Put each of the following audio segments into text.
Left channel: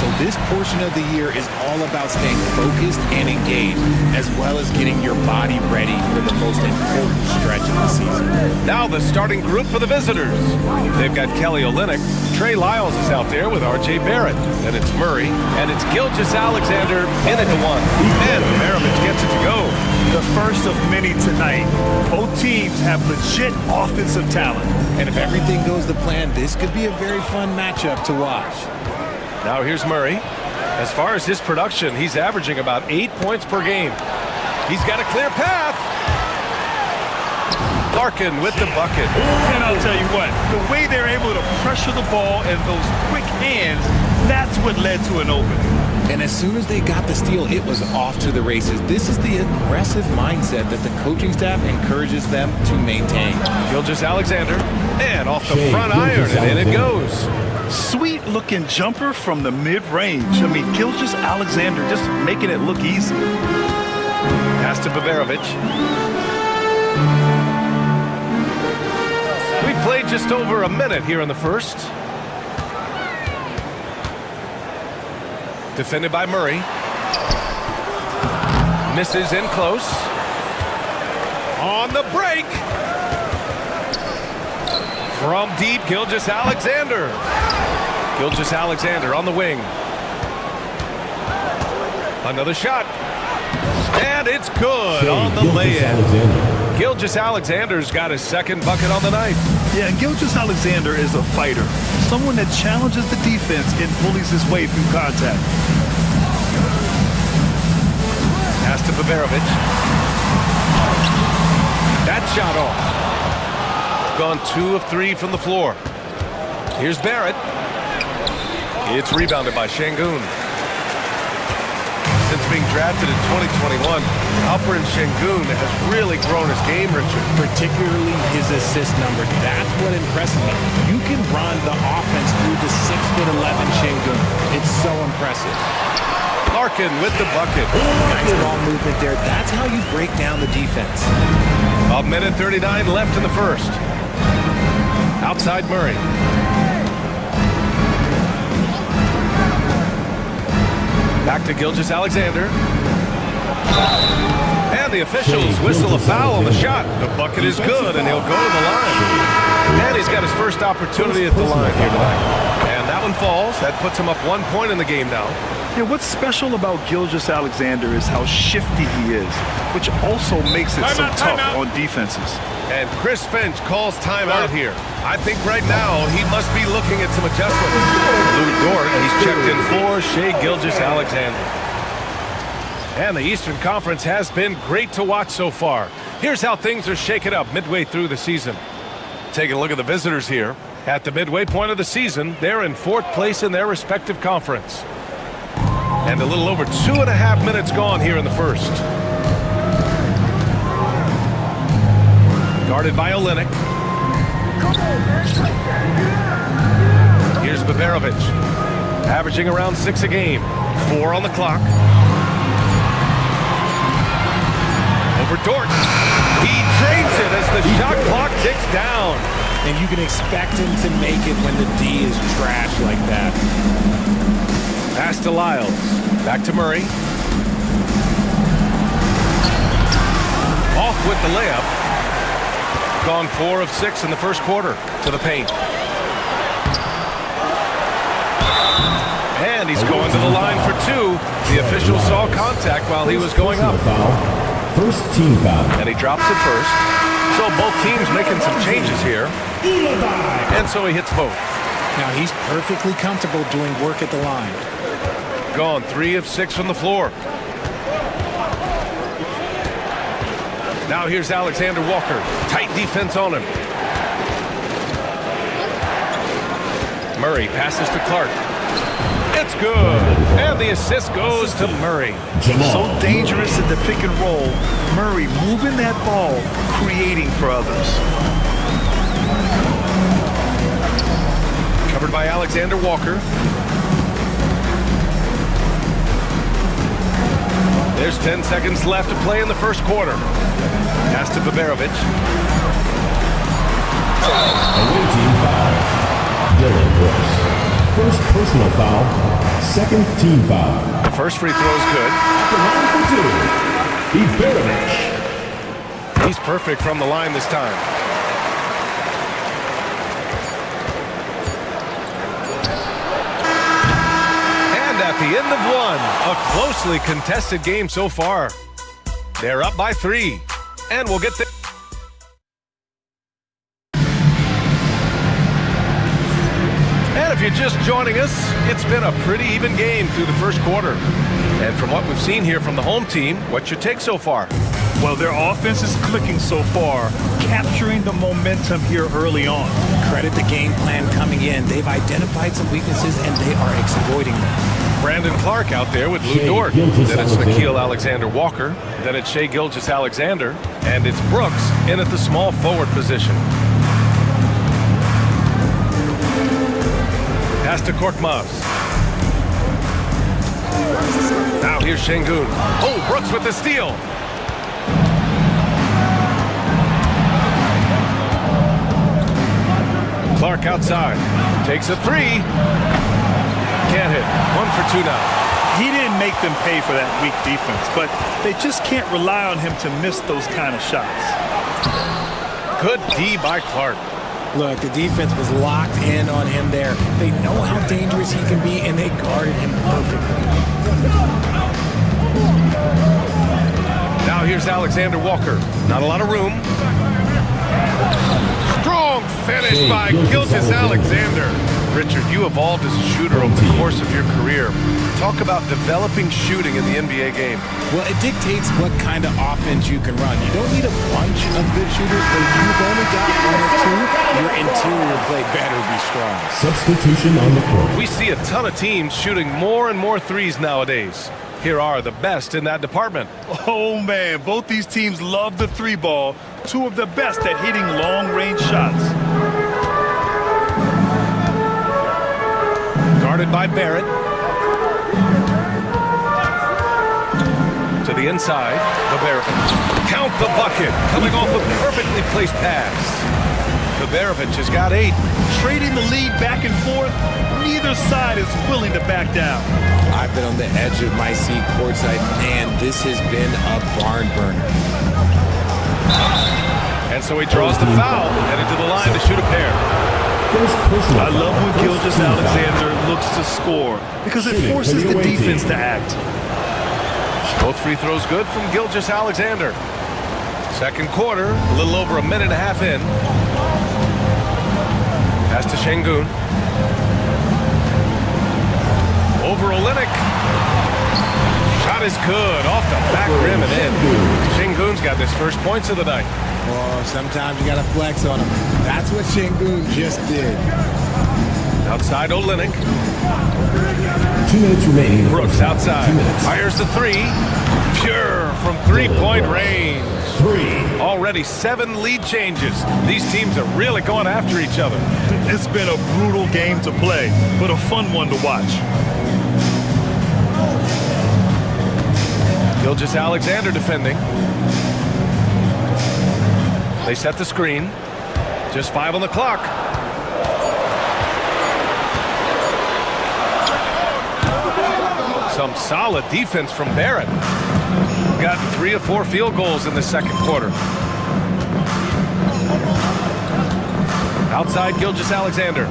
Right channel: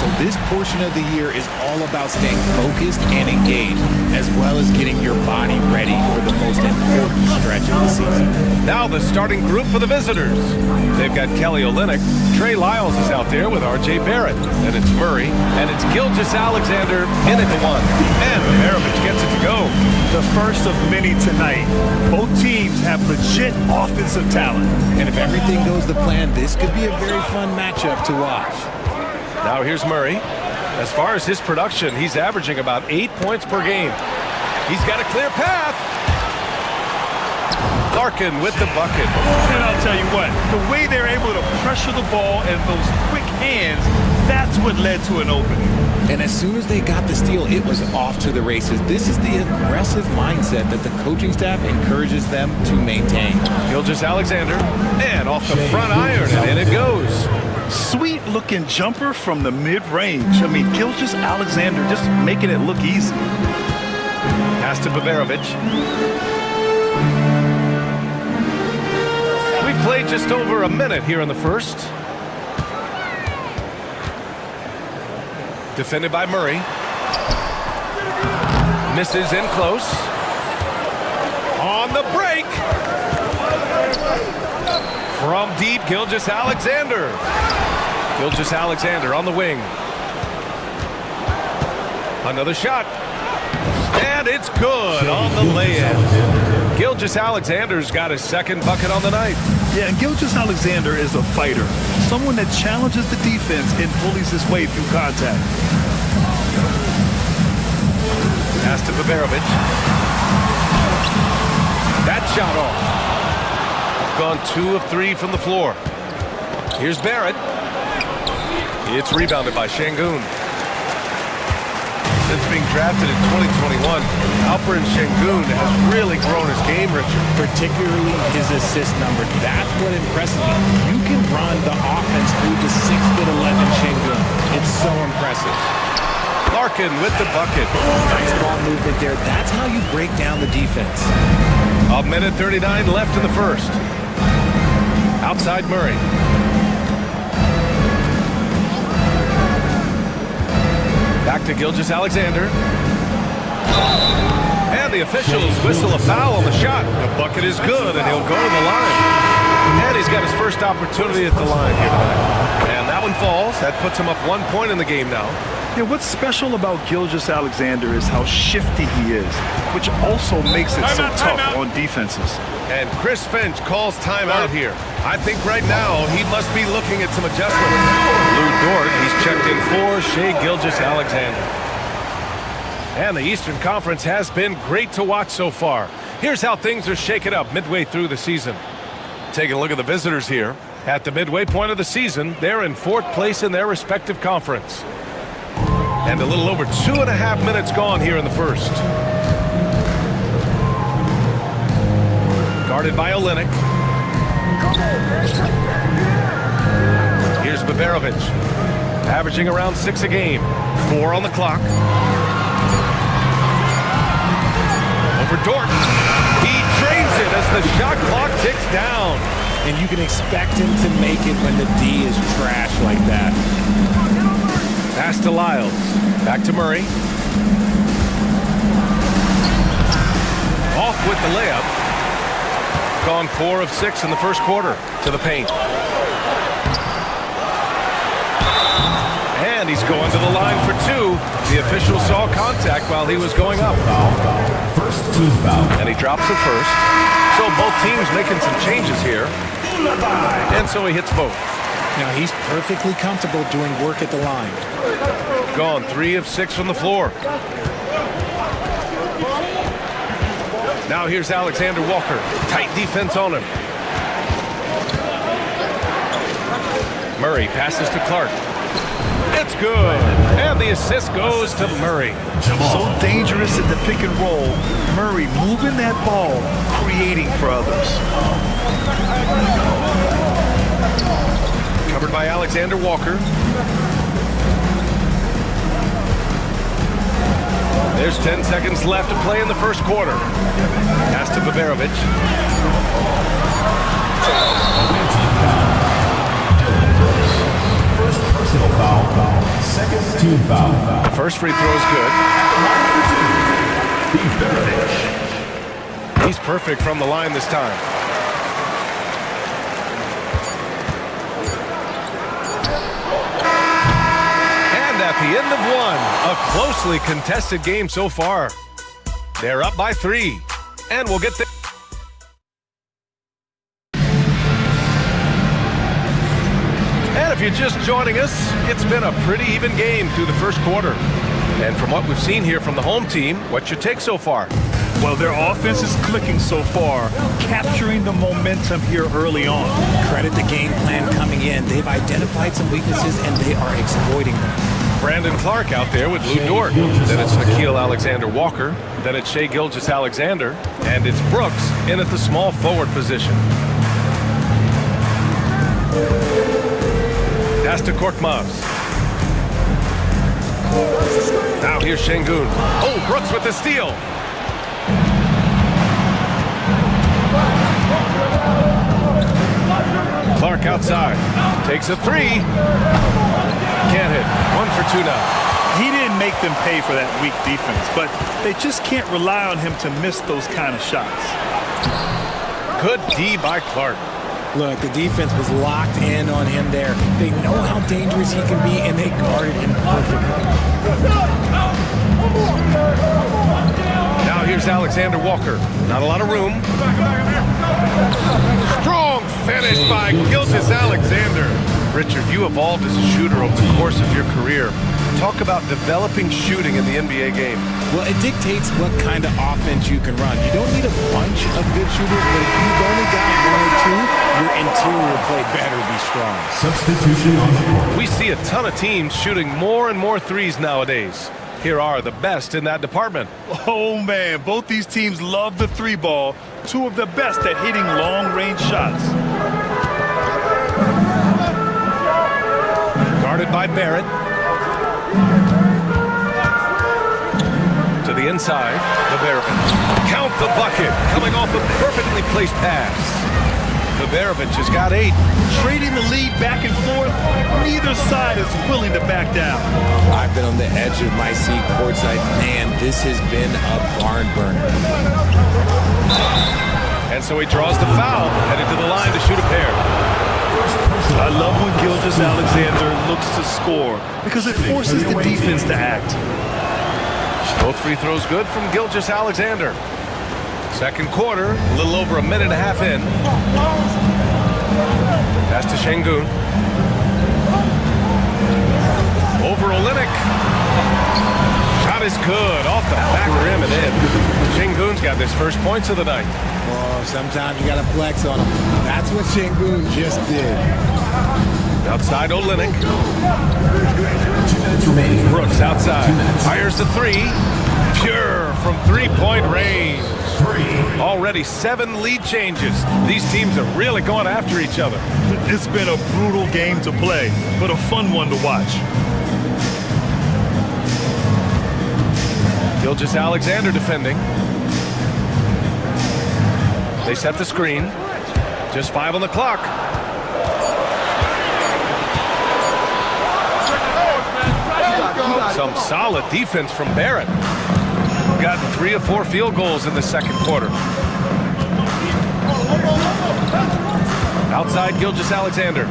So this portion of the year is all about staying focused and engaged, as well as getting your body ready for the most important stretch of the season. Now the starting group for the visitors. They've got Kelly Olynyk. Trey Lyles is out there with R.J. Barrett. Then it's Murray. And it's Gilgeous-Alexander in at the one. And Bogdanovic gets it to go. The first of many tonight. Both teams have legit offensive talent. And if everything goes to plan, this could be a very fun matchup to watch. Now here's Murray. As far as his production, he's averaging about 8 points per game. He's got a clear path. Larkin with the bucket. And I'll tell you what, the way they're able to pressure the ball and those quick hands, that's what led to an opening. And as soon as they got the steal, it was off to the races. This is the aggressive mindset that the coaching staff encourages them to maintain. Gilgeous-Alexander, and off the front iron, and in it goes. Sweet-looking jumper from the mid-range. I mean, Gilgeous-Alexander just making it look easy. Pass to Bogdanovic. We played just over a minute here in the first. Defended by Murray. Misses in close. On the break. From deep, Gilgeous-Alexander. Gilgeous-Alexander on the wing. Another shot. And it's good on the lay-in. Gilgeous-Alexander's got his second bucket on the night. Yeah, and Gilgeous-Alexander is a fighter. Someone that challenges the defense and bullies his way through contact. Pass to Bogdanovic. That shot off. Gone 2 of 3 from the floor. Here's Barrett. It's rebounded by Şengün. Since being drafted in 2021, Alperen Şengün has really grown his game, Richard. Particularly his assist numbers. That's what impresses me. You can run the offense through the 6'11" Şengün. It's so impressive. Larkin with the bucket. Nice ball movement there. That's how you break down the defense. A minute 39 left in the first. Outside Murray. Back to Gilgeous-Alexander. And the officials whistle a foul on the shot. The bucket is good, and he'll go to the line. And he's got his first opportunity at the line here tonight. And that one falls. That puts him up 1 point in the game now. Yeah, what's special about Gilgeous-Alexander is how shifty he is, which also makes it so tough on defenses. And Chris Finch calls timeout here. I think right now he must be looking at some adjustments. Lou Dort, he's checked in for Shai Gilgeous-Alexander. And the Eastern Conference has been great to watch so far. Here's how things are shaking up midway through the season. Taking a look at the visitors here. At the midway point of the season, they're in 4th place in their respective conference. And a little over 2.5 minutes gone here in the first. Guarded by Olynyk. Here's Bogdanovic. Averaging around 6 a game. 4 on the clock. Over Dort. He drains it as the shot clock ticks down. And you can expect him to make it when the D is trash like that. Pass to Lyles. Back to Murray. Off with the layup. Gone 4 of 6 in the first quarter. To the paint. And he's going to the line for 2. The official saw contact while he was going up. First team foul. And he drops it first. So both teams making some changes here. And so he hits both. Now he's perfectly comfortable doing work at the line. Gone 3 of 6 from the floor. Now here's Alexander Walker. Tight defense on him. Murray passes to Clark. It's good. And the assist goes to Murray. So dangerous at the pick and roll. Murray moving that ball, creating for others. Covered by Alexander Walker. There's 10 seconds left to play in the first quarter. Pass to Baberovic. Away team foul. Dylan Brooks. First personal foul. Second team foul. The first free throw is good. At the line for 2. Baberovic. He's perfect from the line this time. And at the end of one, a closely contested game so far. They're up by 3. And we'll get the... And if you're just joining us, it's been a pretty even game through the first quarter. And from what we've seen here from the home team, what's your take so far? Well, their offense is clicking so far, capturing the momentum here early on. Credit the game plan coming in. They've identified some weaknesses and they are exploiting them. Brandon Clark out there with Lou Dort. Then it's Nickeil Alexander-Walker. Then it's Shai Gilgeous-Alexander. And it's Brooks in at the small forward position. Pass to Korkmaz. Now here's Şengün. Oh, Brooks with the steal. Clark outside. Takes a 3. Can't hit. 1 for 2 now. He didn't make them pay for that weak defense, but they just can't rely on him to miss those kind of shots. Good D by Clark. Look, the defense was locked in on him there. They know how dangerous he can be, and they guarded him perfectly. Now here's Alexander Walker. Not a lot of room. Strong finish by Gilgeous-Alexander. Richard, you evolved as a shooter over the course of your career. Talk about developing shooting in the NBA game. Well, it dictates what kind of offense you can run. You don't need a bunch of good shooters, but if you've only got 1 or 2, your interior play better be strong. Substitution on the court. We see a ton of teams shooting more and more threes nowadays. Here are the best in that department. Oh, man, both these teams love the 3 ball. 2 of the best at hitting long-range shots. Guarded by Barrett. To the inside, Baberovic. Count the bucket, coming off a perfectly placed pass. Baberovic has got 8. Trading the lead back and forth, neither side is willing to back down. I've been on the edge of my seat courtside. Man, this has been a barn burner. And so he draws the foul, headed to the line to shoot a pair. I love when Gilgeous-Alexander looks to score because it forces the defense to act. Both free throws good from Gilgeous-Alexander. Second quarter, a little over a minute and a half in. Pass to Şengün. Over Olynyk. Shot is good, off the back rim and in. Şengün's got his first points of the night. Well, sometimes you got to flex on him. That's what Şengün just did. Outside Olynyk. 2 minutes remaining. Brooks outside. Fires the 3. Pure from 3-point range. 3. Already 7 lead changes. These teams are really going after each other. It's been a brutal game to play, but a fun one to watch. Gilgeous-Alexander defending. They set the screen. Just 5 on the clock. Some solid defense from Barrett. Gotten 3 of 4 field goals in the second quarter. Outside Gilgeous-Alexander.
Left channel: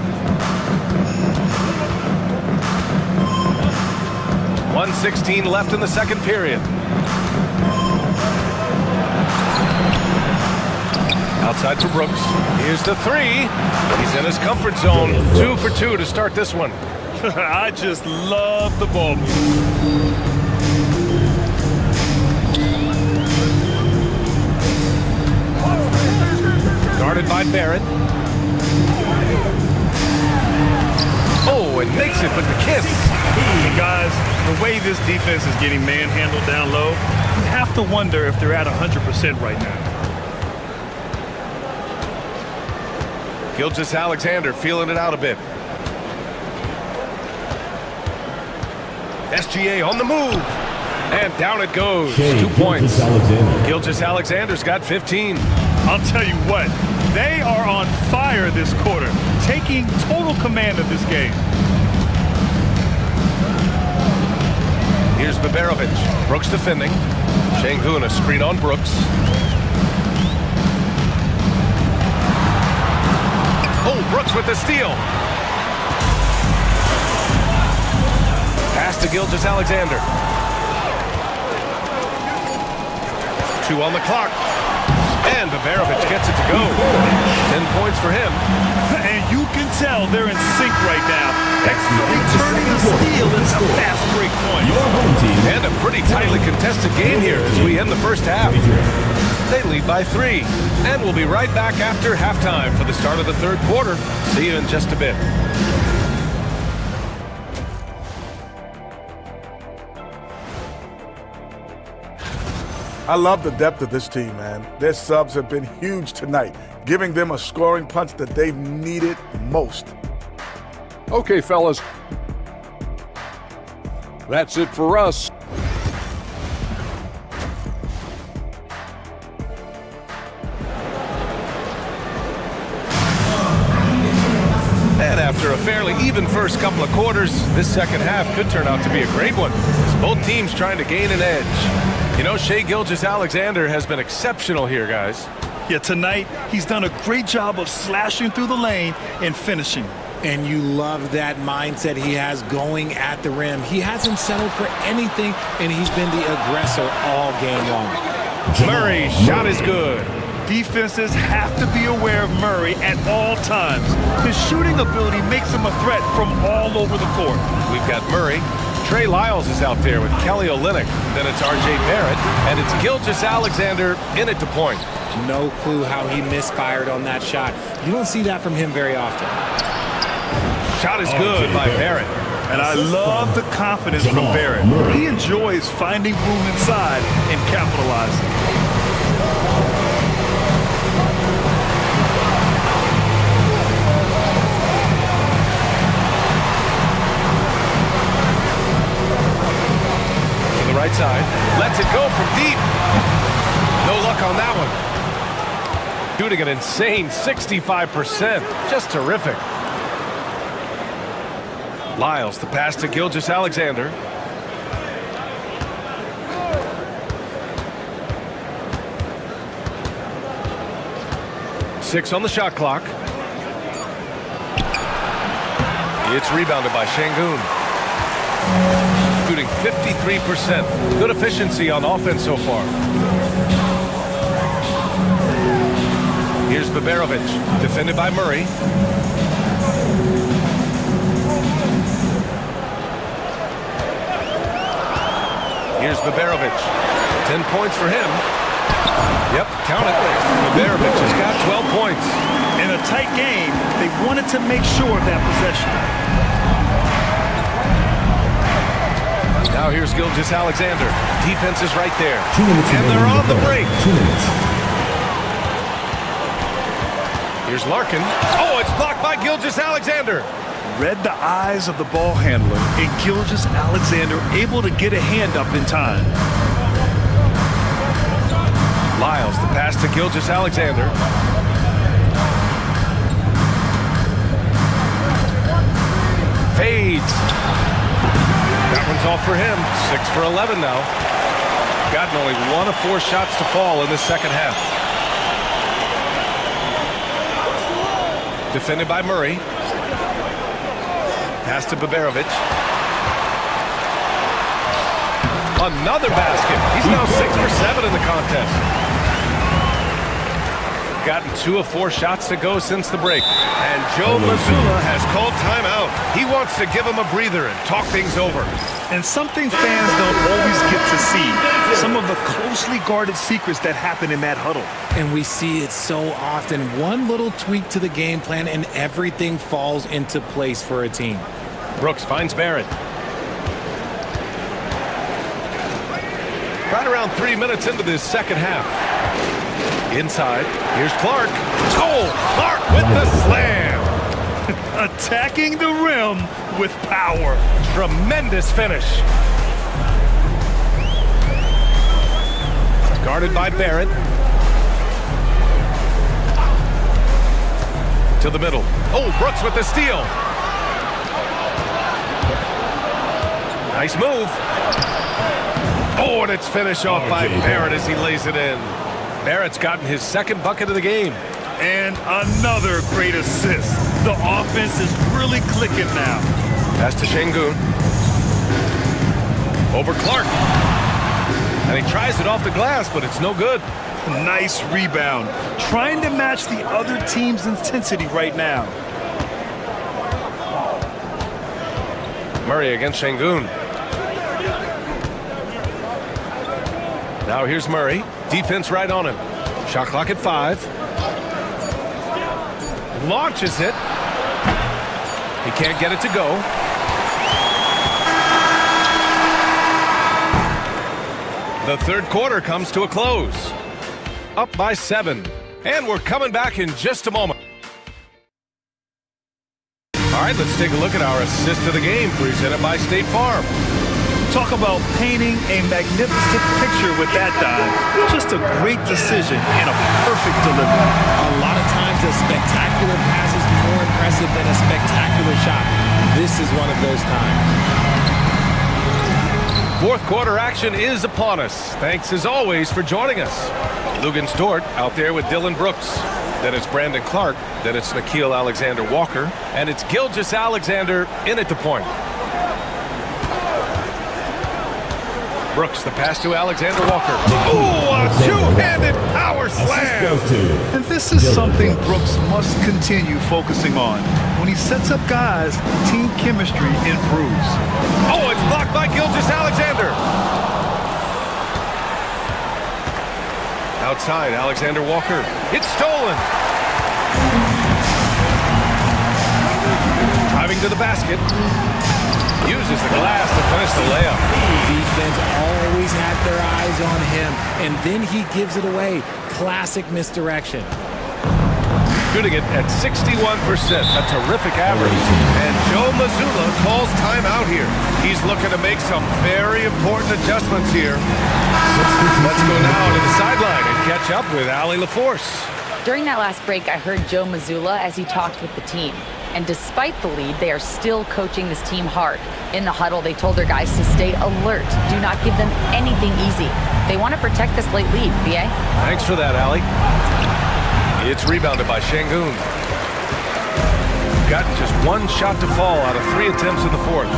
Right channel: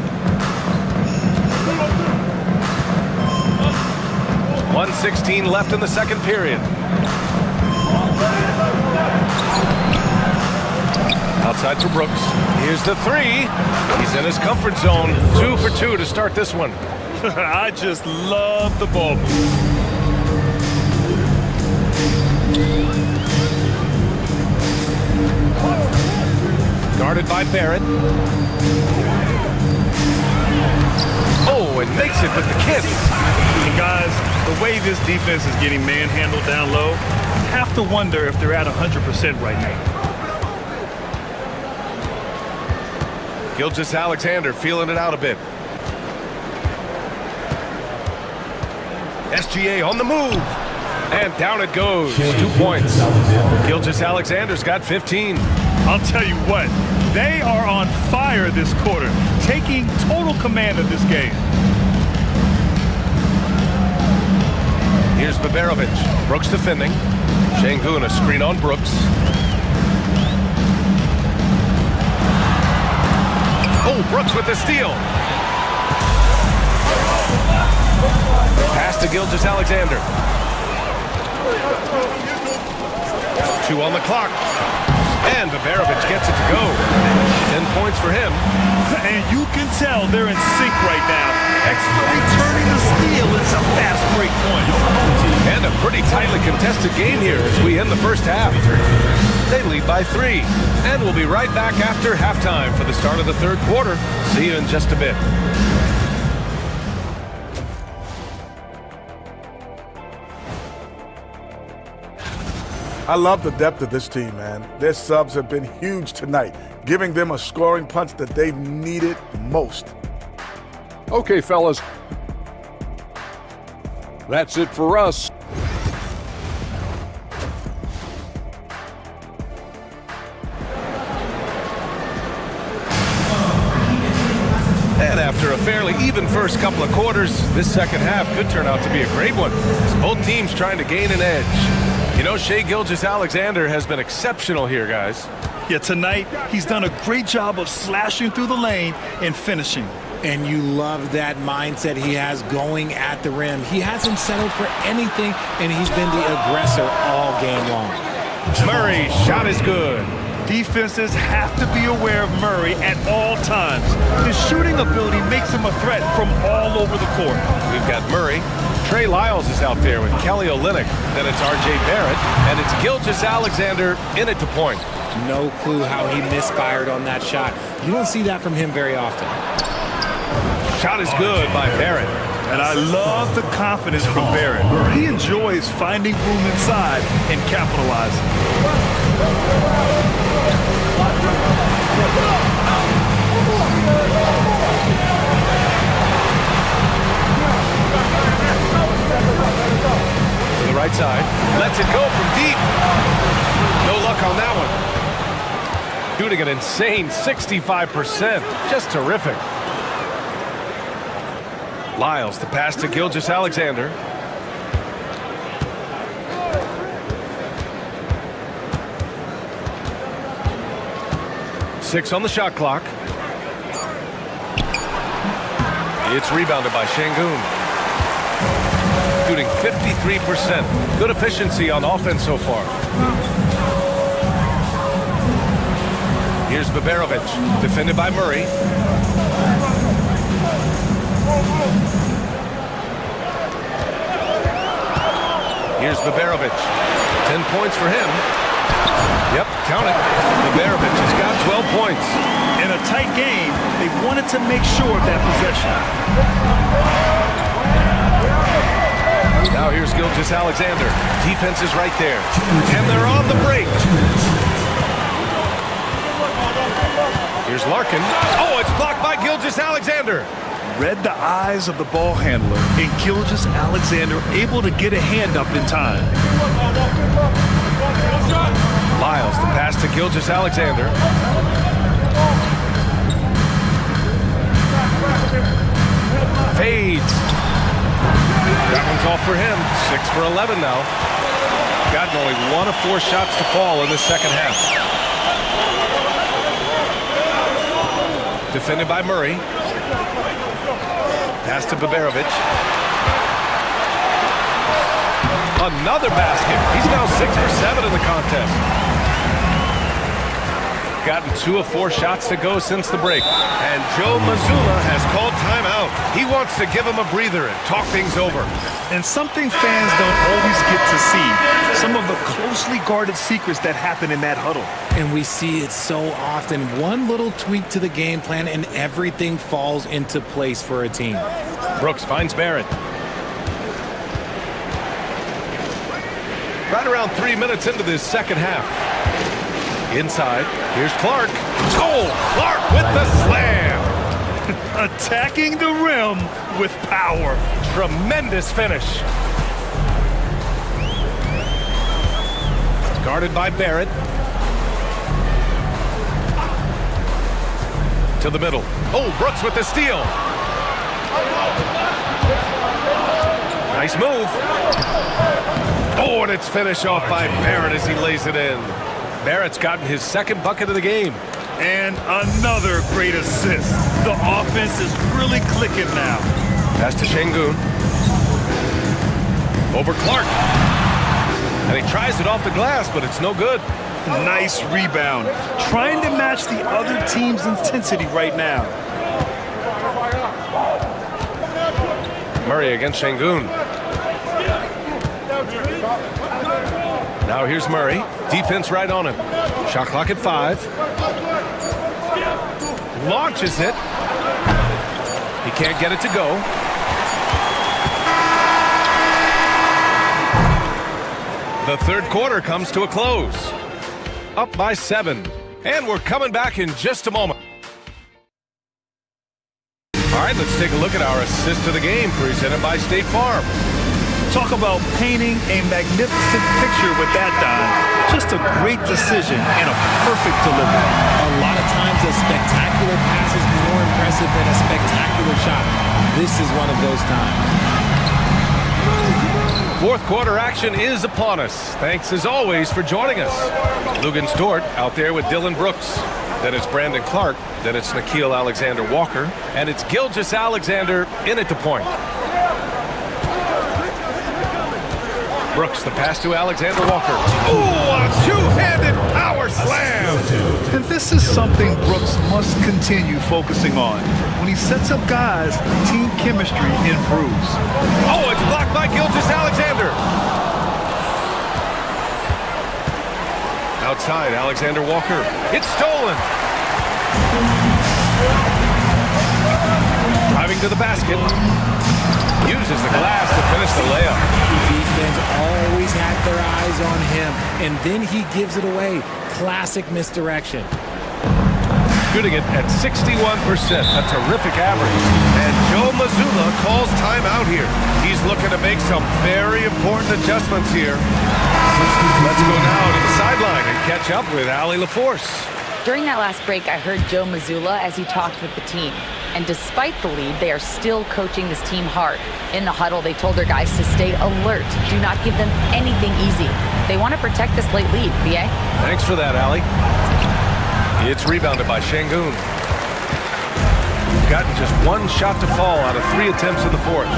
1:16 left in the second period. Outside for Brooks. Here's the three. He's in his comfort zone. 2 for 2 to start this one. I just love the ball move. Guarded by Barrett. Oh, and makes it with the kiss. And guys, the way this defense is getting manhandled down low, you have to wonder if they're at 100% right now. Gilgeous-Alexander feeling it out a bit. SGA on the move. And down it goes. 2 points. Gilgeous-Alexander's got 15. I'll tell you what, they are on fire this quarter, taking total command of this game. Here's Baberovic. Brooks defending. Şengün a screen on Brooks. Oh, Brooks with the steal. Pass to Gilgeous-Alexander. 2 on the clock. And Baberovic gets it to go. 10 points for him. And you can tell they're in sync right now. Returning the steal into fast break points. And a pretty tightly contested game here as we end the first half. They lead by 3. And we'll be right back after halftime for the start of the third quarter. See you in just a bit. I love the depth of this team, man. Their subs have been huge tonight, giving them a scoring punch that they've needed most. Okay, fellas. That's it for us. And after a fairly even first couple of quarters, this second half could turn out to be a great one, as both teams trying to gain an edge. You know, Shai Gilgeous-Alexander has been exceptional here, guys. Yeah, tonight, he's done a great job of slashing through the lane and finishing. And you love that mindset he has going at the rim. He hasn't settled for anything, and he's been the aggressor all game long. Murray's shot is good. Defenses have to be aware of Murray at all times. His shooting ability makes him a threat from all over the court. We've got Murray. Trey Lyles is out there with Kelly Olynyk. Then it's R.J. Barrett. And it's Gilgeous-Alexander in it to point. No clue how he misfired on that shot. You don't see that from him very often. Shot is good by Barrett. And I love the confidence from Barrett. He enjoys finding room inside and capitalizing. To the right side. Lets it go from deep. No luck on that one. Shooting an insane 65%. Just terrific. Lyles, the pass to Gilgeous-Alexander. Six on the shot clock. It's rebounded by Şengün. Shooting 53%. Good efficiency on offense so far. Here's Baberovic, defended by Murray. Here's Baberovic. 10 points for him. Yep, count it. Baberovic has got 12 points. In a tight game, they wanted to make sure of that possession. Now here's Gilgeous-Alexander. Defense is right there. And they're on the break. Here's Larkin. Oh, it's blocked by Gilgeous-Alexander. Read the eyes of the ball handler, and Gilgeous-Alexander able to get a hand up in time. Lyles, the pass to Gilgeous-Alexander. Fades. That one's off for him. 6 for 11 now. Gotten only 1 of 4 shots to fall in the second half. Defended by Murray. Pass to Baberovic. Another basket. He's now 6 for 7 in the contest. gotten 2 of 4 shots to go since the break. And Joe Mazzulla has called timeout. He wants to give him a breather and talk things over. And something fans don't always get to see, some of the closely guarded secrets that happen in that huddle. And we see it so often. One little tweak to the game plan and everything falls into place for a team. Brooks finds Barrett. Right around 3 minutes into this second half. Inside, here's Clark. Oh, Clark with the slam. Attacking the rim with power. Tremendous finish. Guarded by Barrett. To the middle. Oh, Brooks with the steal. Nice move. Oh, and it's finished off by Barrett as he lays it in. Barrett's gotten his second bucket of the game. And another great assist. The offense is really clicking now. Pass to Şengün. Over Clark. And he tries it off the glass, but it's no good. Nice rebound. Trying to match the other team's intensity right now. Murray against Şengün. Now here's Murray. Defense right on him. Shot clock at 5. Launches it. He can't get it to go. The third quarter comes to a close. Up by 7. And we're coming back in just a moment. All right, let's take a look at our assist of the game presented by State Farm. Talk about painting a magnificent picture with that, Don. Just a great decision and a perfect delivery. A lot of times a spectacular pass is more impressive than a spectacular shot. This is one of those times. Fourth quarter action is upon us. Thanks as always for joining us. Lugens Dort out there with Dylan Brooks. Then it's Brandon Clark. Then it's Nickeil Alexander-Walker. And it's Gilgeous-Alexander in at the point. Brooks, the pass to Alexander-Walker. Ooh, a two-handed power slam! And this is something Brooks must continue focusing on. When he sets up guys, team chemistry improves. Oh, it's blocked by Gilgeous-Alexander. Outside, Alexander-Walker. It's stolen. Driving to the basket. Uses the glass to finish the layup. Defense always had their eyes on him, and then he gives it away. Classic misdirection. Shooting it at 61%, a terrific average. And Joe Mazzulla calls timeout here. He's looking to make some very important adjustments here. Let's go now to the sideline and catch up with Allie LaForce. During that last break, I heard Joe Mazzulla as he talked with the team. And despite the lead, they are still coaching this team hard. In the huddle, they told their guys to stay alert. Do not give them anything easy. They want to protect this late lead, BA. Thanks for that, Allie. It's rebounded by Şengün. Gotten just one shot to fall out of 3 attempts in the fourth.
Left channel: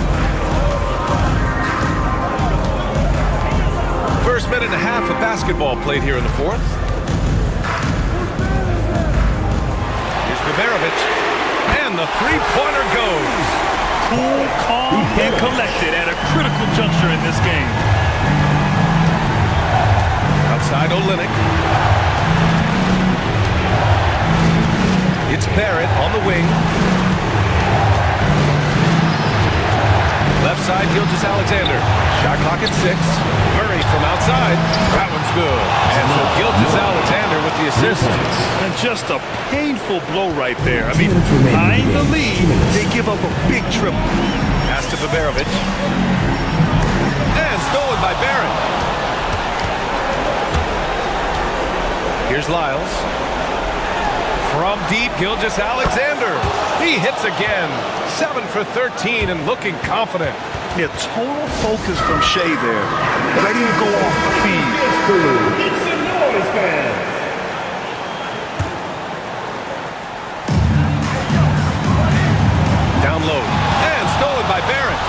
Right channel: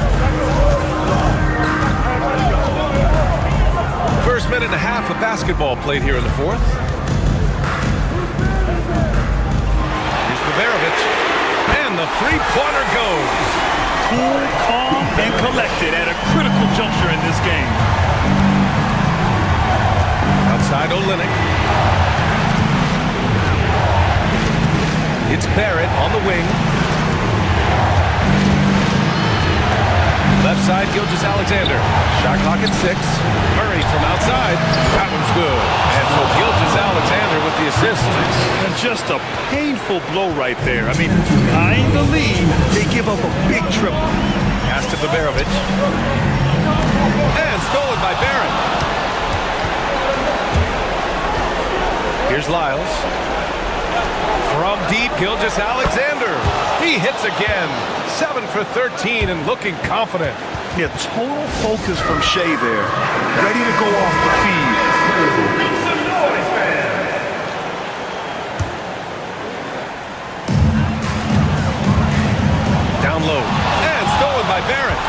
First minute and a half of basketball played here in the fourth. Here's Baberovic. And the three-pointer goes. Cool, calm, and collected at a critical juncture in this game. Outside Olynyk. It's Barrett on the wing. Left side, Gilgeous-Alexander. Shot clock at 6. Murray from outside. That one's good. And so Gilgeous-Alexander with the assist. And just a painful blow right there. I mean, eyeing the lead, they give up a big triple. Pass to Baberovic. And stolen by Barrett. Here's Lyles. From deep, Gilgeous-Alexander. He hits again. 7 for 13 and looking confident. Yeah, total focus from Shea there. Ready to go off the feed. Make some noise, man. Down low. And stolen by Barrett.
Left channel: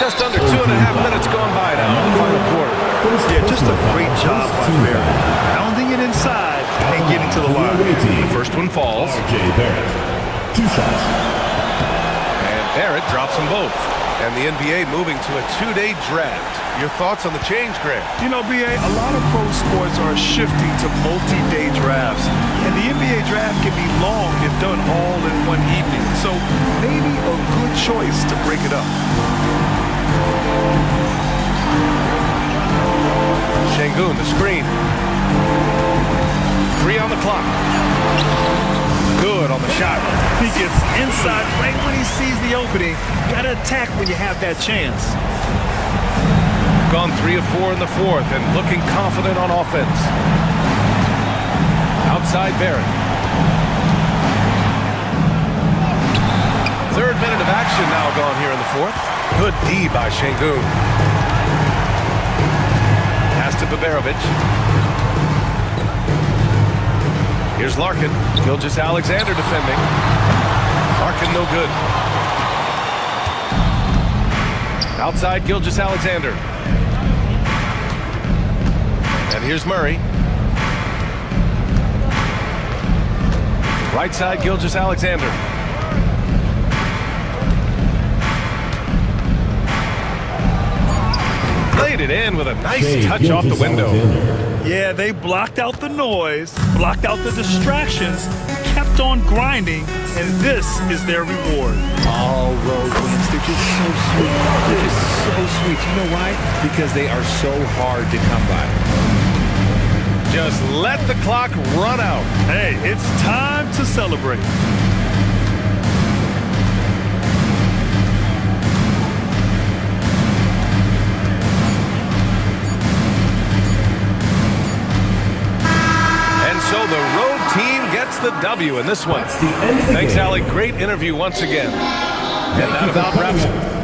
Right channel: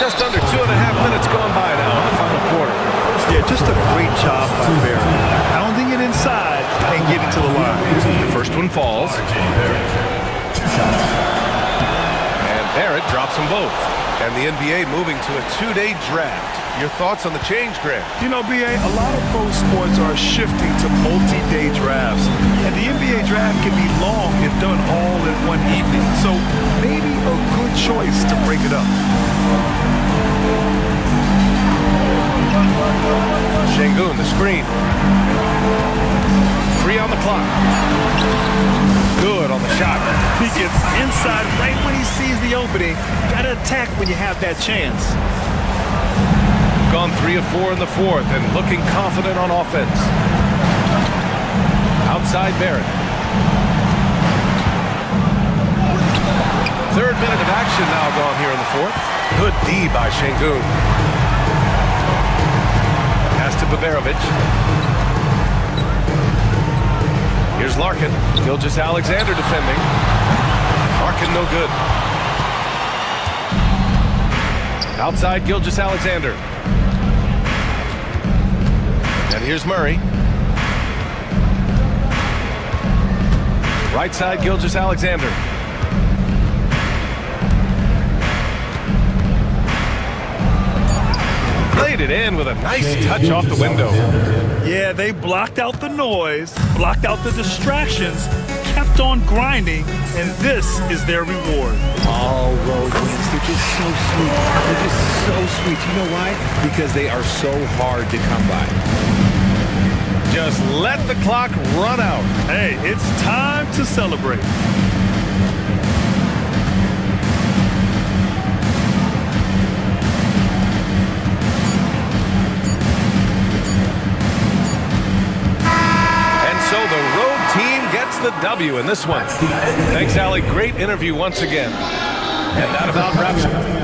To Just under 2.5 minutes gone by now in the final quarter. Yeah, just a great job by Barrett. Pounding it inside and getting to the line. The first one falls. Barrett. 2 shots. And Barrett drops them both. And the NBA moving to a 2-day draft. Your thoughts on the change, Grant? You know, BA, a lot of pro sports are shifting to multi-day drafts. And the NBA draft can be long if done all in one evening. So maybe a good choice to break it up. Şengün, the screen. 3 on the clock. Good on the shot. He gets inside right when he sees the opening. Gotta attack when you have that chance. Gone 3 of 4 in the fourth and looking confident on offense. Outside Barrett. 3rd minute of action now gone here in the fourth. Good D by Şengün. Pass to Baberovic. Here's Larkin. Gilgeous-Alexander defending. Larkin no good. Outside Gilgeous-Alexander. And here's Murray. Right side Gilgeous-Alexander. Laid it in with a nice touch off the window. Yeah, they blocked out the noise, blocked out the distractions, kept on grinding, and this is their reward. All road wins. They're just so sweet. They're just so sweet. You know why? Because they are so hard to come by. Just let the clock run out. Hey, it's time to celebrate. And so the road team gets the W in this one. Thanks, Allie. Great interview once again. And that about wraps it.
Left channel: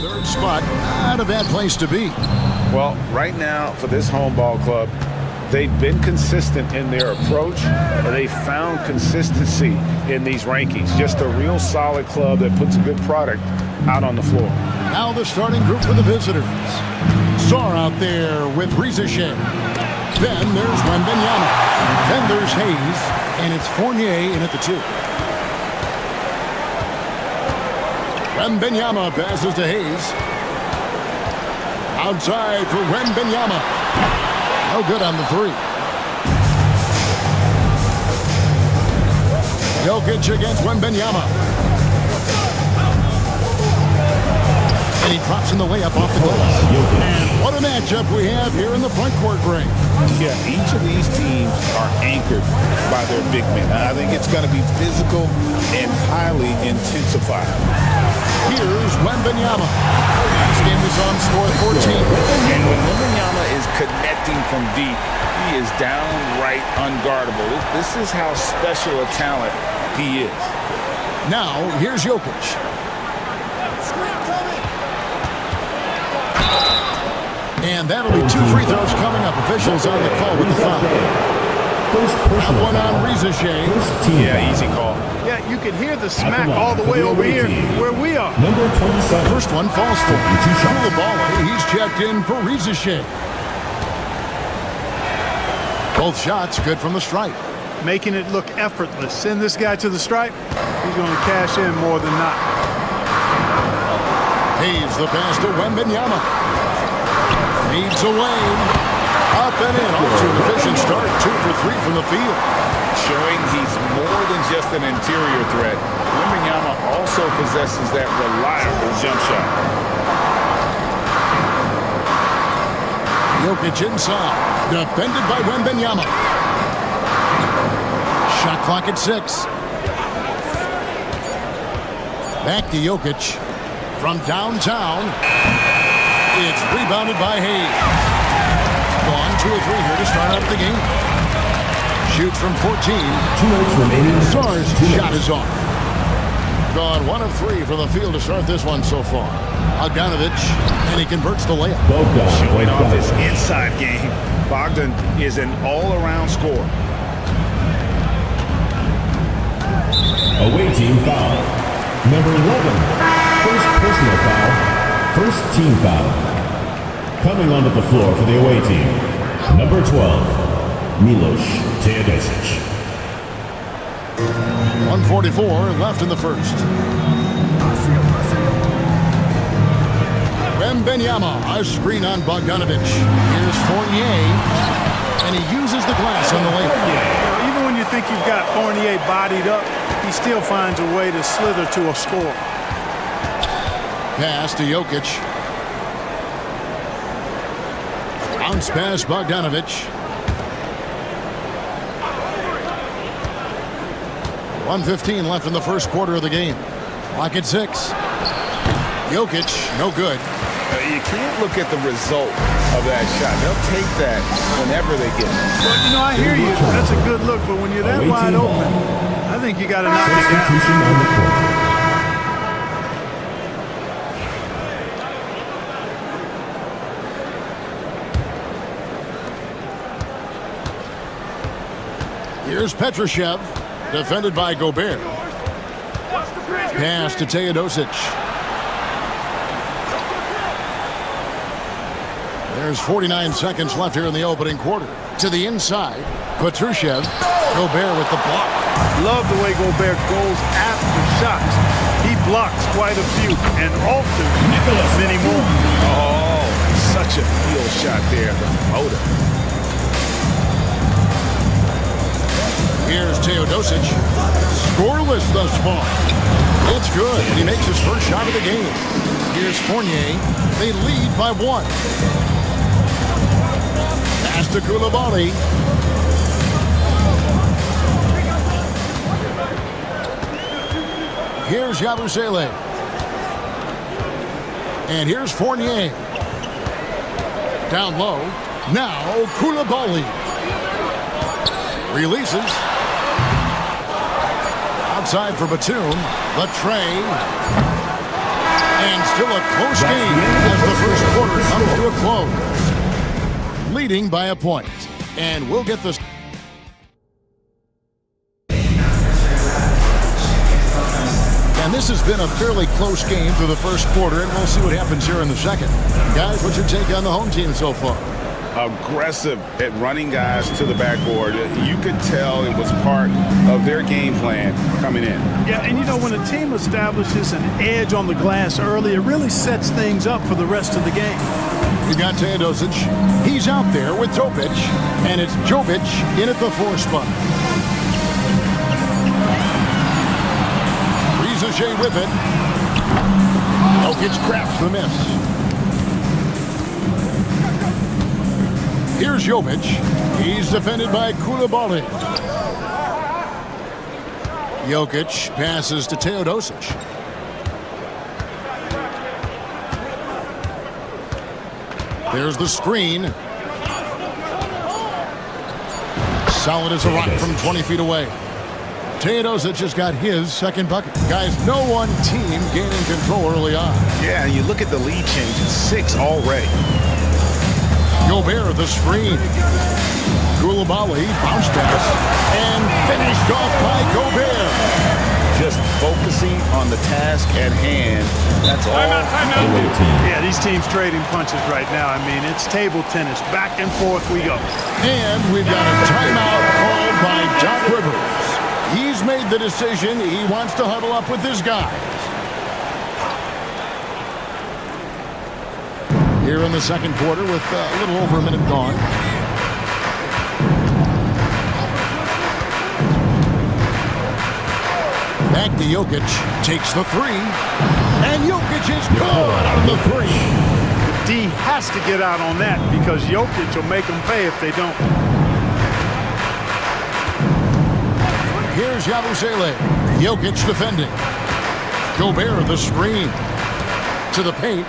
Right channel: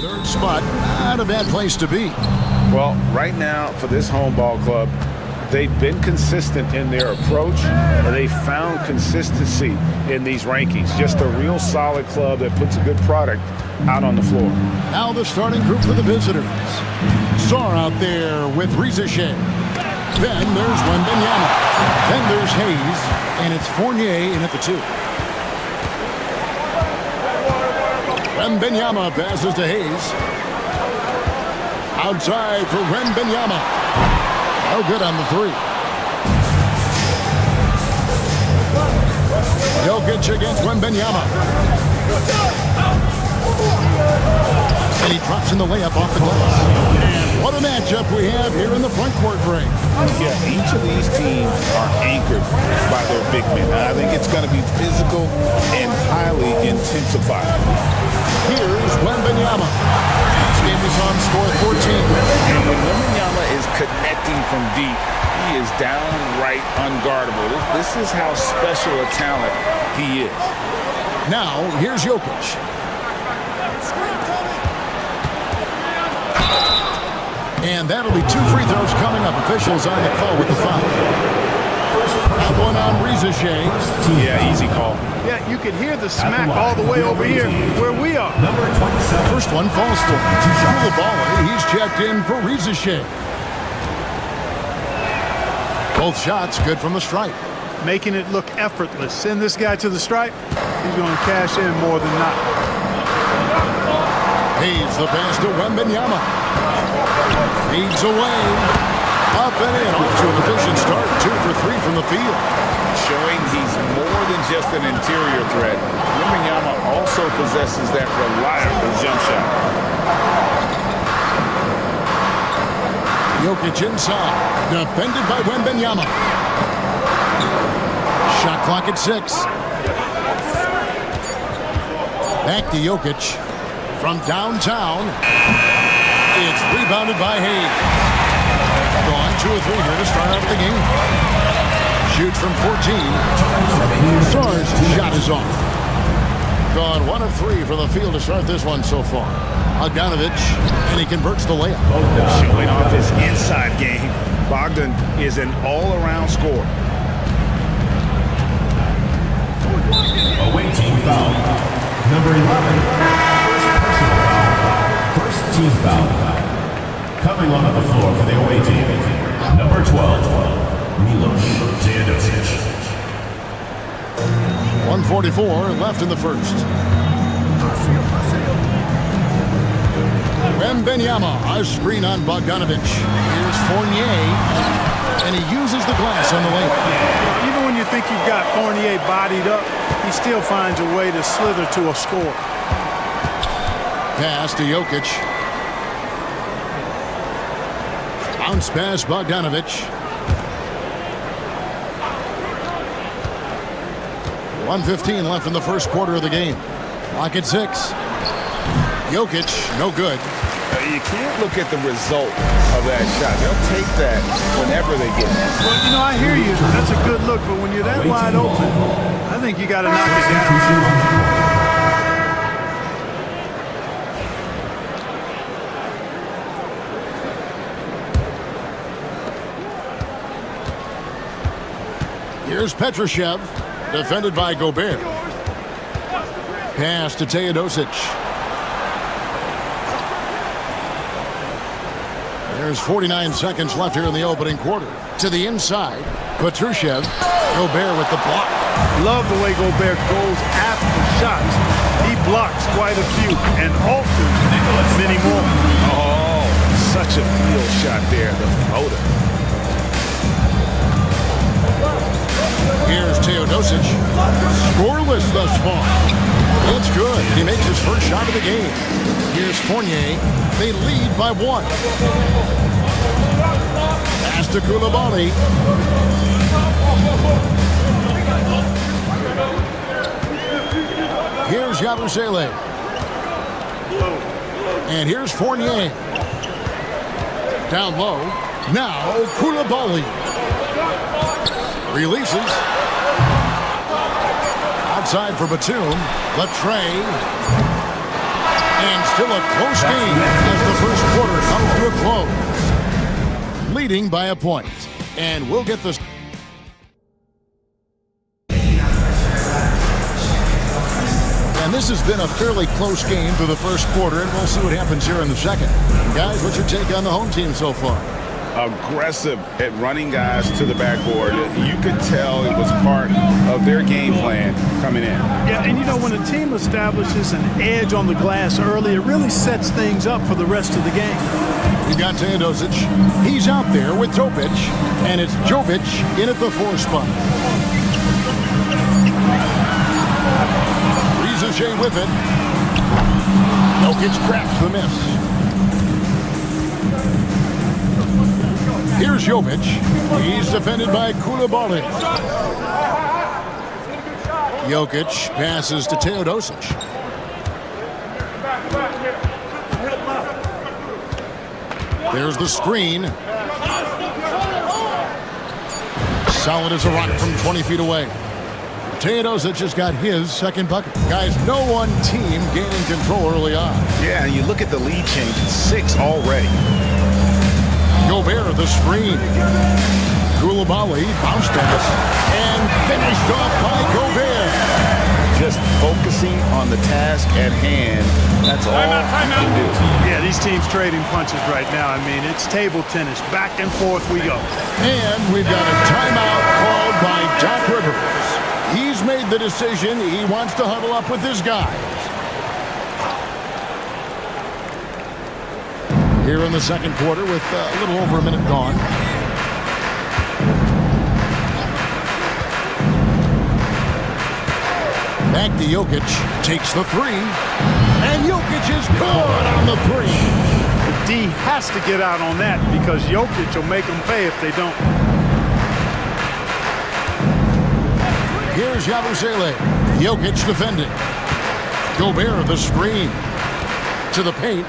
Third spot, not a bad place to be. Well, right now for this home ball club, they've been consistent in their approach, and they found consistency in these rankings. Just a real solid club that puts a good product out on the floor. Now the starting group for the visitors. Sar out there with Rizeshe. Then there's Wembenyama. Then there's Hayes, and it's Fournier in at the 2. Wembenyama passes to Hayes. Outside for Wembenyama. No good on the 3. Jokic against Wembenyama. And he drops in the layup off the glass. And what a matchup we have here in the front court break. Yeah, each of these teams are anchored by their big men. I think it's going to be physical and highly intensified. Here's Wembenyama. Last game we saw him score 14. And when Wembenyama is connecting from deep, he is downright unguardable. This is how special a talent he is. Now, here's Jokic. And that'll be 2 free throws coming up. Officials on the call with the foul. That one on Rizeshe. Yeah, easy call. Yeah, you could hear the smack all the way over here where we are. First one falls for him. Koulibaly, he's checked in for Rizeshe. Both shots good from the stripe. Making it look effortless. Send this guy to the stripe. He's going to cash in more than not. Hayes the pass to Wembenyama. Feeds away. Up and in. Off to an efficient start. 2 for 3 from the field. Showing he's more than just an interior threat. Wembenyama also possesses that reliable jump shot. Jokic inside. Defended by Wembenyama. Shot clock at 6. Back to Jokic. From downtown. It's rebounded by Hayes. Gone 2 or 3 here to start out the game. Shoots from 14. 2 minutes remaining. Sar's shot is off. Gone 1 of 3 from the field to start this one so far. Bogdanovic, and he converts the layup. Showing off his inside game. Bogdan is an all-around scorer. Away team foul. Number 11. First personal foul. First team foul. Coming onto the floor for the away team. Number 12. Milos Teodosic. 1:44 left in the first. Wembenyama, a screen on Bogdanovic. Here's Fournier, and he uses the glass on the layup. You know, even when you think you've got Fournier bodied up, he still finds a way to slither to a score. Pass to Jokic. Bounce pass Bogdanovic. 1:15 left in the first quarter of the game. Clock at 6. Jokic, no good. You can't look at the result of that shot. They'll take that whenever they get it. Well, you know, I hear you. That's a good look, but when you're that wide open, I think you got to knock it down. Here's Petrushev, defended by Gobert. Pass to Teodosic. There's 49 seconds left here in the opening quarter. To the inside, Petrushev. Gobert with the block. Love the way Gobert goes after shots. He blocks quite a few and alters many more. Oh, such a field shot there, the floater. Here's Teodosic. Scoreless thus far. It's good. He makes his first shot of the game. Here's Fournier. They lead by 1. Pass to Koulibaly. Here's Yabusele. And here's Fournier. Down low. Now Koulibaly. Releases. Outside for Batum. The tray. And still a close game as the first quarter comes to a close. Leading by a point. And we'll get this. And this has been a fairly close game through the first quarter, and we'll see what happens here in the second. Guys, what's your take on the home team so far? Aggressive at running guys to the backboard. You could tell it was part of their game plan coming in. Yeah, and you know, when a team establishes an edge on the glass early, it really sets things up for the rest of the game. We got Teodosic. He's out there with Topic, and it's Jovic in at the 4 spot. Riza with it. Jokic crafts the miss. Here's Jovic. He's defended by Koulibaly. Jokic passes to Teodosic. There's the screen. Solid as a rock from 20 feet away. Teodosic just got his second bucket. Guys, no one team gaining control early on. Yeah, and you look at the lead change. It's 6 already. Gobert, the screen. Koulibaly, bounce pass, and finished off by Gobert. Just focusing on the task at hand. That's all you can do. Yeah, these teams trading punches right now. I mean, it's table tennis. Back and forth we go. And we've got a timeout called by Doc Rivers. He's made the decision. He wants to huddle up with his guys. Here in the second quarter with a little over a minute gone. Back to Jokic. Takes the 3. And Jokic is good on the 3. The D has to get out on that because Jokic will make them pay if they don't. Here's Yabusele. Jokic defending. Gobert the screen. To the paint.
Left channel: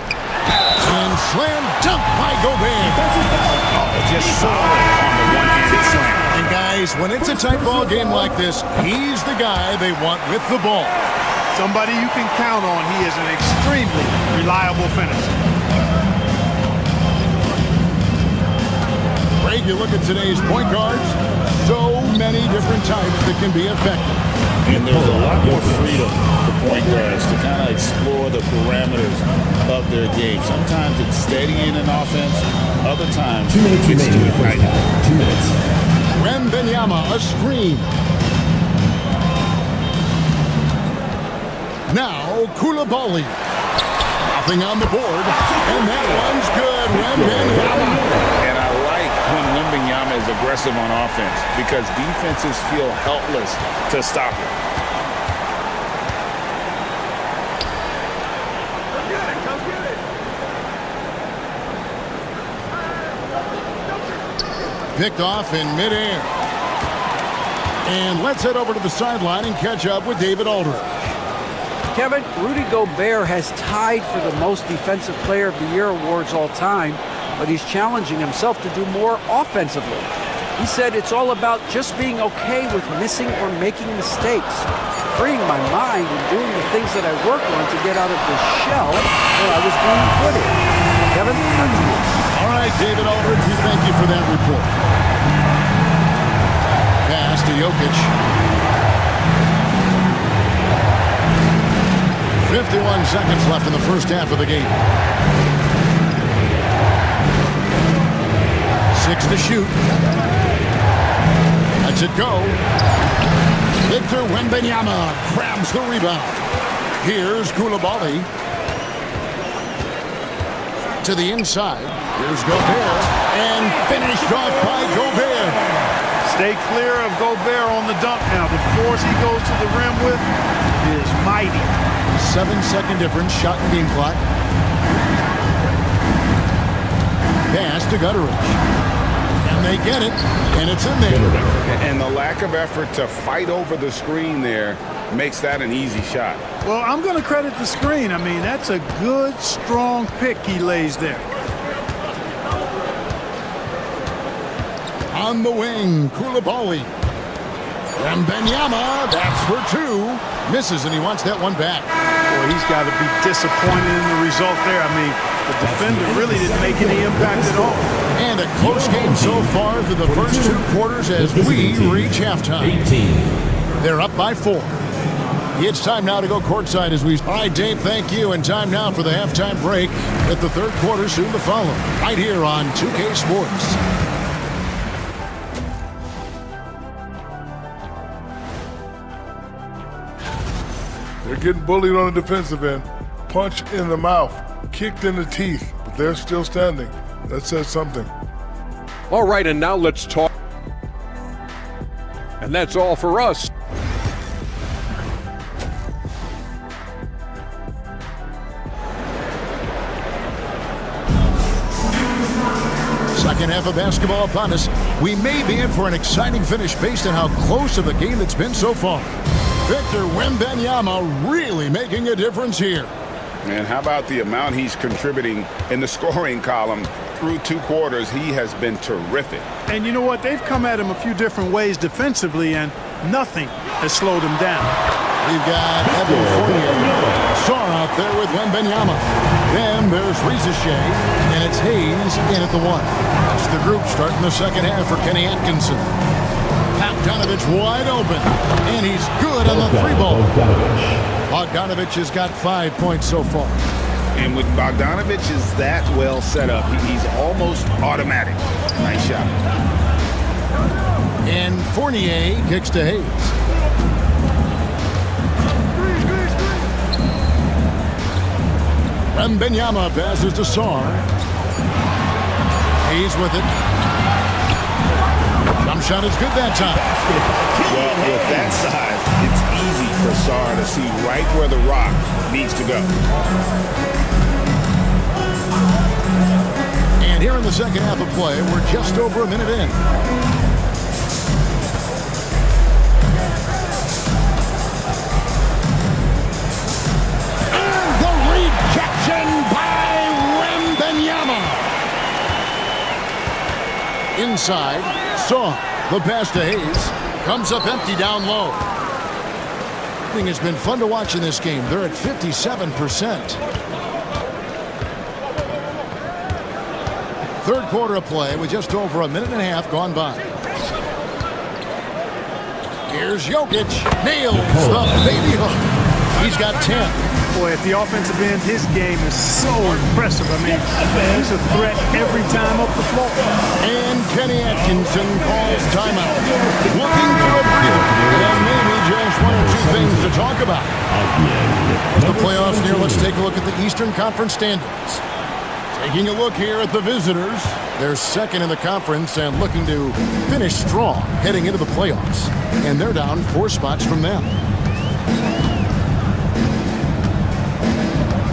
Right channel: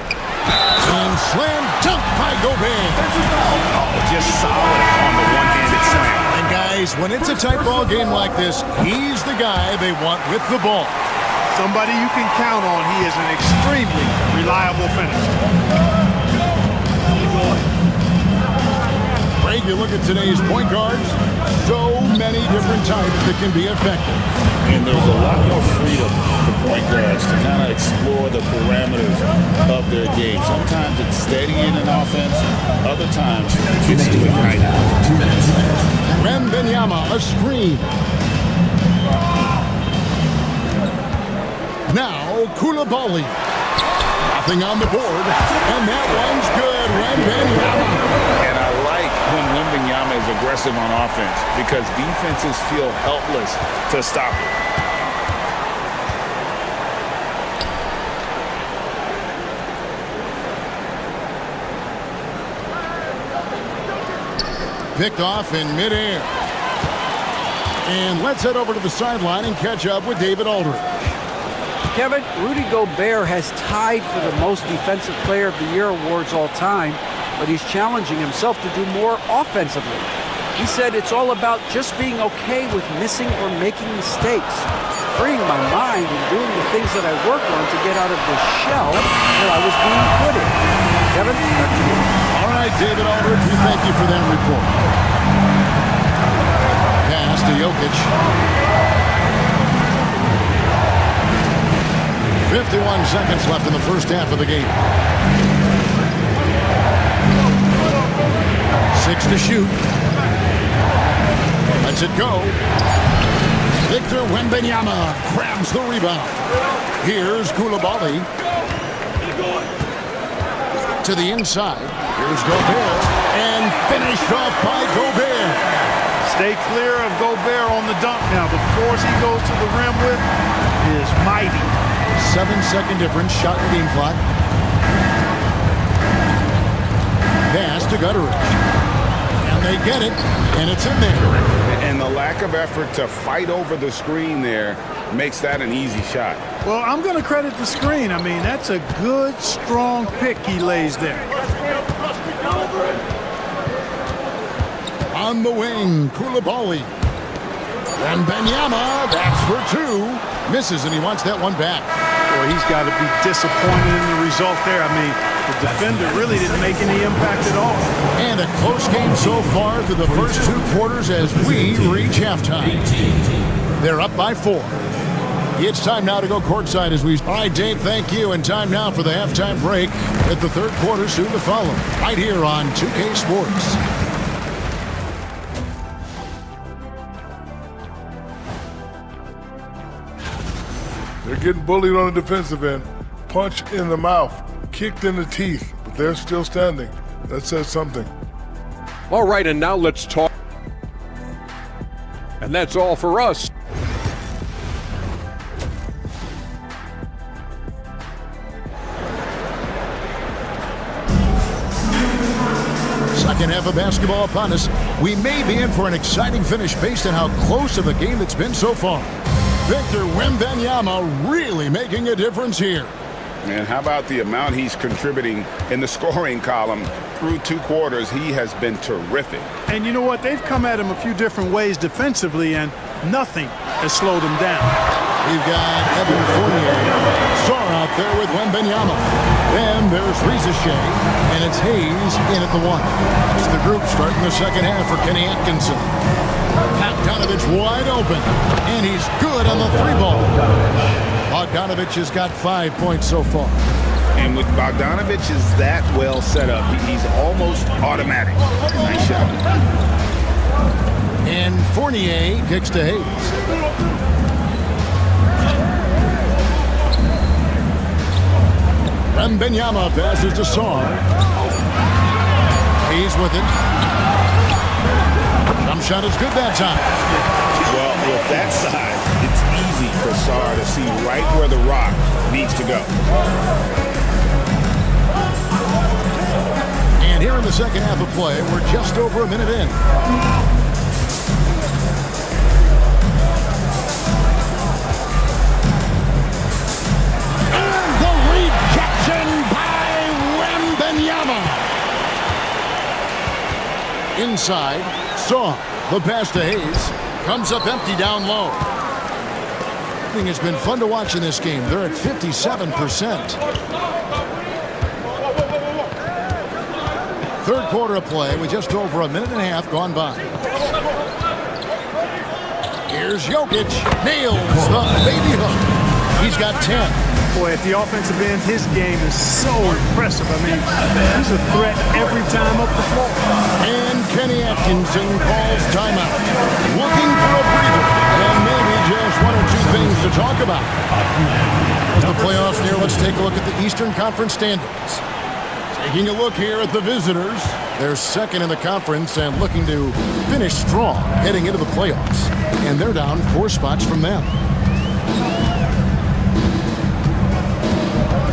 And slam dunk by Gobert. Oh, just solid on the one-handed slam. And guys, when it's a tight ball game like this, he's the guy they want with the ball. Somebody you can count on. He is an extremely reliable finisher. Greg, you look at today's point guards, so many different types that can be effective. And there's a lot more freedom for point guards to kind of explore the parameters of their game. Sometimes it's steady in an offense. Other times it's too ignited. 2 minutes. Wembanyama, a screen. Now, Koulibaly. Nothing on the board. And that one's good. Wembanyama. And I like when Wembanyama is aggressive on offense because defenses feel helpless to stop it. Picked off in midair. And let's head over to the sideline and catch up with David Aldridge. Kevin, Rudy Gobert has tied for the most Defensive Player of the Year awards all time, but he's challenging himself to do more offensively. He said it's all about just being okay with missing or making mistakes, freeing my mind and doing the things that I work on to get out of the shell that I was being put in. Kevin, back to you. All right, David Aldridge, we thank you for that report. Pass to Jokic. 51 seconds left in the first half of the game. 6 to shoot. Lets it go. Victor Wembanyama grabs the rebound. Here's Koulibaly. To the inside. Here's Gobert. And finished off by Gobert. Stay clear of Gobert on the dunk now. The force he goes to the rim with is mighty. 7-second difference, shot and game clock. Pass to Gutteridge. And they get it, and it's in there. And the lack of effort to fight over the screen there makes that an easy shot. Well, I'm going to credit the screen. I mean, that's a good, strong pick he lays there. On the wing, Koulibaly. Wembanyama, that's for 2. Misses, and he wants that one back. Boy, he's got to be disappointed in the result there. I mean, the defender really didn't make any impact at all. And a close game so far through the first 2 quarters as we reach halftime. They're up by 4. It's time now to go courtside as we... All right, Dave, thank you. And time now for the halftime break with the third quarter soon to follow. Right here on 2K Sports. They're getting bullied on the defensive end. Punch in the mouth, kicked in the teeth, but they're still standing. That says something. All right, and now let's talk. And that's all for us. Second half of basketball upon us. We may be in for an exciting finish based on how close of a game it's been so far. Victor Wembanyama really making a difference here. Man, how about the amount he's contributing in the scoring column through 2 quarters? He has been terrific. And you know what? They've come at him a few different ways defensively, and nothing has slowed him down. We've got Evan Fournier. Sarr out there with Wembanyama. Then there's Shea, and it's Hayes in at the 1. That's the group starting the second half for Kenny Atkinson. Bogdanovich wide open, and he's good on the 3-ball. Bogdanovich has got 5 points so far. And with Bogdanovich is that well set up, he's almost automatic. Nice shot. And Fournier kicks to Hayes. Wembanyama passes to Sarr. Hayes with it. Jump shot is good that time. Well, with that size, it's easy for Sarr to see right where the rock needs to go. And here in the second half of play, we're just over a minute in. And the rejection by Wembanyama. Inside, Sarr, the pass to Hayes, comes up empty down low. It's been fun to watch in this game. They're at 57%. Third quarter of play with just over a minute and a half gone by. Here's Jokic, nails the baby hook. He's got 10. Boy, at the offensive end, his game is so impressive. I mean, he's a threat every time up the floor. And Kenny Atkinson calls timeout. Looking for a breather. And maybe just 1 or 2 things to talk about. As the playoffs near, let's take a look at the Eastern Conference standings. Taking a look here at the visitors. They're second in the conference and looking to finish strong heading into the playoffs. And they're down 4 spots from them.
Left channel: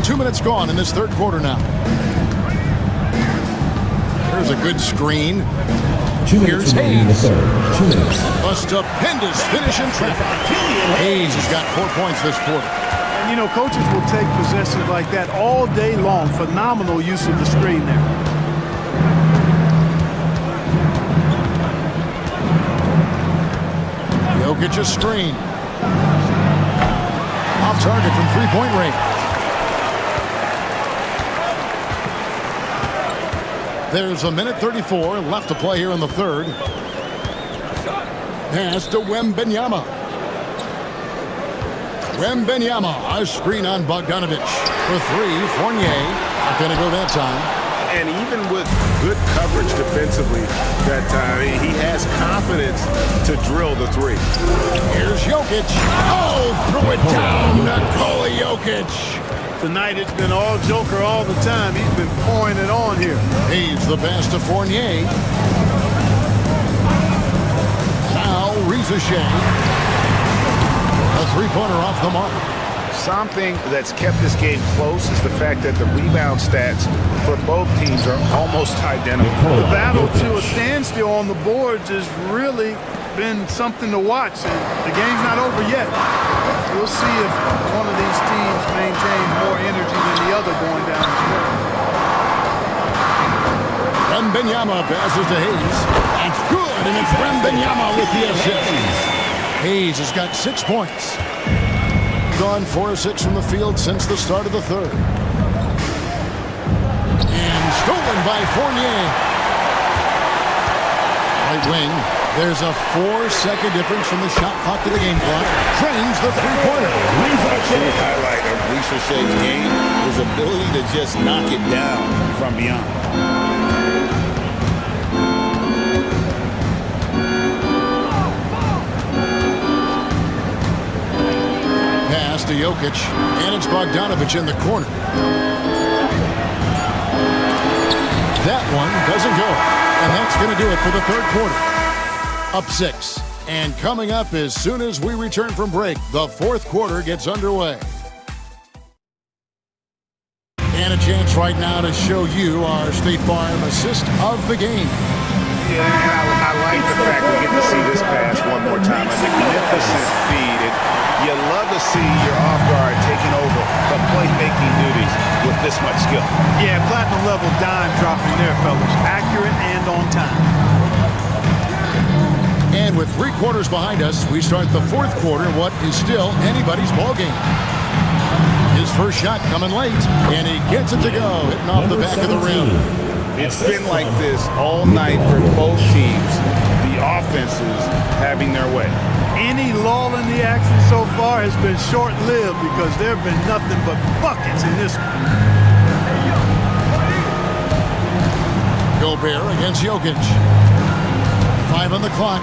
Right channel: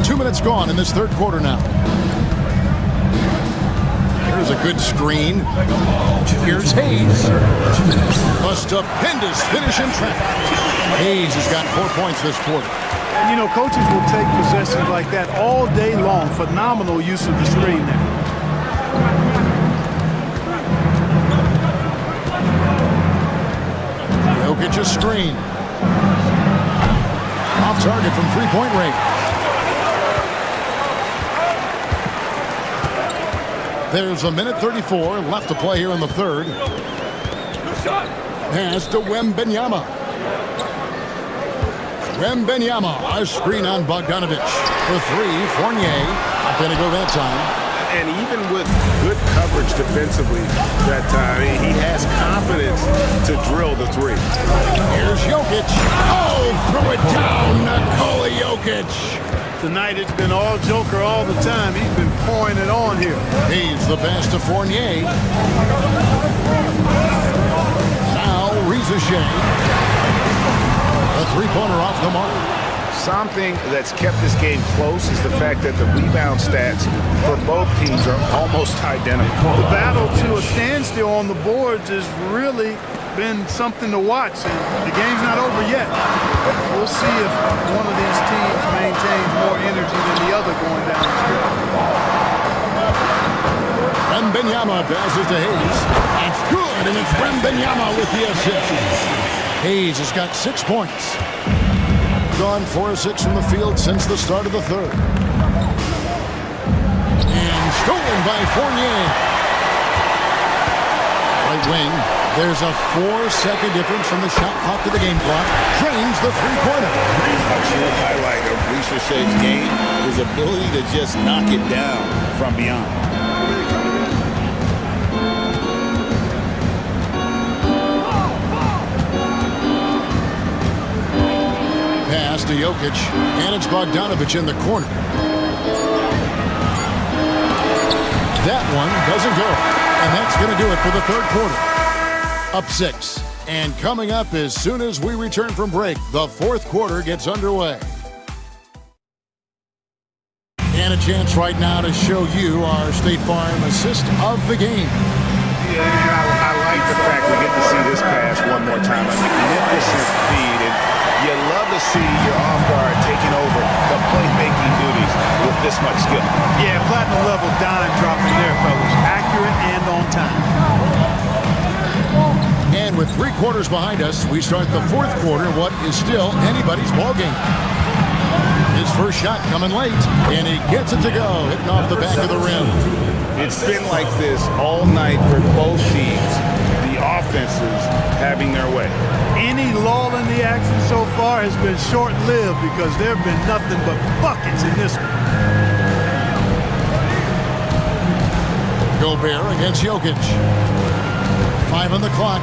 2 minutes gone in this third quarter now. There's a good screen. Here's Hayes. A stupendous finish in traffic. Hayes has got 4 points this quarter. And, you know, coaches will take possessions like that all day long. Phenomenal use of the screen there. Jokic a screen. Off target from 3-point range. There's a minute 34 left to play here in the third. Pass to Wembanyama. Wembanyama, a screen on Bogdanovich. For 3, Fournier. Not going to go that time. And even with good coverage defensively that time, he has confidence to drill the 3. Here's Jokic. Oh, throw it down, Nikola Jokic. Tonight it's been all Joker all the time. He's been pouring it on here. He's the pass to Fournier. Now Shea. A 3-pointer off the mark. Something that's kept this game close is the fact that the rebound stats for both teams are almost identical. The battle to a standstill on the boards has really been something to watch, and the game's not over yet. We'll see if one of these teams maintains more energy than the other going down the stretch. Wembanyama passes to Hayes. That's good, and it's Wembanyama with the assist. Hayes has got 6 points. gone 4 of 6 from the field since the start of the third. And stolen by Fournier. Right wing. There's a 4-second difference from the shot clock to the game clock. Drains the three-pointer. A true highlight of Richard's game, his ability to just knock it down from beyond. Pass to Jokic, and it's Bogdanovic in the corner. That one doesn't go, and that's going to do it for the third quarter. Up 6. And coming up as soon as we return from break, the fourth quarter gets underway. And a chance right now to show you our State Farm assist of the game. Yeah, and I like the fact we get to see this pass one more time. A magnificent feed, and you love to see your off guard taking over the playmaking duties with this much skill. Yeah, platinum level dime dropping there, fellas. Accurate and on time. And with 3 quarters behind us, we start the fourth quarter, what is still anybody's ball game. His first shot coming late, and he gets it to go, hitting off the back of the rim. It's been like this all night for both teams. The offenses having their way. Any lull in the action so far has been short-lived because there have been nothing but buckets in this one. Gobert against Jokic. 5 on the clock,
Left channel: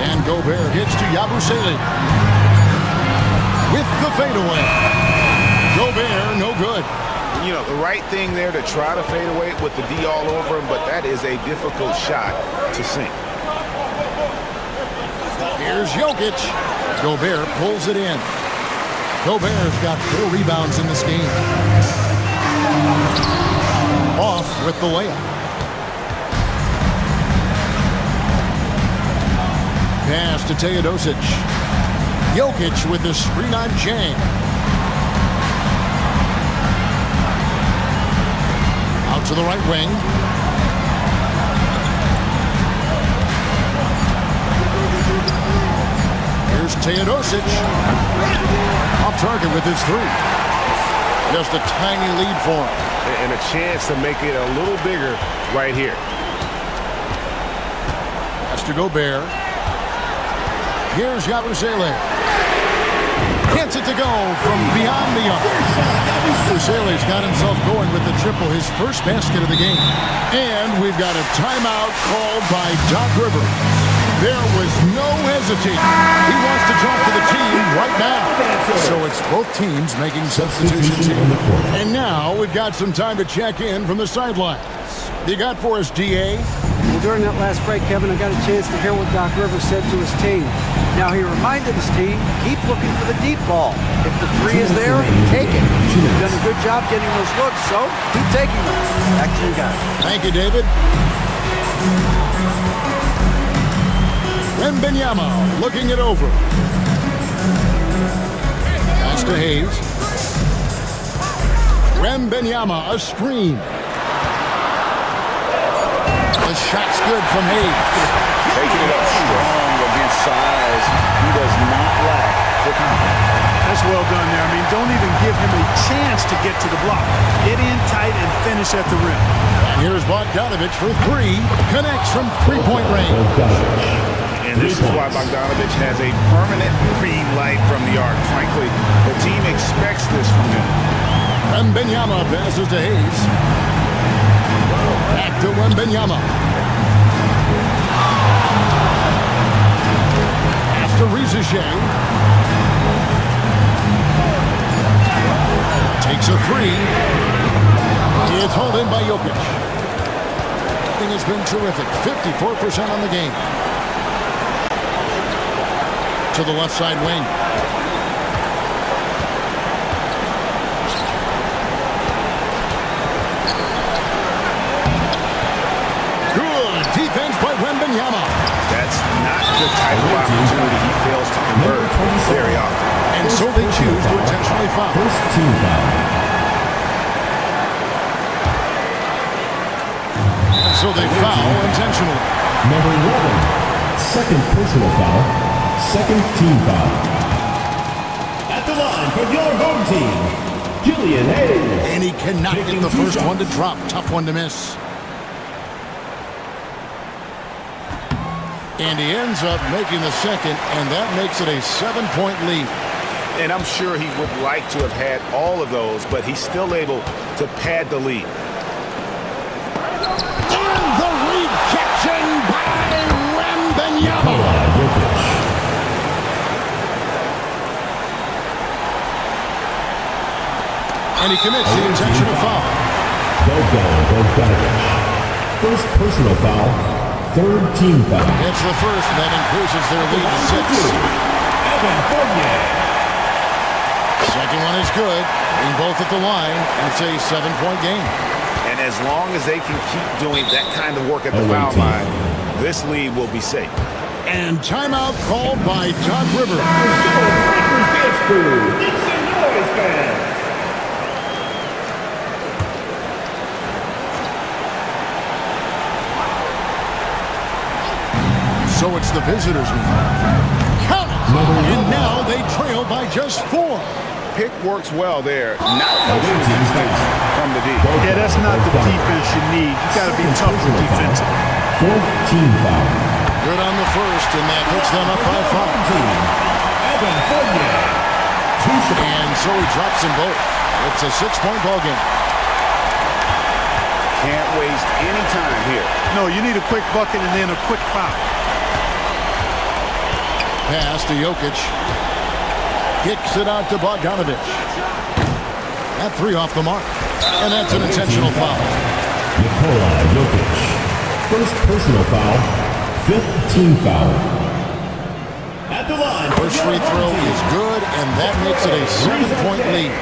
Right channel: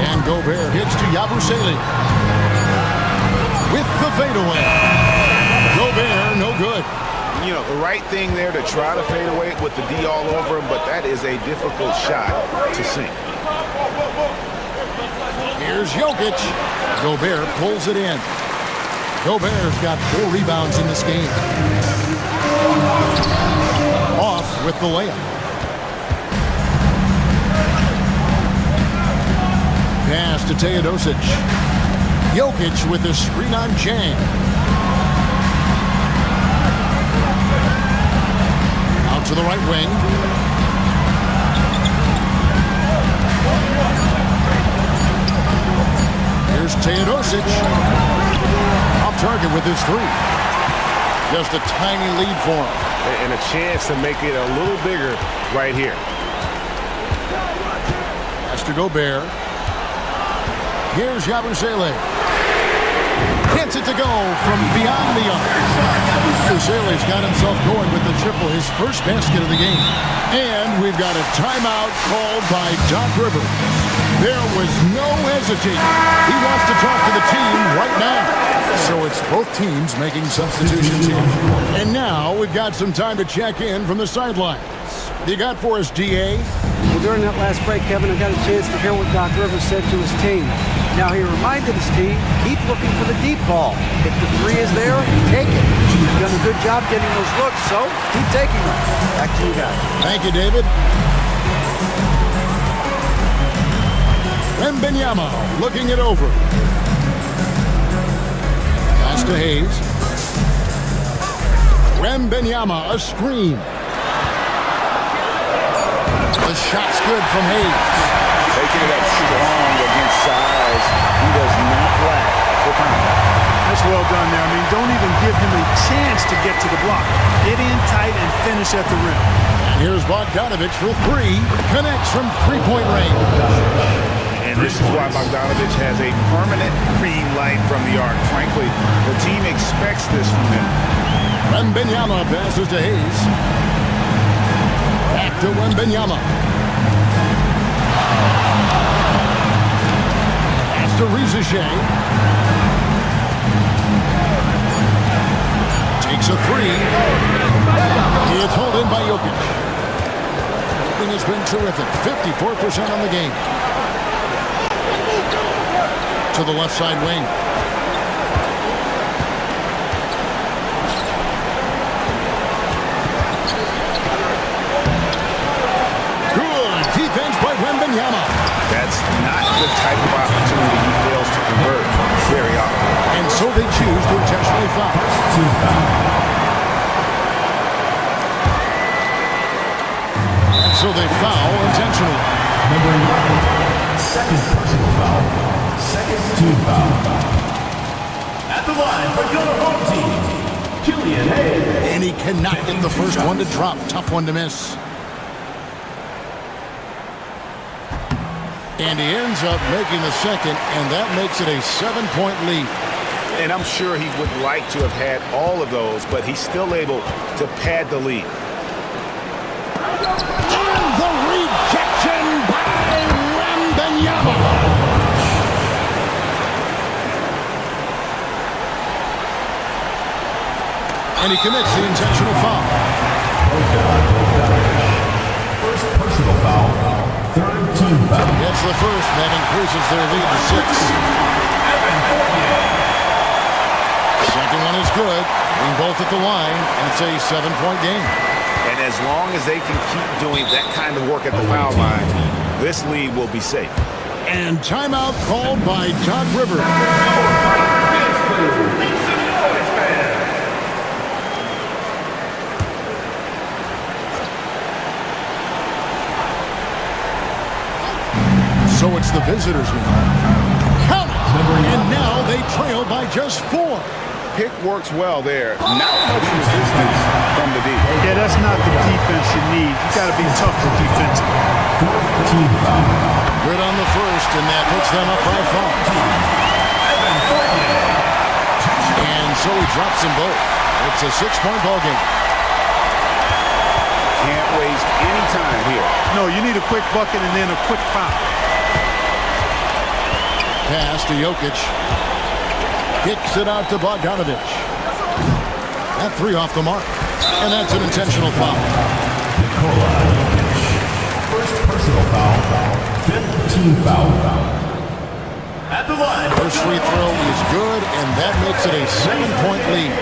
and Gobert hits to Yabusele. With the fadeaway. Gobert, no good. You know, the right thing there to try to fade away with the D all over him, but that is a difficult shot to sink. Here's Jokic. Gobert pulls it in. Gobert's got 4 rebounds in this game. Off with the layup. Pass to Teodosic. Jokic with the screen on Jang. Out to the right wing. Here's Teodosic. Off target with his 3. Just a tiny lead for him. And a chance to make it a little bigger right here. Pass to Gobert. Here's Yabusele. Gets it to go from beyond the arc. Yabusele's got himself going with the triple, his first basket of the game. And we've got a timeout called by Doc Rivers. There was no hesitating. He wants to talk to the team right now. So it's both teams making substitutions here. And now we've got some time to check in from the sidelines. You got for us, DA? Well, during that last break, Kevin, I got a chance to hear what Doc Rivers said to his team. Now, he reminded his team, keep looking for the deep ball. If the 3 is there, take it. You've done a good job getting those looks, so keep taking them. Back to you guys. Thank you, David. Wembanyama looking it over. Pass to Hayes. Wembanyama, a screen. The shot's good from Hayes. Taking it up strong against size. He does not lack for confidence. That's well done there. I mean, don't even give him a chance to get to the block. Get in tight and finish at the rim. And here's Bogdanovic for 3. Connects from 3-point range. And this is why Bogdanovic has a permanent green light from the arc. Frankly, the team expects this from him. Wembanyama passes to Hayes. Back to Wembanyama. Pass to Rizichet. Takes a 3. It's hauled in by Jokic. Everything has been terrific. 54% on the game. To the left side wing. Good defense by Wembanyama. That's not the type of opportunity he fails to convert very often. And so they choose to intentionally foul. First team foul. And so they foul intentionally. Number 11, second personal foul, second team foul. At the the line for your home team, Julian Hayes. And he cannot get the first one to drop. Tough one to miss. And he ends up making the second, and that makes it a 7-point lead. And I'm sure he would like to have had all of those, but he's still able to pad the lead. And the rejection by Wembanyama. And he commits the intentional foul. First personal foul. Third team foul. Gets the first, and that increases their lead to 6. Evan Fournier. Second one is good. Being both at the line, and it's a 7-point game. And as long as they can keep doing that kind of work at the foul line, this lead will be safe. And timeout called by Doc Rivers. So it's the visitors now. Count it! And now they trail by just 4. Pick works well there. Not much resistance from the D. Yeah, that's not the defense you need. You got to be tougher defensively. Fourth team foul. Good on the first, and that puts them up by 5. Evan Fournier. And so he drops them both. It's a 6-point ball game. Can't waste any time here. No, you need a quick bucket and then a quick foul. Pass to Jokic. Kicks it out to Bogdanovic. That 3 off the mark. And that's an intentional foul. Nikola Jokic. First personal foul. Fifth team foul. At the line. First free throw is good, and that makes it a 7-point lead.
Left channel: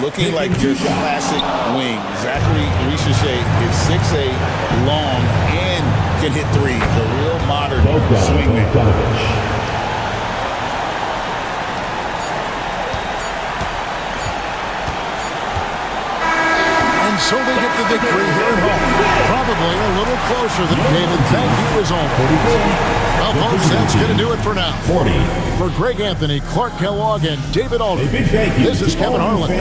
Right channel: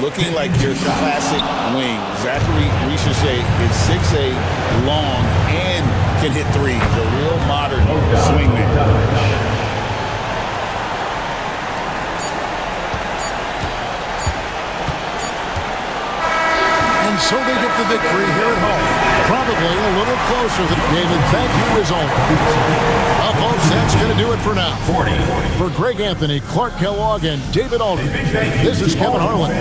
Looking like your classic wing. Zachary Richer is 6'8", long, and can hit threes. A real modern swingman. And so they get the victory here at home. Probably a little closer than David. Thank you is over. Well, folks, that's going to do it for now. 40. For Greg Anthony, Clark Kellogg, and David Aldridge, this is Kevin Harlan.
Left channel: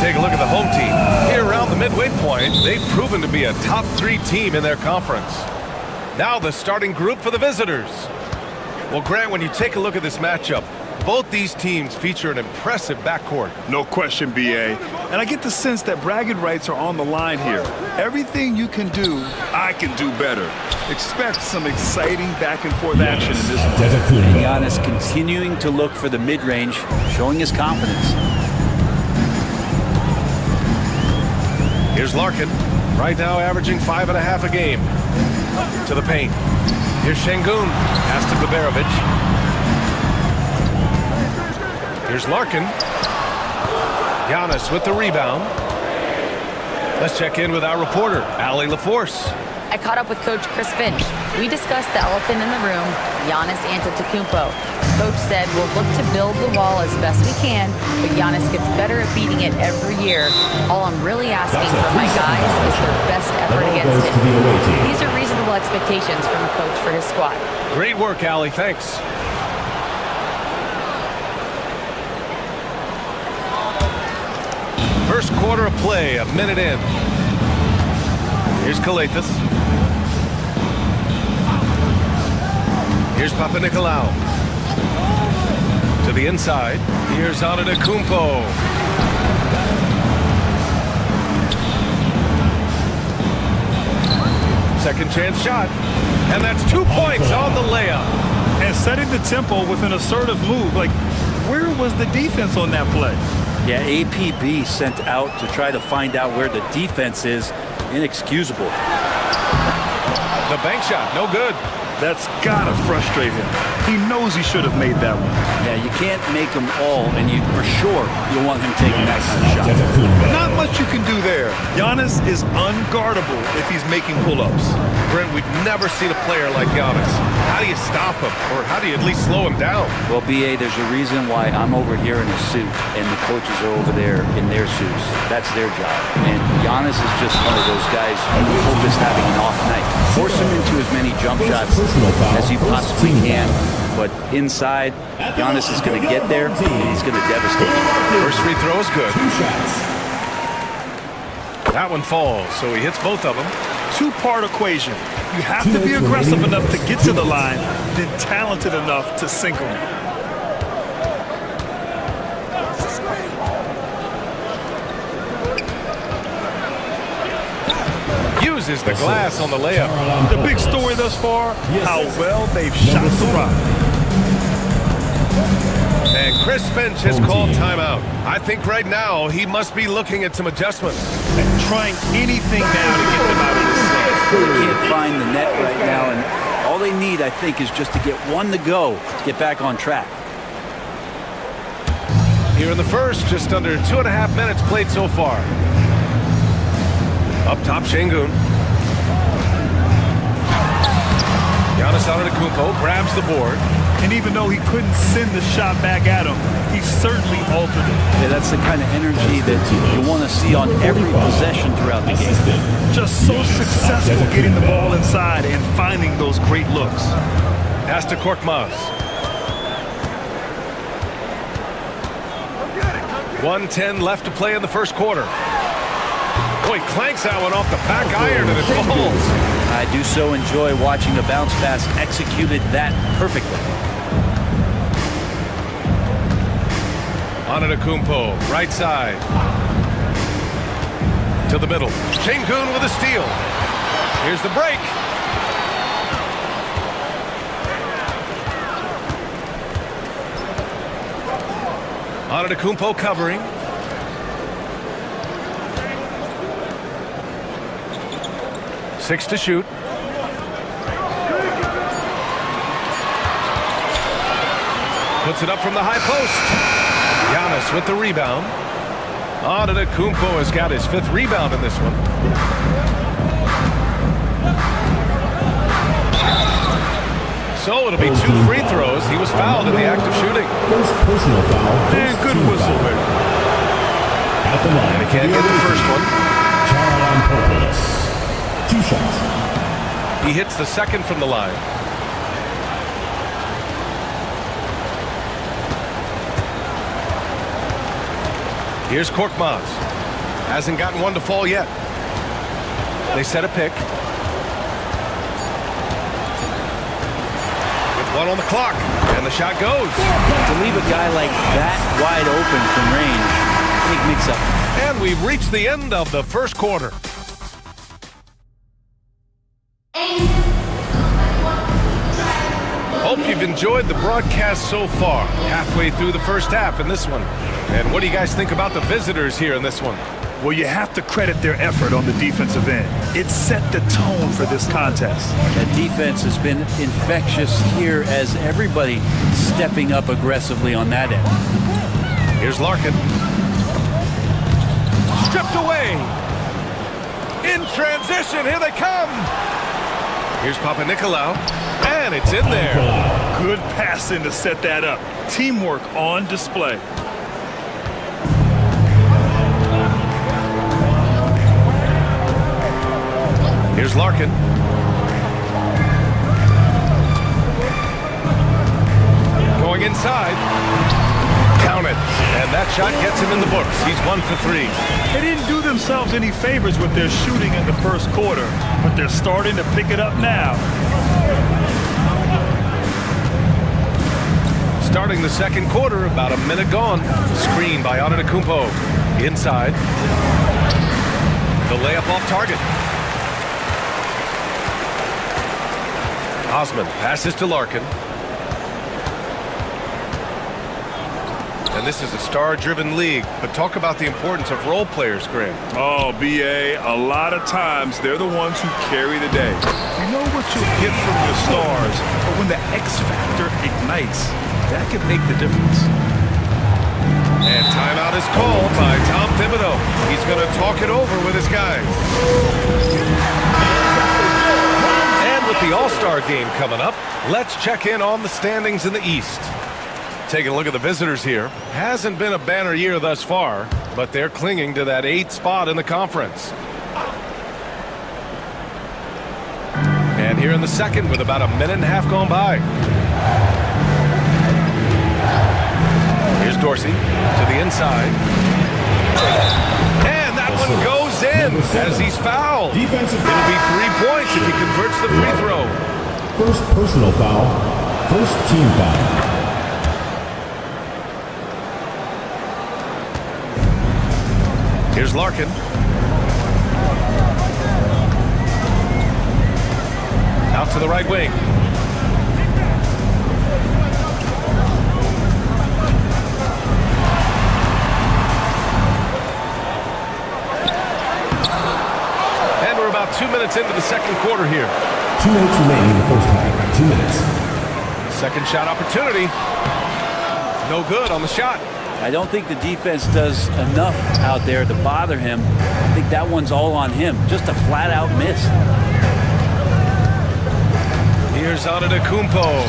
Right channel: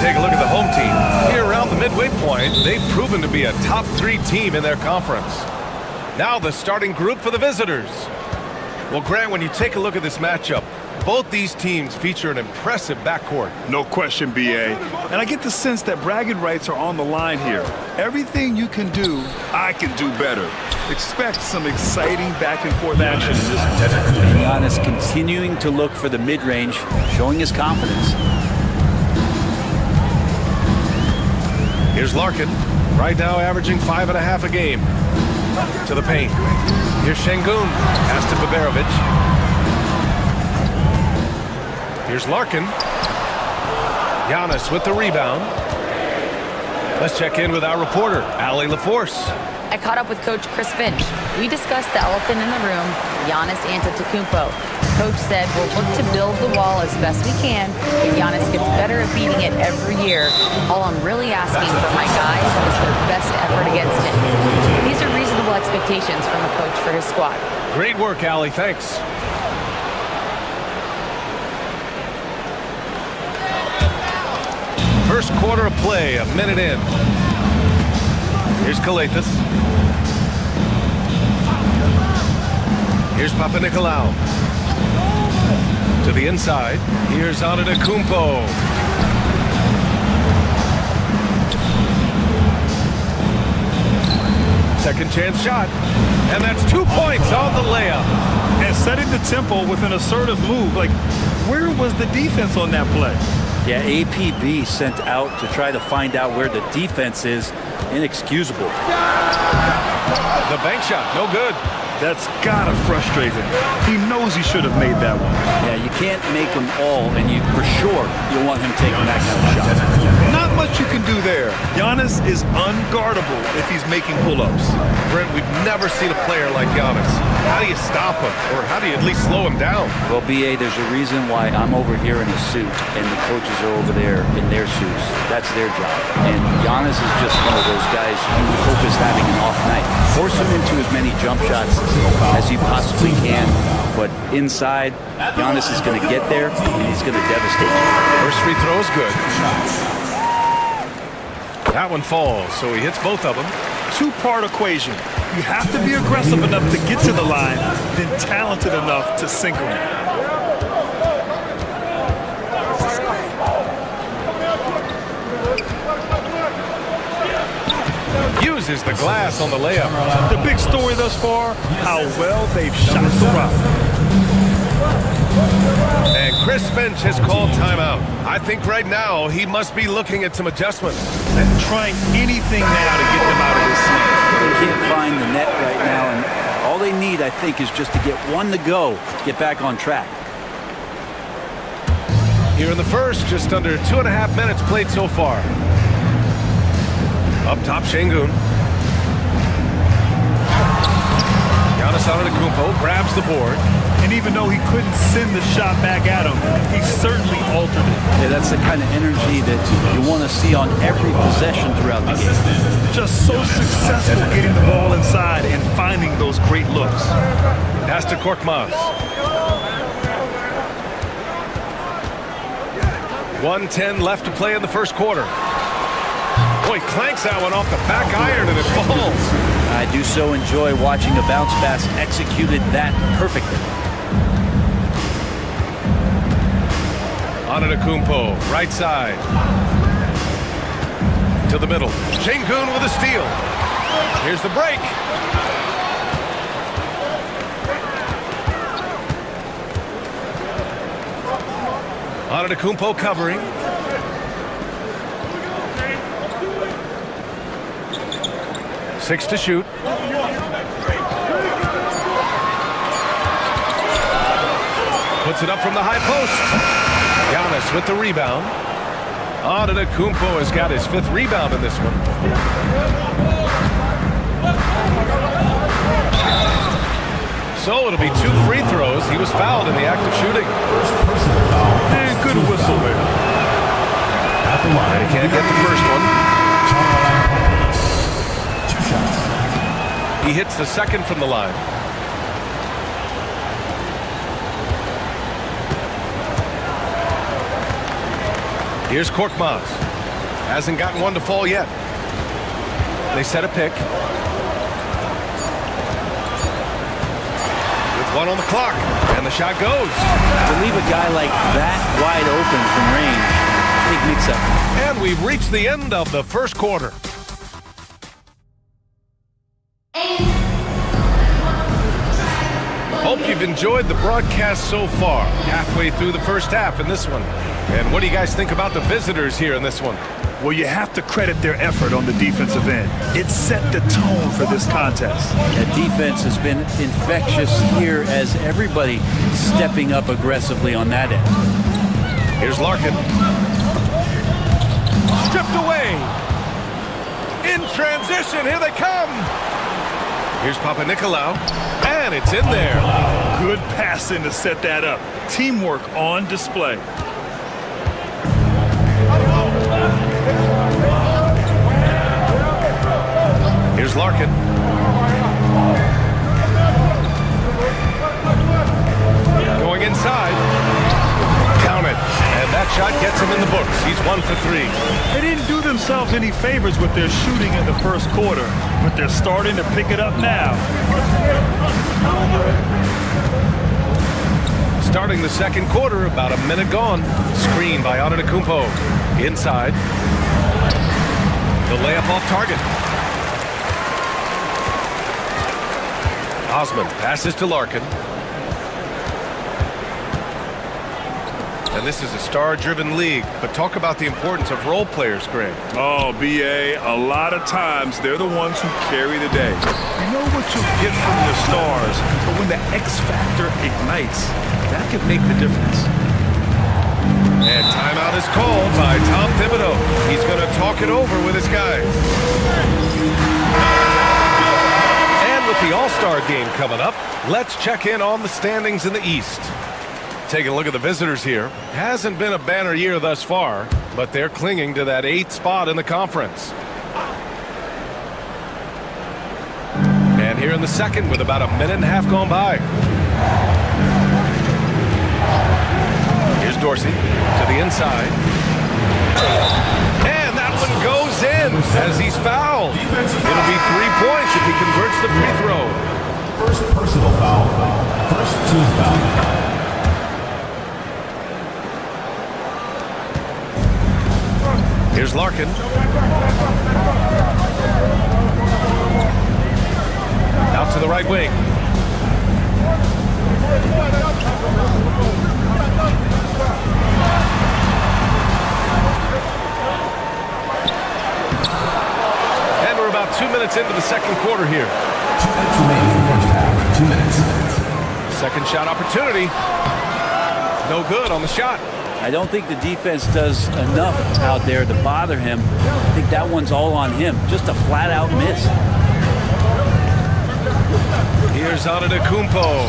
Take a look at the home team. Here around the midway point, they've proven to be a top 3 team in their conference. Now the starting group for the visitors. Well, Grant, when you take a look at this matchup, both these teams feature an impressive backcourt. No question, BA. And I get the sense that bragging rights are on the line here. Everything you can do, I can do better. Expect some exciting back-and-forth action in this one. And Giannis continuing to look for the mid-range, showing his confidence. Here's Larkin, right now averaging 5.5 a game. To the paint. Here's Şengün. Pass to Baberovic. Here's Larkin. Giannis with the rebound. Let's check in with our reporter, Allie LaForce. I caught up with Coach Chris Finch. We discussed the elephant in the room, Giannis Antetokounmpo. Coach said we'll look to build the wall as best we can, but Giannis gets better at beating it every year. All I'm really asking from my guys is their best effort against him. These are reasonable expectations from a coach for his squad. Great work, Allie. Thanks. First quarter of play, a minute in. Here's Kalathis. Here's Papanikolaou. To the inside. Here's Antetokounmpo. Second chance shot. And that's 2 points on the layup. And setting the tempo with an assertive move. Like, where was the defense on that play? Yeah, APB sent out to try to find out where the defense is. Inexcusable. The bank shot, no good. That's gotta frustrate him. He knows he should have made that one. Yeah, you can't make them all, and you for sure you'll want him taking that kind of shot. Not much you can do there. Giannis is unguardable if he's making pull-ups. Brent, we've never seen a player like Giannis. How do you stop him, or how do you at least slow him down? Well, BA, there's a reason why I'm over here in a suit, and the coaches are over there in their suits. That's their job. And Giannis is just one of those guys you hope is having an off night. Force him into as many jump shots as you possibly can, but inside, Giannis is going to get there, and he's going to devastate you. First free throw is good. That one falls, so he hits both of them. Two-part equation. You have to be aggressive enough to get to the line, then talented enough to sink them. Uses the glass on the layup. The big story thus far, how well they've shot the rock. And Chris Finch has called timeout. I think right now he must be looking at some adjustments. And trying anything now to get them out of this slump. They can't find the net right now, and all they need, I think, is just to get one to go, get back on track. Here in the first, just under 2.5 minutes played so far. Up top, Şengün. Giannis Antetokounmpo grabs the board. And even though he couldn't send the shot back at him, he certainly altered it. Yeah, that's the kind of energy that you want to see on every possession throughout the game. Just so successful getting the ball inside and finding those great looks. Pass to Korkmaz. 1:10 left to play in the first quarter. Boy, clanks that one off the back iron and it falls. I do so enjoy watching a bounce pass executed that perfectly. Antetokounmpo, right side. To the middle. Şengün with a steal. Here's the break. Antetokounmpo covering. Six to shoot. Puts it up from the high post. Giannis with the rebound. Antetokounmpo has got his 5th rebound in this one. So it'll be 2 free throws. He was fouled in the act of shooting. First personal foul. And good whistle there. At the line. And he can't get the first one. Charles 2 shots. He hits the second from the line. Here's Korkmaz. Hasn't gotten one to fall yet. They set a pick. With 1 on the clock. And the shot goes. To leave a guy like that wide open from range, big mix-up. And we've reached the end of the first quarter. Hope you've enjoyed the broadcast so far. Halfway through the first half in this one. And what do you guys think about the visitors here in this one? Well, you have to credit their effort on the defensive end. It set the tone for this contest. That defense has been infectious here as everybody stepping up aggressively on that end. Here's Larkin. Stripped away. In transition, here they come. Here's Papanikolaou, and it's in there. Good passing to set that up. Teamwork on display. Here's Larkin. Going inside. Count it. And that shot gets him in the books. He's 1 for 3. They didn't do themselves any favors with their shooting in the first quarter, but they're starting to pick it up now. Starting the second quarter, about a minute gone. Screen by Antetokounmpo. Inside. The layup off target. Osman passes to Larkin. And this is a star-driven league, but talk about the importance of role players, Grant. Oh, B.A., a lot of times they're the ones who carry the day. You know what you'll get from your stars, but when the X factor ignites, that can make the difference. And timeout is called by Tom Thibodeau. He's going to talk it over with his guys. And with the All-Star game coming up, let's check in on the standings in the East. Taking a look at the visitors here. Hasn't been a banner year thus far, but they're clinging to that 8th spot in the conference. And here in the second with about a minute and a half gone by. Here's Dorsey to the inside. And that one goes in as he's fouled. It'll be 3 points if he converts the free throw. First personal foul, first team foul. Here's Larkin. Out to the right wing. And we're about 2 minutes into the second quarter here. 2 minutes remaining in the first half. 2 minutes. Second shot opportunity. No good on the shot. I don't think the defense does enough out there to bother him. I think that one's all on him. Just a flat-out miss. Here's Antetokounmpo.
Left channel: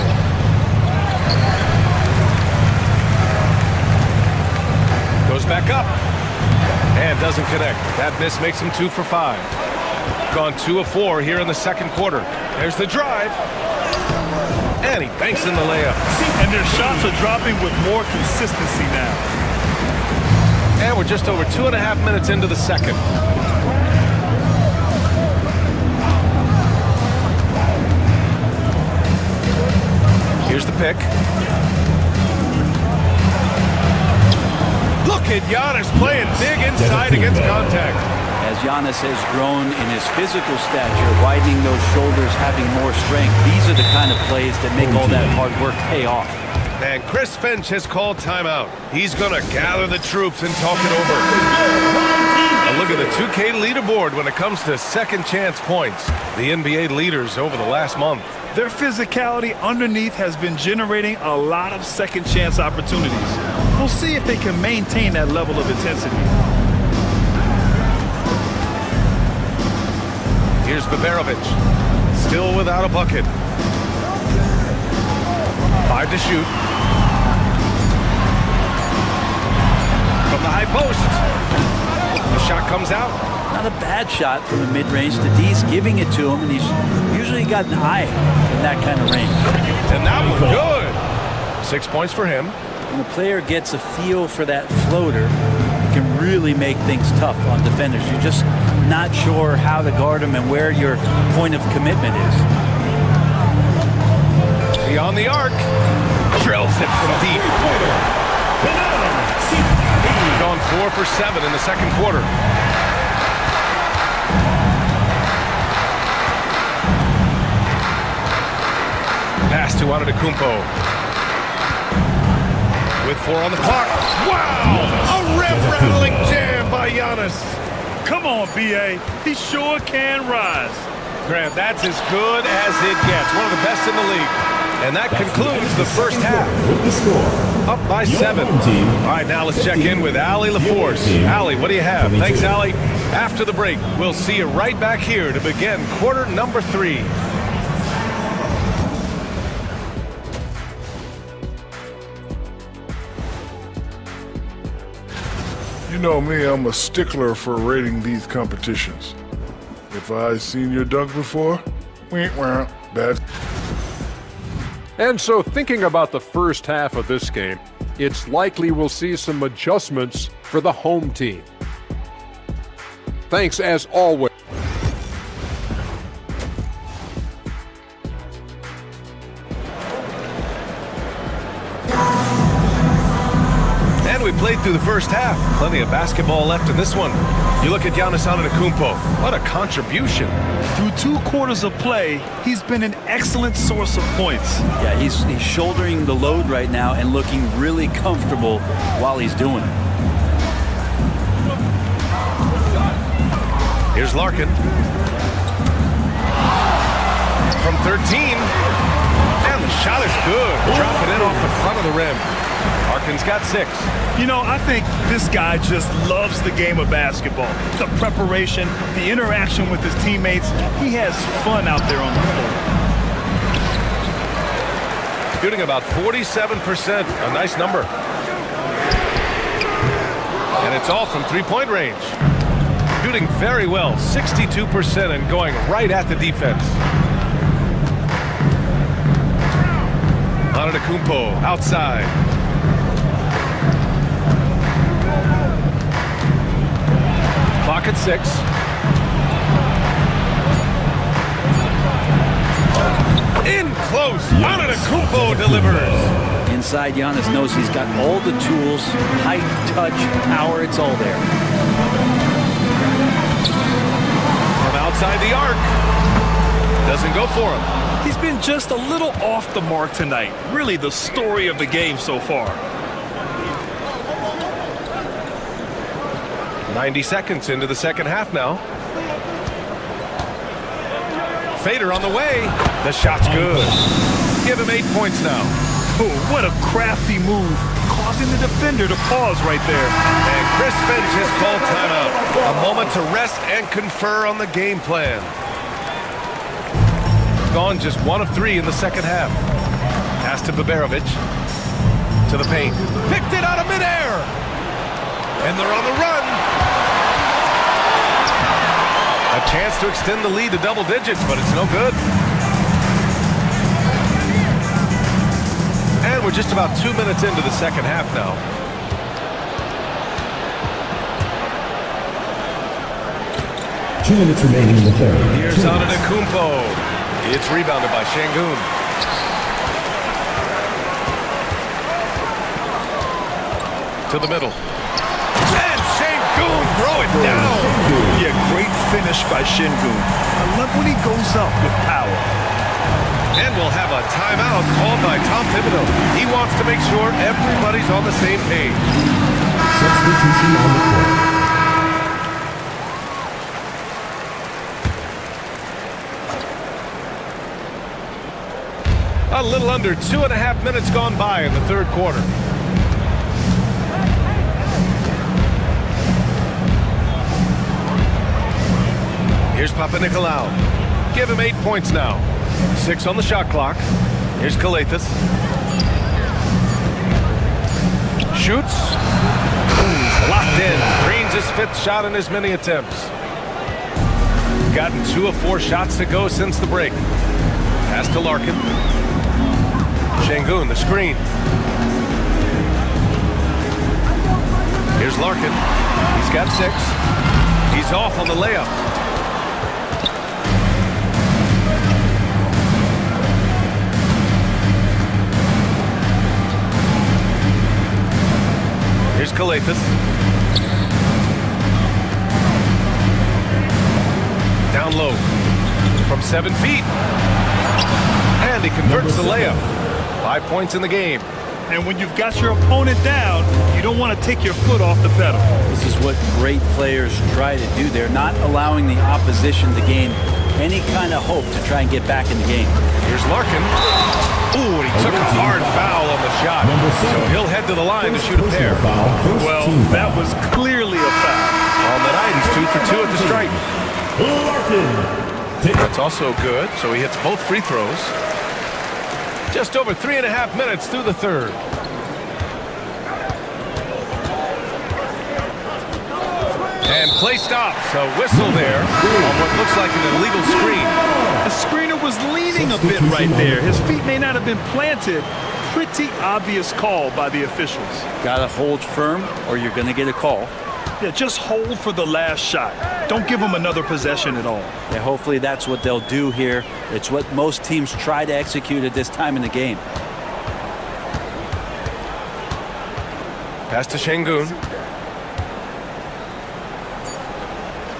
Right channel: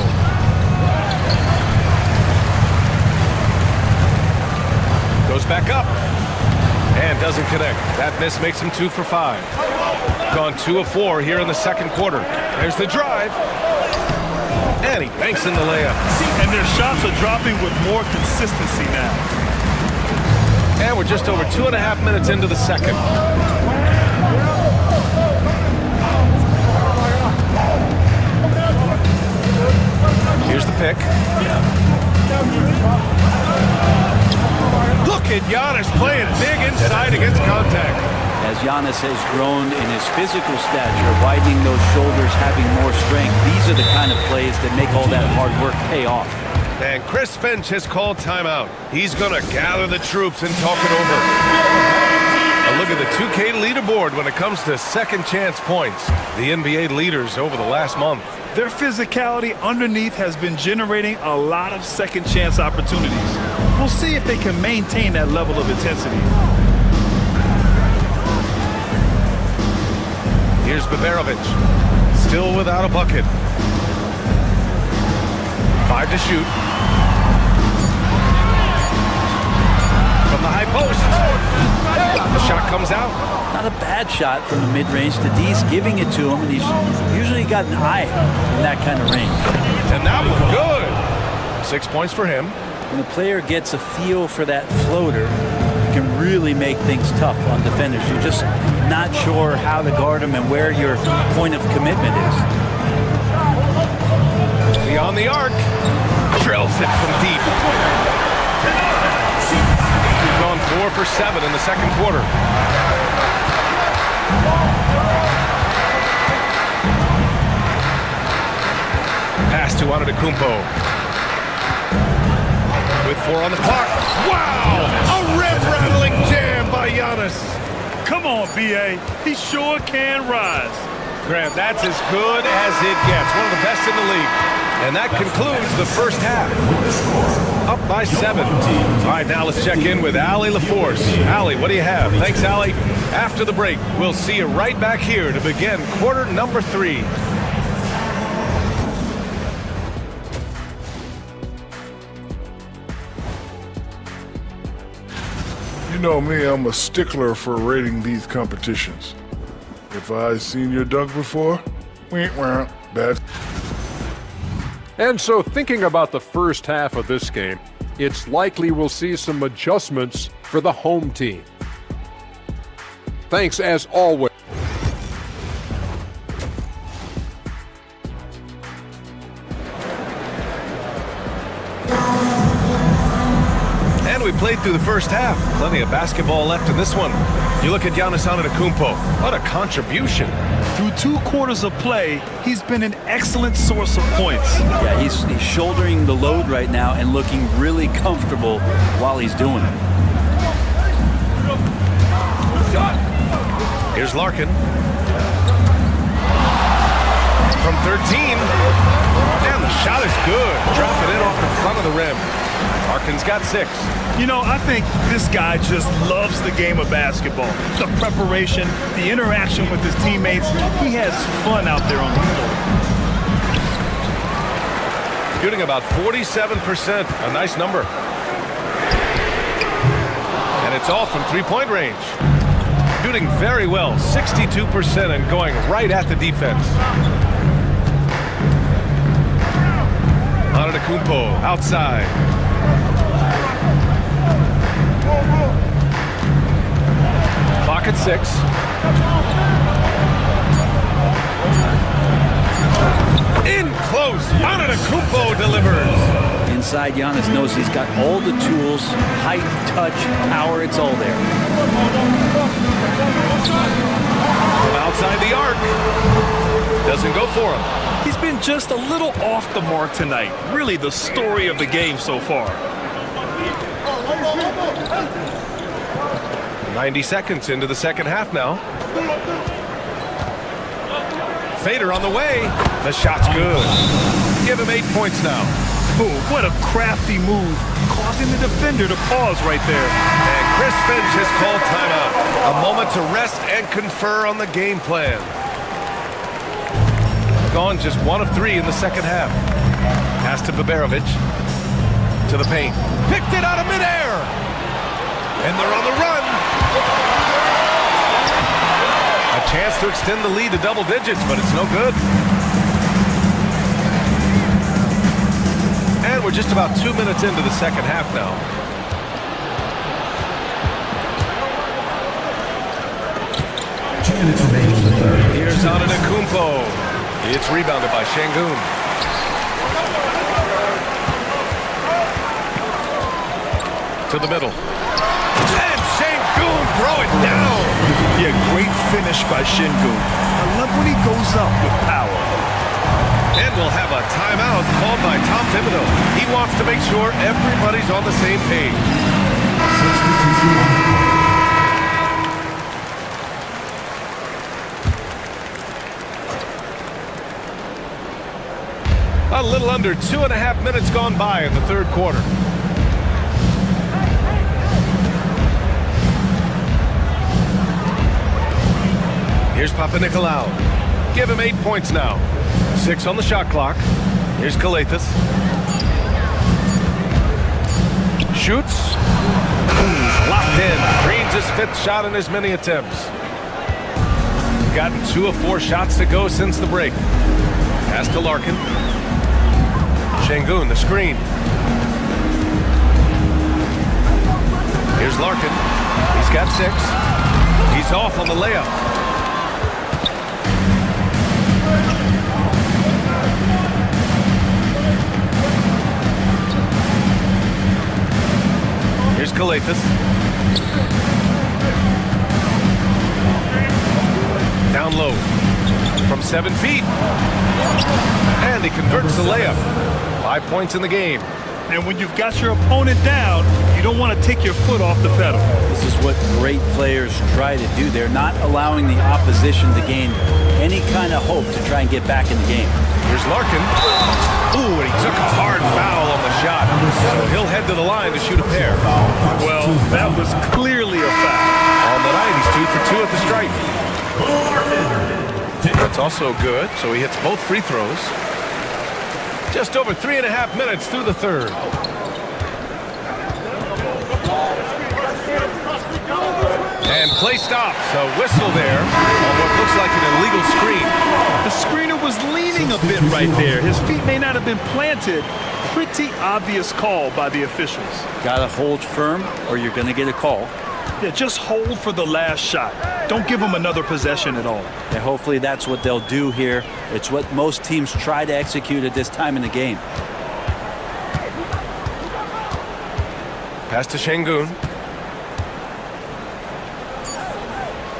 Goes back up. And doesn't connect. That miss makes him 2 for 5. Gone 2 of 4 here in the second quarter. There's the drive. And he banks in the layup. And their shots are dropping with more consistency now. And we're just over 2.5 minutes into the second. Here's the pick. Look at Giannis playing big inside against contact. As Giannis has grown in his physical stature, widening those shoulders, having more strength, these are the kind of plays that make all that hard work pay off. And Chris Finch has called timeout. He's going to gather the troops and talk it over. A look at the 2K leaderboard when it comes to second chance points. The NBA leaders over the last month. Their physicality underneath has been generating a lot of second chance opportunities. We'll see if they can maintain that level of intensity. Here's Baberovic, still without a bucket. 5 to shoot. From the high post. The shot comes out. Not a bad shot from the mid-range. The D's giving it to him, and he's usually got an eye in that kind of range. And that one good. 6 points for him. When the player gets a feel for that floater, it can really make things tough on defenders. You're just not sure how to guard him and where your point of commitment is. Beyond the arc. Drills it from deep. Gone 4 for 7 in the second quarter. Pass to Antetokounmpo. With 4 on the clock. Wow! A rim-rattling jam by Giannis. Come on, B.A. He sure can rise. Graham, that's as good as it gets. One of the best in the league. And that concludes the first half. With the score. Up by 7. All right, now let's check in with Allie LaForce. Allie, what do you have? Thanks, Allie. After the break, we'll see you right back here to begin quarter number 3. You know me, I'm a stickler for rating these competitions. If I seen your dunk before, bad. And so thinking about the first half of this game, it's likely we'll see some adjustments for the home team. Thanks as always. And we played through the first half. Plenty of basketball left in this one. You look at Giannis Antetokounmpo. What a contribution. Through 2 quarters of play, he's been an excellent source of points. Yeah, he's shouldering the load right now and looking really comfortable while he's doing it. Here's Larkin. From 13. And the shot is good. Drop it in off the front of the rim. Larkin's got 6. You know, I think this guy just loves the game of basketball. The preparation, the interaction with his teammates. He has fun out there on the floor. Shooting about 47%. A nice number. And it's all from three-point range. Shooting very well, 62%, and going right at the defense. Antetokounmpo outside. Clock at 6. In close. Antetokounmpo delivers. Inside, Giannis knows he's got all the tools, height, touch, power, it's all there. From outside the arc. Doesn't go for him. He's been just a little off the mark tonight. Really the story of the game so far. 90 seconds into the second half now. Fader on the way. The shot's good. Give him 8 points now. Oh, what a crafty move, causing the defender to pause right there. And Chris Finch has called timeout. A moment to rest and confer on the game plan. Gone just 1 of 3 in the second half. Pass to Baberovic. To the paint. Picked it out of midair. And they're on the run. A chance to extend the lead to double digits, but it's no good. And we're just about 2 minutes into the second half now. Two minutes remaining in the third. Here's Antetokounmpo. It's rebounded by Şengün. To the middle. And Şengün throw it down. Yeah, great finish by Şengün. I love when he goes up with power. And we'll have a timeout called by Tom Thibodeau. He wants to make sure everybody's on the same page. Substitution on the court. A little under 2.5 minutes gone by in the third quarter. Here's Papanikolaou. Give him 8 points now. 6 on the shot clock. Here's Calathes. Shoots. Locked in. Green's his 5th shot in as many attempts. Gotten 2 of 4 shots to go since the break. Pass to Larkin. Şengün, the screen. Here's Larkin. He's got 6. He's off on the layup. Here's Calathes. Down low. From 7 feet. And he converts the layup. 5 points in the game. And when you've got your opponent down, you don't want to take your foot off the pedal. This is what great players try to do. They're not allowing the opposition to gain any kind of hope to try and get back in the game. Here's Larkin. Ooh, and he took a hard foul on the shot. So he'll head to the line to shoot a pair. Well, that was clearly a foul. On the night, he's 2 for 2 at the stripe. That's also good, so he hits both free throws. Just over 3.5 minutes through the third. And play stops. A whistle there on what looks like an illegal screen. The screener was leaning a bit right there. His feet may not have been planted. Pretty obvious call by the officials. Gotta hold firm or you're gonna get a call. Yeah, just hold for the last shot. Don't give them another possession at all. Yeah, hopefully that's what they'll do here. It's what most teams try to execute at this time in the game. Pass to Şengün.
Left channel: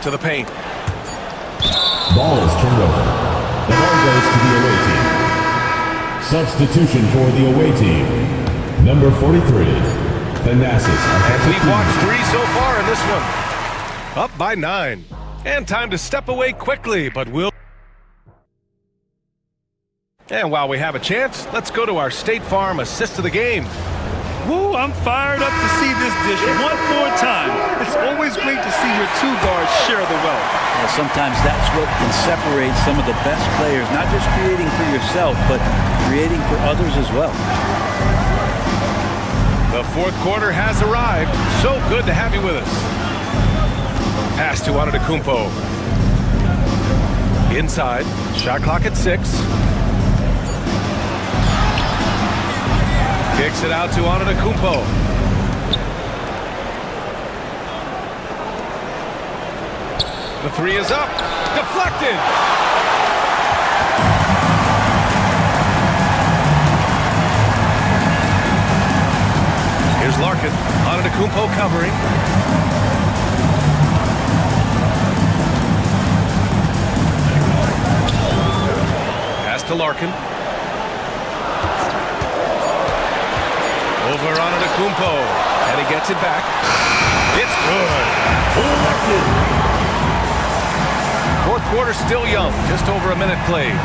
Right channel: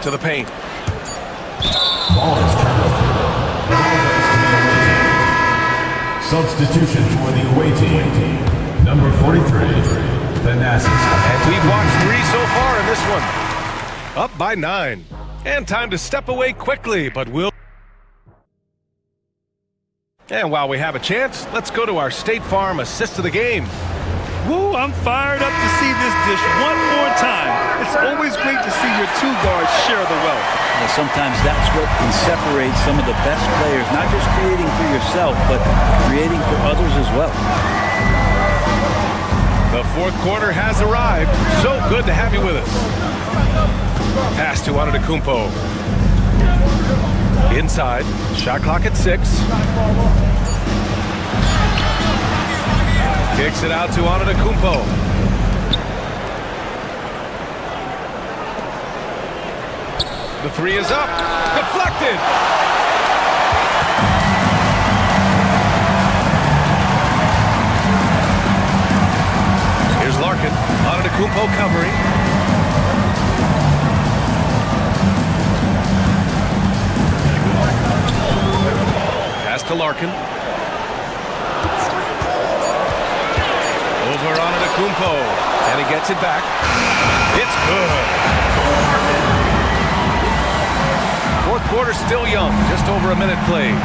To the paint. Ball is turned over. The ball goes to the away team. Substitution for the away team. Number 43. Thanasis. And we've watched 3 so far in this one. Up by 9. And time to step away quickly, but we'll... And while we have a chance, let's go to our State Farm assist of the game. Woo, I'm fired up to see this dish one more time. It's always great to see your 2 guards share the wealth. Well, sometimes that's what can separate some of the best players, not just creating for yourself, but creating for others as well. The fourth quarter has arrived. So good to have you with us. Pass to Antetokounmpo. Inside. Shot clock at 6. Kicks it out to Antetokounmpo. The 3 is up. Deflected. Here's Larkin. Antetokounmpo covering. Pass to Larkin. Over Antetokounmpo. And he gets it back. It's good. Fourth quarter still young. Just over a minute played.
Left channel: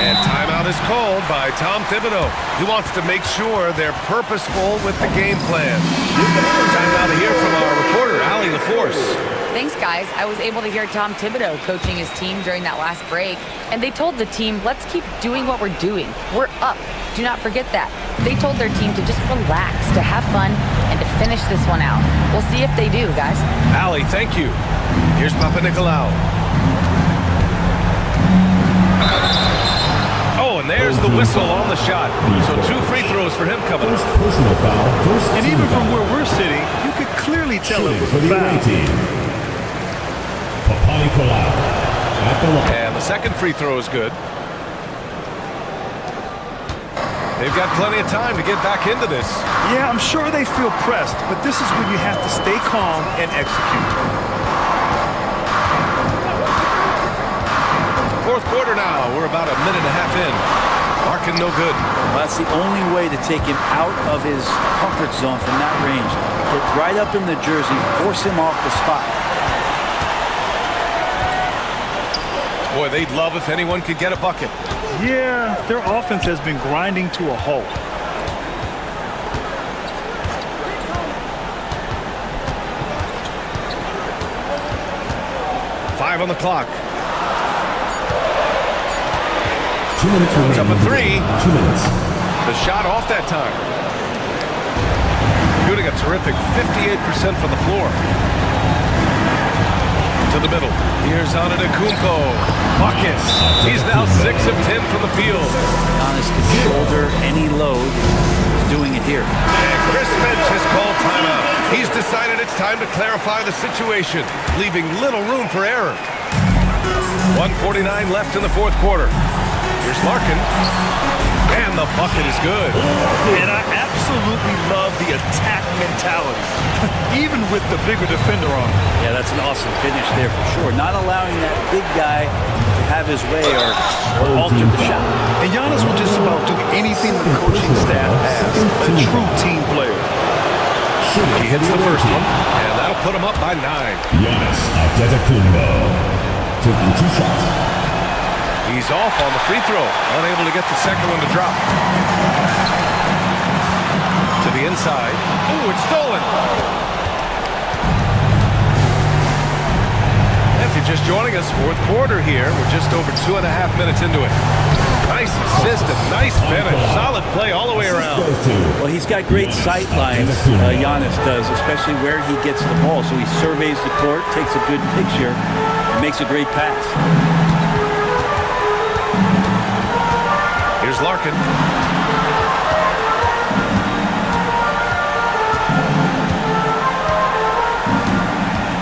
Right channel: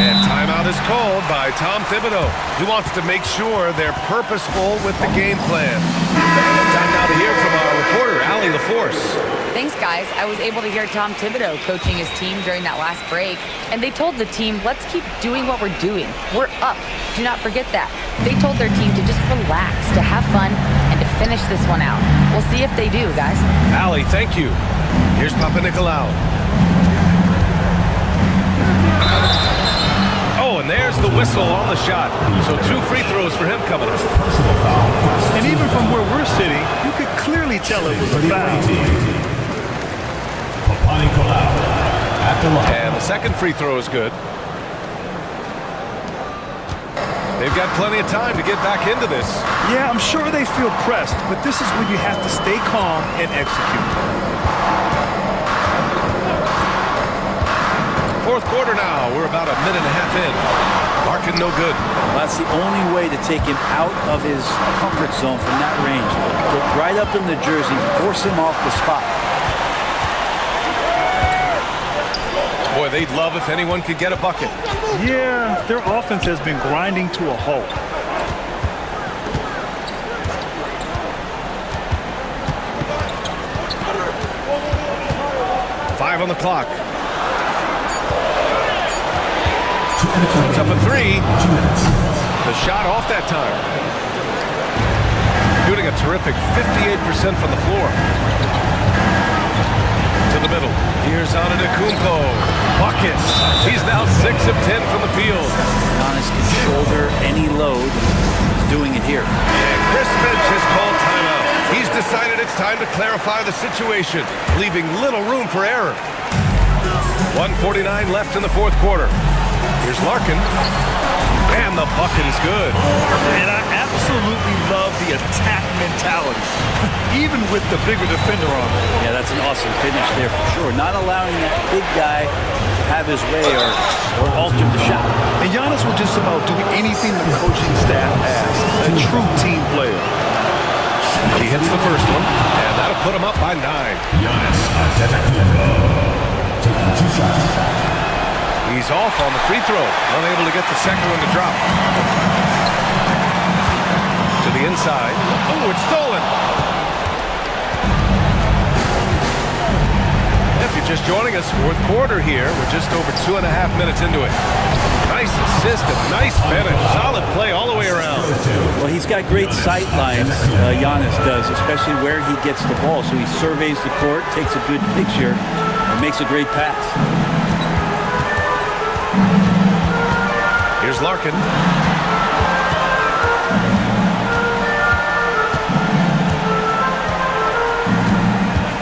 And timeout is called by Tom Thibodeau. He wants to make sure they're purposeful with the game plan. Time now to hear from our reporter, Allie LaForce. Thanks, guys. I was able to hear Tom Thibodeau coaching his team during that last break. And they told the team, let's keep doing what we're doing. We're up. Do not forget that. They told their team to just relax, to have fun, and to finish this one out. We'll see if they do, guys. Allie, thank you. Here's Papa Nicolau. Oh, and there's the whistle on the shot. So 2 free throws for him coming up. Personal foul. And even from where we're sitting, you could clearly tell it was a foul. And the second free throw is good. They've got plenty of time to get back into this. Yeah, I'm sure they feel pressed, but this is when you have to stay calm and execute. Fourth quarter now. We're about a minute and a half in. Larkin no good. Well, that's the only way to take him out of his comfort zone from that range. Get right up in the jersey, force him off the spot. Boy, they'd love if anyone could get a bucket. Yeah, their offense has been grinding to a halt. Five on the clock. 2 minutes remaining. It's up a 3. 2 minutes. The shot off that time. Shooting a terrific 58% from the floor. To the middle. Here's Antetokounmpo. Buckets. He's now 6 of 10 from the field. Giannis can shoulder any load. He's doing it here. And Chris Finch has called timeout. He's decided it's time to clarify the situation, leaving little room for error. 1:49 left in the fourth quarter. Here's Larkin. And the bucket is good. And I absolutely love the the attack mentality, even with the bigger defender on him. Yeah, that's an awesome finish there for sure. Not allowing that big guy to have his way or alter the shot. And Giannis will just about do anything the coaching staff asks. A true team player. He hits the first one, and that'll put him up by 9. Giannis Antetokounmpo taking 2 shots. He's off on the free throw, unable to get the second one to drop. To the inside. Oh, it's stolen. If you're just joining us, fourth quarter here. We're just over 2.5 minutes into it. Nice assist and nice finish. Solid play all the way around. Well, he's got great sight lines, Giannis does, especially where he gets the ball. So he surveys the court, takes a good picture, and makes a great pass. Here's Larkin.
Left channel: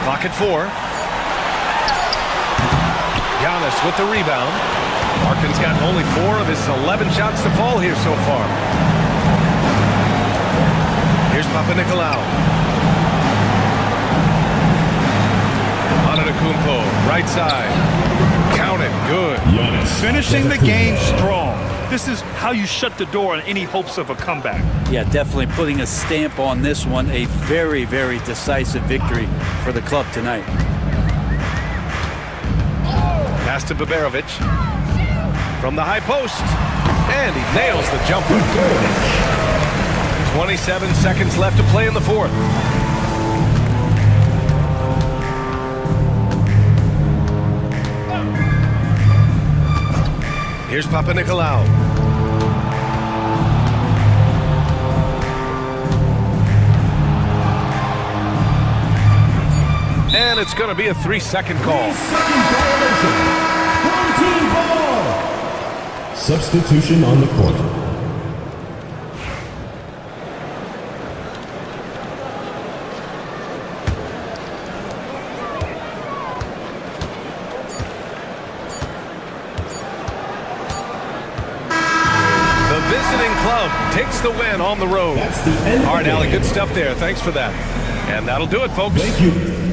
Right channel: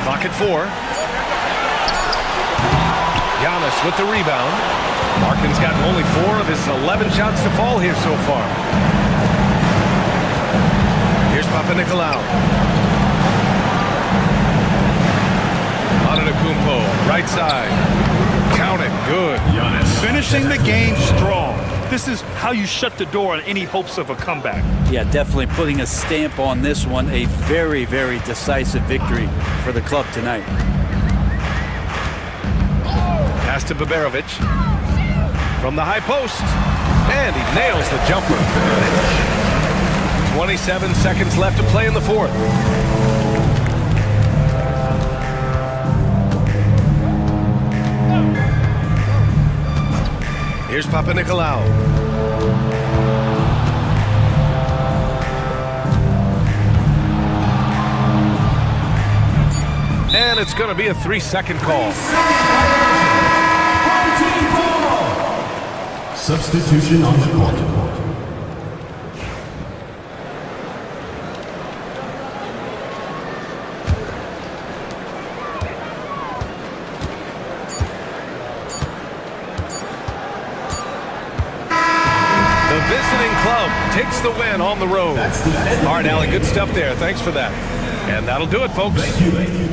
Clock at 4. Giannis with the rebound. Larkin's gotten only 4 of his 11 shots to fall here so far. Here's Papanikolaou. Antetokounmpo, right side. Count it, good. Giannis Finishing the game strong. This is how you shut the door on any hopes of a comeback. Yeah, definitely putting a stamp on this one. A very, very decisive victory for the club tonight. Pass to Baberovic. From the high post. And he nails the jumper. 27 seconds left to play in the fourth. Here's Papanikolaou. And it's going to be a 3-second call. Substitution on the court. The visiting club takes the win on the road. All right, Allie, good stuff there. Thanks for that. And that'll do it, folks. Thank you.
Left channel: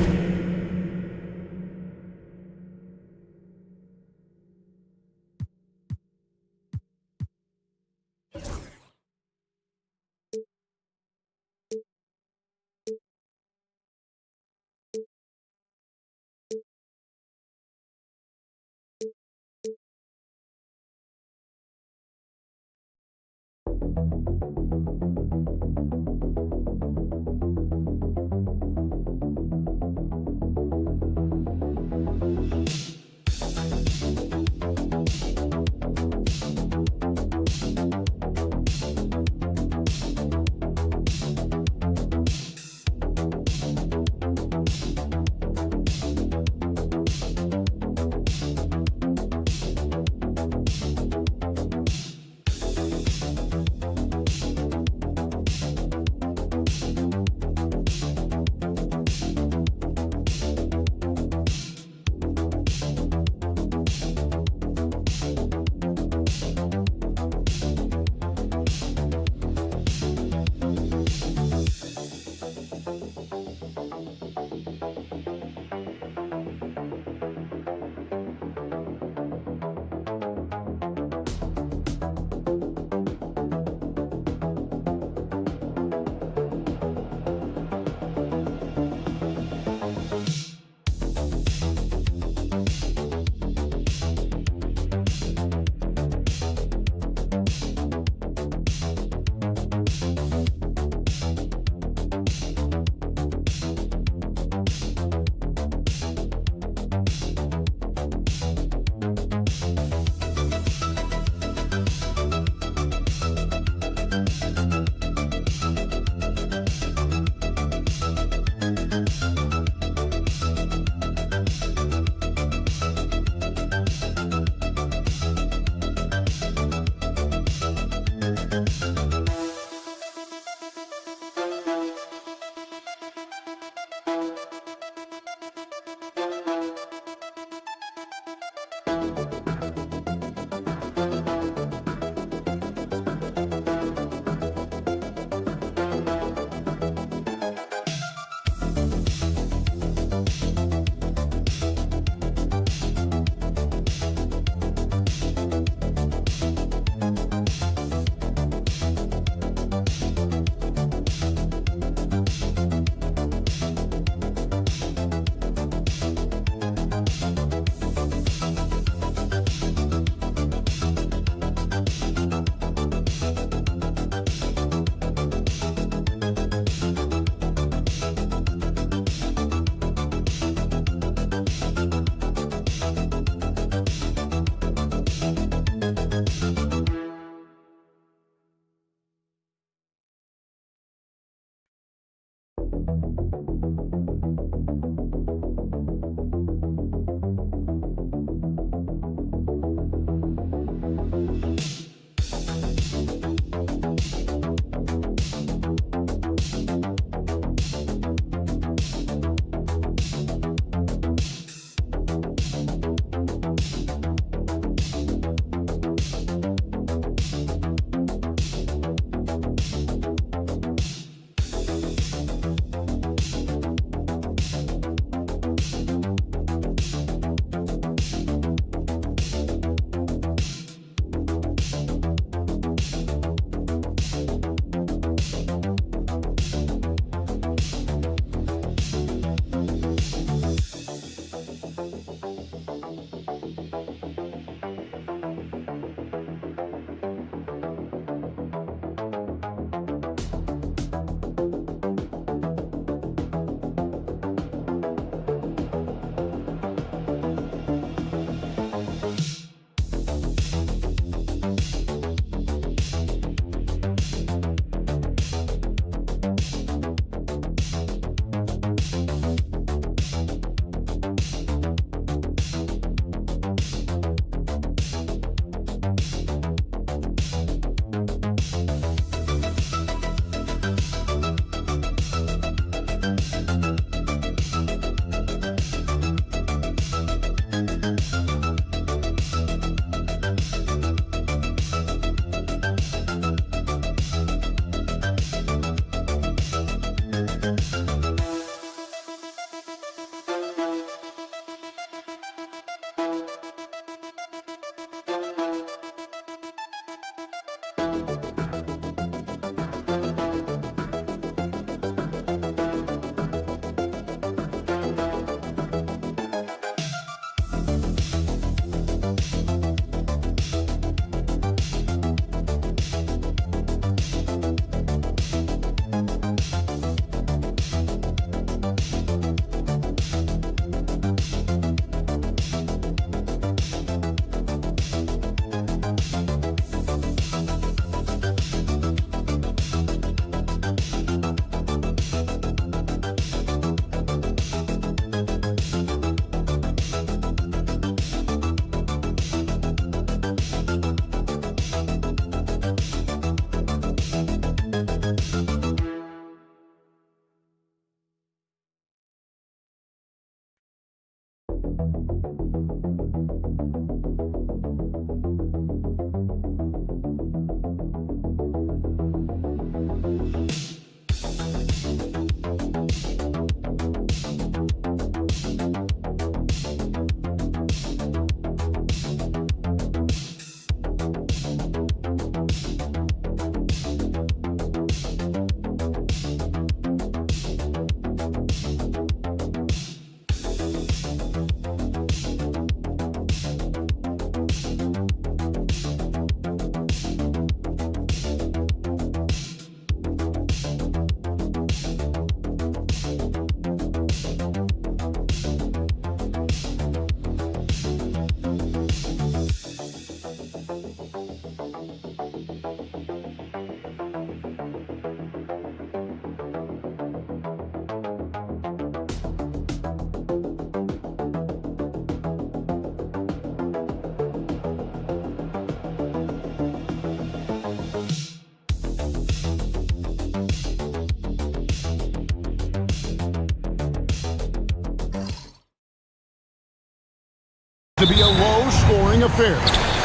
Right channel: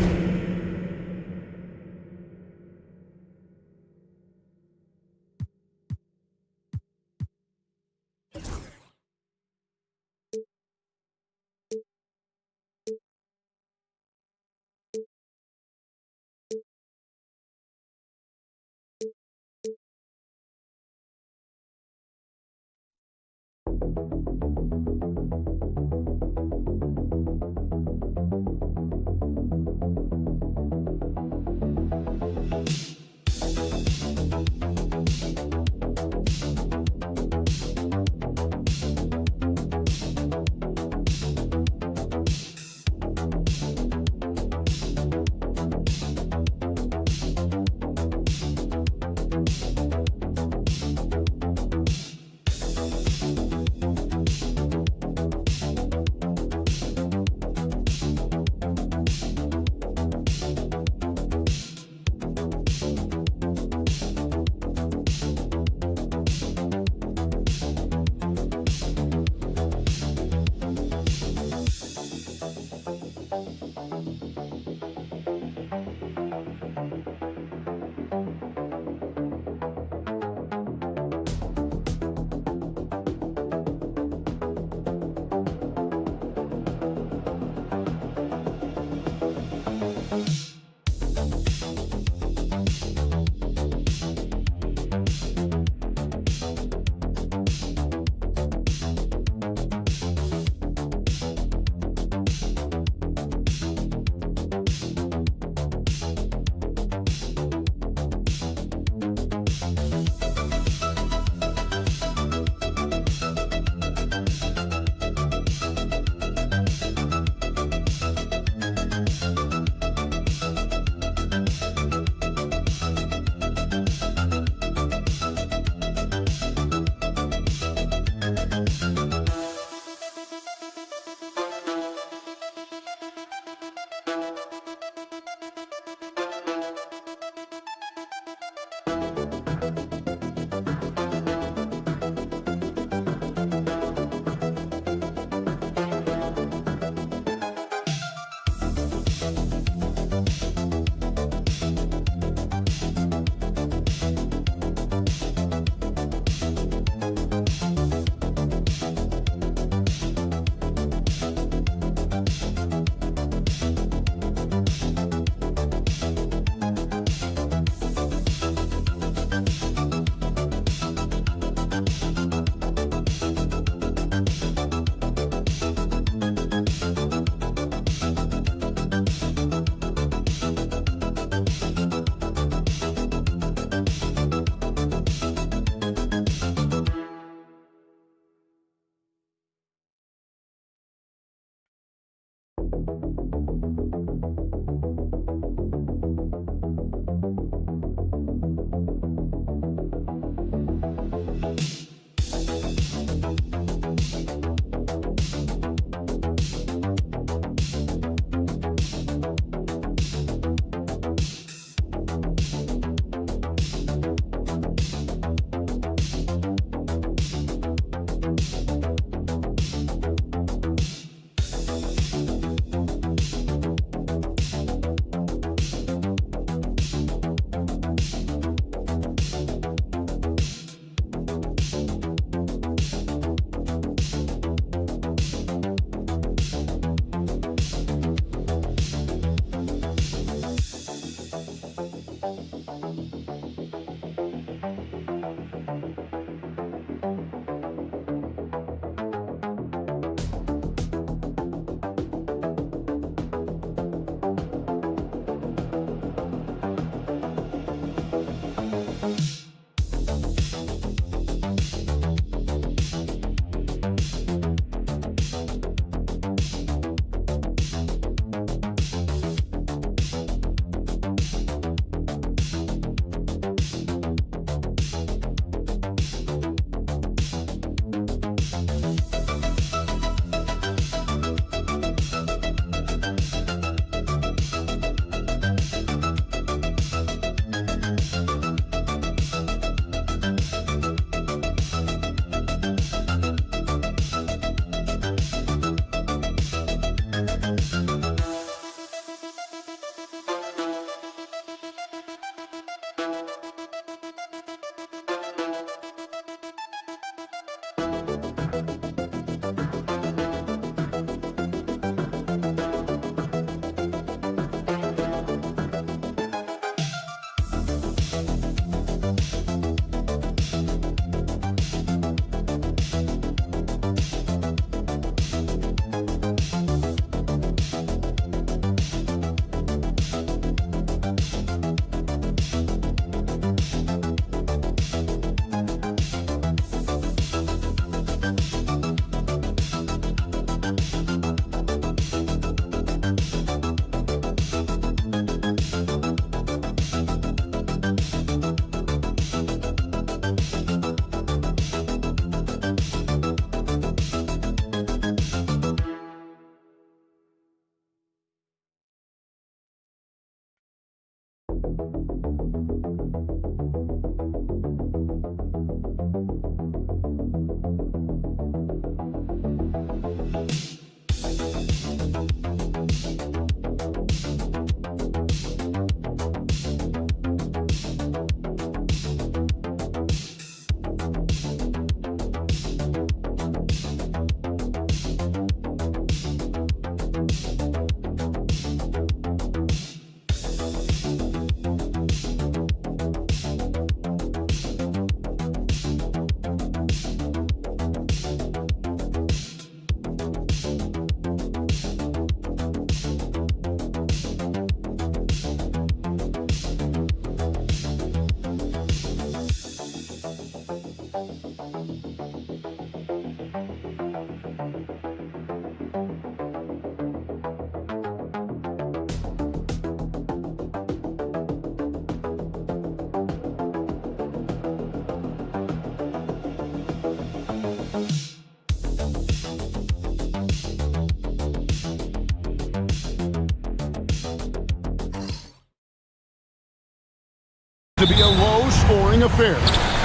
To be a low-scoring affair.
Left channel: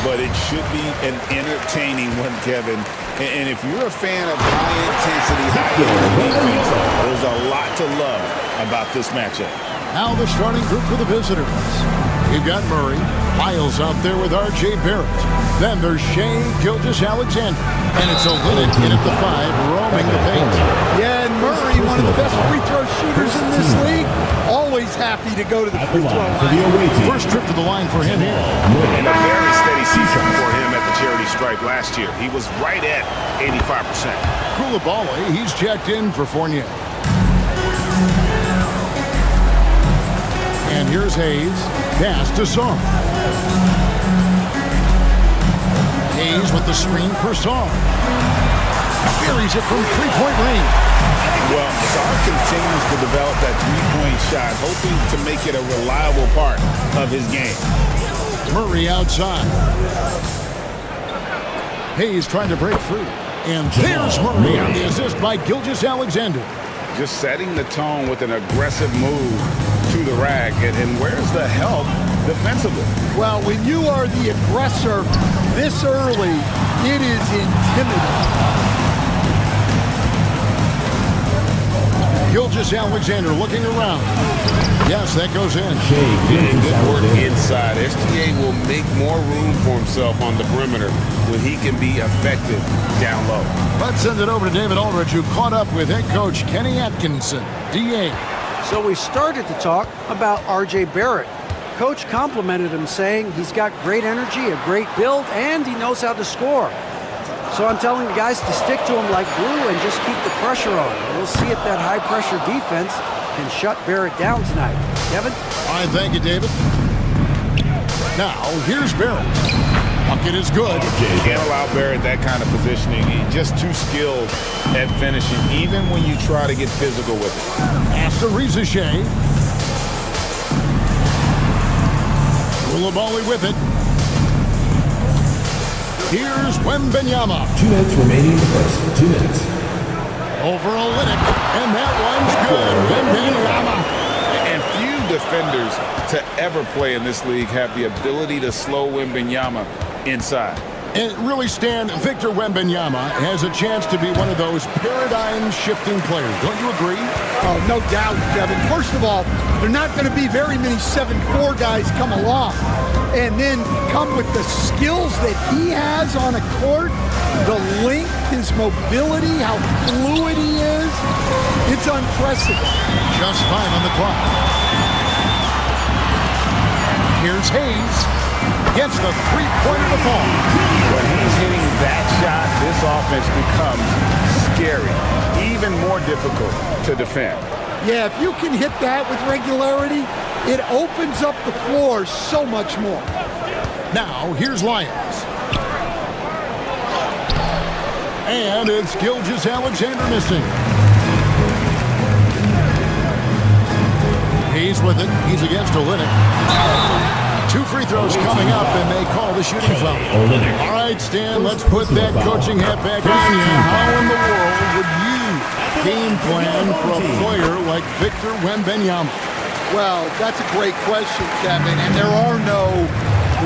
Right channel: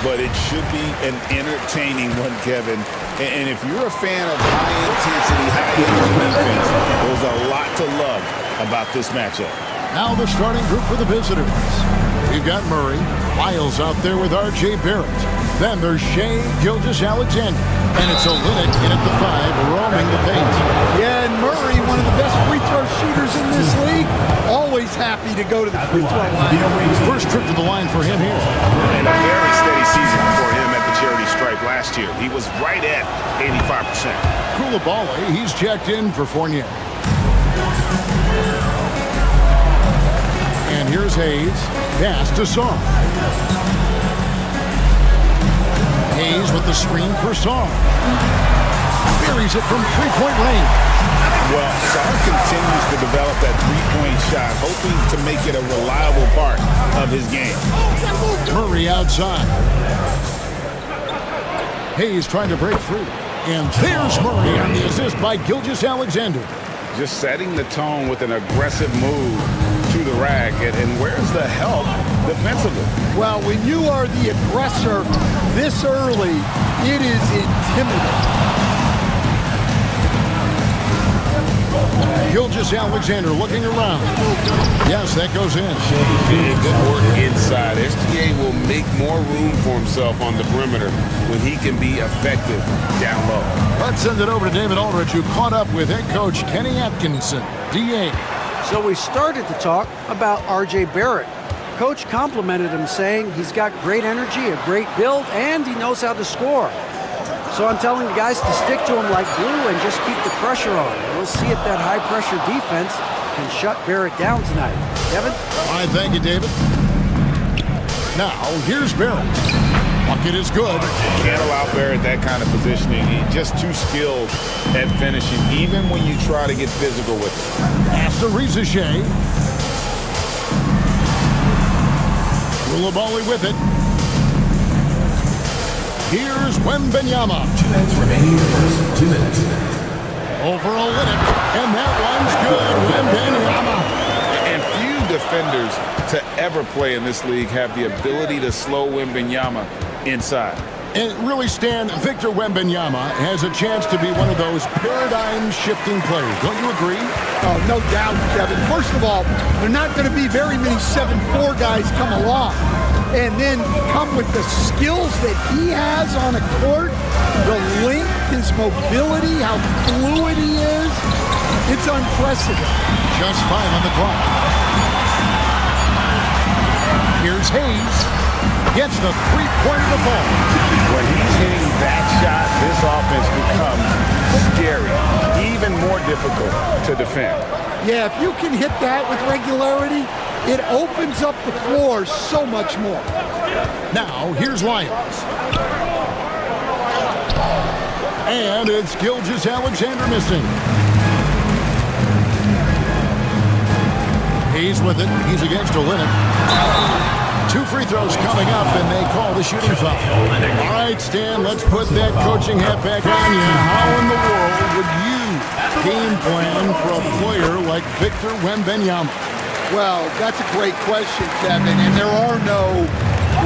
But it should be an entertaining one, Kevin. And if you're a fan of high-intensity, high-energy defense, there's a lot to love about this matchup. Now the starting group for the visitors. We've got Murray. Lyles out there with R.J. Barrett. Then there's Shea Gilgeous-Alexander. And it's Olynyk in at the 5, roaming the paint. Yeah, and Murray, one of the best free throw shooters in this league, always happy to go to the free throw line. First trip to the line for him here. And a very steady season for him at the charity stripe last year. He was right at 85%. Koulibaly, he's checked in for Fournier. And here's Hayes. Pass to Song. Hayes with the screen for Song. Buries it from three-point range. Well, Sar continues to develop that three-point shot, hoping to make it a reliable part of his game. Murray outside. Hayes trying to break free. And there's Murray on the assist by Gilgeous-Alexander. Just setting the tone with an aggressive move to the rack. And where's the help defensively? Well, when you are the aggressor this early, it is intimidating. Gilgeous-Alexander looking around. Yes, that goes in. And good work inside. SGA will make more room for himself on the perimeter when he can be effective down low. Let's send it over to David Aldridge, who caught up with head coach Kenny Atkinson, DA. So we started to talk about R.J. Barrett. Coach complimented him, saying he's got great energy, a great build, and he knows how to score. So I'm telling the guys to stick to him like glue and just keep the pressure on. We'll see if that high-pressure defense can shut Barrett down tonight. Kevin? All right, thank you, David. Now, here's Barrett. Bucket is good. Can't allow Barrett that kind of positioning. He's just too skilled at finishing, even when you try to get physical with it. Pass to Reza Shea. Koulibaly with it. Here's Wembanyama. 2 minutes remaining in the first. 2 minutes. Over Olynyk, and that one's good. Wembanyama. And few defenders to ever play in this league have the ability to slow Wembanyama inside. And really, Stan, Victor Wembanyama has a chance to be one of those paradigm-shifting players. Don't you agree? Oh, no doubt, Kevin. First of all, there are not going to be very many 7'4" guys come along. And then come with the skills that he has on a court, the length, his mobility, how fluid he is. It's unprecedented. Just 5 on the clock. Here's Hayes. Gets the three-pointer to fall. When he's hitting that shot, this offense becomes scary, even more difficult to defend. Yeah, if you can hit that with regularity, it opens up the floor so much more. Now, here's Lyons. And it's Gilgeous-Alexander missing. Hayes with it. He's against Olynyk. 2 free throws coming up, and they call the shooting foul. All right, Stan, let's put that coaching hat back on you. How in the world would you game plan for a player like Victor Wembanyama? Well, that's a great question, Kevin, and there are no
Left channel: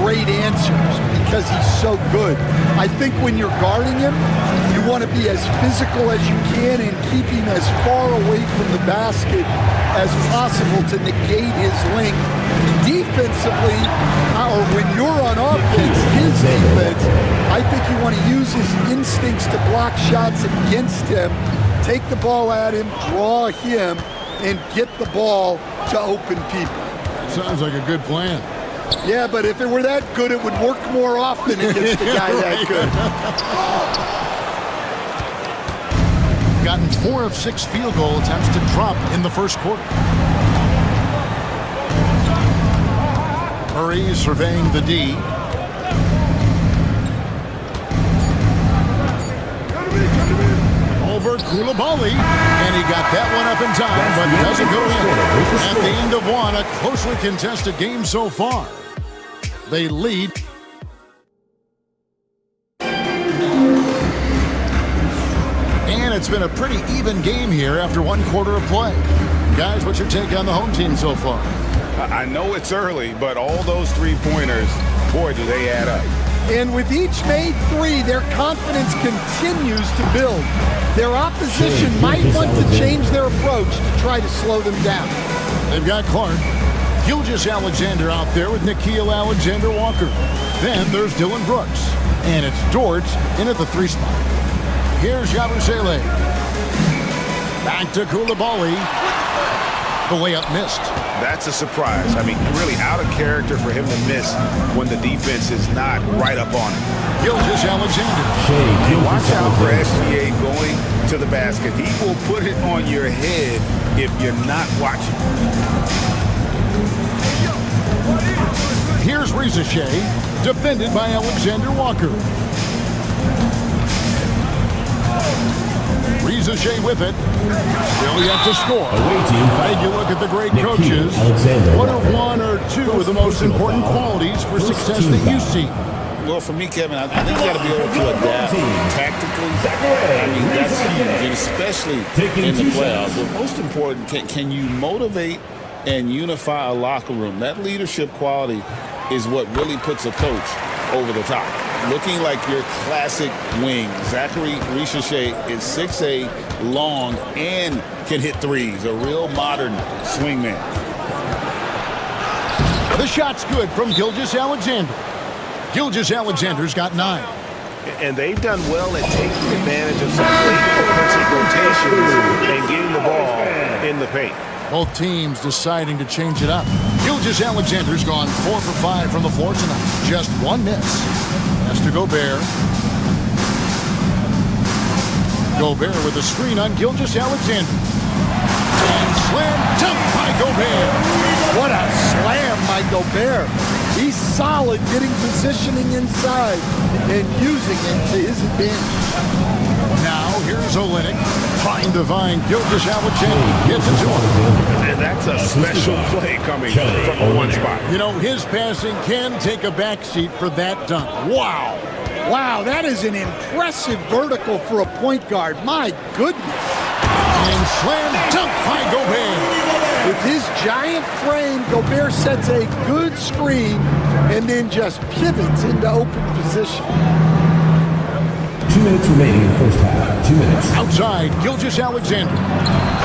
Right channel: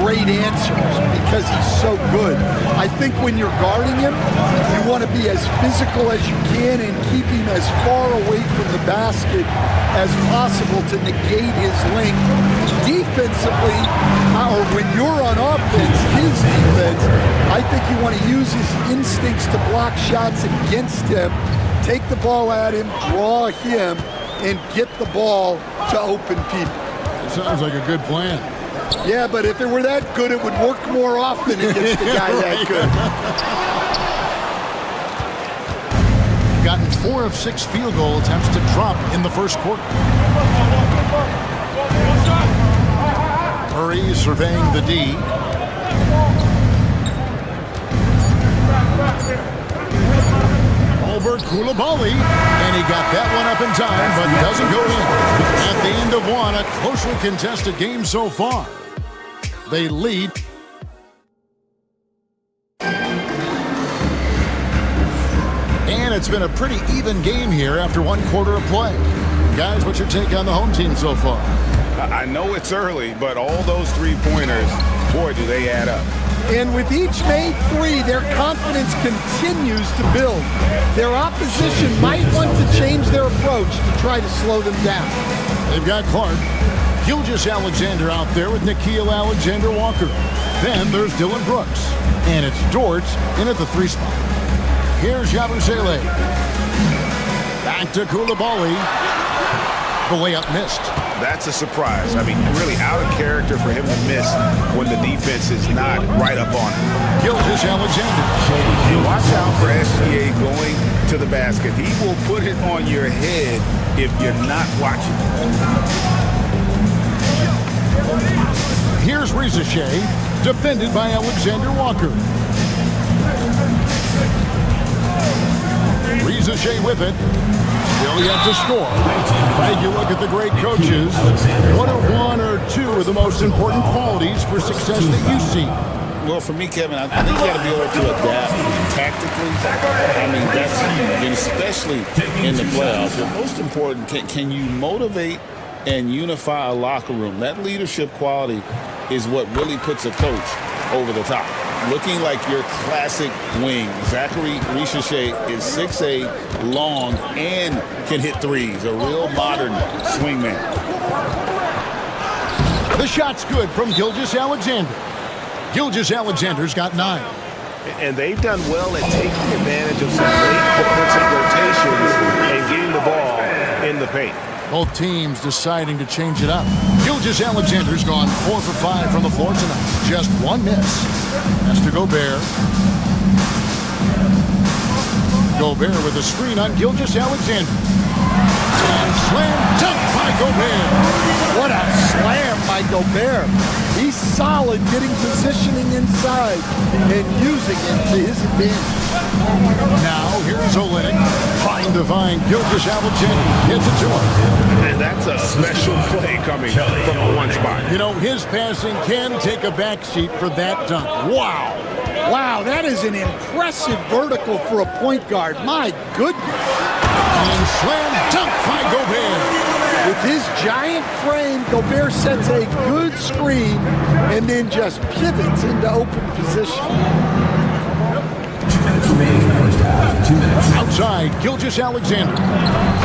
great answers because he's so good. I think when you're guarding him, you want to be as physical as you can and keep him as far away from the basket as possible to negate his length. Defensively, or when you're on offense, his defense, I think you want to use his instincts to block shots against him, take the ball at him, draw him, and get the ball to open people. That sounds like a good plan. Yeah, but if it were that good, it would work more often against a guy that good. Gotten 4 of 6 field goal attempts to drop in the first quarter. Murray surveying the D. Over Koulibaly, and he got that one up in time, but doesn't go in. At the end of one, a closely contested game so far. They lead. And it's been a pretty even game here after 1 quarter of play. Guys, what's your take on the home team so far? I know it's early, but all those three-pointers, boy, do they add up. And with each made 3, their confidence continues to build. Their opposition might want to change their approach to try to slow them down. They've got Clark. Gilgeous-Alexander out there with Nickeil Alexander-Walker. Then there's Dylan Brooks. And it's Dort in at the 3 spot. Here's Yabusele. Back to Koulibaly. The layup missed. That's a surprise. I mean, really out of character for him to miss when the defense is not right up on him. Gilgeous-Alexander. And watch out for SGA going to the basket. He will put it on your head if you're not watching. Here's Reza Shea, defended by Alexander Walker. Reza Shea with it. Still yet to score. Take a look at the great coaches. What are 1 or 2 of the most important qualities for success that you see? Well, for me, Kevin, I think you got to be able to adapt tactically. I mean, that's huge, and especially in the playoffs. But most important, can you motivate and unify a locker room? That leadership quality is what really puts a coach over the top. Looking like your classic wing. Zachary Richache is 6'8", long, and can hit threes. A real modern swingman. The shot's good from Gilgeous-Alexander. Gilgeous-Alexander's got 9. And they've done well at taking advantage of some late defensive rotations and getting the ball in the paint. Both teams deciding to change it up. Gilgeous-Alexander's gone 4 for 5 from the floor tonight. Just 1 miss. Has to Gobert. Gobert with a screen on Gilgeous-Alexander. And slam dunk by Gobert. What a slam by Gobert. He's solid getting positioning inside and using it to his advantage. Now here's Olynyk trying to find Gilgeous-Alexander. Gets it to him. And that's a special play coming from the one spot. You know, his passing can take a backseat for that dunk. Wow. Wow, that is an impressive vertical for a point guard. My goodness. And slam dunk by Gobert. With his giant frame, Gobert sets a good screen and then just pivots into open position. 2 minutes remaining in the first half. 2 minutes. Outside, Gilgeous-Alexander.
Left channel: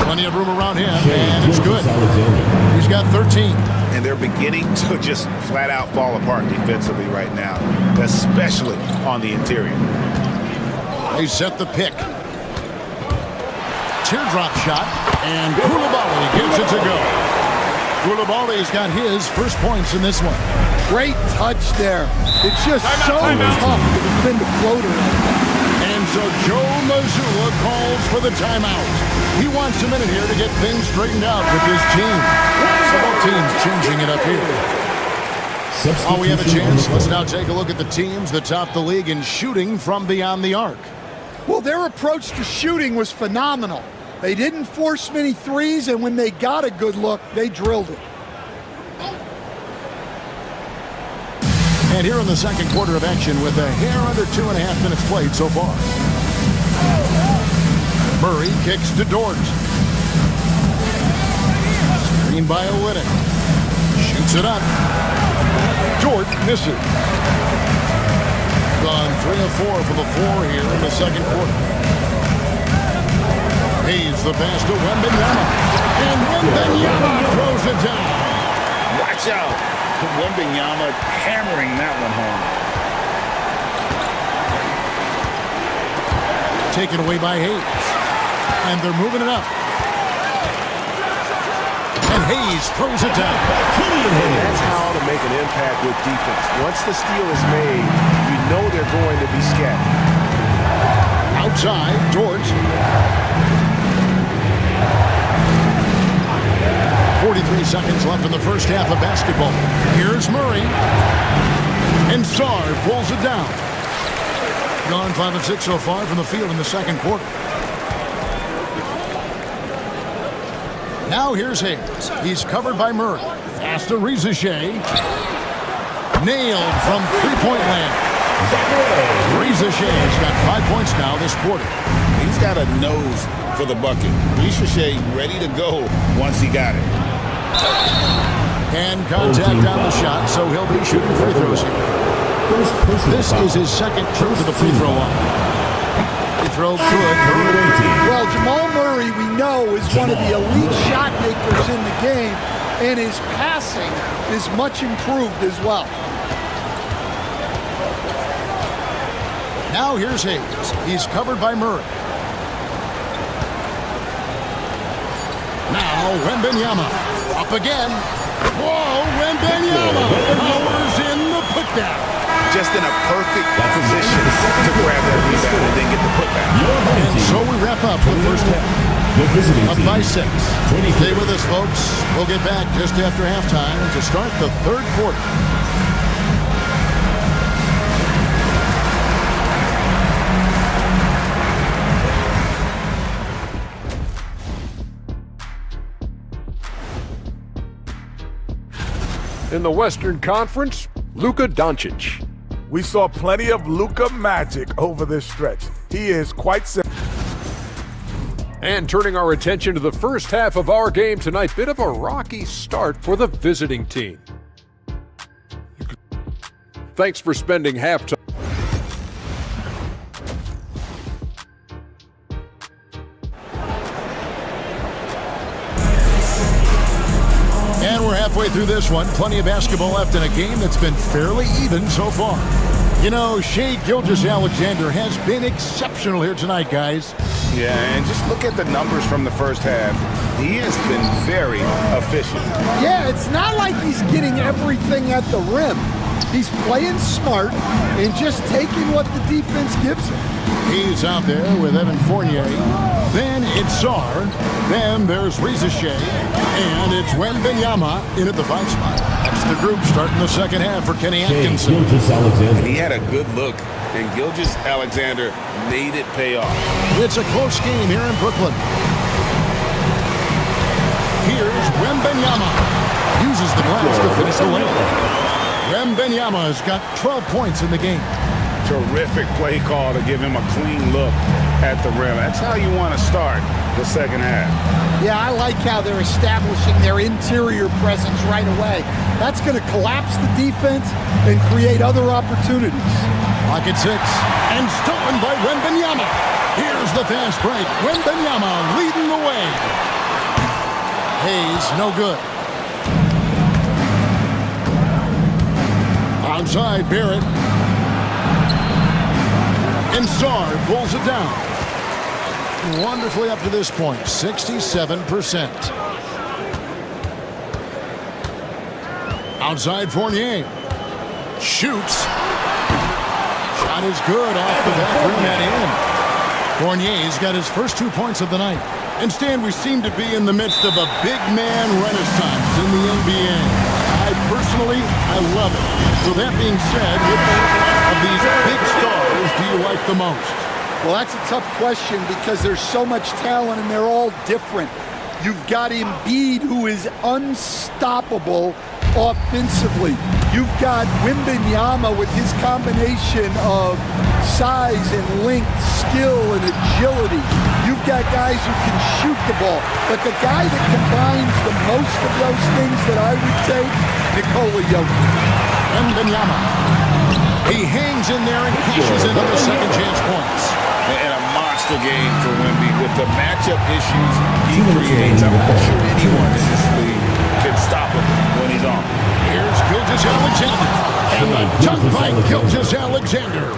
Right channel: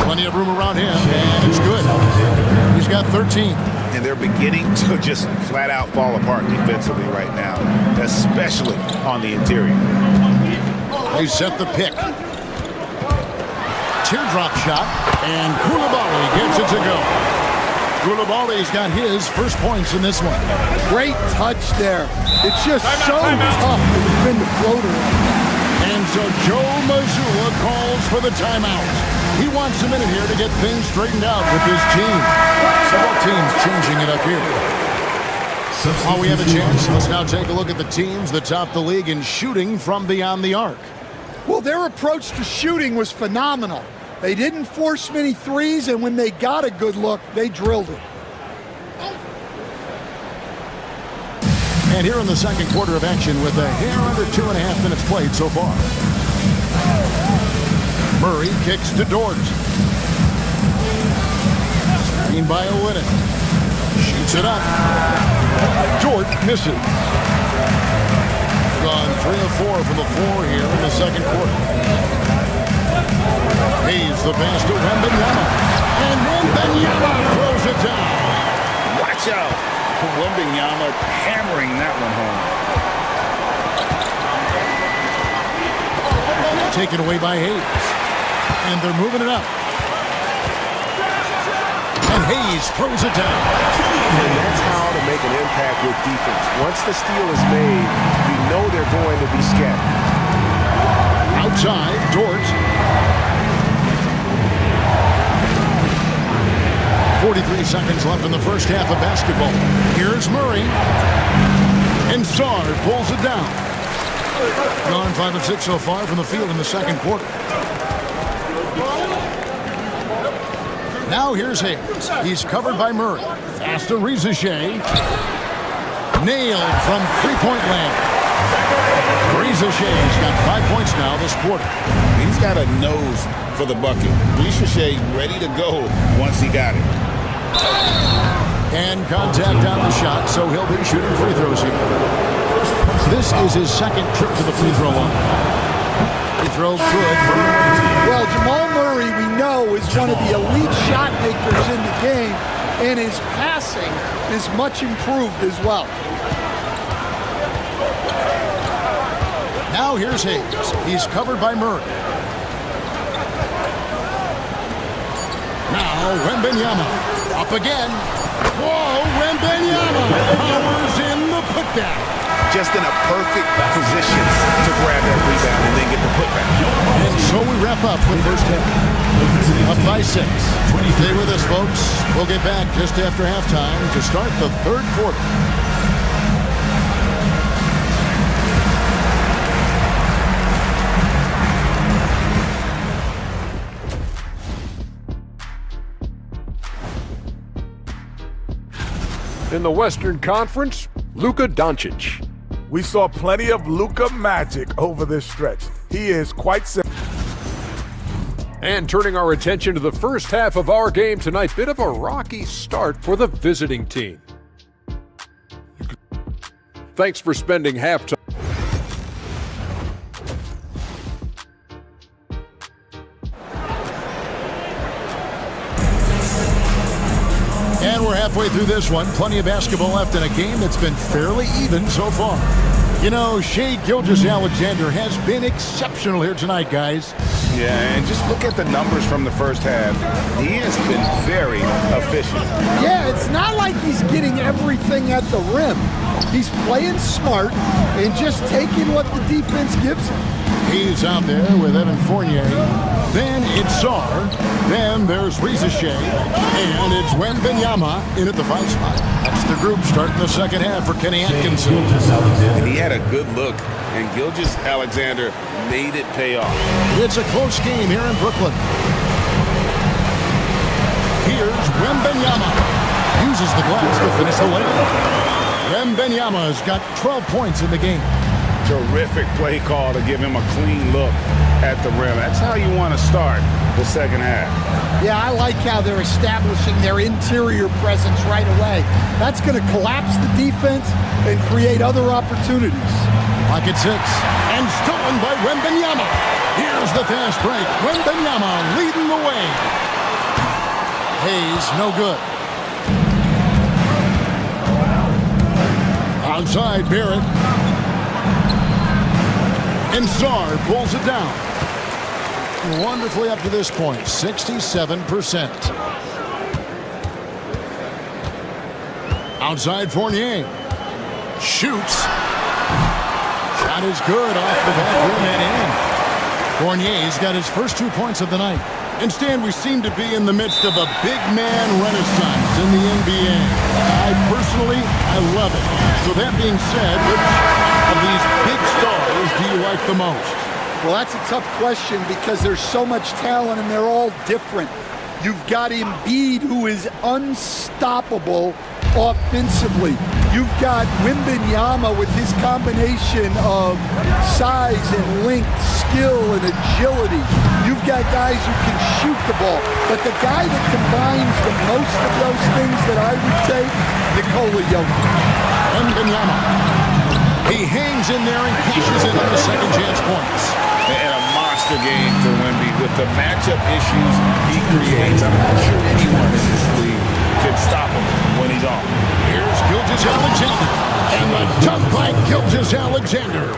Plenty of room around him, and it's good. He's got 13. And they're beginning to just flat out fall apart defensively right now, especially on the interior. They set the pick. Teardrop shot, and Koulibaly gets it to go. Koulibaly's got his first points in this one. Great touch there. It's just so tough to defend a floater like that. And so Joe Mazzulla calls for the timeout. He wants a minute here to get things straightened out with his team. Several teams changing it up here. While we have a chance, let's now take a look at the teams that top the league in shooting from beyond the arc. Well, their approach to shooting was phenomenal. They didn't force many threes, and when they got a good look, they drilled it. And here in the second quarter of action with a hair under 2.5 minutes played so far. Murray kicks to Dort. Screen by Olynyk. Shoots it up. Dort misses. Gone 3 of 4 from the floor here in the second quarter. Hayes the pass to Wembanyama. And Wembanyama throws it down. Watch out. Wembanyama hammering that one home. Taken away by Hayes. And they're moving it up. And Hayes throws it down. And that's how to make an impact with defense. Once the steal is made, you know they're going to be scattered. Outside, Dort. 43 seconds left in the first half of basketball. Here's Murray. And Sarr pulls it down. Gone 5 of 6 so far from the field in the second quarter. Now here's Hayes. He's covered by Murray. Pass to Rizachet. Nailed from three-point land. Rizachet's got 5 points now this quarter. He's got a nose for the bucket. Rizachet ready to go once he got it. And contact on the shot, so he'll be shooting free throws here. This is his second trip to the free throw line. Free throw good. Well, Jamal Murray, we know, is one of the elite shot makers in the game, and his passing is much improved as well. Now here's Hayes. He's covered by Murray. Now Wembanyama. Up again. Whoa, Wembanyama powers in the putback. Just in a perfect position to grab that rebound and then get the putback. And so we wrap up the first half. Up by 6. Stay with us, folks. We'll get back just after halftime to start the third quarter. In the Western Conference, Luka Doncic. We saw plenty of Luka magic over this stretch. He is quite simple. And turning our attention to the first half of our game tonight, bit of a rocky start for the visiting team. Thanks for spending halftime. And we're halfway through this one. Plenty of basketball left in a game that's been fairly even so far. You know, Shai Gilgeous-Alexander has been exceptional here tonight, guys. Yeah, and just look at the numbers from the first half. He has been very efficient. Yeah, it's not like he's getting everything at the rim. He's playing smart and just taking what the defense gives him. He's out there with Evan Fournier. Then it's Sarr. Then there's Reza Shea. And it's Wembanyama in at the 5 spot. That's the group starting the second half for Kenny Atkinson. And he had a good look, and Gilgeous-Alexander made it pay off. It's a close game here in Brooklyn. Here's Wembanyama. Uses the glass to finish the layup. Wembanyama has got 12 points in the game. Terrific play call to give him a clean look at the rim. That's how you want to start the second half. Yeah, I like how they're establishing their interior presence right away. That's going to collapse the defense and create other opportunities. Clock at 6. And stolen by Wembanyama. Here's the fast break. Wembanyama leading the way. Hayes, no good. Outside, Barrett. And Sarr pulls it down. Wonderfully up to this point, 67%. Outside, Fournier. Shoots. Shot is good off the back rim and in. Fournier's got his first 2 points of the night. And Stan, we seem to be in the midst of a big man renaissance in the NBA. I love it. So that being said, which of these big stars do you like the most? Well, that's a tough question because there's so much talent and they're all different. You've got Embiid, who is unstoppable offensively. You've got Wembanyama with his combination of size and length, skill and agility. You've got guys who can shoot the ball. But the guy that combines the most of those things that I would take, Nikola Jokic. Wembanyama. He hangs in there and cashes in on the second chance points. And a monster game for Wemby. With the matchup issues he creates, I'm not sure anyone in this league can stop him when he's on. Here's Gilgeous-Alexander. And the dunk by Gilgeous-Alexander.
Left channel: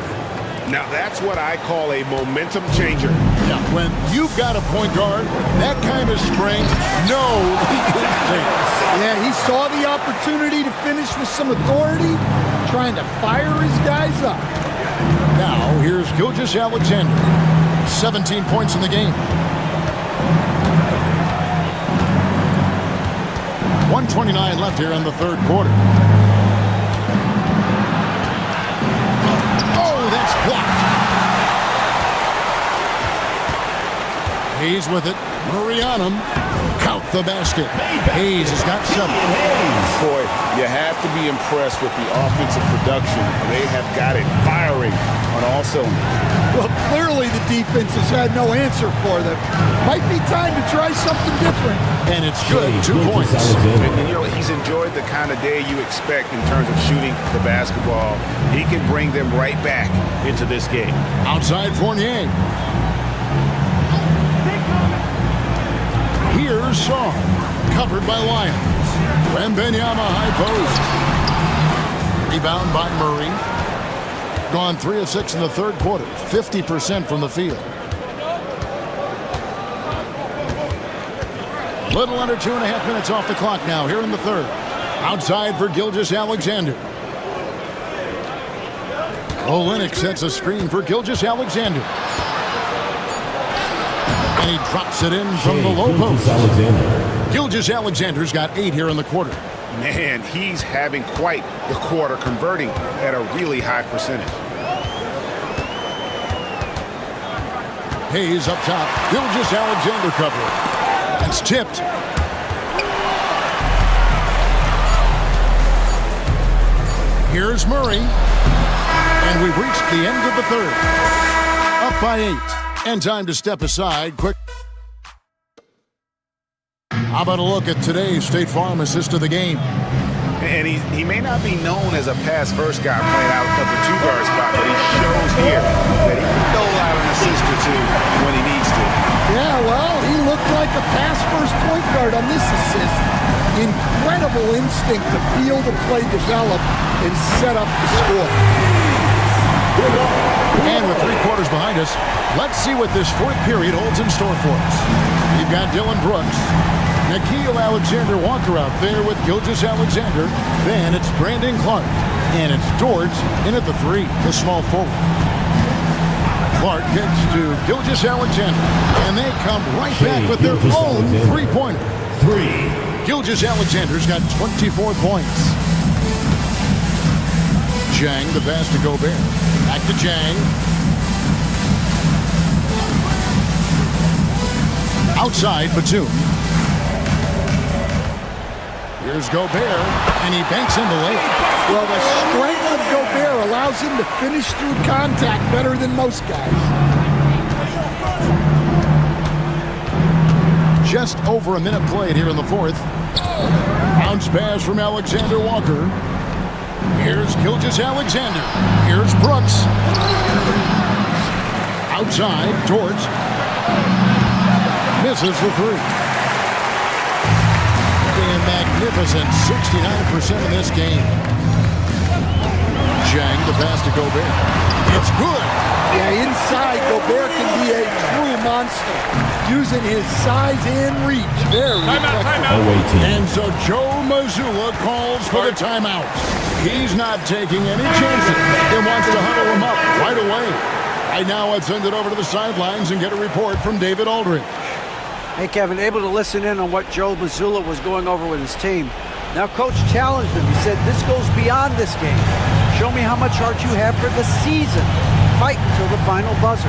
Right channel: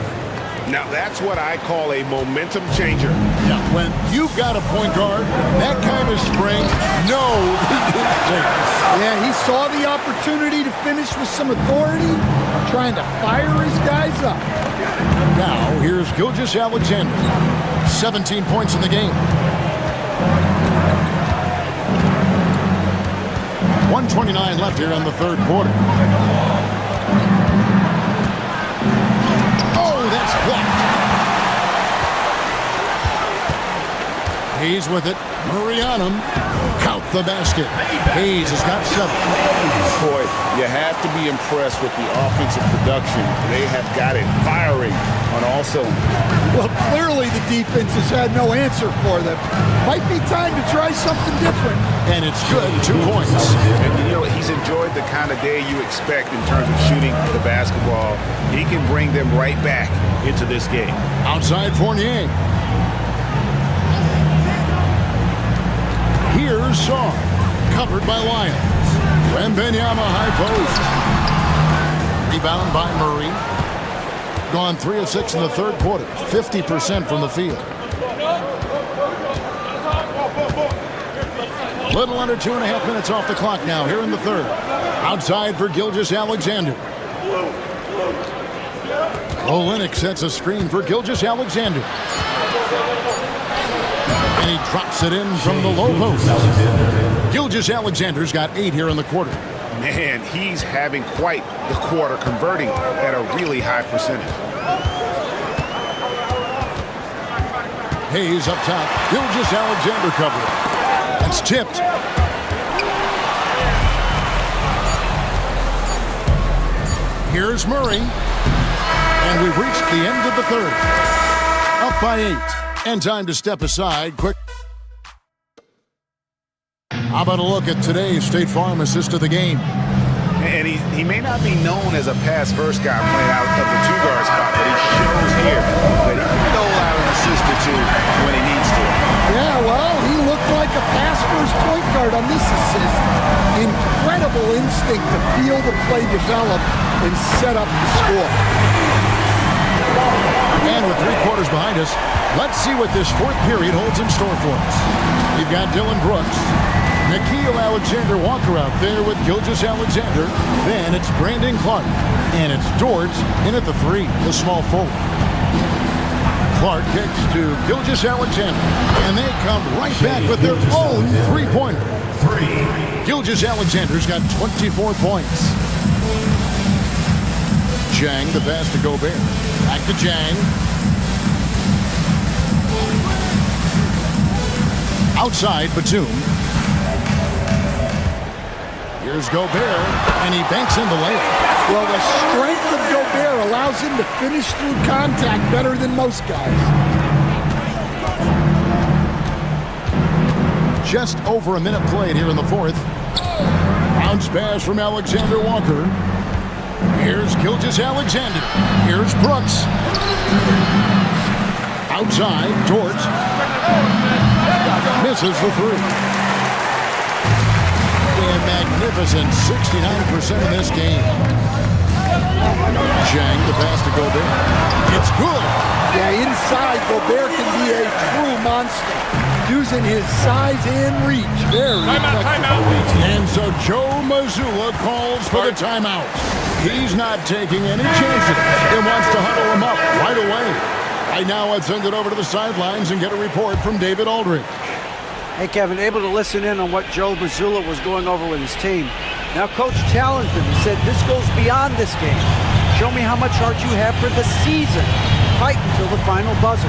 Now that's what I call a momentum changer. Yeah, when you've got a point guard, that kind of spring, no league is safe. Yeah, he saw the opportunity to finish with some authority, trying to fire his guys up. Now, here's Gilgeous-Alexander. 17 points in the game. 1:29 left here in the third quarter. Oh, that's blocked. Hayes with it. Murray on him. Count the basket. Hayes has got 7. Boy, you have to be impressed with the offensive production. They have got it firing on all cylinders. Well, clearly the defense has had no answer for them. Might be time to try something different. And it's good. 2 points. And you know, he's enjoyed the kind of day you expect in terms of shooting the basketball. He can bring them right back into this game. Outside Fournier. Here's Sarr. Covered by Lyons. Wembanyama high post. Rebound by Murray. Gone 3 of 6 in the third quarter. 50% from the field. Little under 2.5 minutes off the clock now here in the third. Outside for Gilgeous-Alexander. Olynyk sets a screen for Gilgeous-Alexander. And he drops it in from the low post. Gilgeous-Alexander's got 8 here in the quarter. Man, he's having quite the quarter, converting at a really high percentage. Hayes up top. Gilgeous-Alexander covering. That's tipped. Here's Murray. And we've reached the end of the third. Up by 8. And time to step aside. Quick. How about a look at today's State Farm assist of the game? And he may not be known as a pass-first guy playing out of the 2-guard spot, but he shows here that he can dole out an assist or 2 when he needs to. Yeah, well, he looked like a pass-first point guard on this assist. Incredible instinct to feel the play develop and set up the score. And with 3 quarters behind us, let's see what this fourth period holds in store for us. We've got Dylan Brooks. Nickeil Alexander-Walker out there with Gilgeous-Alexander. Then it's Brandon Clark. And it's Dort in at the 3, the small forward. Clark kicks to Gilgeous Alexander, and they come right back with their own three-pointer. Gilgeous Alexander's got 24 points. Jang, the pass to Gobert. Back to Jang. Outside, Batum. Here's Gobert, and he banks in the layup. Well, the strength of Gobert allows him to finish through contact better than most guys. Just over a minute played here in the fourth. Bounce pass from Alexander Walker. Here's Gilgeous Alexander. Here's Brooks. Outside, Dort. Misses the three. A magnificent 69% in this game. Jang, the pass to Gobert. It's good. Yeah, inside, Gobert can be a true monster, using his size and reach. Very effective. And so Joe Mazzulla calls for the timeout. He's not taking any chances and wants to huddle him up right away. Right now, let's send it over to the sidelines and get a report from David Aldridge. Hey, Kevin, able to listen in on what Joe Mazzulla was going over with his team. Now, Coach challenged him. He said, this goes beyond this game. Show me how much heart you have for the season. Fight until the final buzzer.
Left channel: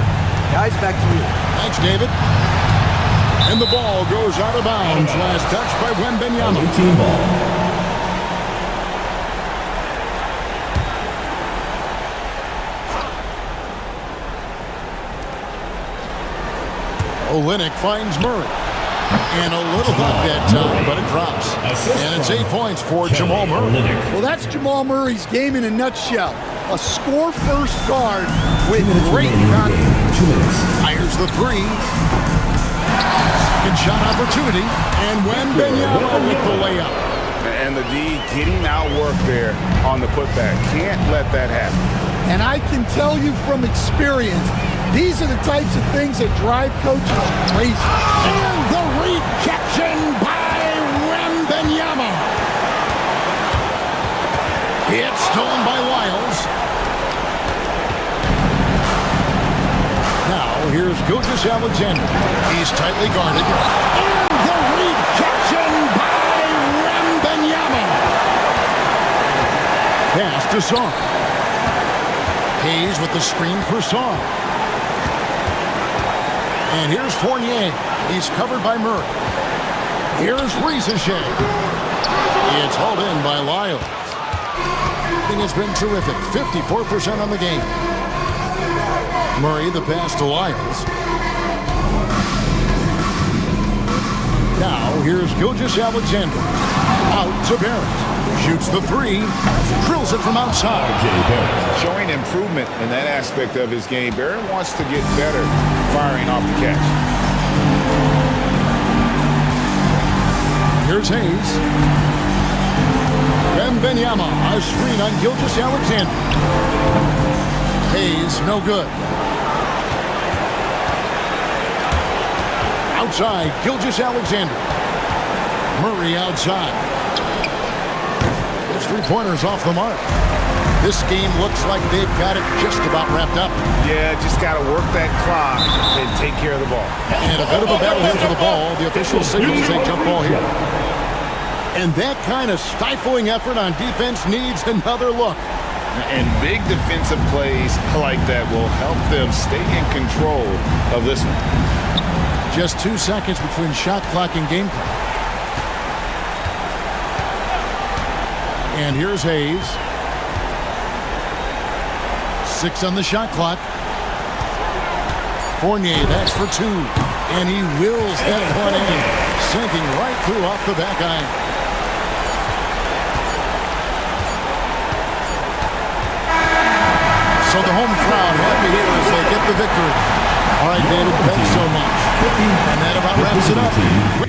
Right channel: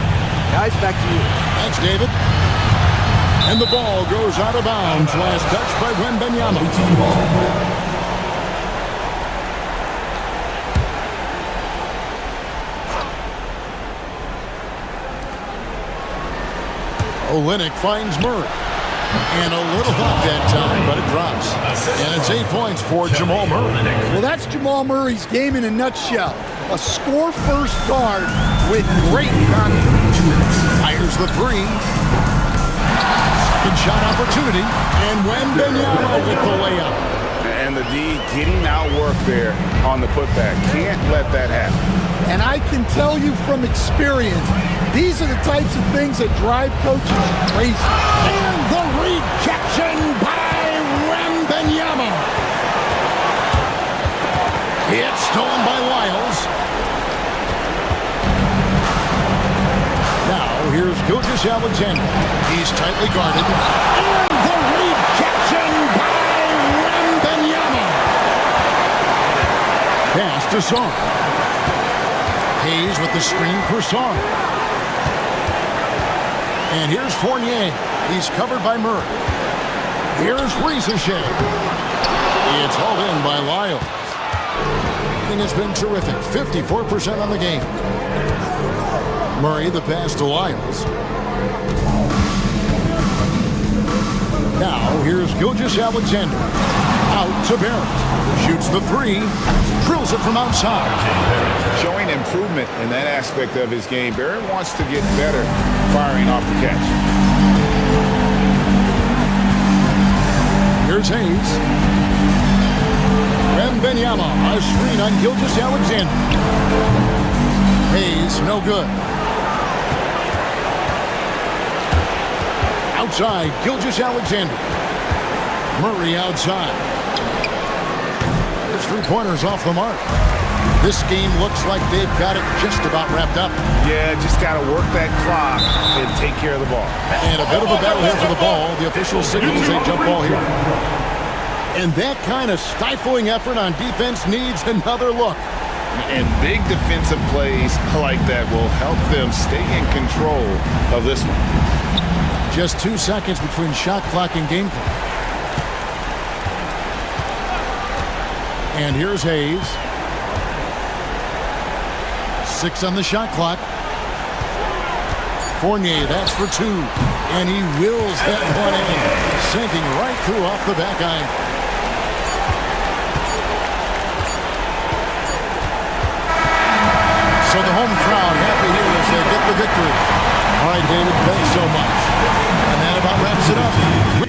Guys, back to you. Thanks, David. And the ball goes out of bounds. Last touch by Wembanyama. 18 ball. Olynyk finds Murray. And a little luck that time, but it drops. And it's 8 points for Jamal Murray. Well, that's Jamal Murray's game in a nutshell. A score-first guard with great confidence. Fires the three. Second shot opportunity. And Wembanyama with the layup. And the D getting outwork there on the putback. Can't let that happen. And I can tell you from experience, these are the types of things that drive coaches crazy. And the rejection by Wembanyama. It's stolen by Lyles. Now, here's Gilgeous Alexander. He's tightly guarded. And the rejection by Wembanyama. Pass to Song. Hayes with the screen for Song. And here's Fournier. He's covered by Murray. Here's Ricochet. It's hauled in by Lyles. Thing has been terrific. 54% on the game. Murray, the pass to Lyles. Now, here's Gilgeous Alexander. Out to Barrett. Shoots the three. Drills it from outside. Showing improvement in that aspect of his game. Barrett wants to get better firing off the catch. Here's Hayes. Wembanyama, a screen on Gilgeous Alexander. Hayes, no good. Outside, Gilgeous Alexander. Murray outside. His three-pointer's off the mark. This game looks like they've got it just about wrapped up. Yeah, just got to work that clock and take care of the ball. And a bit of a battle here for the ball. The official signals a jump ball here. And that kind of stifling effort on defense needs another look. And big defensive plays like that will help them stay in control of this one. Just 2 seconds between shot clock and game clock. And here's Hayes. 6 on the shot clock. Fournier, that's for 2. And he wills that one in, sinking right through off the back iron. So the home crowd happy here as they get the victory. All right, David, thanks so much. And that about wraps it up.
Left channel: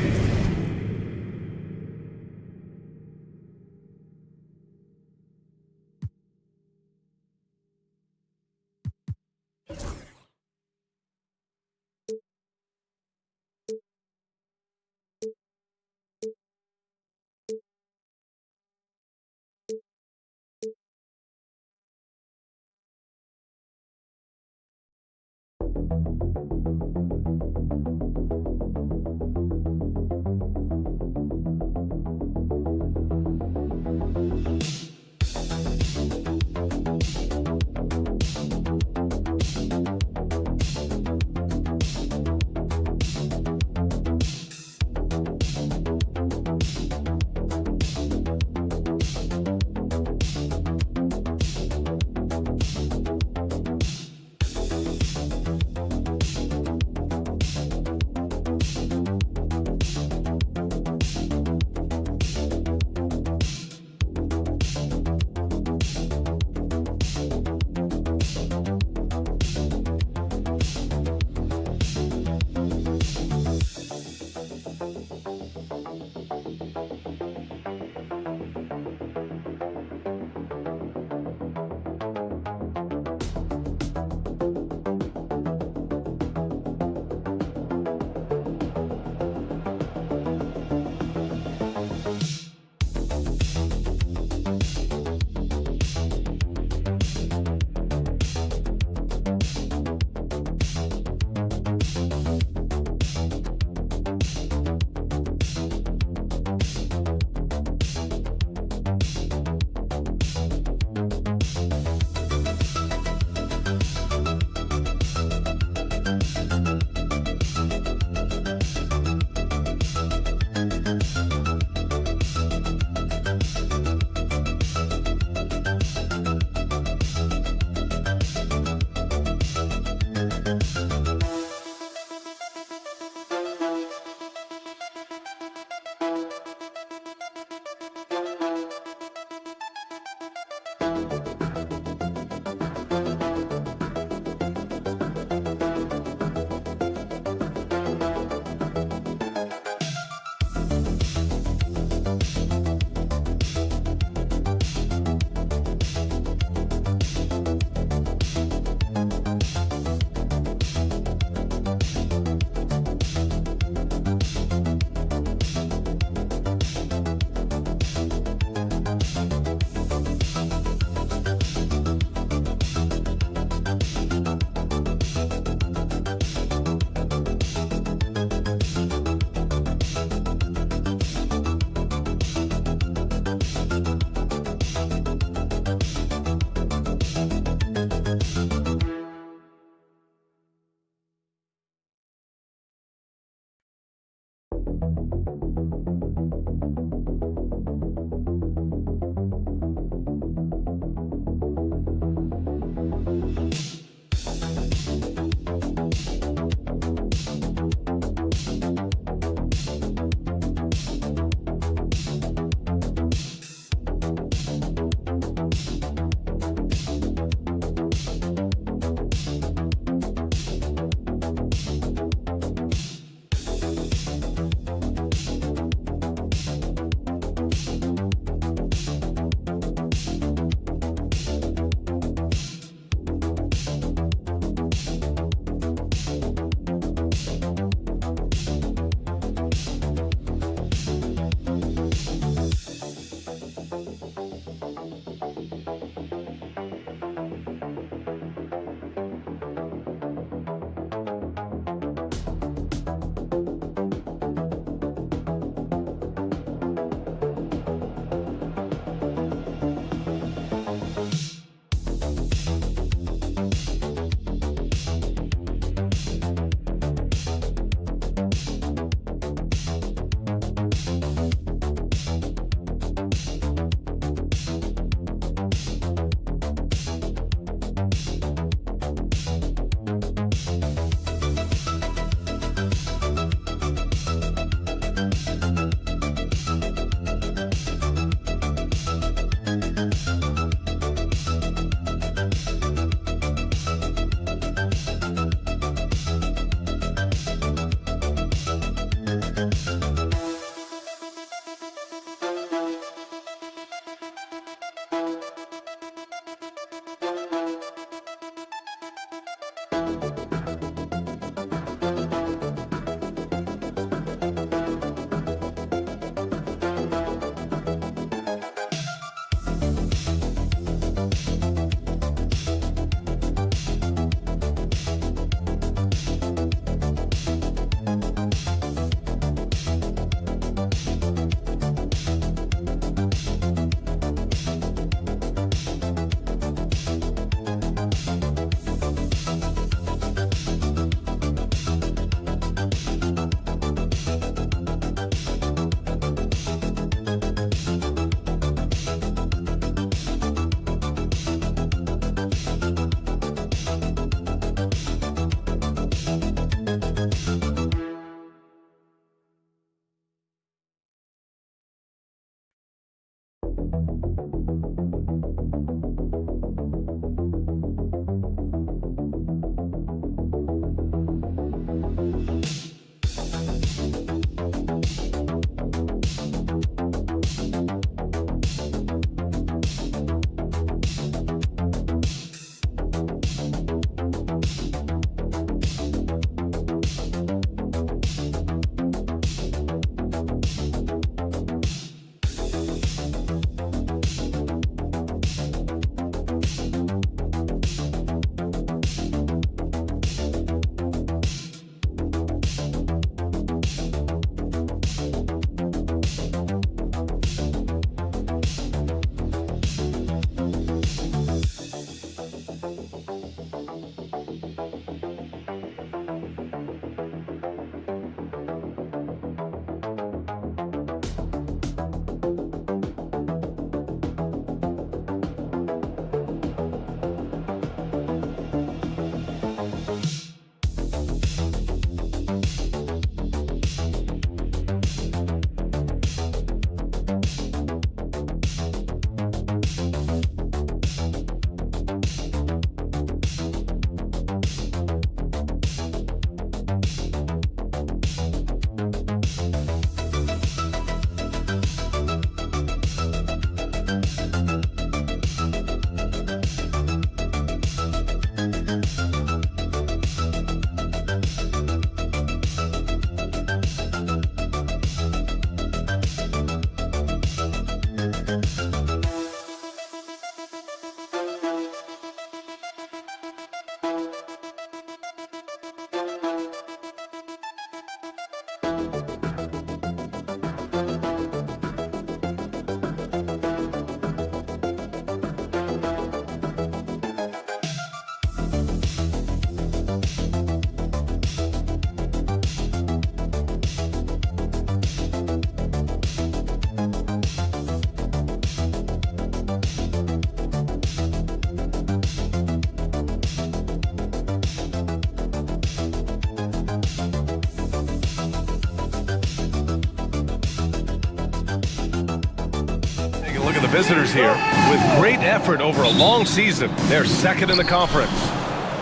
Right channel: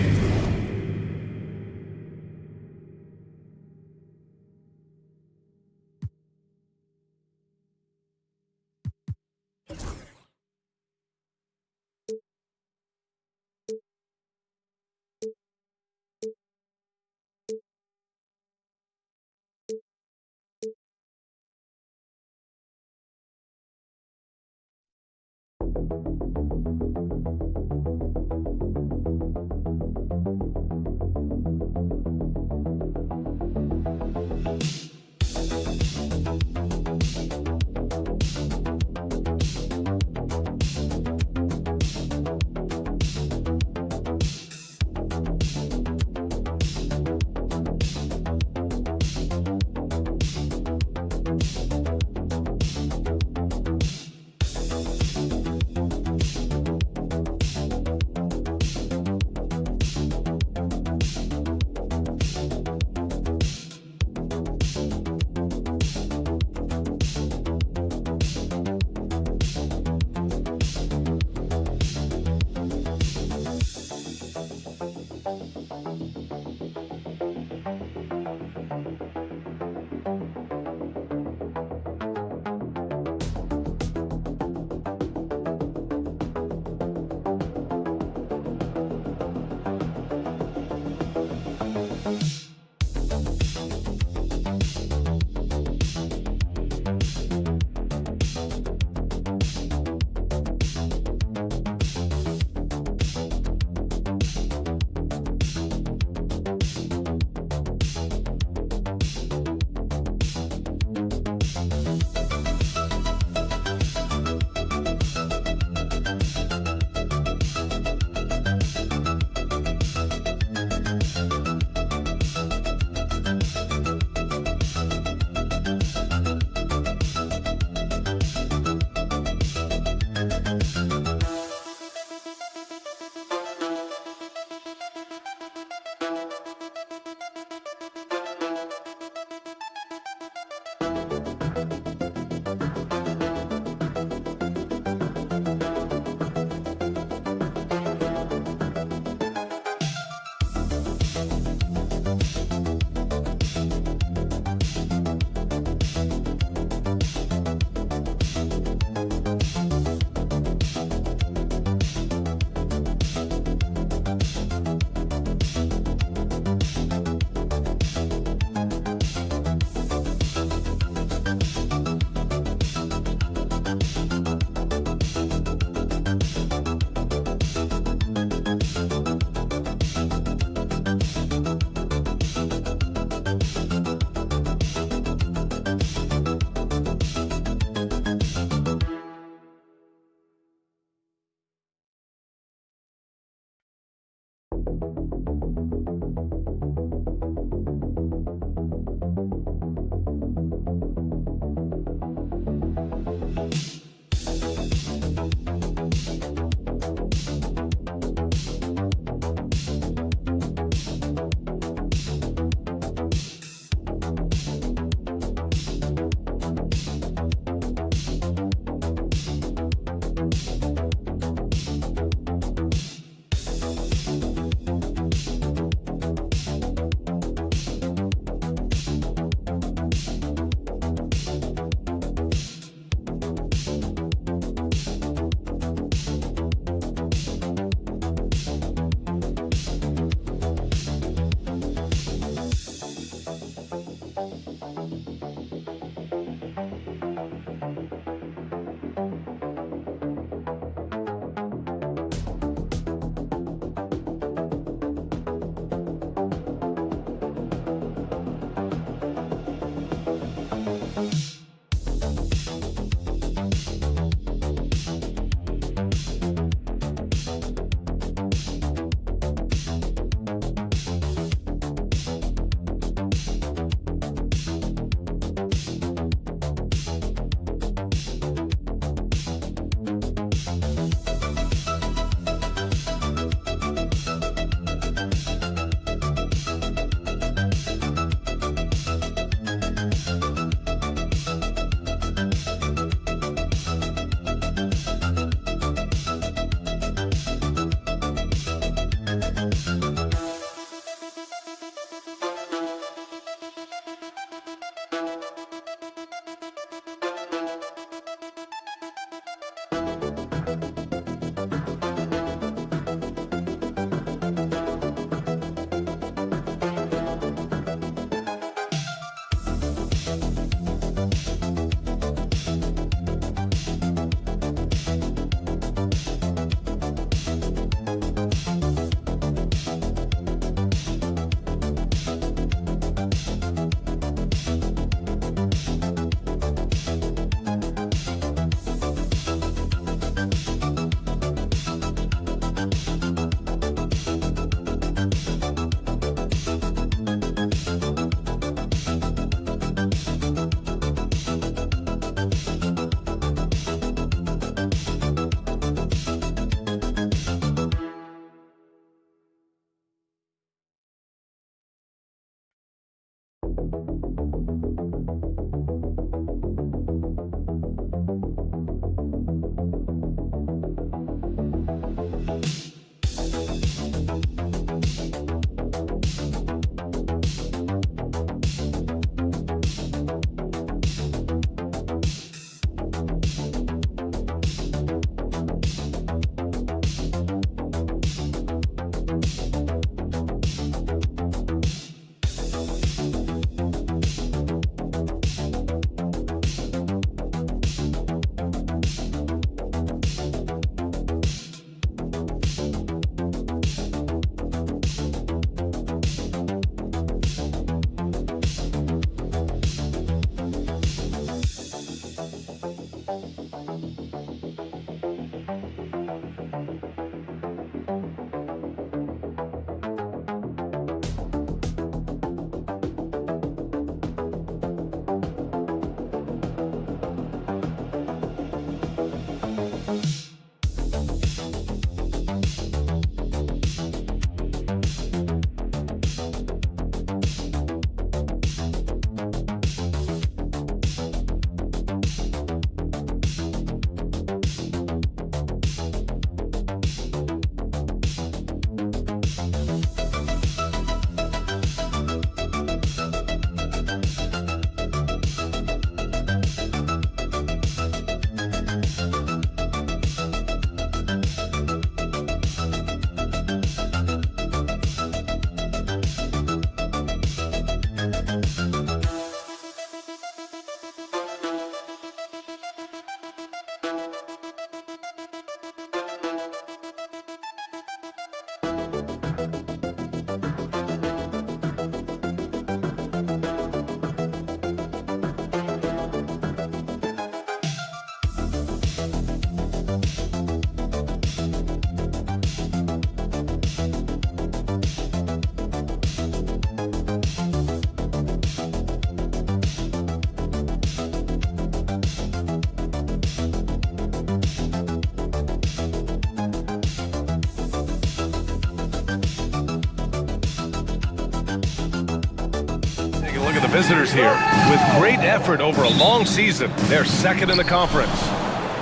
a look at the visitors here. With great effort over a long season, they're second in the conference.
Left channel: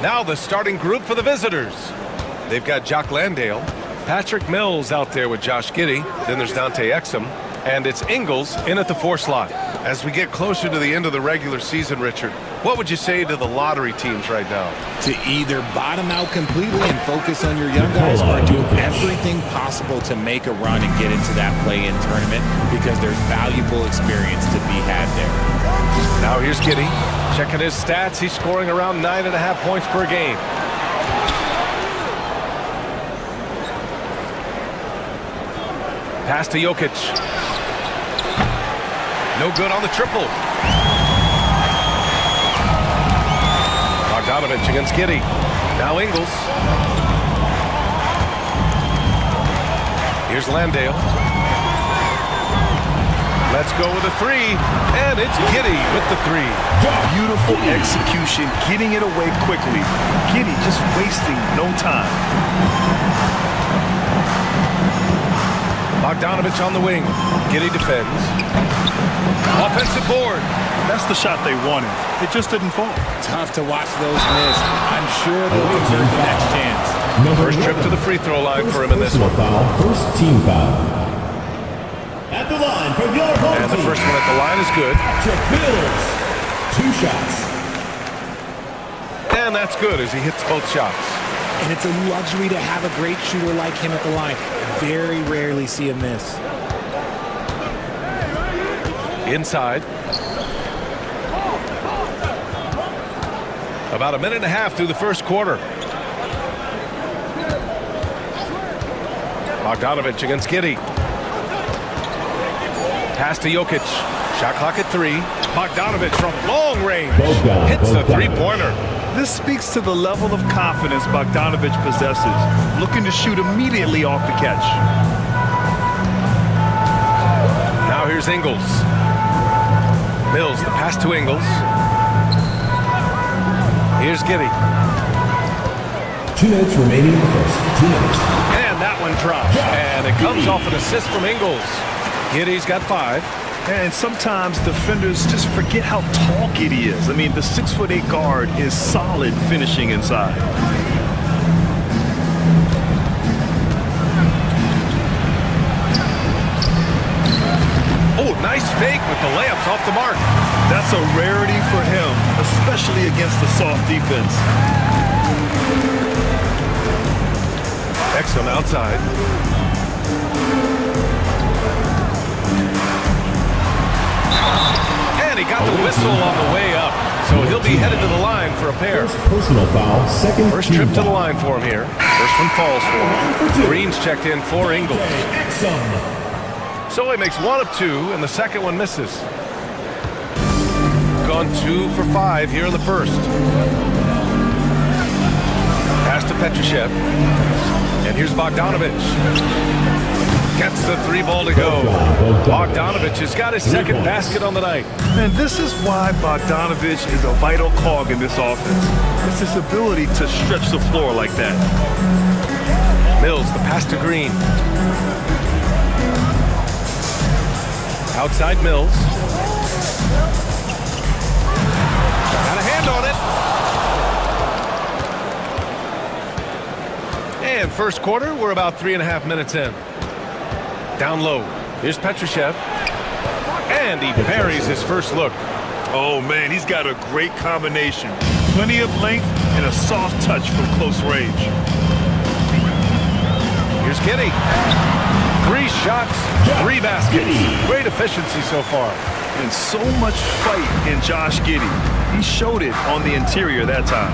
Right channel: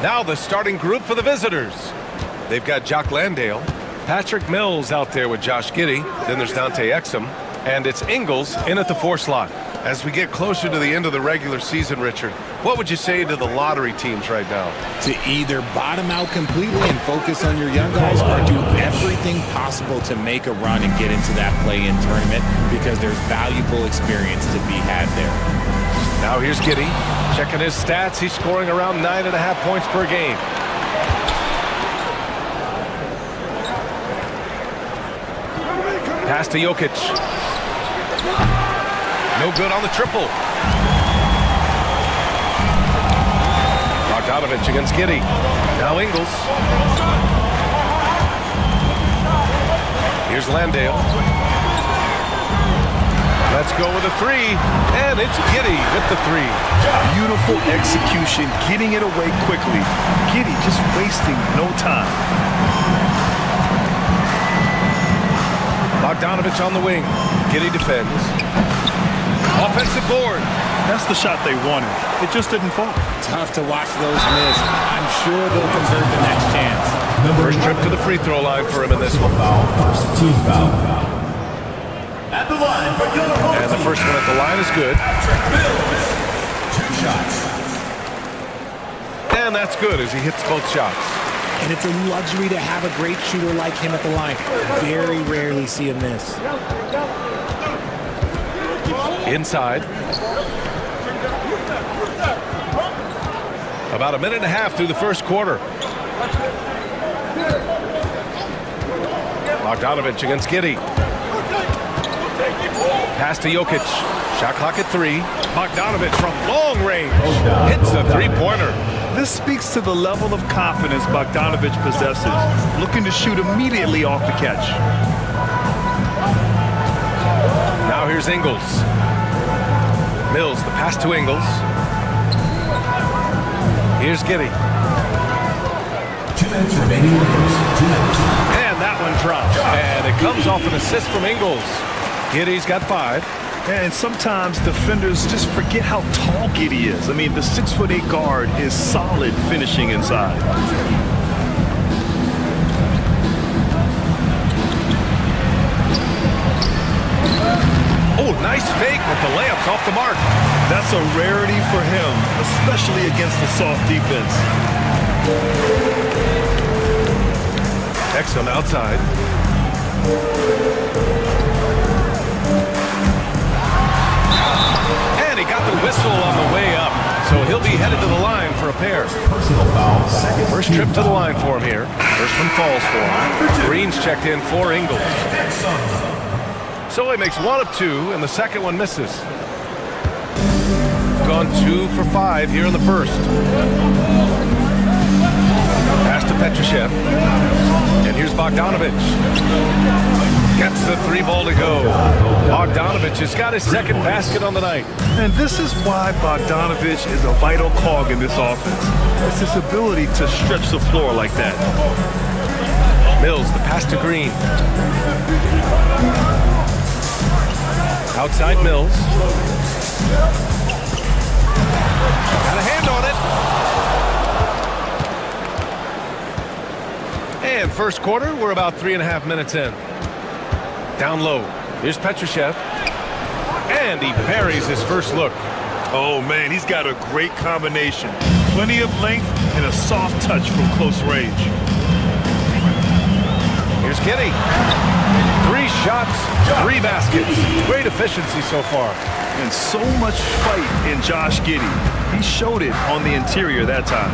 Now the starting group for the visitors. They've got Jock Landale, Patrick Mills out there with Josh Giddey. Then there's Dante Exum. And it's Ingles in at the 4 slot. As we get closer to the end of the regular season, Richard, what would you say to the lottery teams right now? To either bottom out completely and focus on your young guys, or do everything possible to make a run and get into that play-in tournament, because there's valuable experience to be had there. Now here's Giddey. Checking his stats, he's scoring around 9.5 points per game. Pass to Jokic. No good on the triple. Bogdanovich against Giddey. Now Ingles. Here's Landale. Let's go with a 3, and it's Giddey with the 3. Beautiful execution, getting it away quickly. Giddey just wasting no time. Bogdanovich on the wing. Giddey defends. Offensive board. That's the shot they wanted. It just didn't fall. Tough to watch those miss. I'm sure they'll convert the next chance. First trip to the free throw line for him in this one. First team foul. At the line for your home And the first one at the line is good. Patrick Mills. 2 shots. And that's good as he hits both shots. And it's a luxury to have a great shooter like him at the line. Very rarely see him miss. Inside. About 1.5 minutes through the first quarter. Bogdanovich against Giddey. Pass to Jokic. Shot clock at 3. Bogdanovich from long range hits a 3-pointer. This speaks to the level of confidence Bogdanovich possesses, looking to shoot immediately off the catch. Now here's Ingles. Mills, the pass to Ingles. Here's Giddey. 2 minutes remaining in the first. 2 minutes. And that one drops. And it comes off an assist from Ingles. Giddey's got 5. And sometimes defenders just forget how tall Giddey is. I mean, the 6'8" guard is solid finishing inside. Oh, nice fake with the layups off the mark. That's a rarity for him, especially against the soft defense. Exum outside. And he got the whistle on the way up. So he'll be headed to the line for a pair. Personal foul. Second. First trip to the line for him here. First one falls for him. Green's checked in for Ingles. So he makes 1 of 2, and the second one misses. Gone 2 for 5 here in the first. Pass to Petrushev. And here's Bogdanovich. Gets the 3 ball to go. Bogdanovich has got his second basket on the night. And this is why Bogdanovich is a vital cog in this offense. It's his ability to stretch the floor like that. Mills, the pass to Green. Outside Mills. Got a hand on it. And first quarter, we're about 3.5 minutes in. Down low. Here's Petrushev. And he buries his first look. Oh, man, he's got a great combination. Plenty of length and a soft touch from close range. Here's Giddey. 3 shots, 3 baskets. Great efficiency so far. And so much fight in Josh Giddey. He showed it on the interior that time.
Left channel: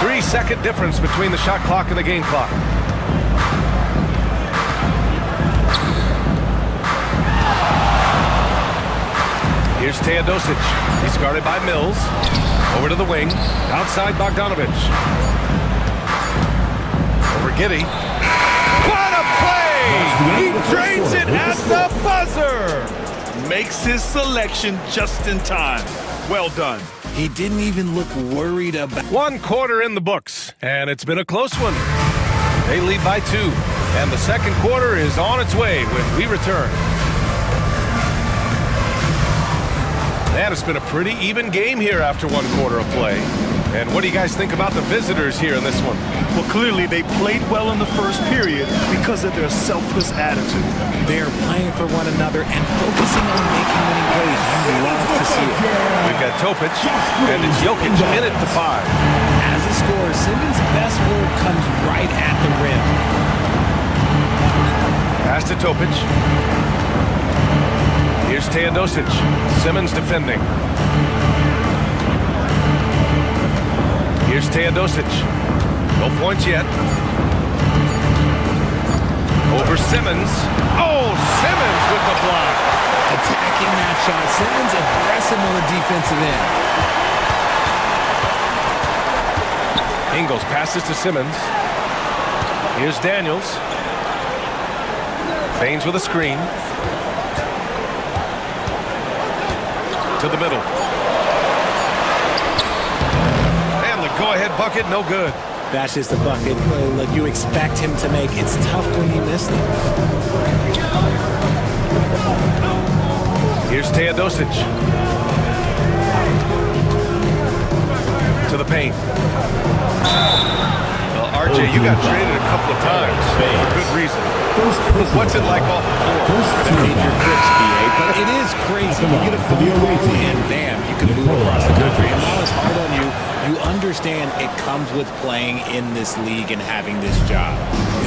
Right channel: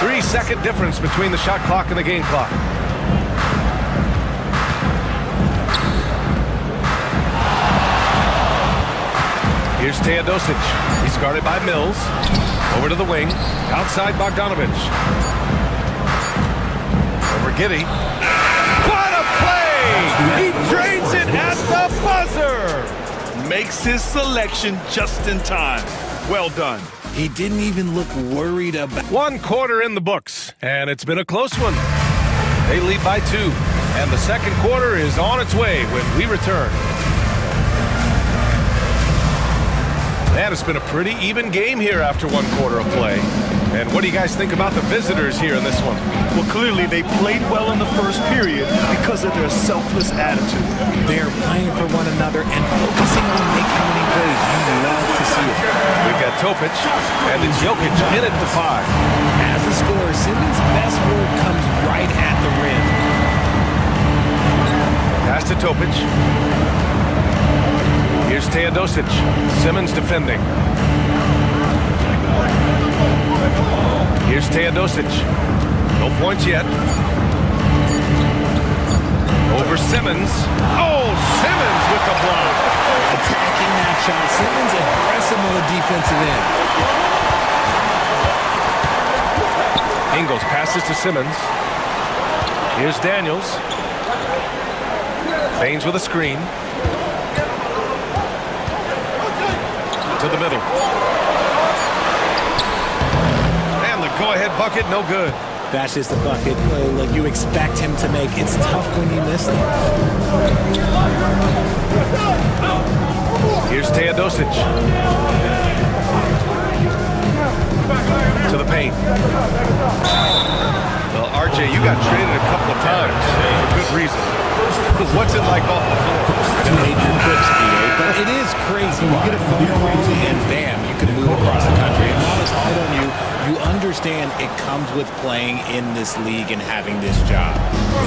3-second difference between the shot clock and the game clock. Here's Teodosic. He's guarded by Mills. Over to the wing. Outside Bogdanovich. Over Giddey. What a play! He drains it at the buzzer! Makes his selection just in time. Well done. He didn't even look worried about... 1 quarter in the books, and it's been a close one. They lead by 2, and the second quarter is on its way when we return. And it's been a pretty even game here after one quarter of play. And what do you guys think about the visitors here in this one? Well, clearly they played well in the first period because of their selfless attitude. They're playing for one another and focusing on making winning plays. You love to see it. We've got Topic, and it's Jokic in at the 5. As a scorer, Simmons' best work comes right at the rim. Pass to Topic. Here's Teodosic. Simmons defending. Here's Teodosic. No points yet. Over Simmons. Oh, Simmons with the block. Attacking that shot. Simmons aggressive on the defensive end. Ingles passes to Simmons. Here's Daniels. Baines with a screen. To the middle. And the go-ahead bucket, no good. That's just a bucket like you expect him to make. It's tough when you miss them. Here's Teodosic. To the paint. Well, RJ, you got traded a couple of times for good reason. What's it like off the floor? You made your trips, BA, but it is crazy. You get a phone call and bam, you can move across the country. And while it's hard on you, you understand it comes with playing in this league and having this job.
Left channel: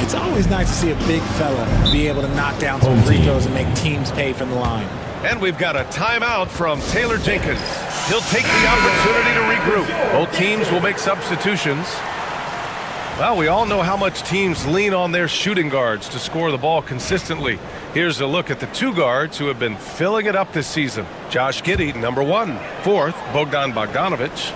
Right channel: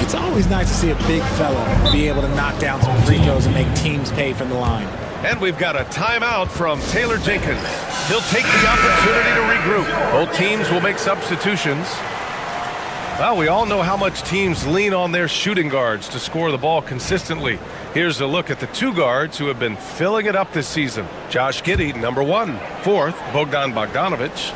It's always nice to see a big fella be able to knock down some free throws and make teams pay from the line. And we've got a timeout from Taylor Jenkins. He'll take the opportunity to regroup. Both teams will make substitutions. Well, we all know how much teams lean on their shooting guards to score the ball consistently. Here's a look at the two guards who have been filling it up this season. Josh Giddey, number 1. 4th, Bogdan Bogdanovic.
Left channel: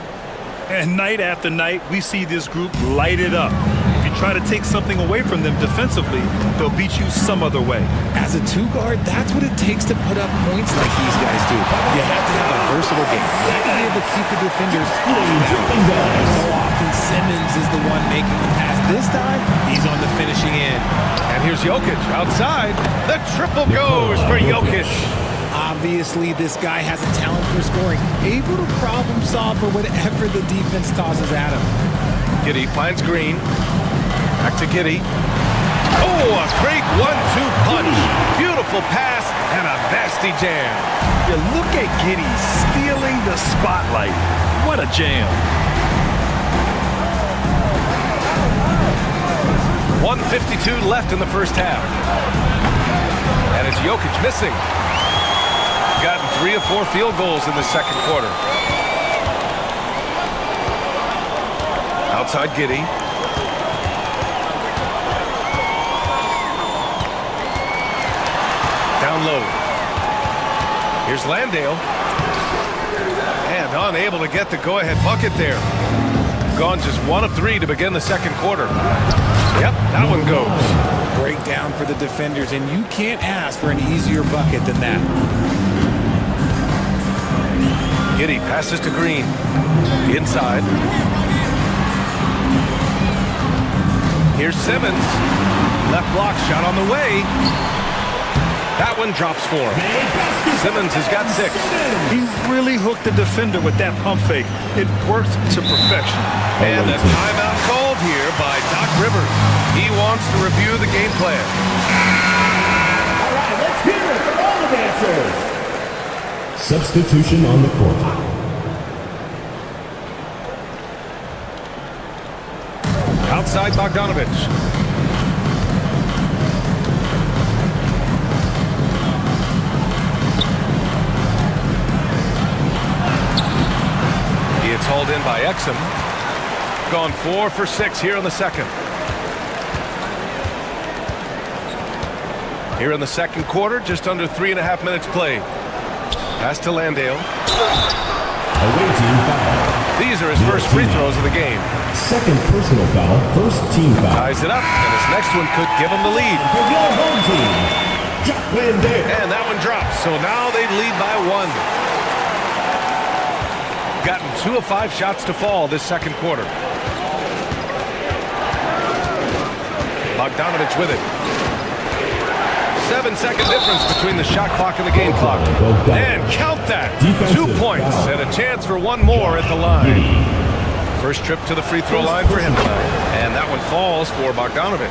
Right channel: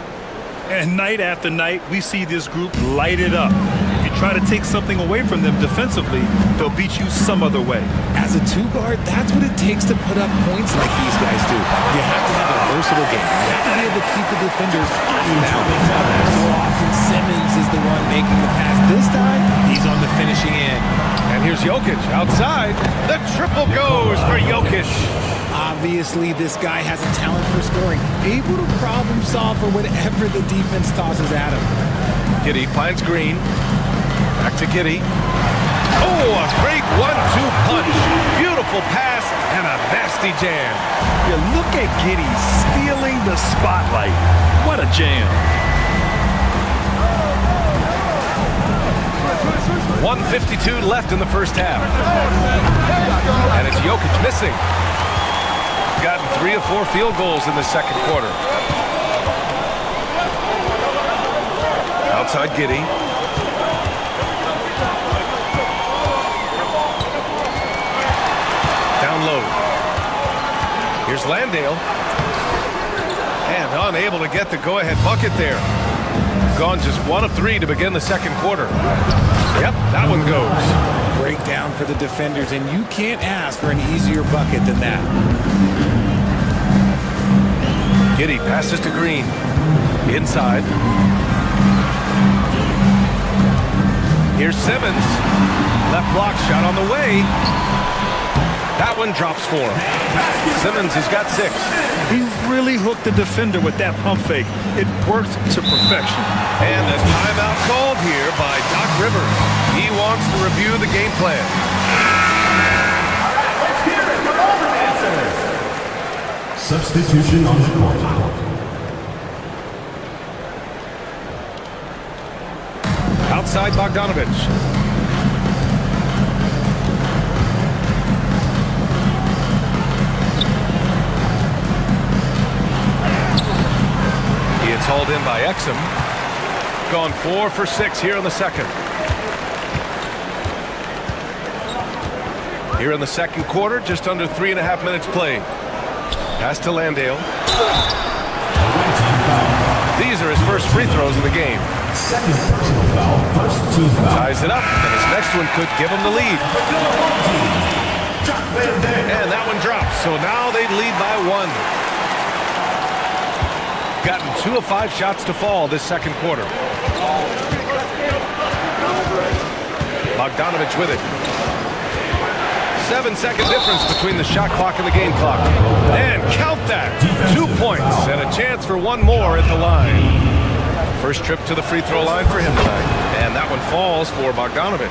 And night after night, we see this group light it up. If you try to take something away from them defensively, they'll beat you some other way. As a two guard, that's what it takes to put up points like these guys do. You have to have a versatile game. You have to be able to keep the defenders off balance. So often Simmons is the one making the pass. This time, he's on the finishing end. And here's Jokic outside. The triple goes for Jokic. Obviously, this guy has a talent for scoring, able to problem solve for whatever the defense tosses at him. Giddey finds Green. Back to Giddey. Oh, a great 1-2 punch. Beautiful pass and a nasty jam. Yeah, look at Giddey stealing the spotlight. What a jam. 1:52 left in the first half. And it's Jokic missing. Gotten 3 of 4 field goals in the second quarter. Outside Giddey. Down low. Here's Landale. And unable to get the go-ahead bucket there. Gone just 1 of 3 to begin the second quarter. Yep, that one goes. Breakdown for the defenders, and you can't ask for an easier bucket than that. Giddey passes to Green. Inside. Here's Simmons. Left block shot on the way. That one drops for him. Simmons has got 6. He really hooked the defender with that pump fake. It worked to perfection. And a timeout called here by Doc Rivers. He wants to review the game plan. All right, let's hear it from all the dancers. Substitution on the court. Outside Bogdanovic. He is hauled in by Exum. Gone 4 for 6 here in the second. Here in the second quarter, just under 3.5 minutes played. Pass to Landale. Away team foul. These are his first free throws of the game. Second personal foul, first team foul. Ties it up, and his next one could give him the lead. And that one drops, so now they lead by 1. Gotten 2 of 5 shots to fall this second quarter. Bogdanovic with it. 7-second difference between the shot clock and the game clock. And count that. 2 points and a chance for one more at the line. First trip to the free throw line for him tonight. And that one falls for Bogdanovic.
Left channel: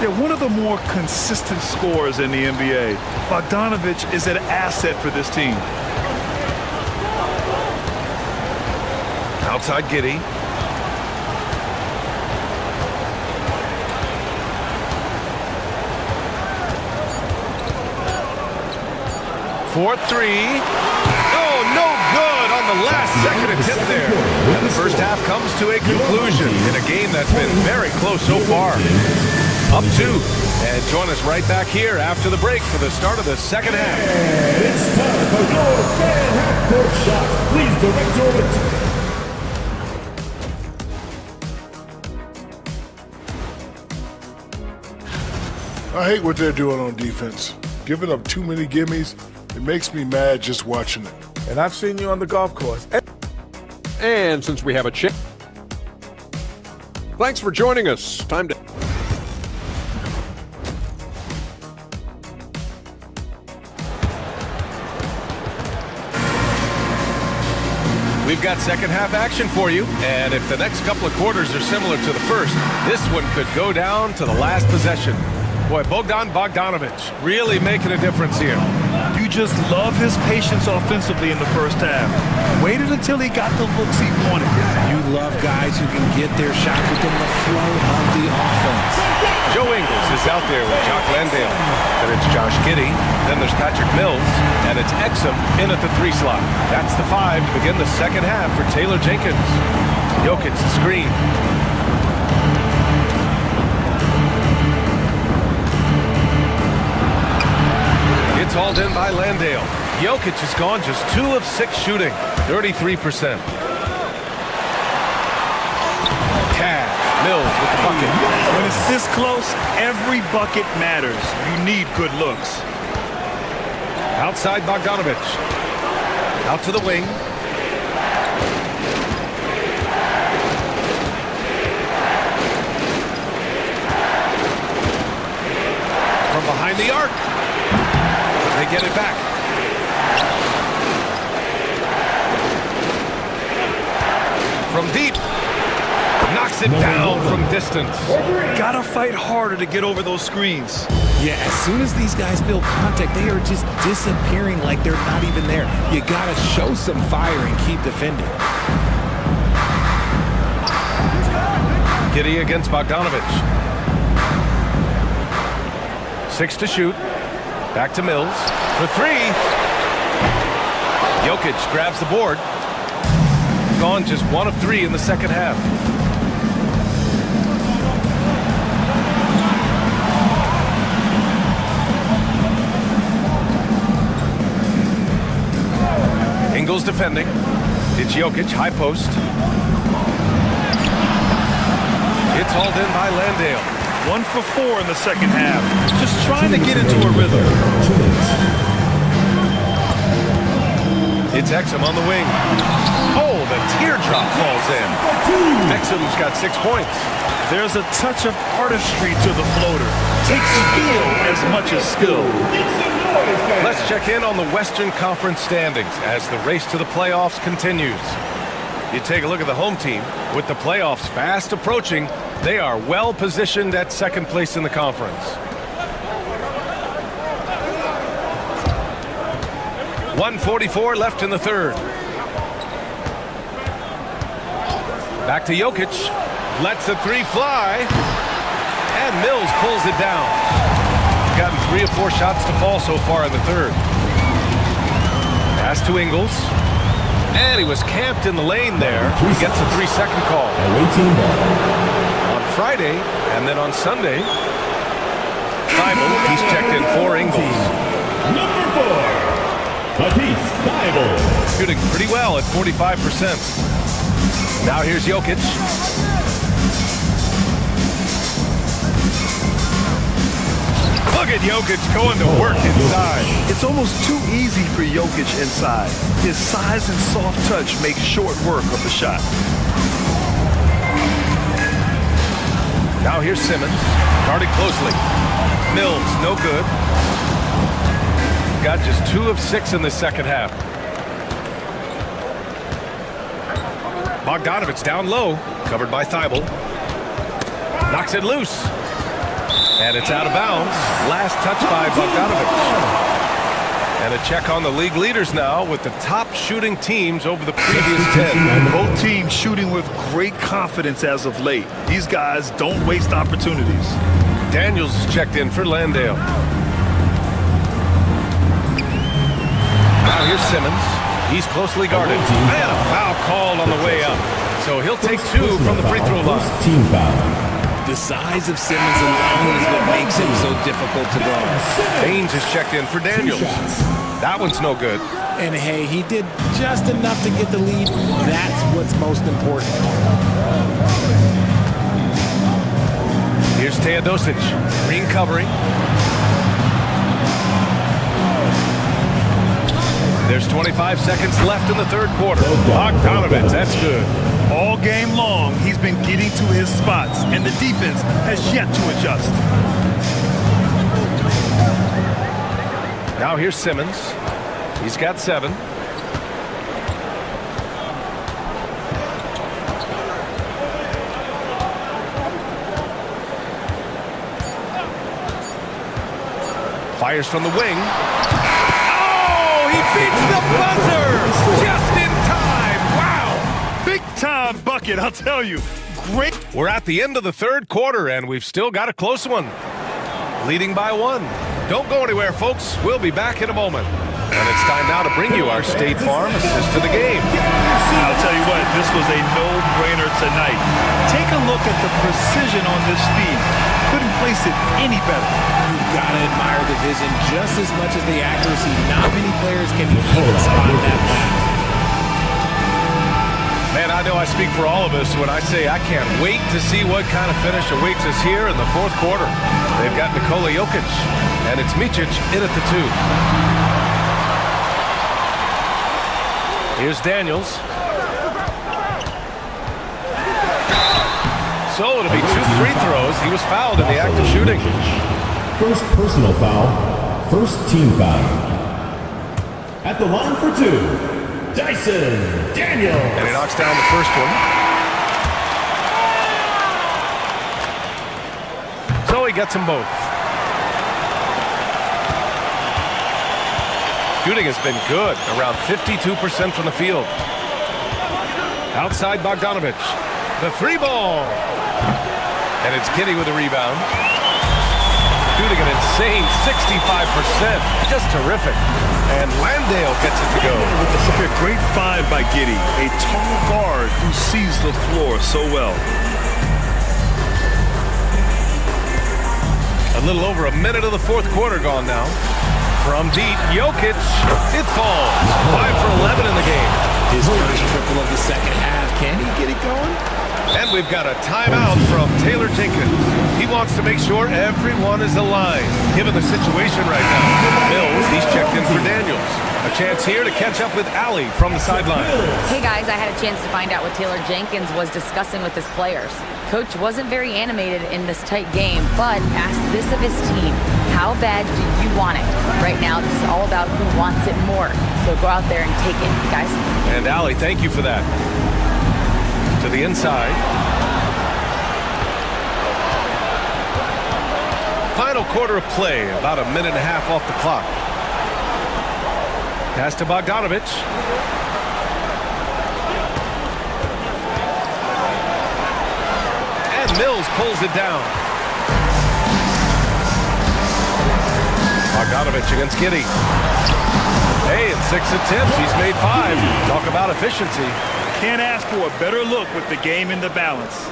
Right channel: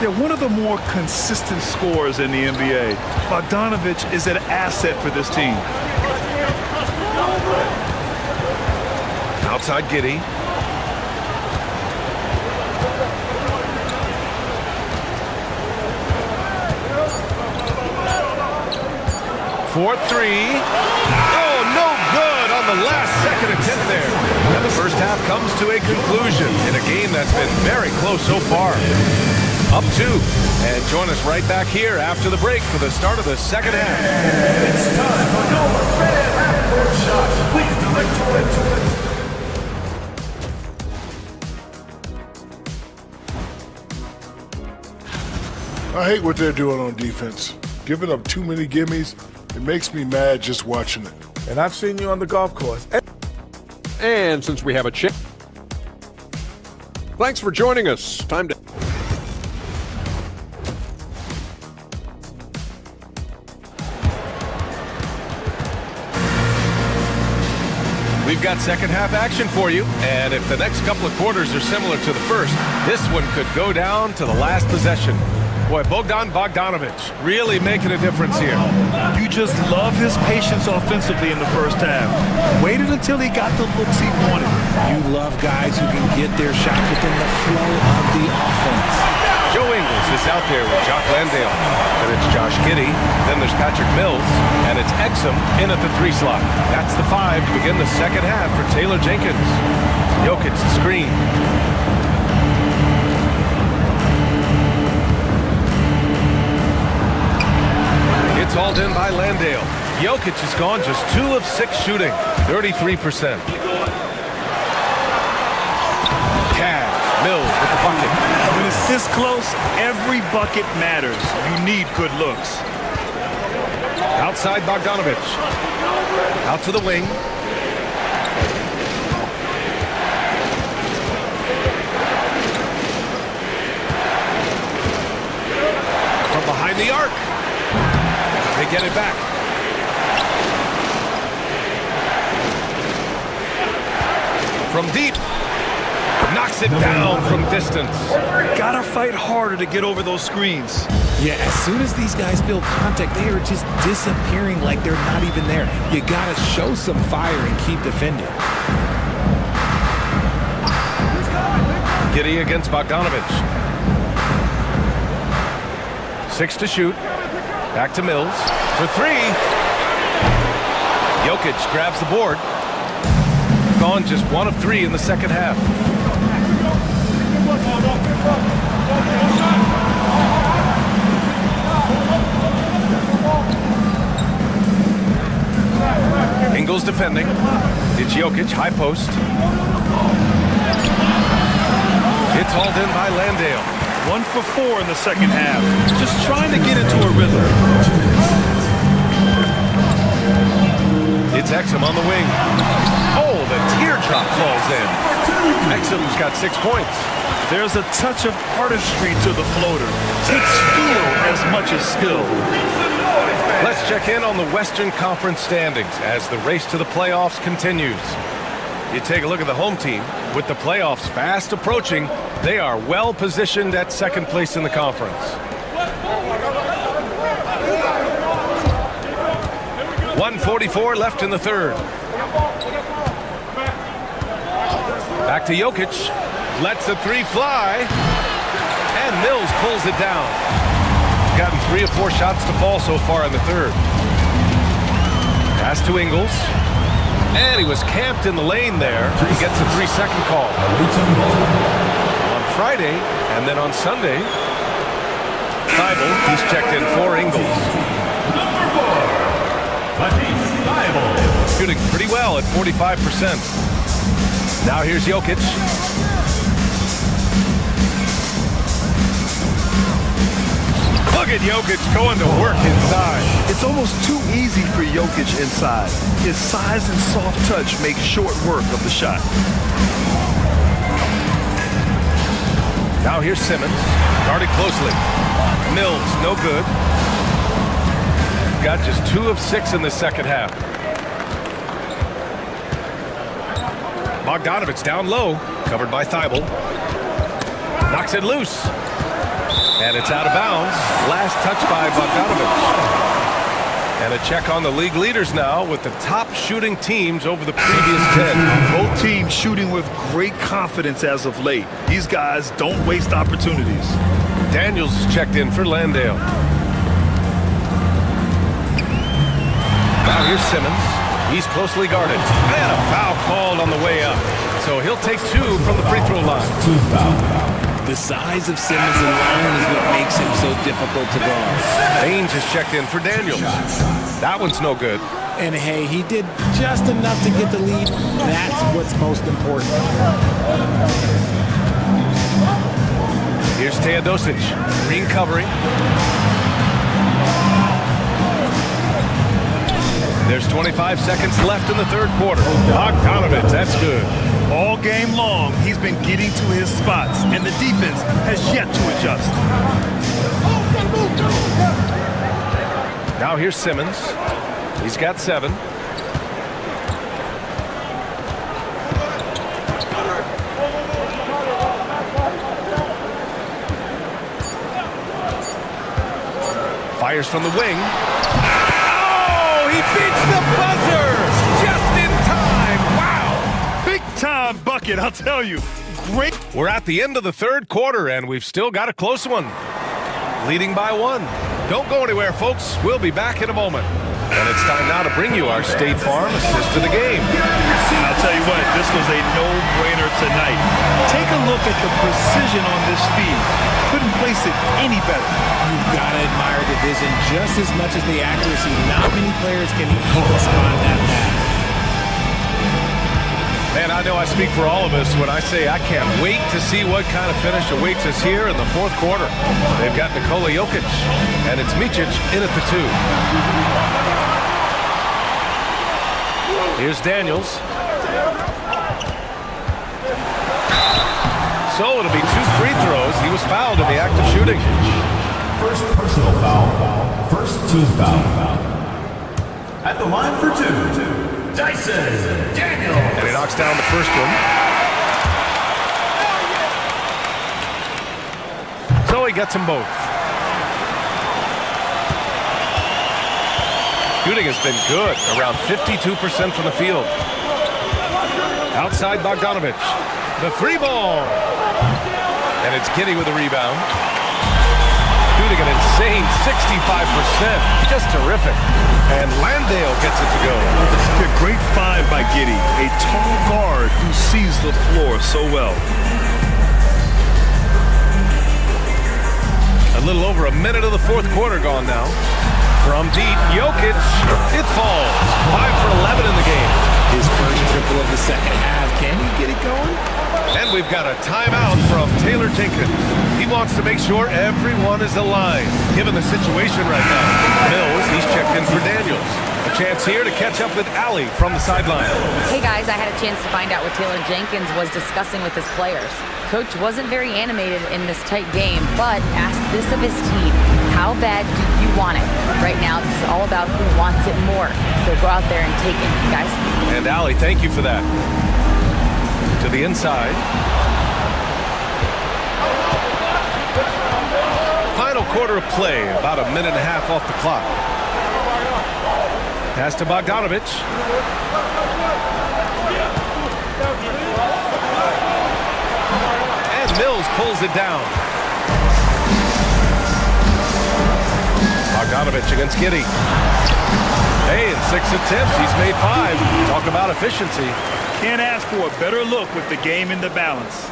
Yeah, one of the more consistent scorers in the NBA. Bogdanovic is an asset for this team. Outside Giddey. For three. Oh, no good on the last second attempt there. And the first half comes to a conclusion in a game that's been very close so far. Up 2. And join us right back here after the break for the start of the second half. And it's time for your fan half-court shot. Please direct your attention. I hate what they're doing on defense. Giving up too many gimmies, it makes me mad just watching it. And I've seen you on the golf course. And since we have a chance, thanks for joining us. Time to... We've got second half action for you, and if the next couple of quarters are similar to the first, this one could go down to the last possession. Boy, Bogdanovic really making a difference here. You just love his patience offensively in the first half. Waited until he got the looks he wanted. You love guys who can get their shots within the flow of the offense. Joe Ingles is out there with Jock Landale. Then it's Josh Giddey. Then there's Patrick Mills. And it's Exum in at the 3 slot. That's the 5 to begin the second half for Taylor Jenkins. Jokic the screen. It's hauled in by Landale. Jokic has gone just 2 of 6 shooting, 33%. Cash, Mills with the bucket. When it's this close, every bucket matters. You need good looks. Outside Bogdanovic. Out to the wing. From behind the arc. They get it back. From deep. Knocks it down from distance. Gotta fight harder to get over those screens. Yeah, as soon as these guys feel contact, they are just disappearing like they're not even there. You gotta show some fire and keep defending. Giddey against Bogdanovic. 6 to shoot. Back to Mills for 3. Jokic grabs the board. Gone just 1 of 3 in the second half. Ingles defending. It's Jokic, high post. It's hauled in by Landale. 1 for 4 in the second half. Just trying to get into a rhythm. It's Exum on the wing. Oh, the teardrop falls in. Exum's got 6 points. There's a touch of artistry to the floater. Takes feel as much as skill. Let's check in on the Western Conference standings as the race to the playoffs continues. You take a look at the home team. With the playoffs fast approaching, they are well positioned at second place in the conference. 1:44 left in the third. Back to Jokic. Lets the 3 fly. And Mills pulls it down. Gotten 3 of 4 shots to fall so far in the third. Pass to Ingles. And he was camped in the lane there. He gets a 3-second call. On Friday and then on Sunday, Thibault, he's checked in for Ingles. Number 4, Matisse Thibault. Shooting pretty well at 45%. Now here's Jokic. Look at Jokic going to work inside. It's almost too easy for Jokic inside. His size and soft touch make short work of the shot. Now here's Simmons, guarded closely. Mills, no good. They've got just 2 of 6 in the second half. Bogdanovich down low, covered by Thibault. Knocks it loose. And it's out of bounds. Last touch by Bogdanovich. And a check on the league leaders now with the top shooting teams over the previous 10. Both teams shooting with great confidence as of late. These guys don't waste opportunities. Daniels is checked in for Landale. Now here's Simmons. He's closely guarded. And a foul called on the way up. So he'll take 2 from the free throw line. Team foul. The size of Simmons alone is what makes him so difficult to guard. Baines is checked in for Daniels. That one's no good. And hey, he did just enough to get the lead. That's what's most important. Here's Teodosic. Green covering. There's 25 seconds left in the third quarter. Bogdanovich, that's good. All game long, he's been getting to his spots, and the defense has yet to adjust. Now here's Simmons. He's got 7. Fires from the wing. Oh, he beats the buzzer just in time. Wow. Big time bucket, I'll tell you. Great. We're at the end of the third quarter, and we've still got a close one. Leading by 1. Don't go anywhere, folks. We'll be back in a moment. And it's time now to bring you our State Farm assist to the game. I'll tell you what, this was a no-brainer tonight. Take a look at the precision on this feed. Couldn't place it any better. You've got to admire the vision just as much as the accuracy. Not many players can even spot that pass. Man, I know I speak for all of us when I say I can't wait to see what kind of finish awaits us here in the fourth quarter. They've got Nikola Jokic, and it's Micic in at the 2. Here's Daniels. So it'll be 2 free throws. He was fouled in the act of shooting. First personal foul, first team foul. At the line for 2. Dyson Daniels. And he knocks down the first one. So he gets them both. Shooting has been good, around 52% from the field. Outside Bogdanovich. The 3 ball. And it's Giddey with a rebound. Shooting an insane 65%. Just terrific. And Landale gets it to go. A great find by Giddey, a tall guard who sees the floor so well. A little over a minute of the fourth quarter gone now. From deep, Jokic, it falls. 5 for 11 in the game. His first triple of the second half. Can he get it going? And we've got a timeout from Taylor Jenkins. He wants to make sure everyone is aligned, given the situation right now. Mills, he's checked in for Daniels. A chance here to catch up with Allie from the sideline. Hey guys, I had a chance to find out what Taylor Jenkins was discussing with his players. Coach wasn't very animated in this tight game, but asked this of his team. How bad do you want it? Right now, this is all about who wants it more. So go out there and take it, guys. And Allie, thank you for that. To the inside. Final quarter of play, about a minute and a half off the clock. Pass to Bogdanovich. And Mills pulls it down. Bogdanovich against Giddey. Hey, in 6 attempts, he's made 5. Talk about efficiency. Can't ask for a better look with the game in the balance.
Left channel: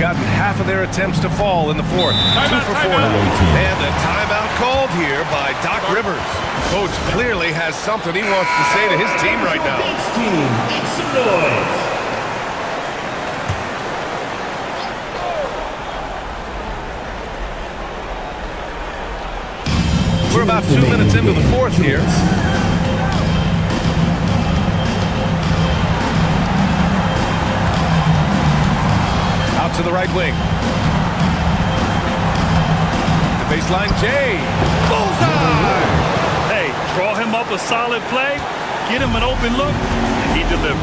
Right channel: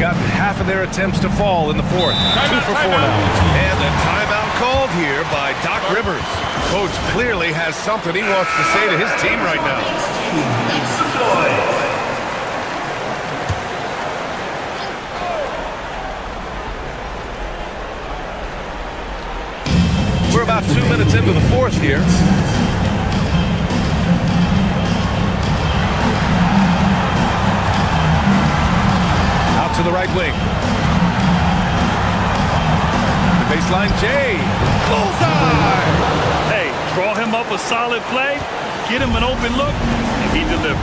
Gotten half of their attempts to fall in the fourth. 2 for 4 now. And a timeout called here by Doc Rivers. Coach clearly has something he wants to say to his team right now. Make some noise. We're about 2 minutes into the fourth here. Out to the right wing. The baseline, Jay. Bullseye! Hey, draw him up a solid play, get him an open look, and he delivers.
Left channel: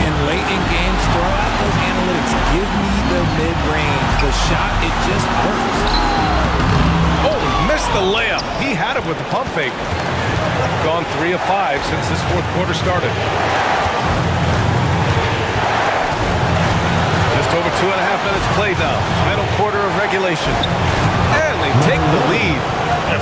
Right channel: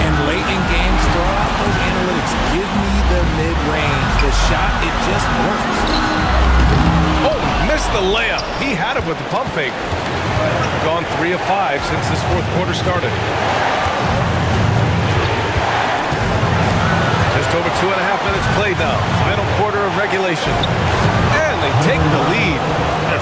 And late in games, throw out those analytics. Give me the mid-range. The shot, it just works. Oh, he missed the layup. He had it with the pump fake. Gone 3 of 5 since this fourth quarter started. Just over 2.5 minutes played now. Final quarter of regulation. And they take the lead.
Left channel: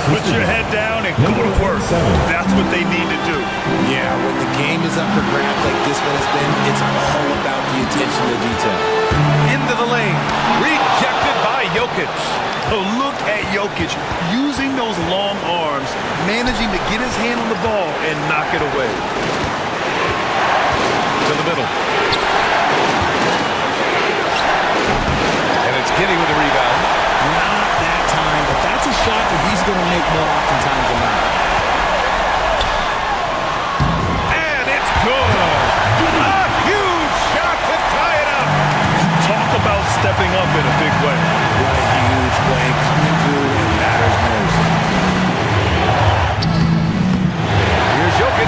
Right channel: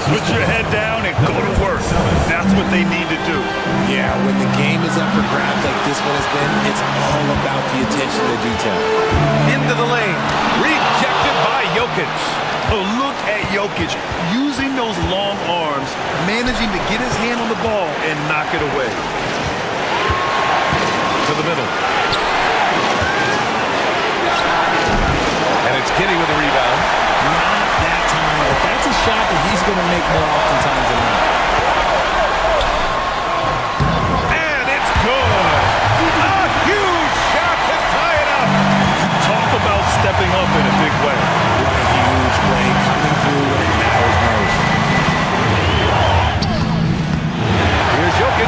Put your head down and go to work. That's what they need to do. Yeah, when the game is up for grabs like this one has been, it's all about the attention to detail. Into the lane. Rejected by Jokic. Oh, look at Jokic using those long arms, managing to get his hand on the ball and knock it away. To the middle. And it's Giddey with the rebound. Not that time, but that's a shot that he's going to make more oftentimes than not. And it's good. A huge shot to tie it up. Talk about stepping up in a big way. What a huge play coming through when it matters most. Here's Jokic.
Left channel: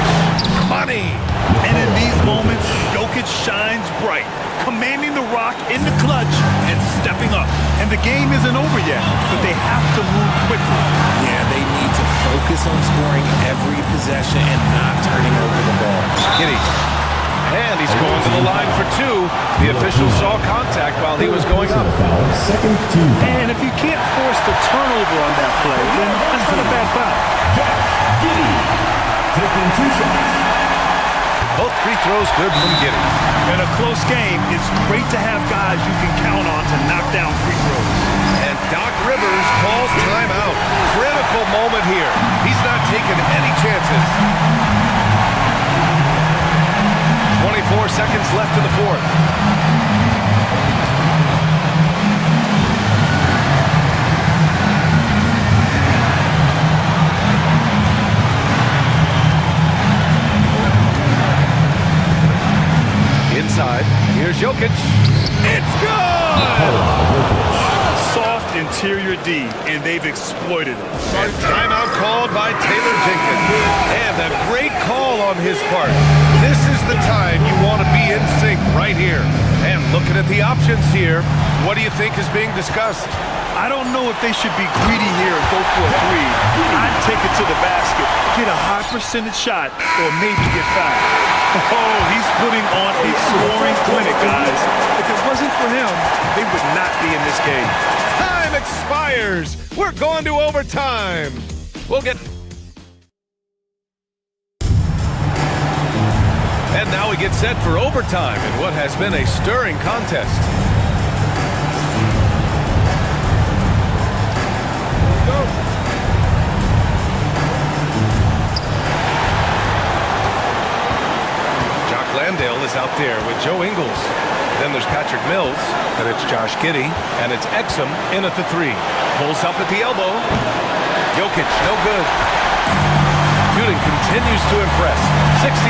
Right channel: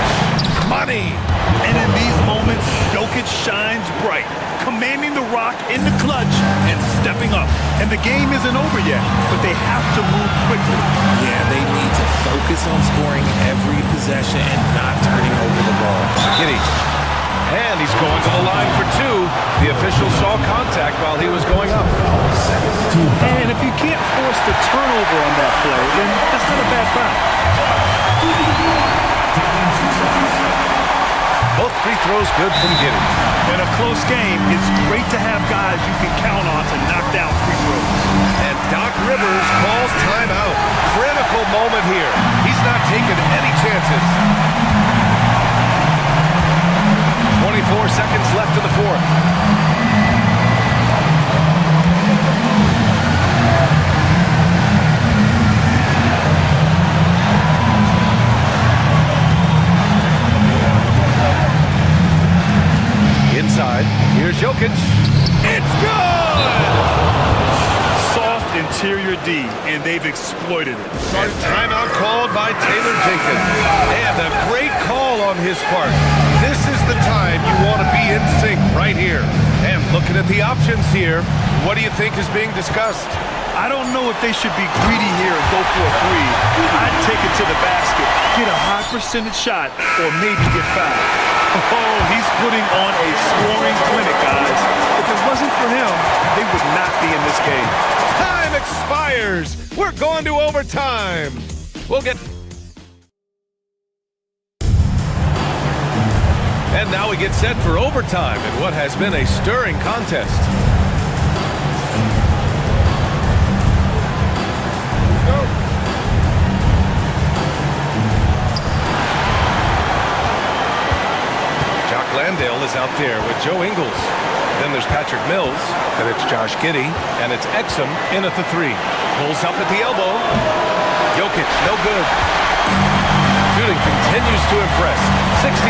Money. And in these moments, Jokic shines bright, commanding the rock in the clutch and stepping up. And the game isn't over yet, but they have to move quickly. Yeah, they need to focus on scoring every possession and not turning over the ball. Giddey. And he's going to the line for 2. The official saw contact while he was going up. And if you can't force the turnover on that play, then that's not a bad foul. Taking 2 shots. Both free throws good from Giddey. In a close game, it's great to have guys you can count on to knock down free throws. And Doc Rivers calls timeout. Critical moment here. He's not taking any chances. 24 seconds left in the fourth. Inside, here's Jokic. It's good! Soft interior D, and they've exploited it. And timeout called by Taylor Jenkins. And a great call on his part. This is the time you want to be in sync right here. And looking at the options here, what do you think is being discussed? I don't know if they should be greedy here and go for a 3. I'd take it to the basket, get a high percentage shot, or maybe get fouled. Oh, he's putting on a scoring clinic, guys. If it wasn't for him, they would not be in this game. Time expires. We're going to overtime. We'll get... And now we get set for overtime in what has been a stirring contest. Go. Jock Landale is out there with Joe Ingles. Then there's Patrick Mills. Then it's Josh Giddey. And it's Exum in at the 3. Pulls up at the elbow. Jokic, no good. Shooting continues to impress. 65%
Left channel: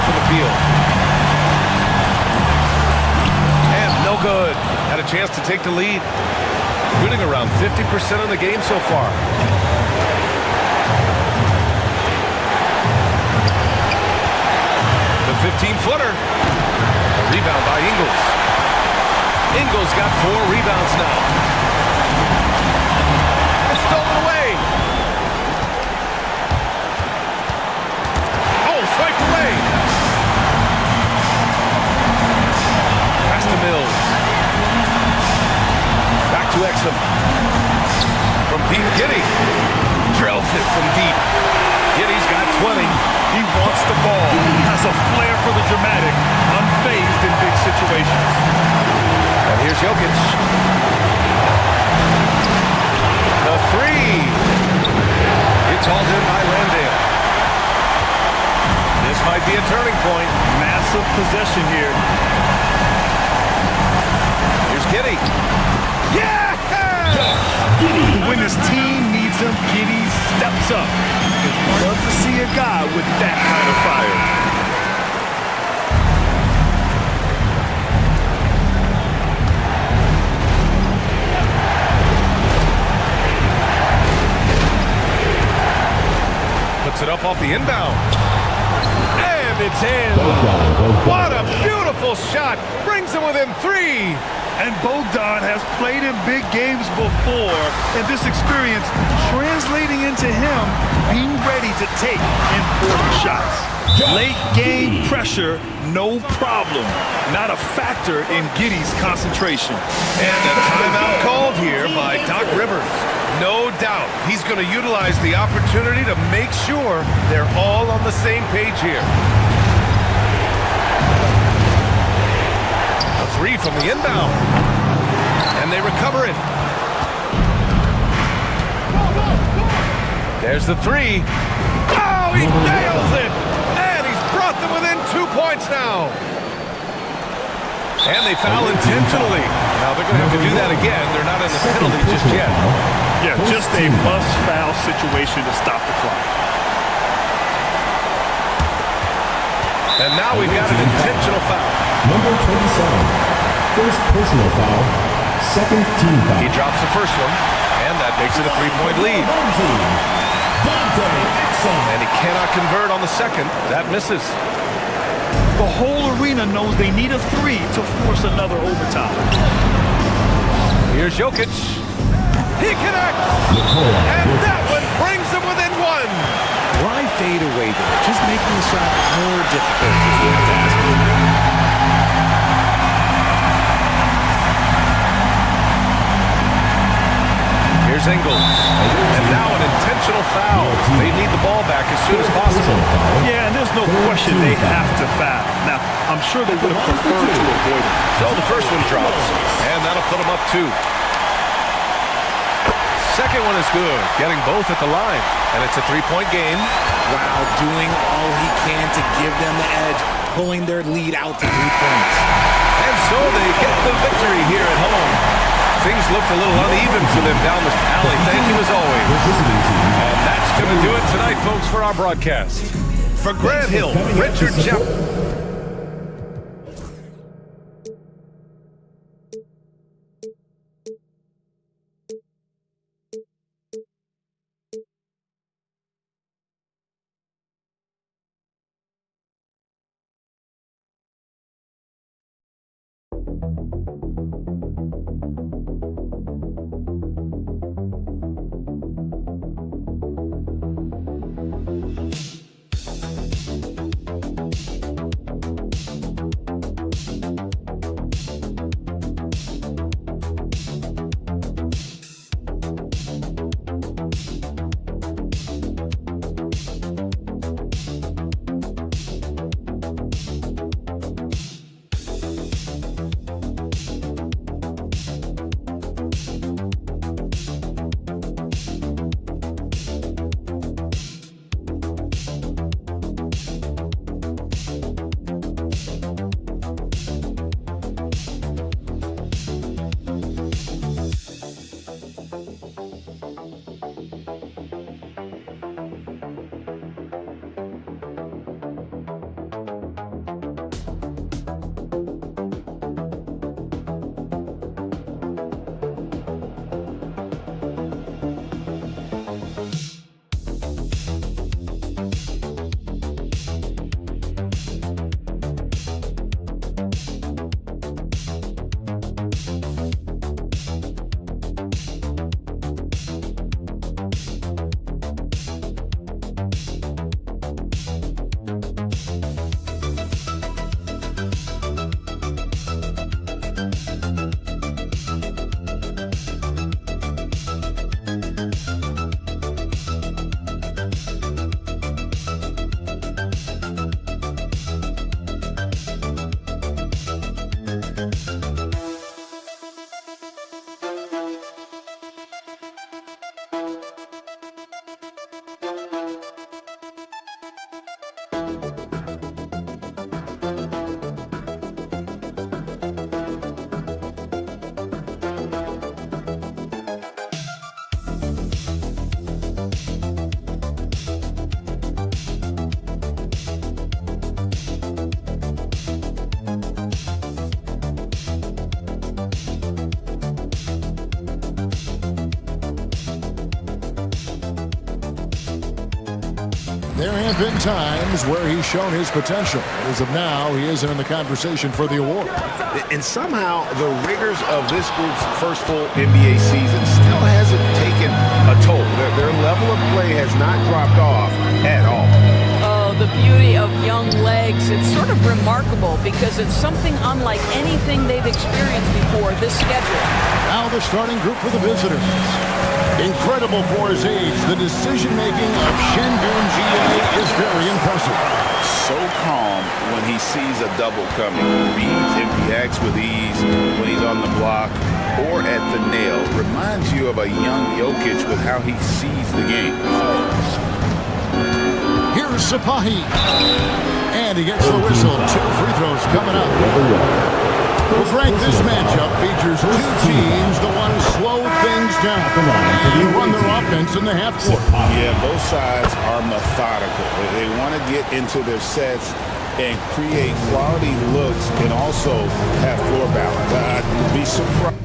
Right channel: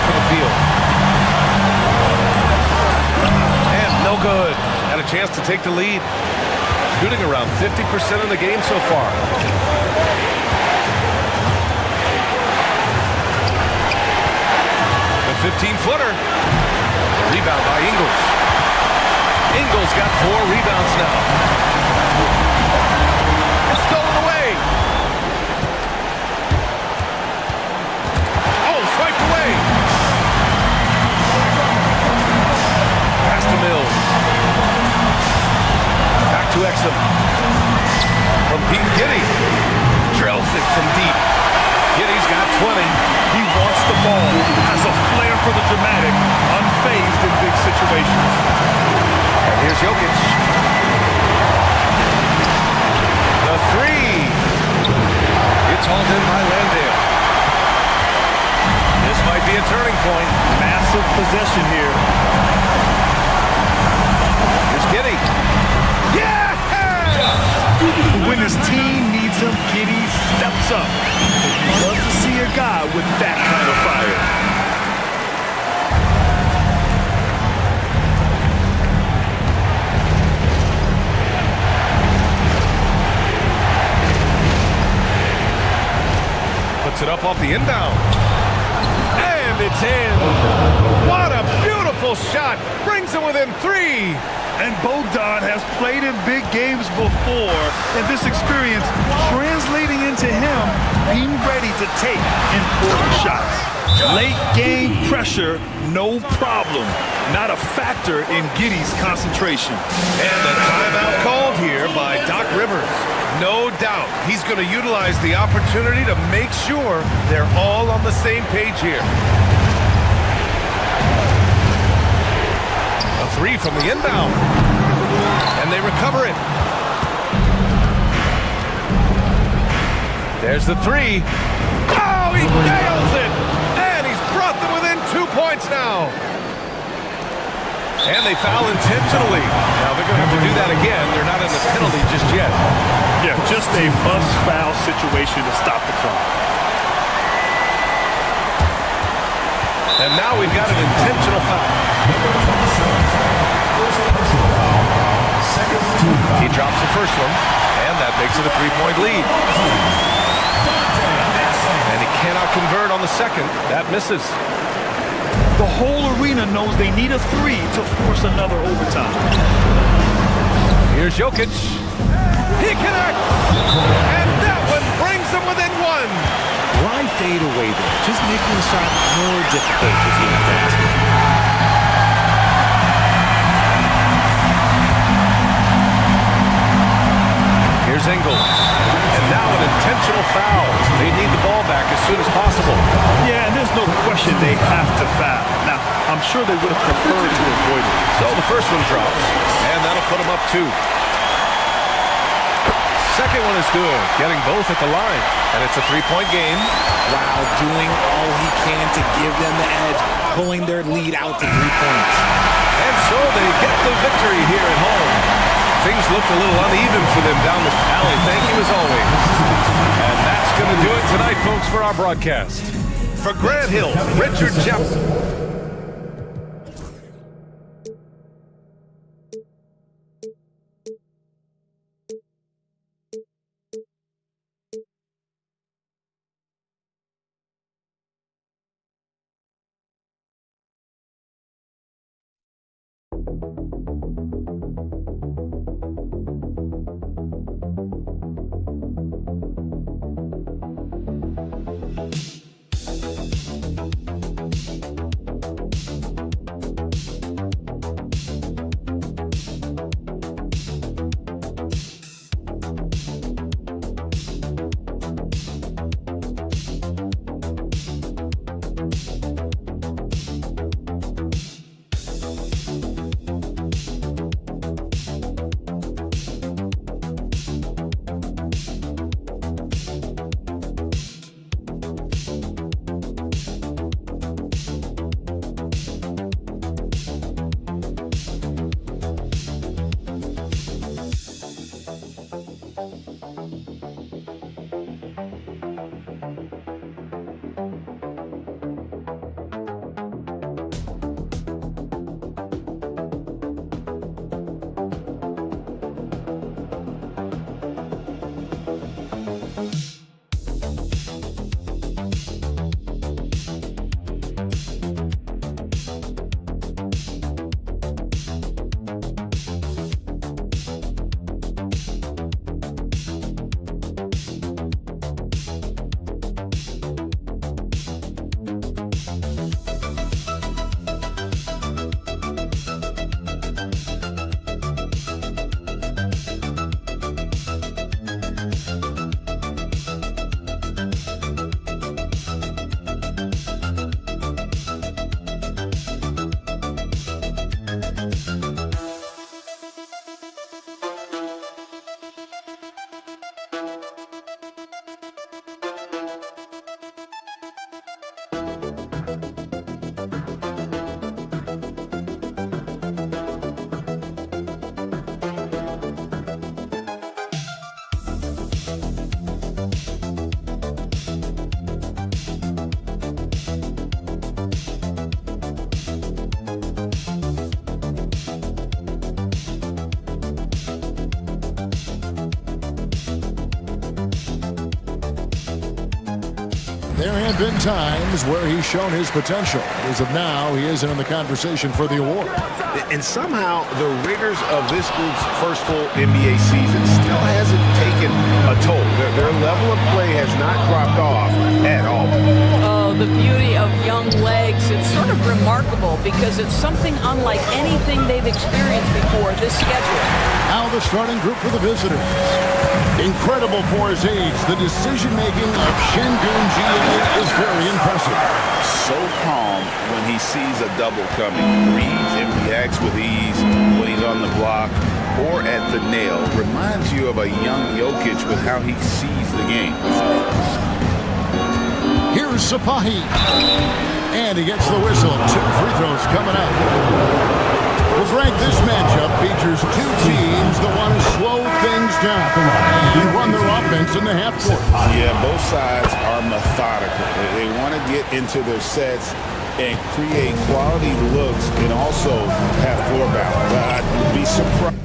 from the field. And no good. Had a chance to take the lead. Shooting around 50% in the game so far. The 15-footer. The rebound by Ingles. Ingles got 4 rebounds now. It's stolen away. Oh, swiped away. Pass to Mills. Back to Exum. From deep, Giddey. Drills it from deep. Giddey's got 20. He wants the ball, has a flair for the dramatic, unfazed in big situations. And here's Jokic. The 3. It's hauled in by Landale. This might be a turning point. Massive possession here. Here's Giddey. Yeah! When his team needs him, Giddey steps up. I'd love to see a guy with that kind of fire. Puts it up off the inbound. And it's in. What a beautiful shot. Brings them within 3. And Bogdan has played in big games before, and this experience translating into him being ready to take important shots. Late game pressure, no problem. Not a factor in Giddey's concentration. And a timeout called here by Doc Rivers. No doubt he's going to utilize the opportunity to make sure they're all on the same page here. A 3 from the inbound. And they recover it. There's the 3. Oh, he nails it! And he's brought them within 2 points now. And they foul intentionally. Now they're going to have to do that again. They're not in the penalty just yet. Yeah, just a must-foul situation to stop the clock. And now we've got an intentional foul. Number 27. First personal foul. Second team foul. He drops the first one, and that makes it a 3-point lead. And he cannot convert on the second. That misses. The whole arena knows they need a 3 to force another overtime. Here's Jokic. He connects. And that one brings them within 1. Why fade away there? Just making the shot more difficult, if you have to ask me. Here's Ingles. And now an intentional foul. They need the ball back as soon as possible. Yeah, and there's no question they have to foul. Now, I'm sure they would have preferred to avoid it. So the first one drops, and that'll put them up 2. Second one is good, getting both at the line. And it's a 3-point game. Wow, doing all he can to give them the edge, pulling their lead out to 3 points. And so they get the victory here at home. Things looked a little uneven for them down the alley. Thank you as always. And that's going to do it tonight, folks, for our broadcast. For Grant Hill, Richard Jeff. There have been times where he's shown his potential. As of now, he isn't in the conversation for the award. And somehow the rigors of this group's first full NBA season still hasn't taken a toll. Their level of play has not dropped off at all. Oh, the beauty of young legs. It's sort of remarkable because it's something unlike anything they've experienced before, this schedule. Now the starting group for the visitors. Incredible for his age, the decision-making of Şengün GA is very impressive. So calm when he sees a double coming. Reads and reacts with ease when he's on the block or at the nail. Reminds you of a young Jokic with how he sees the game. Here's Sapahi. And he gets the whistle. 2 free throws coming up. Well, Greg, this matchup features 2 teams that want to slow things down and run their offense in the half court. Yeah, both sides are methodical. They want to get into their sets and create quality looks and also have floor balance. I'd be surprised.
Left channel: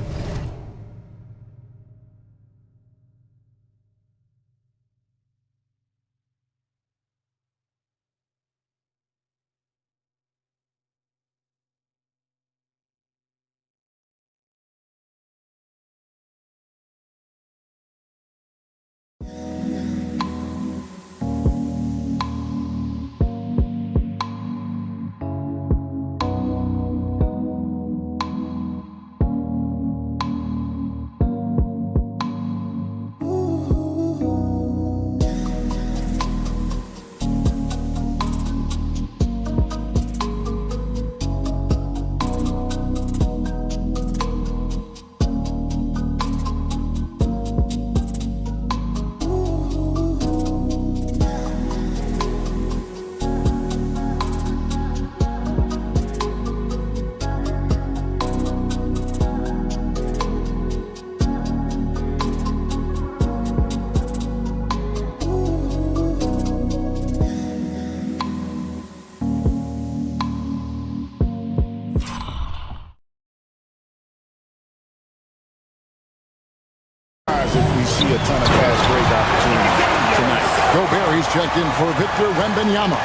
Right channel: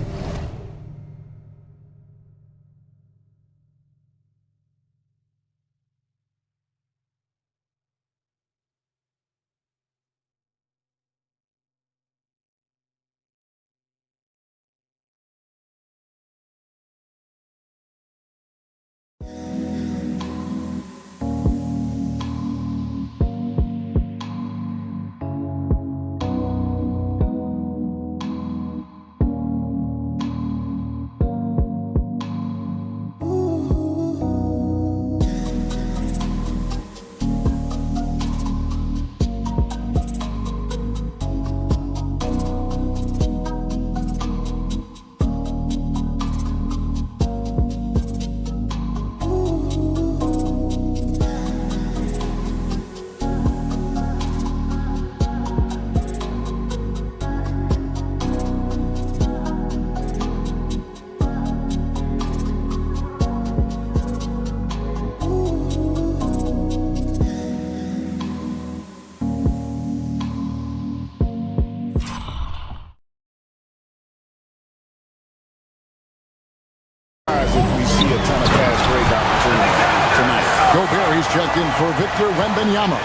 If we see a ton of fast break opportunities tonight. Gobert checked in for Victor Wembanyama.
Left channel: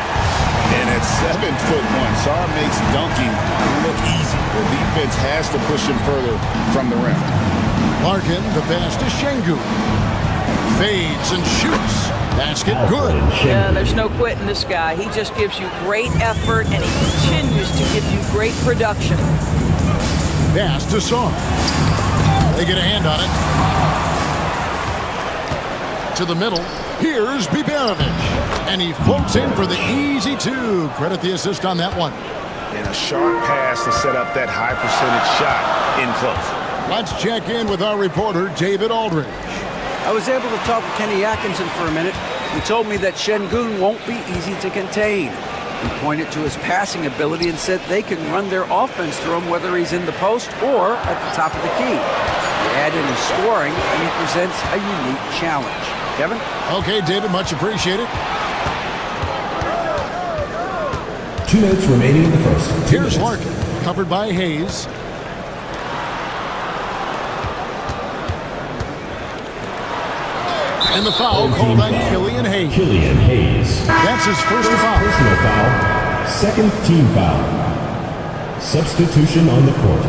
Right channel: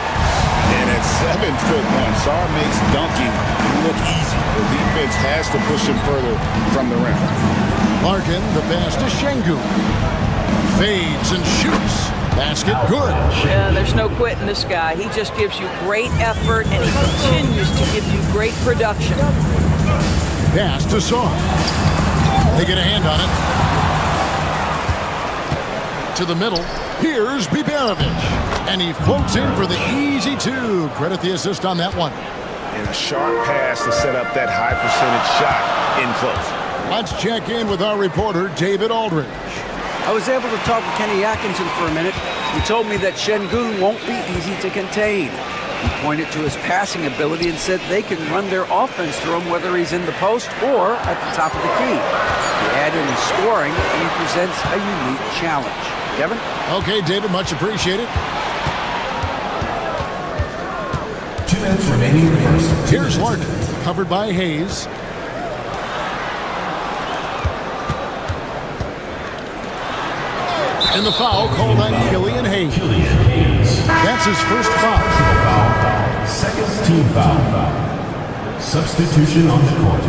And at 7'1", Sarr makes dunking look easy. The defense has to push him further from the rim. Larkin, the pass to Şengün. Fades and shoots. Basket good. Yeah, there's no quitting this guy. He just gives you great effort, and he continues to give you great production. Pass to Sarr. They get a hand on it. To the middle. Here's Biberovic. And he floats in for the easy 2. Credit the assist on that one. And a sharp pass to set up that high percentage shot in close. Let's check in with our reporter, David Aldridge. I was able to talk with Kenny Atkinson for a minute. He told me that Şengün won't be easy to contain. He pointed to his passing ability and said they can run their offense through him whether he's in the post or at the top of the key. You add in his scoring, and he presents a unique challenge. Kevin? Okay, David, much appreciated. 2 minutes remaining in the first. Here's Larkin, covered by Hayes. And the foul called on Killian Hayes. Killian Hayes. That's his first foul. Personal foul. Second team foul. Substitution on the court.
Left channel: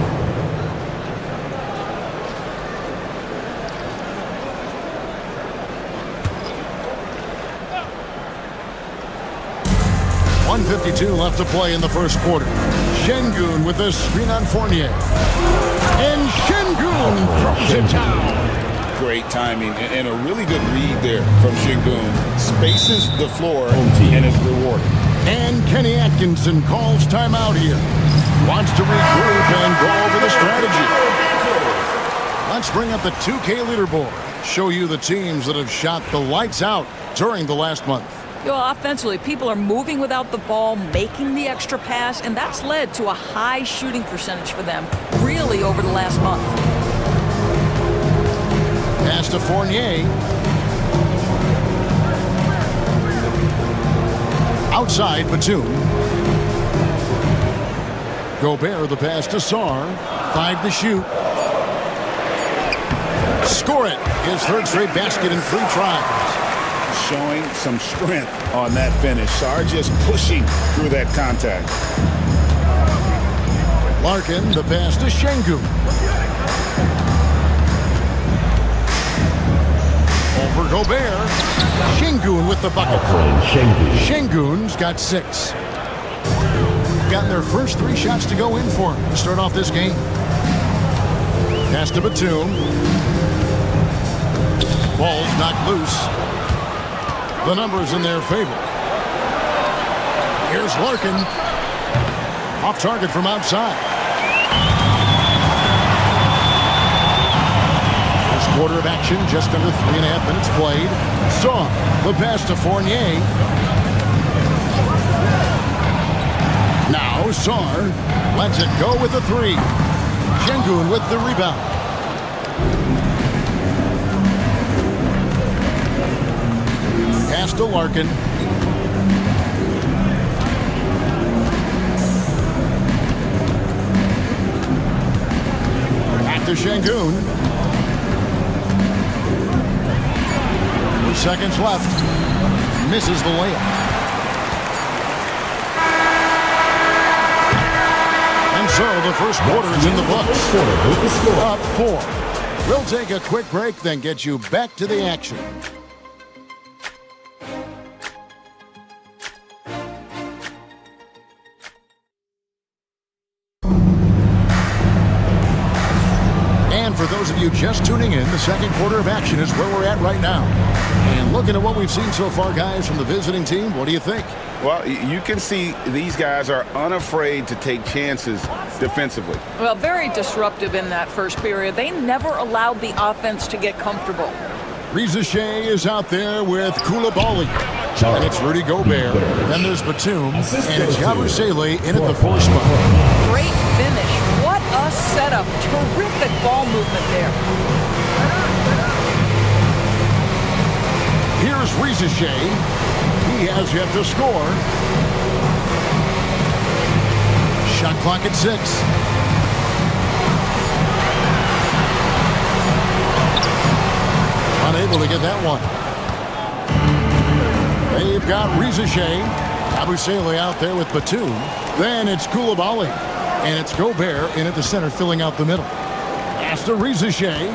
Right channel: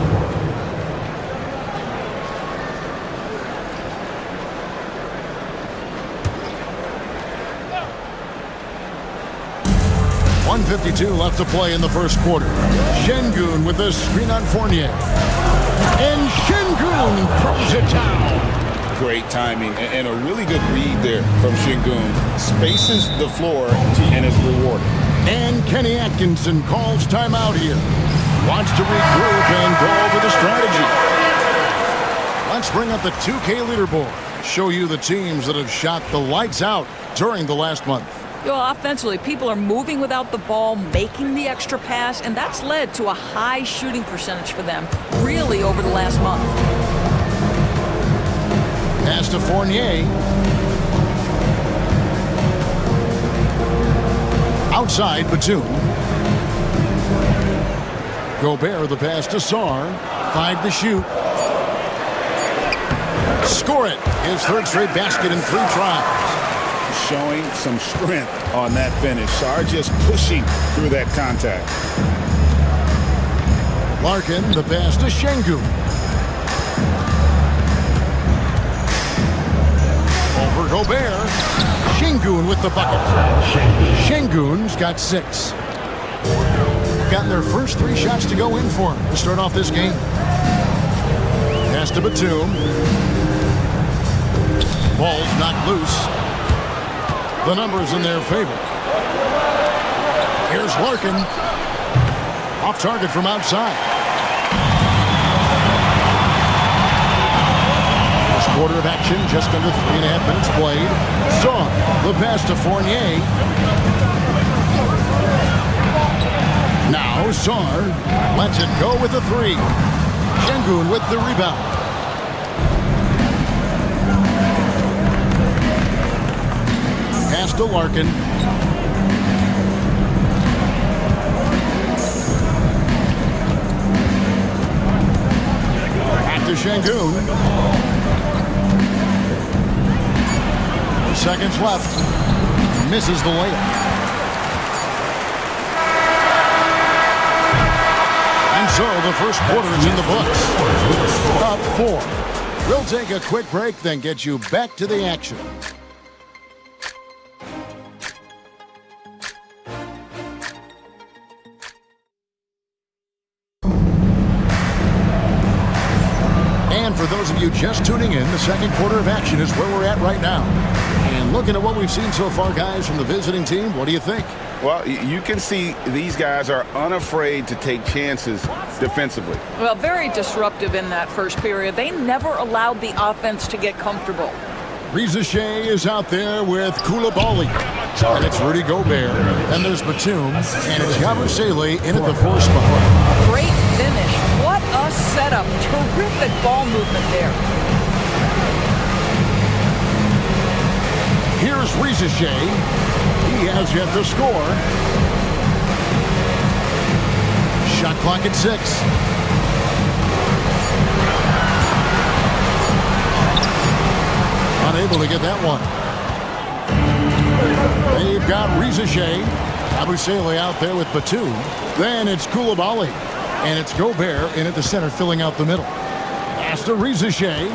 .152 left to play in the first quarter. Şengün with a screen on Fournier. And Şengün throws it down. Great timing and a really good read there from Şengün. Spaces the floor and is rewarded. And Kenny Atkinson calls timeout here. Wants to regroup and go over the strategy. Let's bring up the 2K leaderboard. Show you the teams that have shot the lights out during the last month. Well, offensively, people are moving without the ball, making the extra pass, and that's led to a high shooting percentage for them, really, over the last month. Pass to Fournier. Outside, Batum. Gobert, the pass to Sarr. 5 to shoot. Score it. His third straight basket in 3 tries. showing some strength on that finish. Sarr just pushing through that contact. Larkin, the pass to Şengün. Over Gobert. Şengün with the bucket. Şengün's got 6. Gotten their first 3 shots to go in for him to start off this game. Pass to Batum. Ball's knocked loose. The numbers in their favor. Here's Larkin. Off target from outside. First quarter of action, just under 3.5 minutes played. Sarr, the pass to Fournier. Now Sarr lets it go with the 3. Şengün with the rebound. Pass to Larkin. Back to Şengün. 4 seconds left. Misses the layup. And so the first quarter is in the books. Up 4. We'll take a quick break, then get you back to the action. And for those of you just tuning in, the second quarter of action is where we're at right now. And looking at what we've seen so far, guys, from the visiting team, what do you think? Well, you can see these guys are unafraid to take chances defensively. Well, very disruptive in that first period. They never allowed the offense to get comfortable. Reza Shea is out there with Koulibaly. And it's Rudy Gobert. Then there's Batum. And it's Yabusele in at the 4 spot. Great finish. What a setup. Terrific ball movement there. Here's Reza Shea. He has yet to score. Shot clock at 6. Unable to get that one. They've got Reza Shea. Yabusele out there with Batum. Then it's Koulibaly. And it's Gobert in at the center, filling out the middle. Pass to Reza Shea.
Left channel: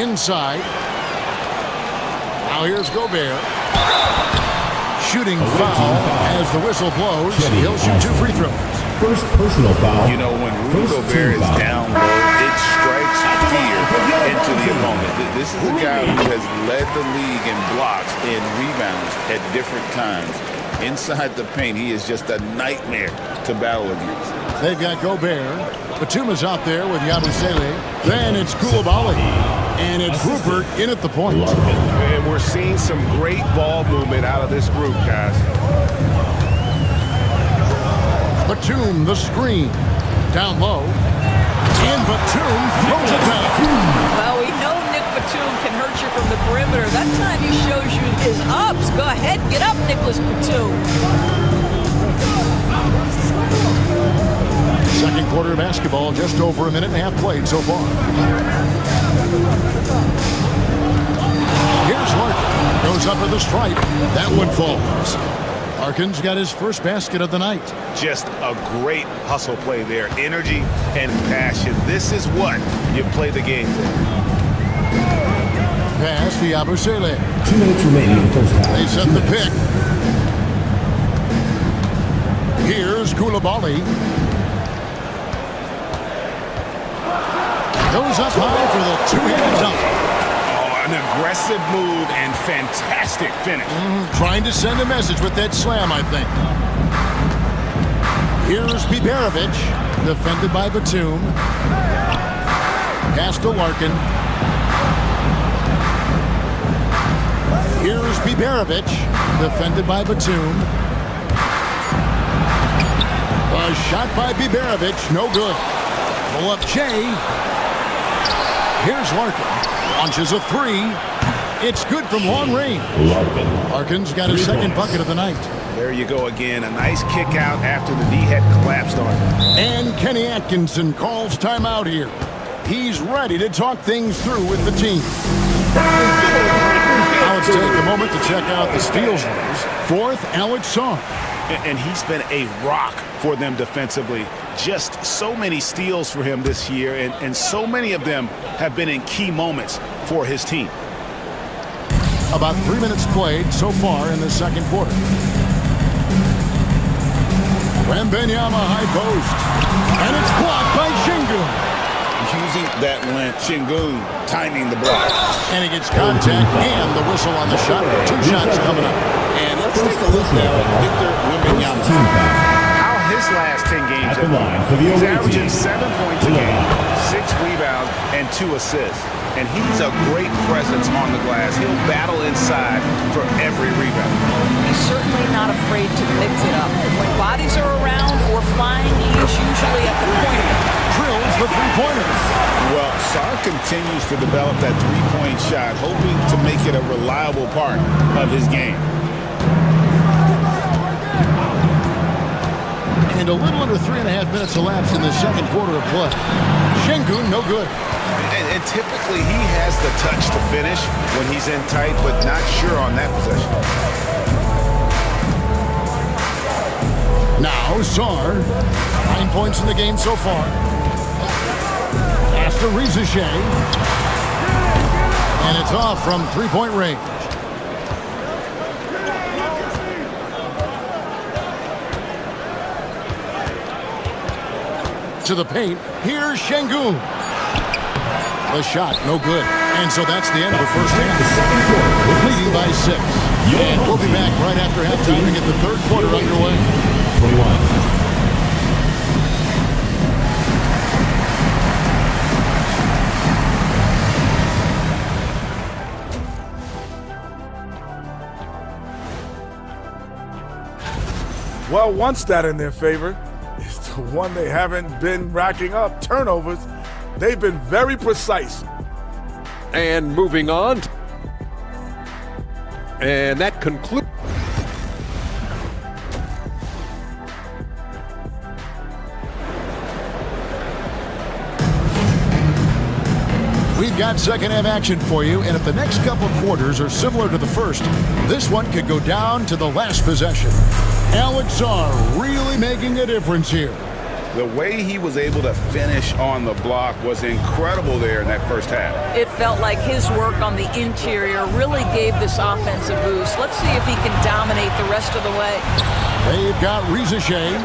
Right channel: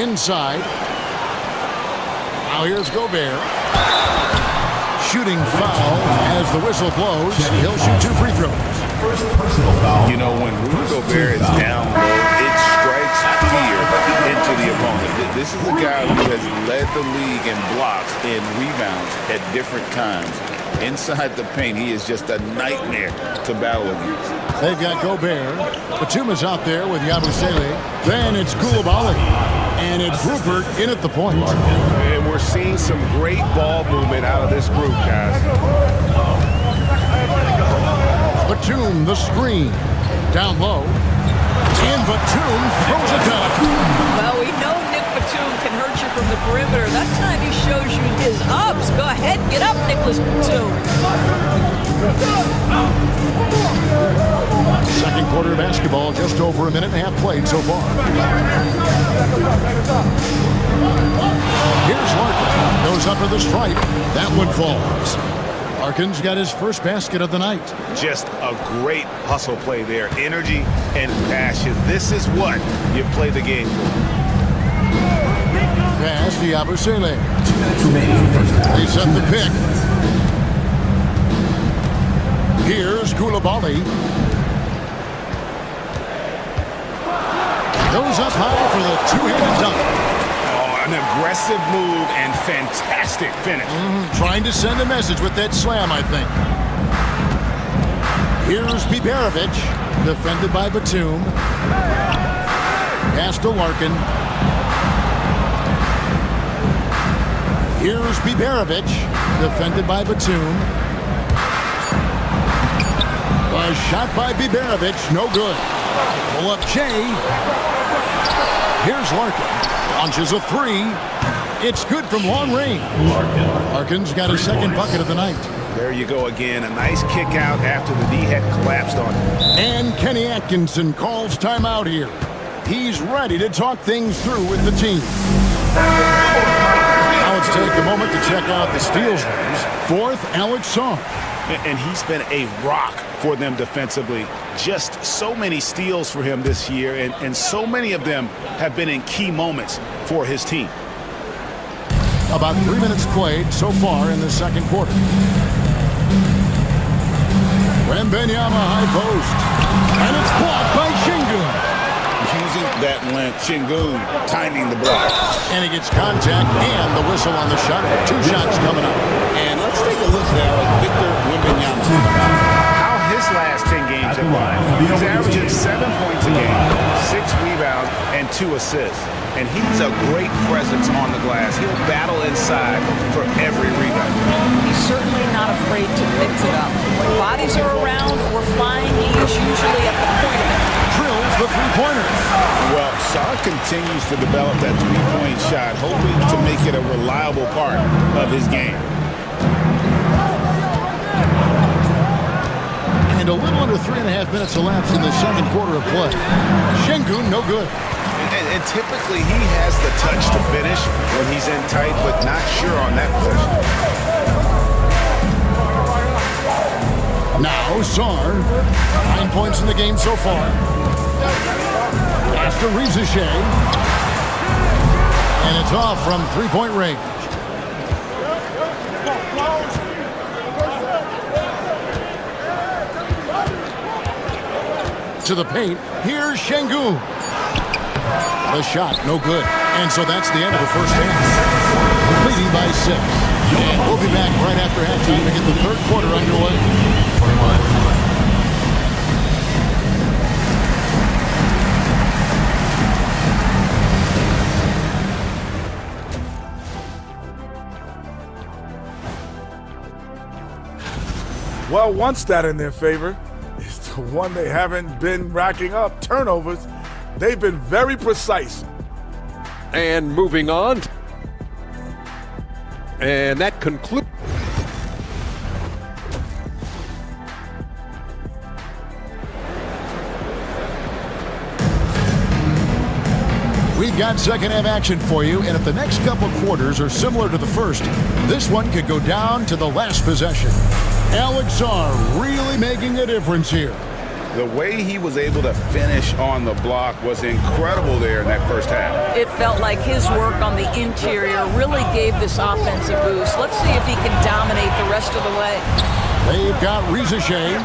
Inside. Now here's Gobert. Shooting foul as the whistle blows. He'll shoot 2 free throws. First personal foul. You know, when Rudy Gobert is down low, it strikes fear into the opponent. This is a guy who has led the league in blocks and rebounds at different times. Inside the paint, he is just a nightmare to battle against. They've got Gobert. Batum is out there with Yabusele. Then it's Koulibaly. And it's Rupert in at the point. And we're seeing some great ball movement out of this group, guys. Batum, the screen. Down low. And Batum throws it down. Well, we know Nick Batum can hurt you from the perimeter. That time he shows you his ups. Go ahead, get up, Nicholas Batum. Second quarter of basketball, just over 1.5 minutes played so far. Here's Larkin. Goes up to the stripe. That one falls. Larkin's got his first basket of the night. Just a great hustle play there. Energy and passion. This is what you play the game for. Pass to Yabusele. 2 minutes remaining in the first half. They set the pick. Here's Koulibaly. Goes up high for the 2-handed dunk. Oh, an aggressive move and fantastic finish. Trying to send a message with that slam, I think. Here's Biberovic, defended by Batum. Pass to Larkin. Here's Biberovic, defended by Batum. A shot by Biberovic, no good. Pull up Shea. Here's Larkin. Launches a 3. It's good from long range. Larkin's got his second bucket of the night. There you go again. A nice kick out after the D had collapsed on him. And Kenny Atkinson calls timeout here. He's ready to talk things through with the team. Now let's take a moment to check out the steals leaders. Fourth, Alex Sarr. And he's been a rock for them defensively. Just so many steals for him this year, and so many of them have been in key moments for his team. About 3 minutes played so far in the second quarter. Wembanyama high post. And it's blocked by Şengün. Using that length, Şengün timing the block. And he gets contact and the whistle on the shot. 2 shots coming up. And let's take a look now at Victor Wembanyama. How his last 10 games have gone. He's averaging 7 points a game, 6 rebounds, and 2 assists. And he's a great presence on the glass. He'll battle inside for every rebound. He's certainly not afraid to mix it up. When bodies are around or flying, he's usually at the point of it. Drills the three-pointer. Well, Sarr continues to develop that three-point shot, hoping to make it a reliable part of his game. And a little under 3.5 minutes elapsed in the second quarter of play. Şengün, no good. And typically he has the touch to finish when he's in tight, but not sure on that possession. Now Sarr, 9 points in the game so far. Pass to Rizasheh. And it's off from three-point range. To the paint, here's Şengün. The shot, no good. And so that's the end of the first half. We're leading by 6. And we'll be back right after halftime to get the third quarter underway. 21. Well, one stat in their favor is the one they haven't been racking up, turnovers. They've been very precise. And moving on. And that concludes. We've got second half action for you, and if the next couple quarters are similar to the first, this one could go down to the last possession. Alex Sarr really making a difference here. The way he was able to finish on the block was incredible there in that first half. It felt like his work on the interior really gave this offense a boost. Let's see if he can dominate the rest of the way. They've got Rizasheh.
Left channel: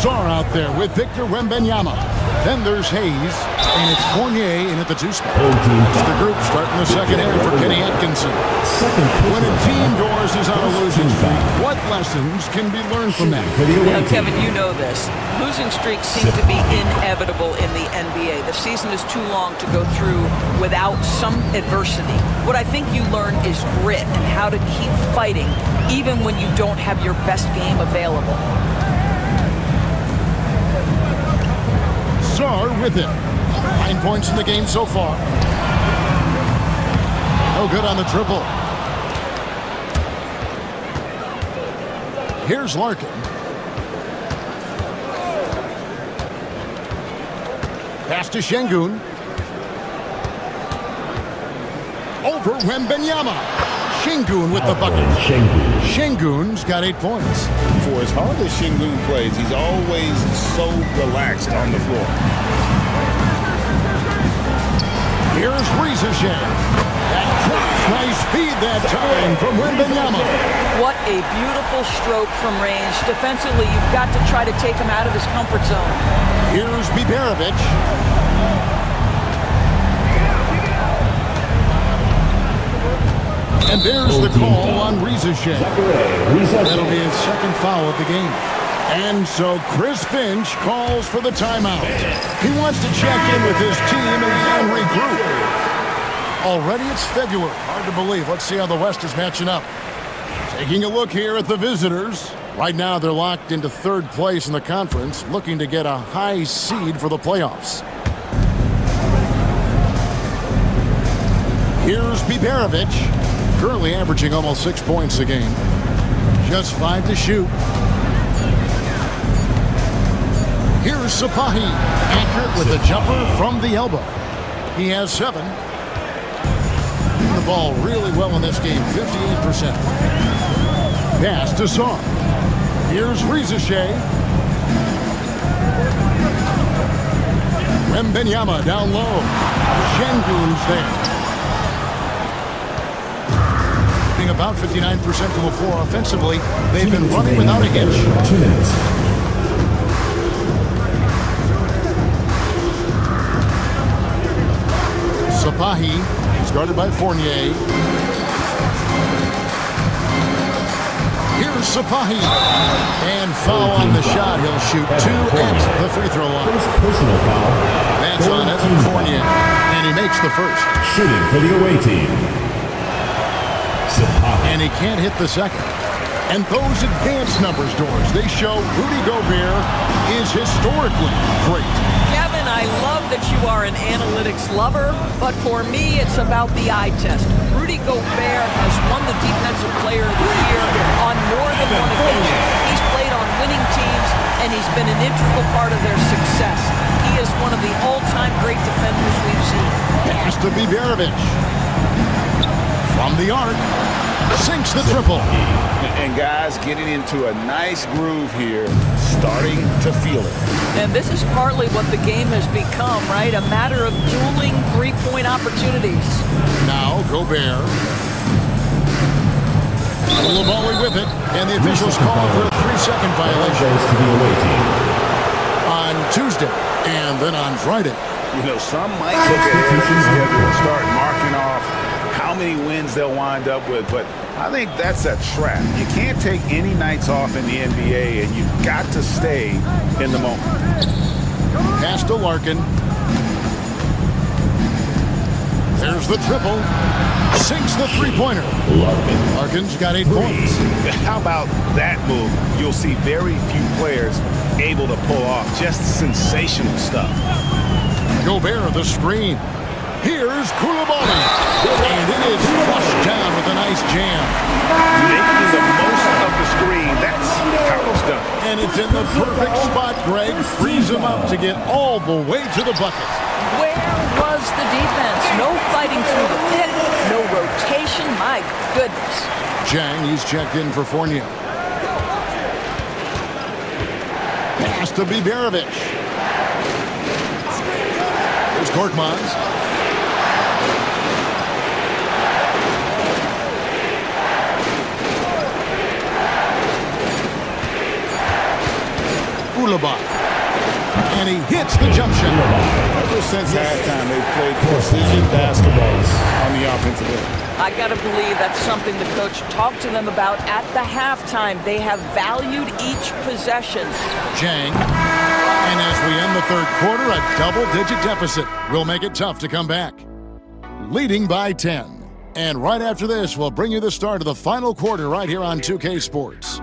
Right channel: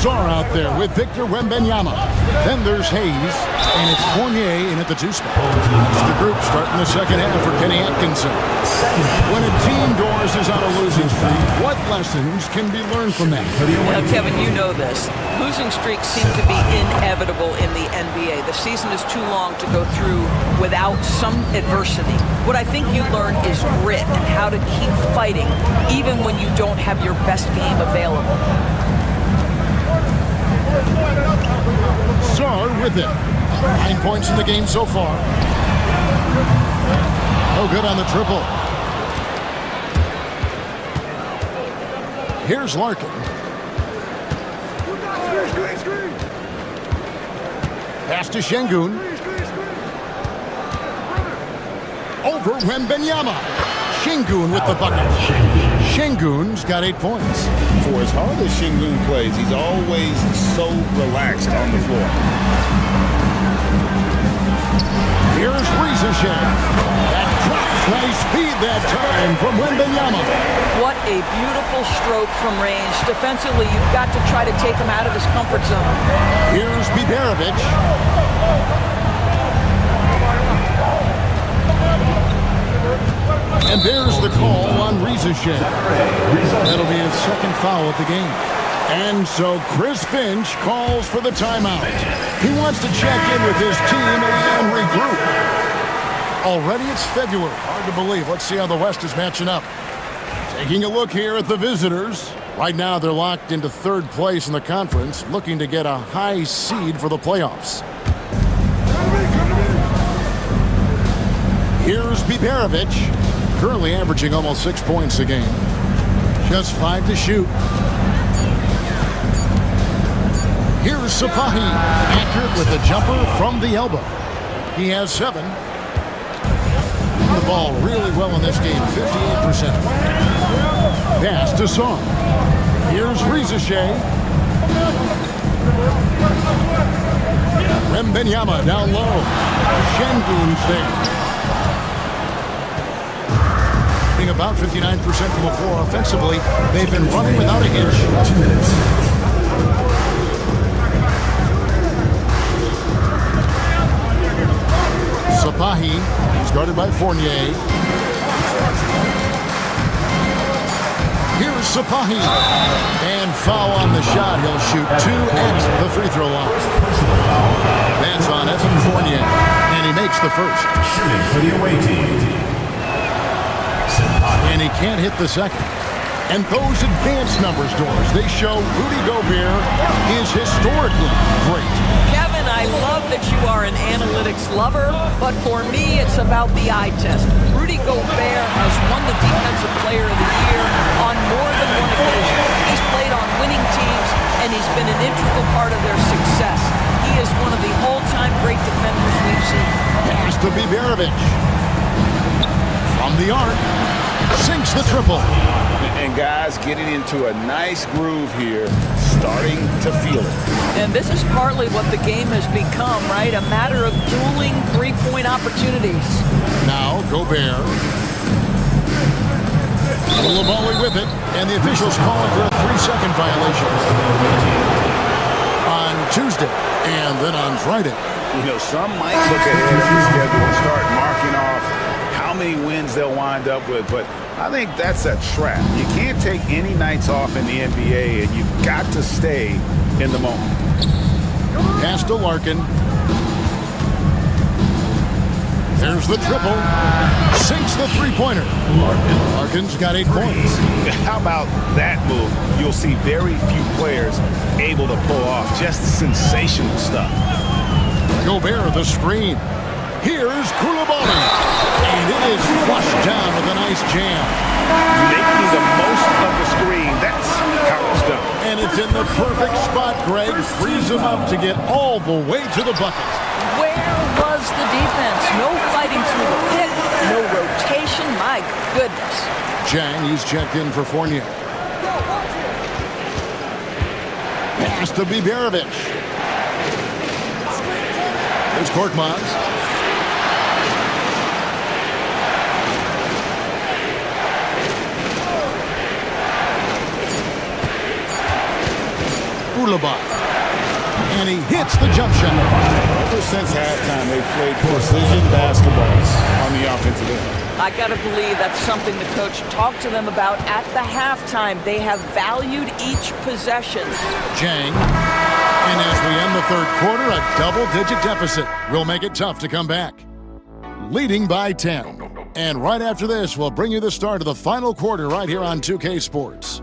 Sarr out there with Victor Wembanyama. Then there's Hayes, and it's Fournier in at the 2 spot. That's the group starting the second half for Kenny Atkinson. When a team Doors is on a losing streak, what lessons can be learned from that? Now, Kevin, you know this. Losing streaks seem to be inevitable in the NBA. The season is too long to go through without some adversity. What I think you learn is grit and how to keep fighting even when you don't have your best game available. Sarr with it. 9 points in the game so far. No good on the triple. Here's Larkin. Pass to Şengün. Over Wembanyama. Şengün with the bucket. Şengün's got 8 points. For as hard as Şengün plays, he's always so relaxed on the floor. Here's Rizasheh. That drops. Nice feed that time from Wembanyama. What a beautiful stroke from range. Defensively, you've got to try to take him out of his comfort zone. Here's Biberovic. And there's the call on Rizasheh. That'll be his second foul of the game. And so Chris Finch calls for the timeout. He wants to check in with his team and regroup. Already it's February. Hard to believe. Let's see how the West is matching up. Taking a look here at the visitors. Right now they're locked into third place in the conference, looking to get a high seed for the playoffs. Here's Biberovic, currently averaging almost 6 points a game. Just 5 to shoot. Here's Sapahi, accurate with a jumper from the elbow. He has 7. The ball really well in this game, 58%. Pass to Song. Here's Rizashay. Wembenyama down low. Şengün's there. Being about 59% from the floor offensively, they've been running without a hitch. 2 minutes. Sapahi, he's guarded by Fournier. Here's Sapahi. And foul on the shot. He'll shoot 2 at the free throw line. Personal foul. That's on Evan Fournier. And he makes the first. Shooting for the away team. And he can't hit the second. And those advanced numbers, Doors, they show Rudy Gobert is historically great. Kevin, I love that you are an analytics lover, but for me, it's about the eye test. Rudy Gobert has won the Defensive Player of the Year on more than one occasion. He's played on winning teams, and he's been an integral part of their success. He is one of the all-time great defenders we've seen. Pass to Biberovic. From the arc, sinks the triple. And guys getting into a nice groove here, starting to feel it. And this is partly what the game has become, right? A matter of dueling three-point opportunities. Now Gobert. Lamoli with it, and the officials call for a 3-second violation on Tuesday and then on Friday. You know, some might look ahead at the schedule and start marking off how many wins they'll wind up with, but I think that's a trap. You can't take any nights off in the NBA, and you've got to stay in the moment. Pass to Larkin. There's the triple. Sinks the three-pointer. Larkin's got 8 points. How about that move? You'll see very few players able to pull off just sensational stuff. Gobert, the screen. Here's Koulibaly. And it is flushed down with a nice jam. Making the most of the screen. That's how it's done. And it's in the perfect spot, Greg. Frees him up to get all the way to the bucket. Where was the defense? No fighting through the pick, no rotation. My goodness. Jang, he's checked in for Fournier. Pass to Biberovic. Here's Korkmaz. Koulibaly. And he hits the jump shot. Ever since halftime, they've played precision basketball on the offensive end. I got to believe that's something the coach talked to them about at the halftime. They have valued each possession. Jang. And as we end the third quarter, a double-digit deficit will make it tough to come back. Leading by 10. And right after this, we'll bring you the start of the final quarter right here on 2K Sports.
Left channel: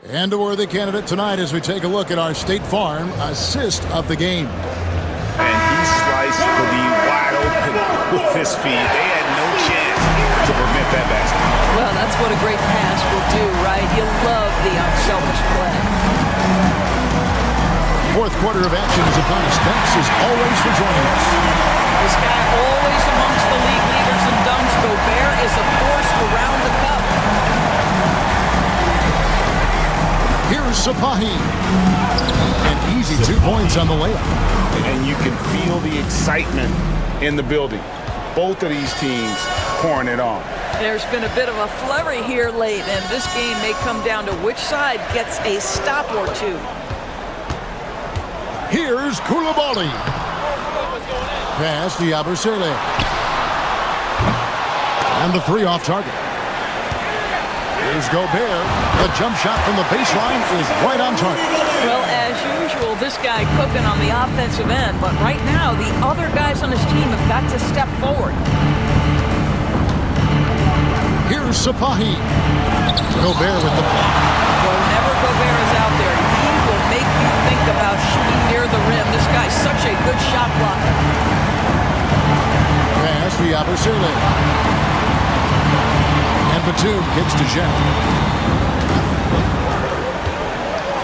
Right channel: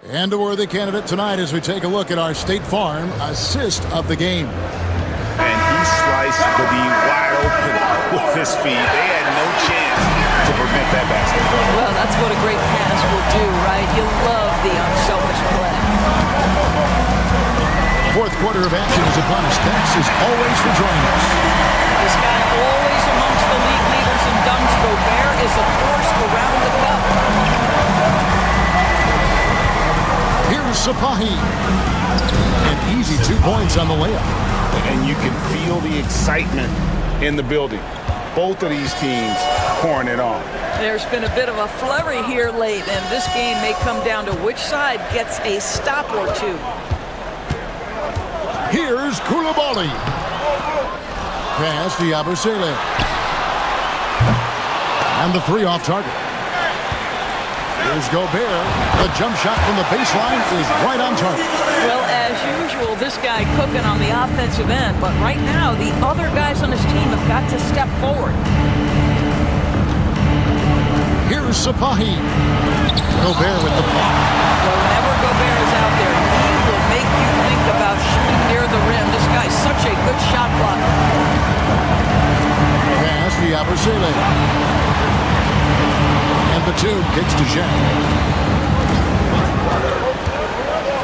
And a worthy candidate tonight as we take a look at our State Farm assist of the game. And he sliced the D wide open with his feet. They had no chance to prevent that basket. Well, that's what a great pass will do, right? You love the unselfish play. Fourth quarter of action is upon us. Thanks as always for joining us. This guy always amongst the league leaders in dunks. Gobert is a force around the cup. Here's Sapahi. An easy 2 points on the layup. And you can feel the excitement in the building. Both of these teams pouring it on. There's been a bit of a flurry here late, and this game may come down to which side gets a stop or two. Here's Koulibaly. Pass to Yabusele. And the 3 off target. Here's Gobert. The jump shot from the baseline is right on target. Well, as usual, this guy cooking on the offensive end, but right now the other guys on his team have got to step forward. Here's Sapahi. Gobert with the block. Boy, whenever Gobert is out there, he will make you think about shooting near the rim. This guy's such a good shot blocker. Pass to Yabusele. And Batum kicks to Zhang.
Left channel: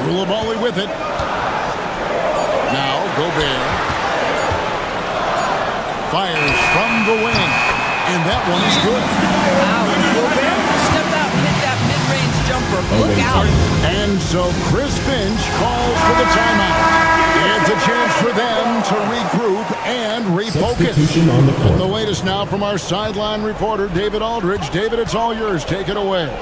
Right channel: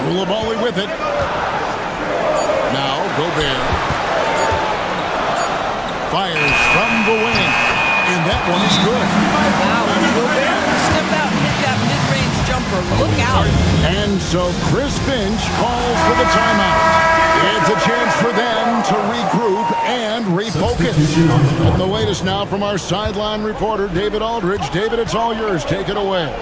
Koulibaly with it. Now Gobert fires from the wing, and that one is good. Wow, Gobert stepped out and hit that mid-range jumper. Look out. And so Chris Finch calls for the timeout. It's a chance for them to regroup and refocus. And the latest now from our sideline reporter, David Aldridge. David, it's all yours. Take it away.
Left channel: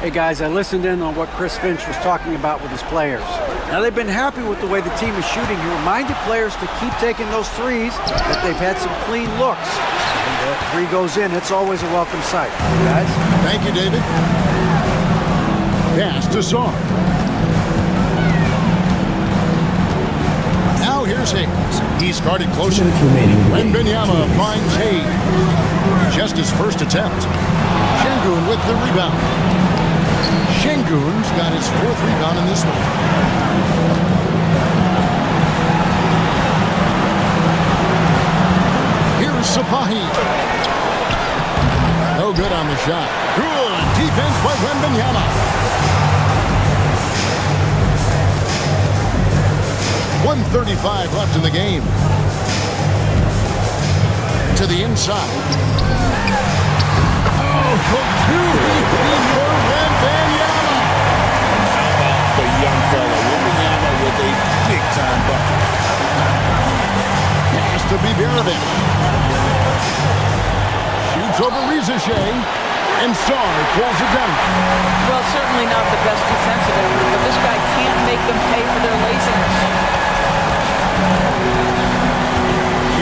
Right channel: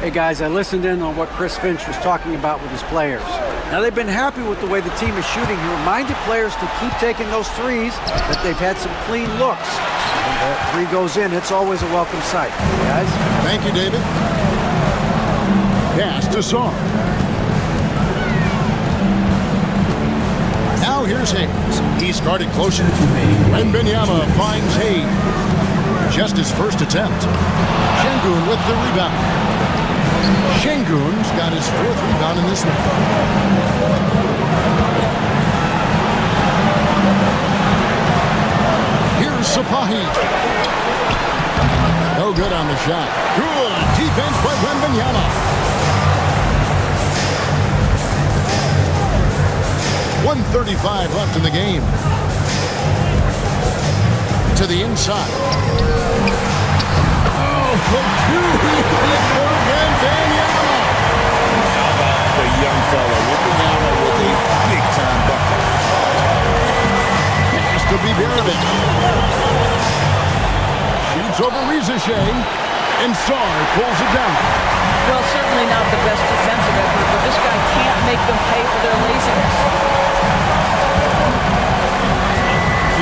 Hey guys, I listened in on what Chris Finch was talking about with his players. Now they've been happy with the way the team is shooting. He reminded players to keep taking those threes, that they've had some clean looks. When that three goes in, it's always a welcome sight. Guys? Thank you, David. Pass to Sarr. Now here's Hayes. He's guarded closer. Wembanyama finds Hayes. Just his first attempt. Şengün with the rebound. Şengün's got his fourth rebound in this one. Here's Sapahi. No good on the shot. Good defense by Wembanyama. 1:35 left in the game. To the inside. Oh, too easy for Wembanyama. How about the young fella, Wembanyama with a big-time bucket. Pass to Bibjerevic. Shoots over Rizachet, and Sarr pulls it down. Well, certainly not the best defensive effort, but this guy can't make them pay for their laziness.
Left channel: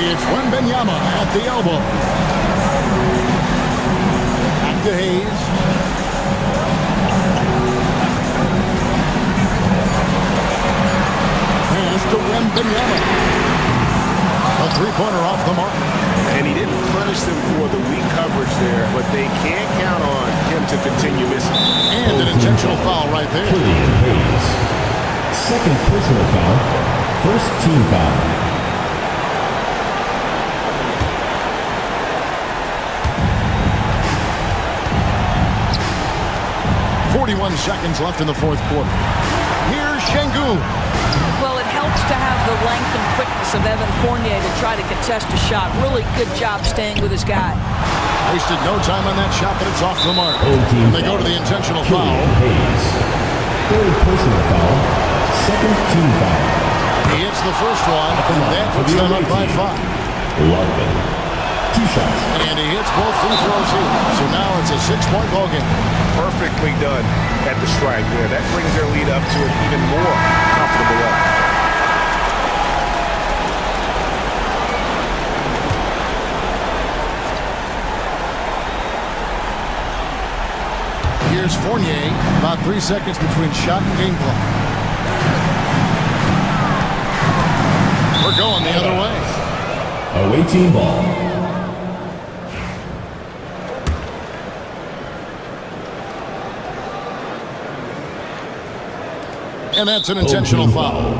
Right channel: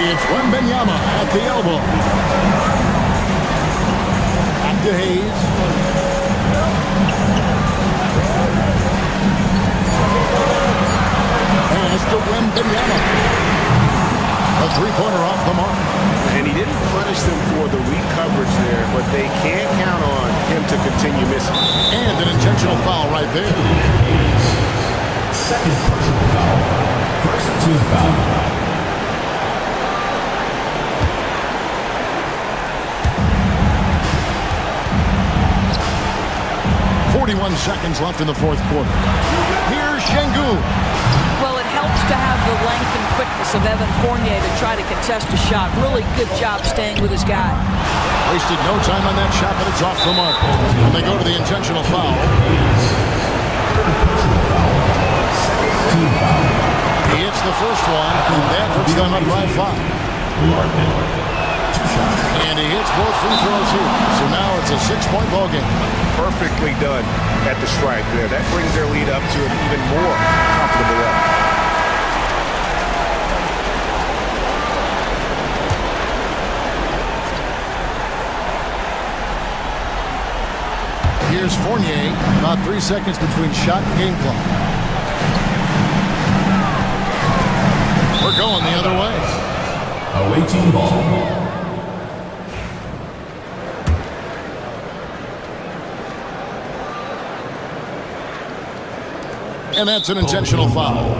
It's Wembanyama at the elbow. Back to Hayes. Pass to Wembanyama. A three-pointer off the mark. And he didn't punish them for the weak coverage there, but they can't count on him to continue missing. And an intentional foul right there. Second personal foul. First team foul. 41 seconds left in the fourth quarter. Here's Şengün. Well, it helps to have the length and quickness of Evan Fournier to try to contest a shot. Really good job staying with his guy. Wasted no time on that shot, but it's off the mark. And they go to the intentional foul. Third personal foul. Second team foul. He hits the first one, and that puts them up by 5. Larkin. 2 shots. And he hits both free throws here. So now it's a 6-point ball game. Perfectly done at the strike there. That brings their lead up to an even more comfortable level. Here's Fournier. About 3 seconds between shot and game clock. We're going the other way. Away team ball. And that's an intentional foul.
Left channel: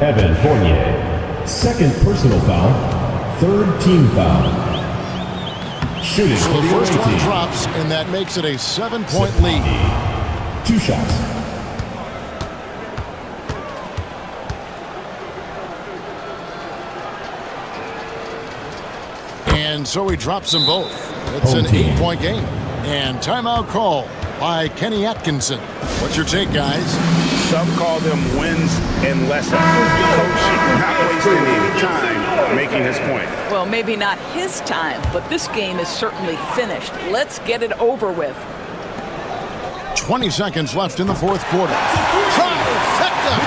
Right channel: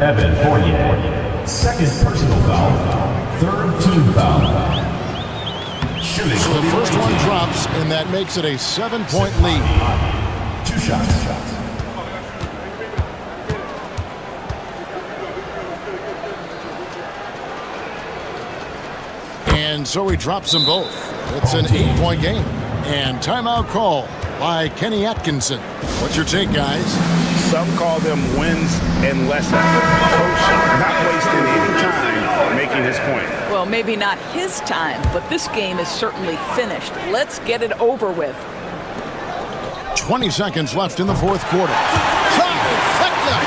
Evan Fournier. Second personal foul. Third team foul. Shooting. So the first one drops, and that makes it a 7-point lead. 2 shots. And so he drops them both. It's an 8-point game. And timeout call by Kenny Atkinson. What's your take, guys? Some call them wins and lessons. Coach not wasting any time making his point. Well, maybe not his time, but this game is certainly finished. Let's get it over with. 20 seconds left in the fourth quarter. Trifecta!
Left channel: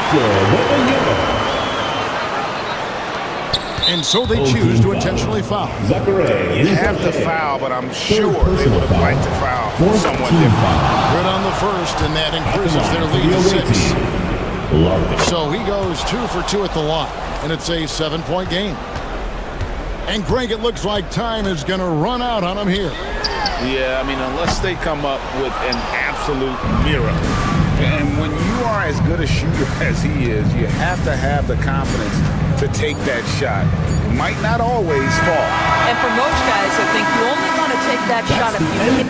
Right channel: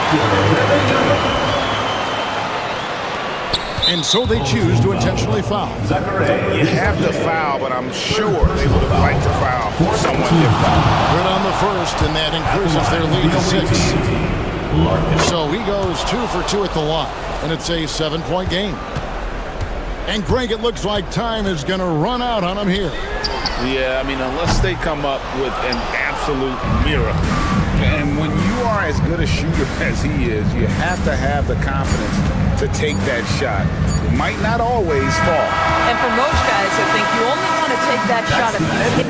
And so they choose to intentionally foul. You have to foul, but I'm sure they would have liked to foul someone different. Good on the first, and that increases their lead to 6. So he goes 2 for 2 at the line, and it's a 7-point game. And Greg, it looks like time is going to run out on him here. Yeah, I mean, unless they come up with an absolute miracle. And when you are as good a shooter as he is, you have to have the confidence to take that shot. It might not always fall. And for most guys, I think you only want to take that shot if you hit.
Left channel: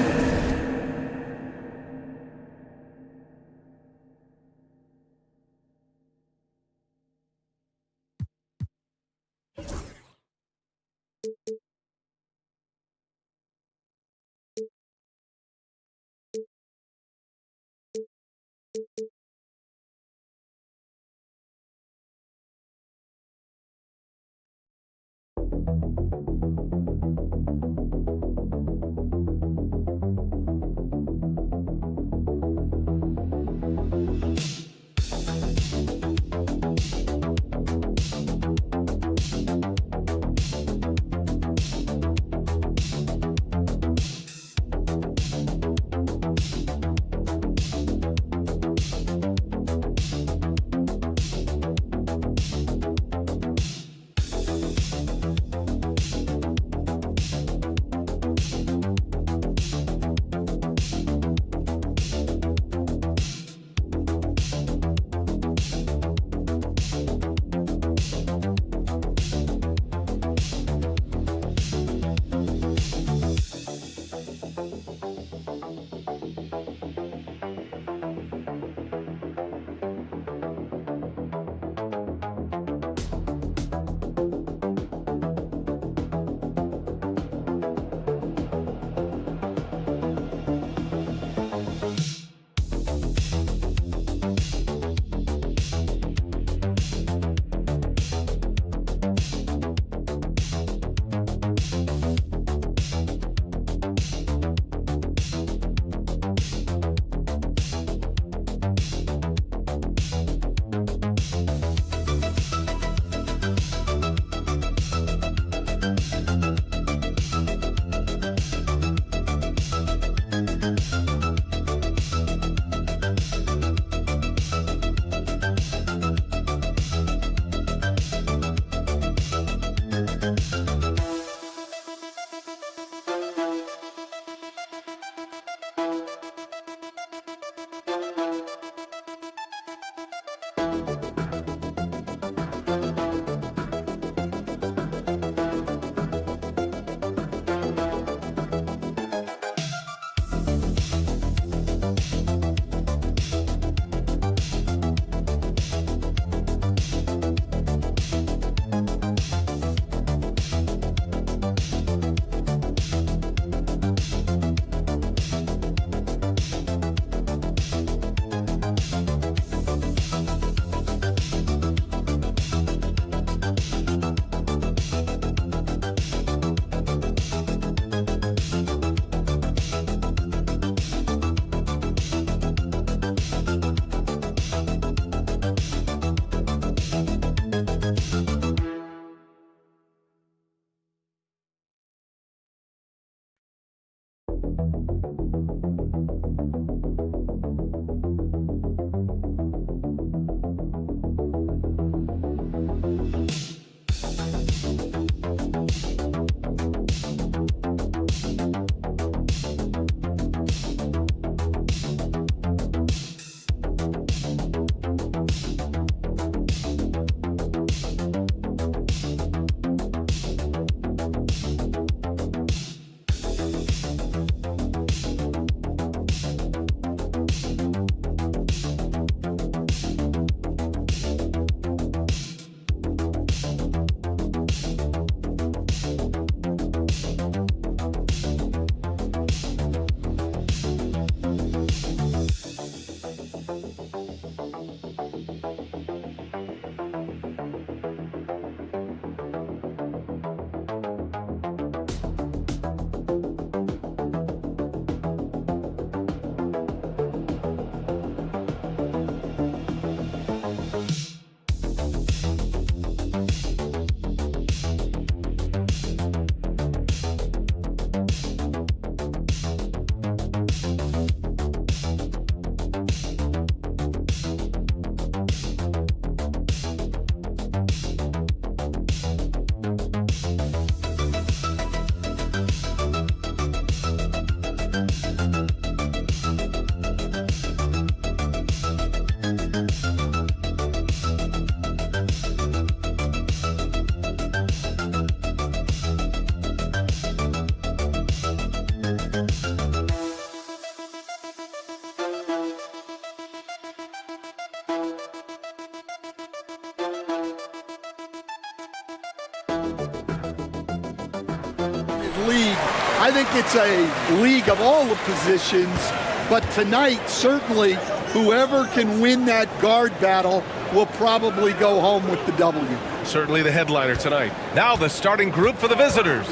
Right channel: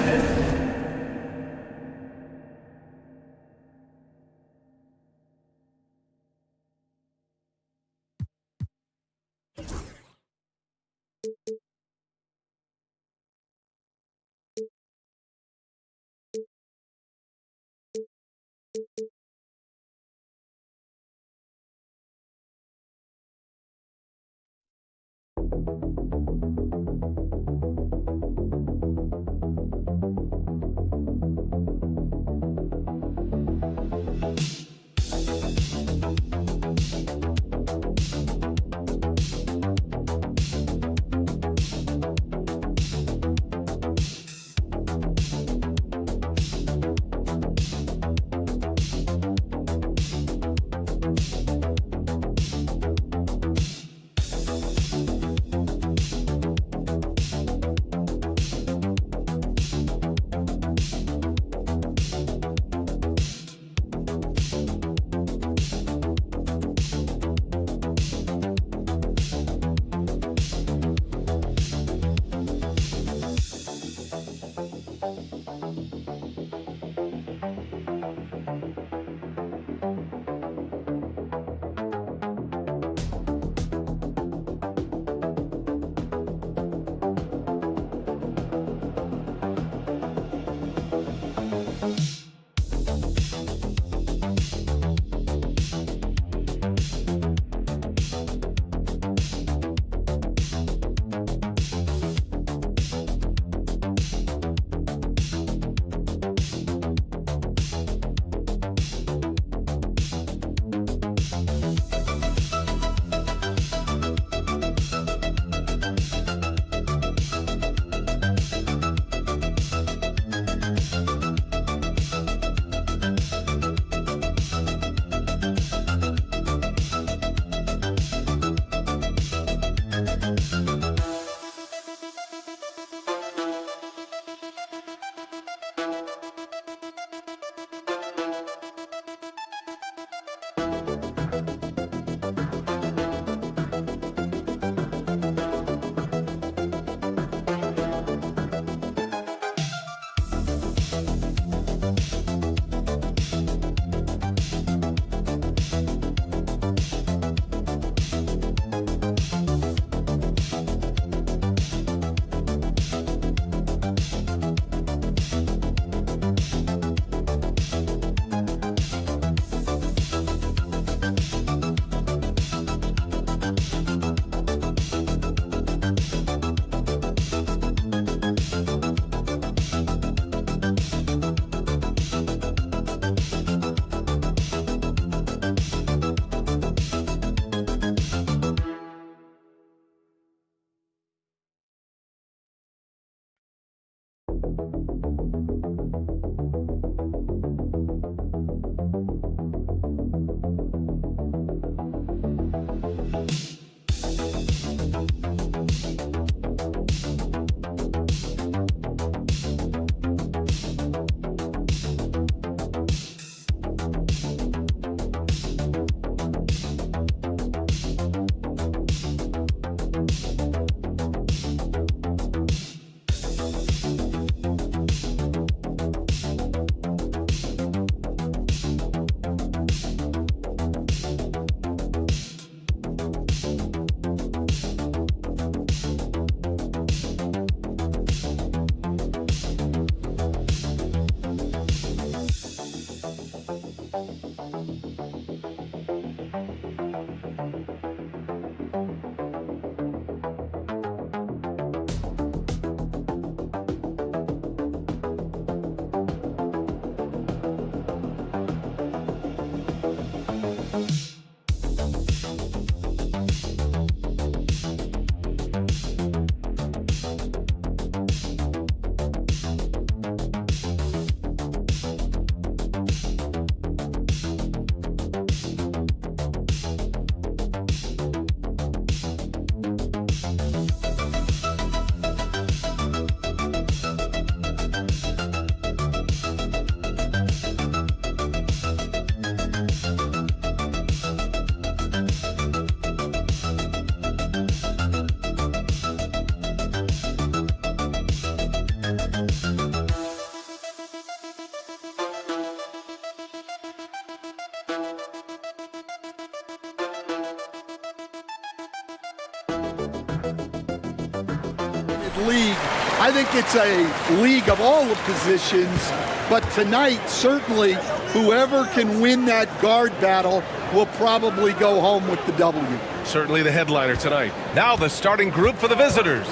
League. I think it's a league of all the positions, but tonight certainly Whoever can win that guard battle will probably go home with the W. Certainly the headliner tonight. Now the starting group for the visitors.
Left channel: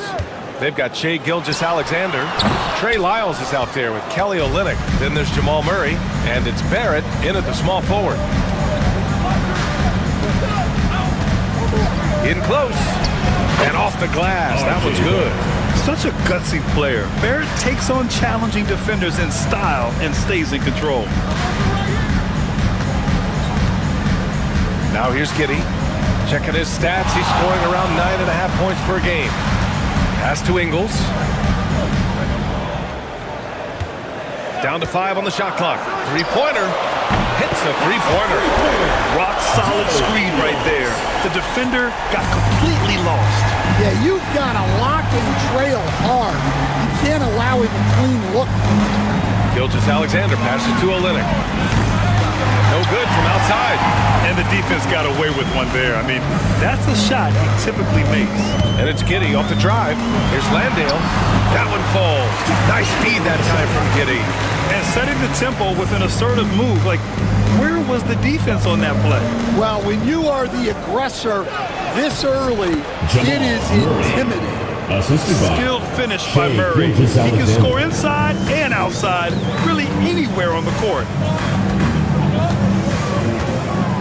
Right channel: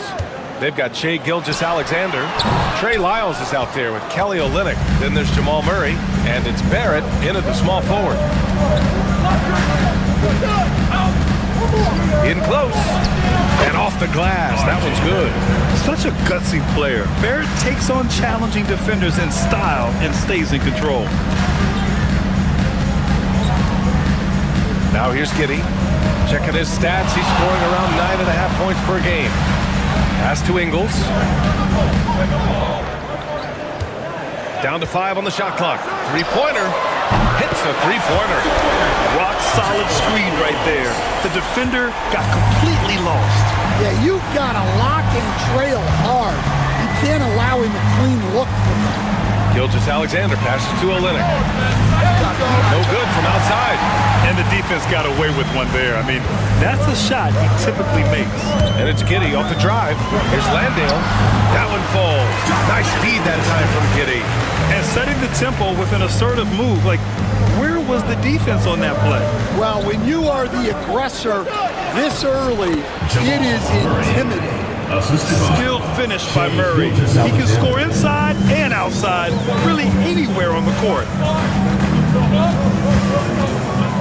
They've got Shai Gilgeous-Alexander. Trey Lyles is out there with Kelly Olynyk. Then there's Jamal Murray, and it's Barrett in at the small forward. In close, and off the glass. That one's good. Such a gutsy player. Barrett takes on challenging defenders in style and stays in control. Now here's Giddey. Checking his stats. He's scoring around 9.5 points per game. Pass to Ingles. Down to 5 on the shot clock. Three-pointer. Hits the three-pointer. Rock solid screen right there. The defender got completely lost. Yeah, you've got to lock and trail hard. You can't allow him a clean look from him. Gilgeous-Alexander passes to Olynyk. No good from outside. And the defense got away with one there. I mean, that's a shot he typically makes. And it's Giddey off the drive. Here's Landale. That one falls. Nice feed that time from Giddey. And setting the tempo with an assertive move. Like, where was the defense on that play? Well, when you are the aggressor this early, it is intimidating. Skilled finish by Murray. He can score inside and outside, really anywhere on the court.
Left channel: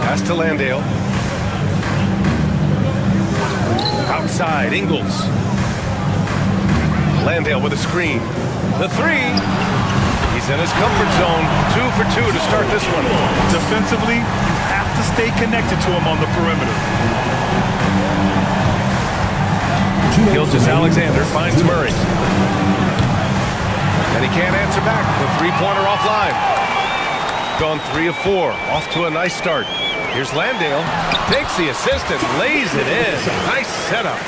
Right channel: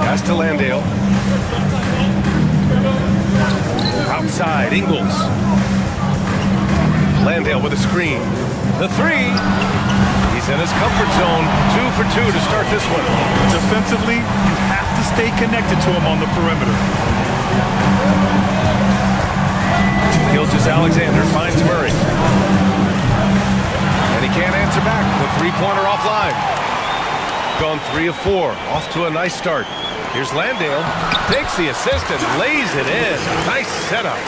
Pass to Landale. Outside, Ingles. Landale with a screen. The three. He's in his comfort zone. 2 for 2 to start this one. Defensively, you have to stay connected to him on the perimeter. Gilgeous-Alexander finds Murray. And he can't answer back. The three-pointer offline. Gone 3 of 4. Off to a nice start. Here's Landale. Takes the assist and lays it in. Nice setup.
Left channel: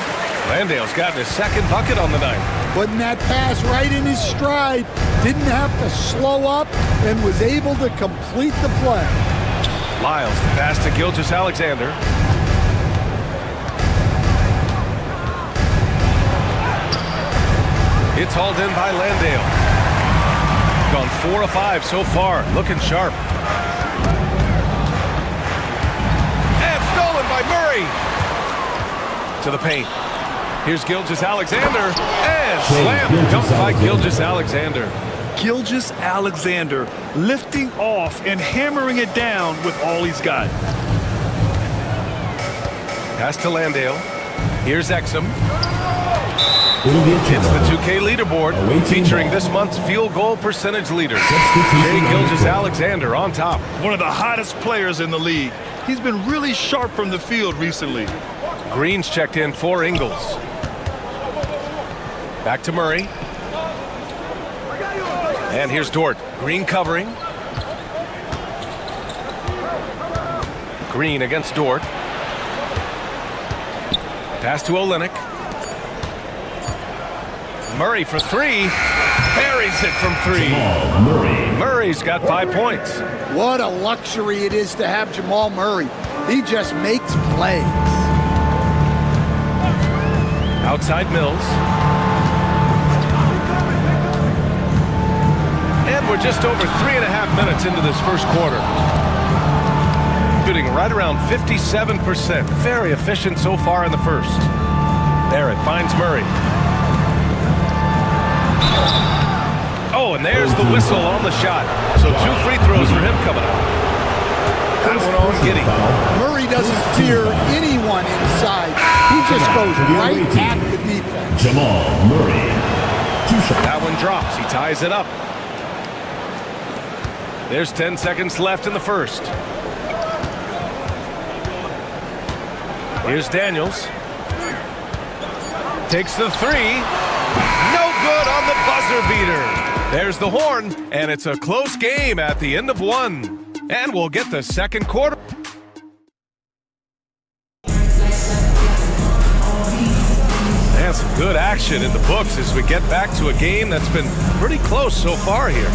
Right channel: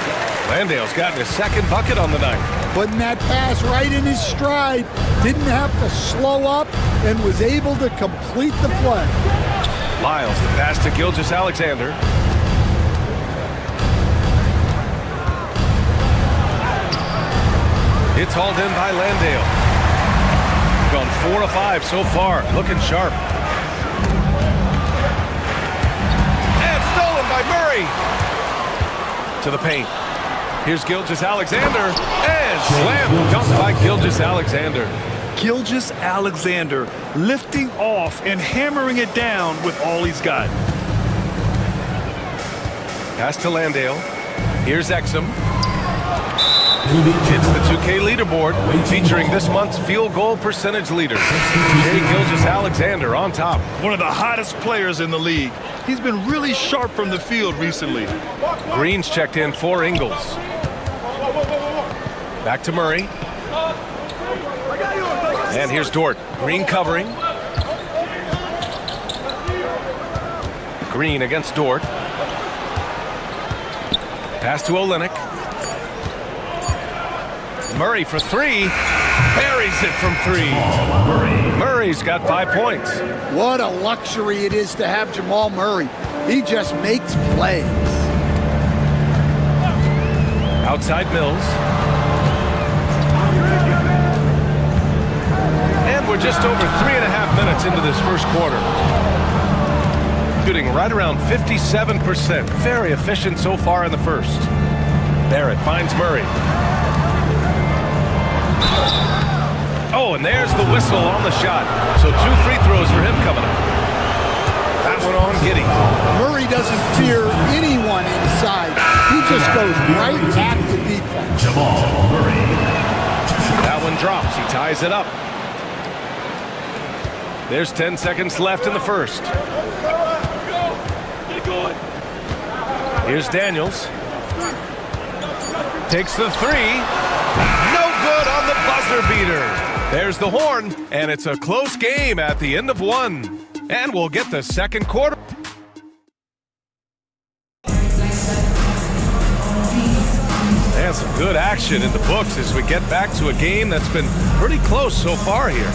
Landale's gotten his second bucket on the night. Putting that pass right in his stride. Didn't have to slow up and was able to complete the play. Lyles, the pass to Gilgeous-Alexander. It's hauled in by Landale. Gone 4 of 5 so far. Looking sharp. And stolen by Murray. To the paint. Here's Gilgeous-Alexander. And slam dunk by Gilgeous-Alexander. Gilgeous-Alexander lifting off and hammering it down with all he's got. Pass to Landale. Here's Exum. It's the 2K leaderboard featuring this month's field goal percentage leader. Shai Gilgeous-Alexander on top. One of the hottest players in the league. He's been really sharp from the field recently. Green's checked in for Ingles. Back to Murray. And here's Dort. Green covering. Green against Dort. Pass to Olynyk. Murray for 3. Buries it from 3. Murray's got 5 points. What a luxury it is to have Jamal Murray. He just makes plays. Outside Mills. And we're just over 3.5 minutes into this first quarter. Shooting right around 57%. Very efficient so far in the first. Barrett finds Murray. Oh, and there's the whistle on the shot. So 2 free throws for him coming up. That one on Giddey. Murray doesn't fear anyone inside. He just goes right at the defense. Jamal Murray. That one drops. He ties it up. There's 10 seconds left in the first. Here's Daniels. Takes the 3. No good on the buzzer beater. There's the horn, and it's a close game at the end of 1. And we'll get the second quarter. And some good action in the books as we get back to a game that's been pretty close so far here.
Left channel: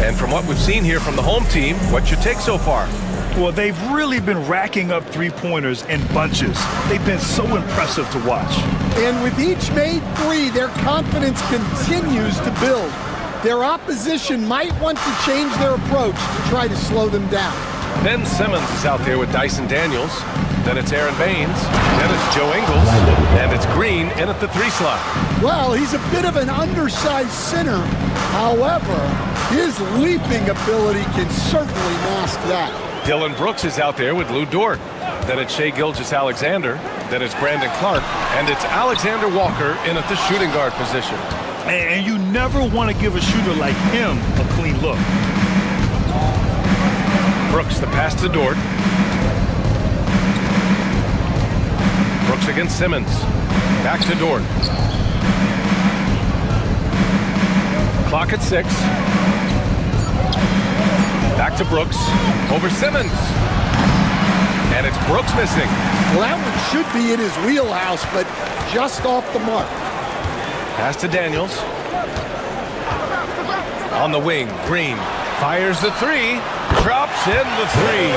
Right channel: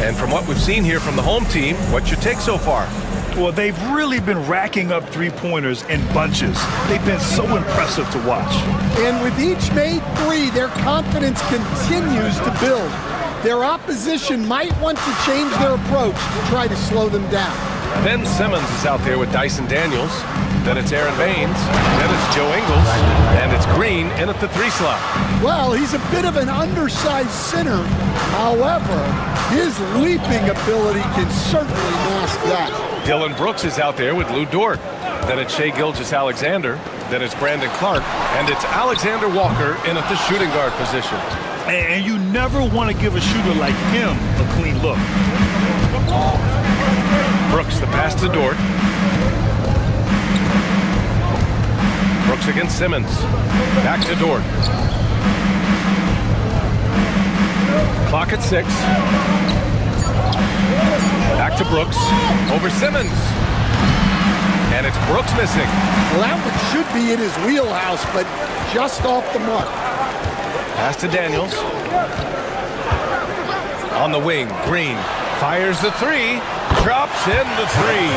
And from what we've seen here from the home team, what's your take so far? Well, they've really been racking up three-pointers in bunches. They've been so impressive to watch. And with each made 3, their confidence continues to build. Their opposition might want to change their approach to try to slow them down. Ben Simmons is out there with Dyson Daniels. Then it's Aaron Baines. Then it's Joe Ingles. And it's Green in at the 3 slot. Well, he's a bit of an undersized center. However, his leaping ability can certainly mask that. Dylan Brooks is out there with Lou Dort. Then it's Shai Gilgeous-Alexander. Then it's Brandon Clark. And it's Alexander Walker in at the shooting guard position. And you never want to give a shooter like him a clean look. Brooks, the pass to Dort. Brooks against Simmons. Back to Dort. Clock at 6. Back to Brooks. Over Simmons. And it's Brooks missing. Well, that one should be in his wheelhouse, but just off the mark. Pass to Daniels. On the wing, Green fires the 3. Drops in the 3.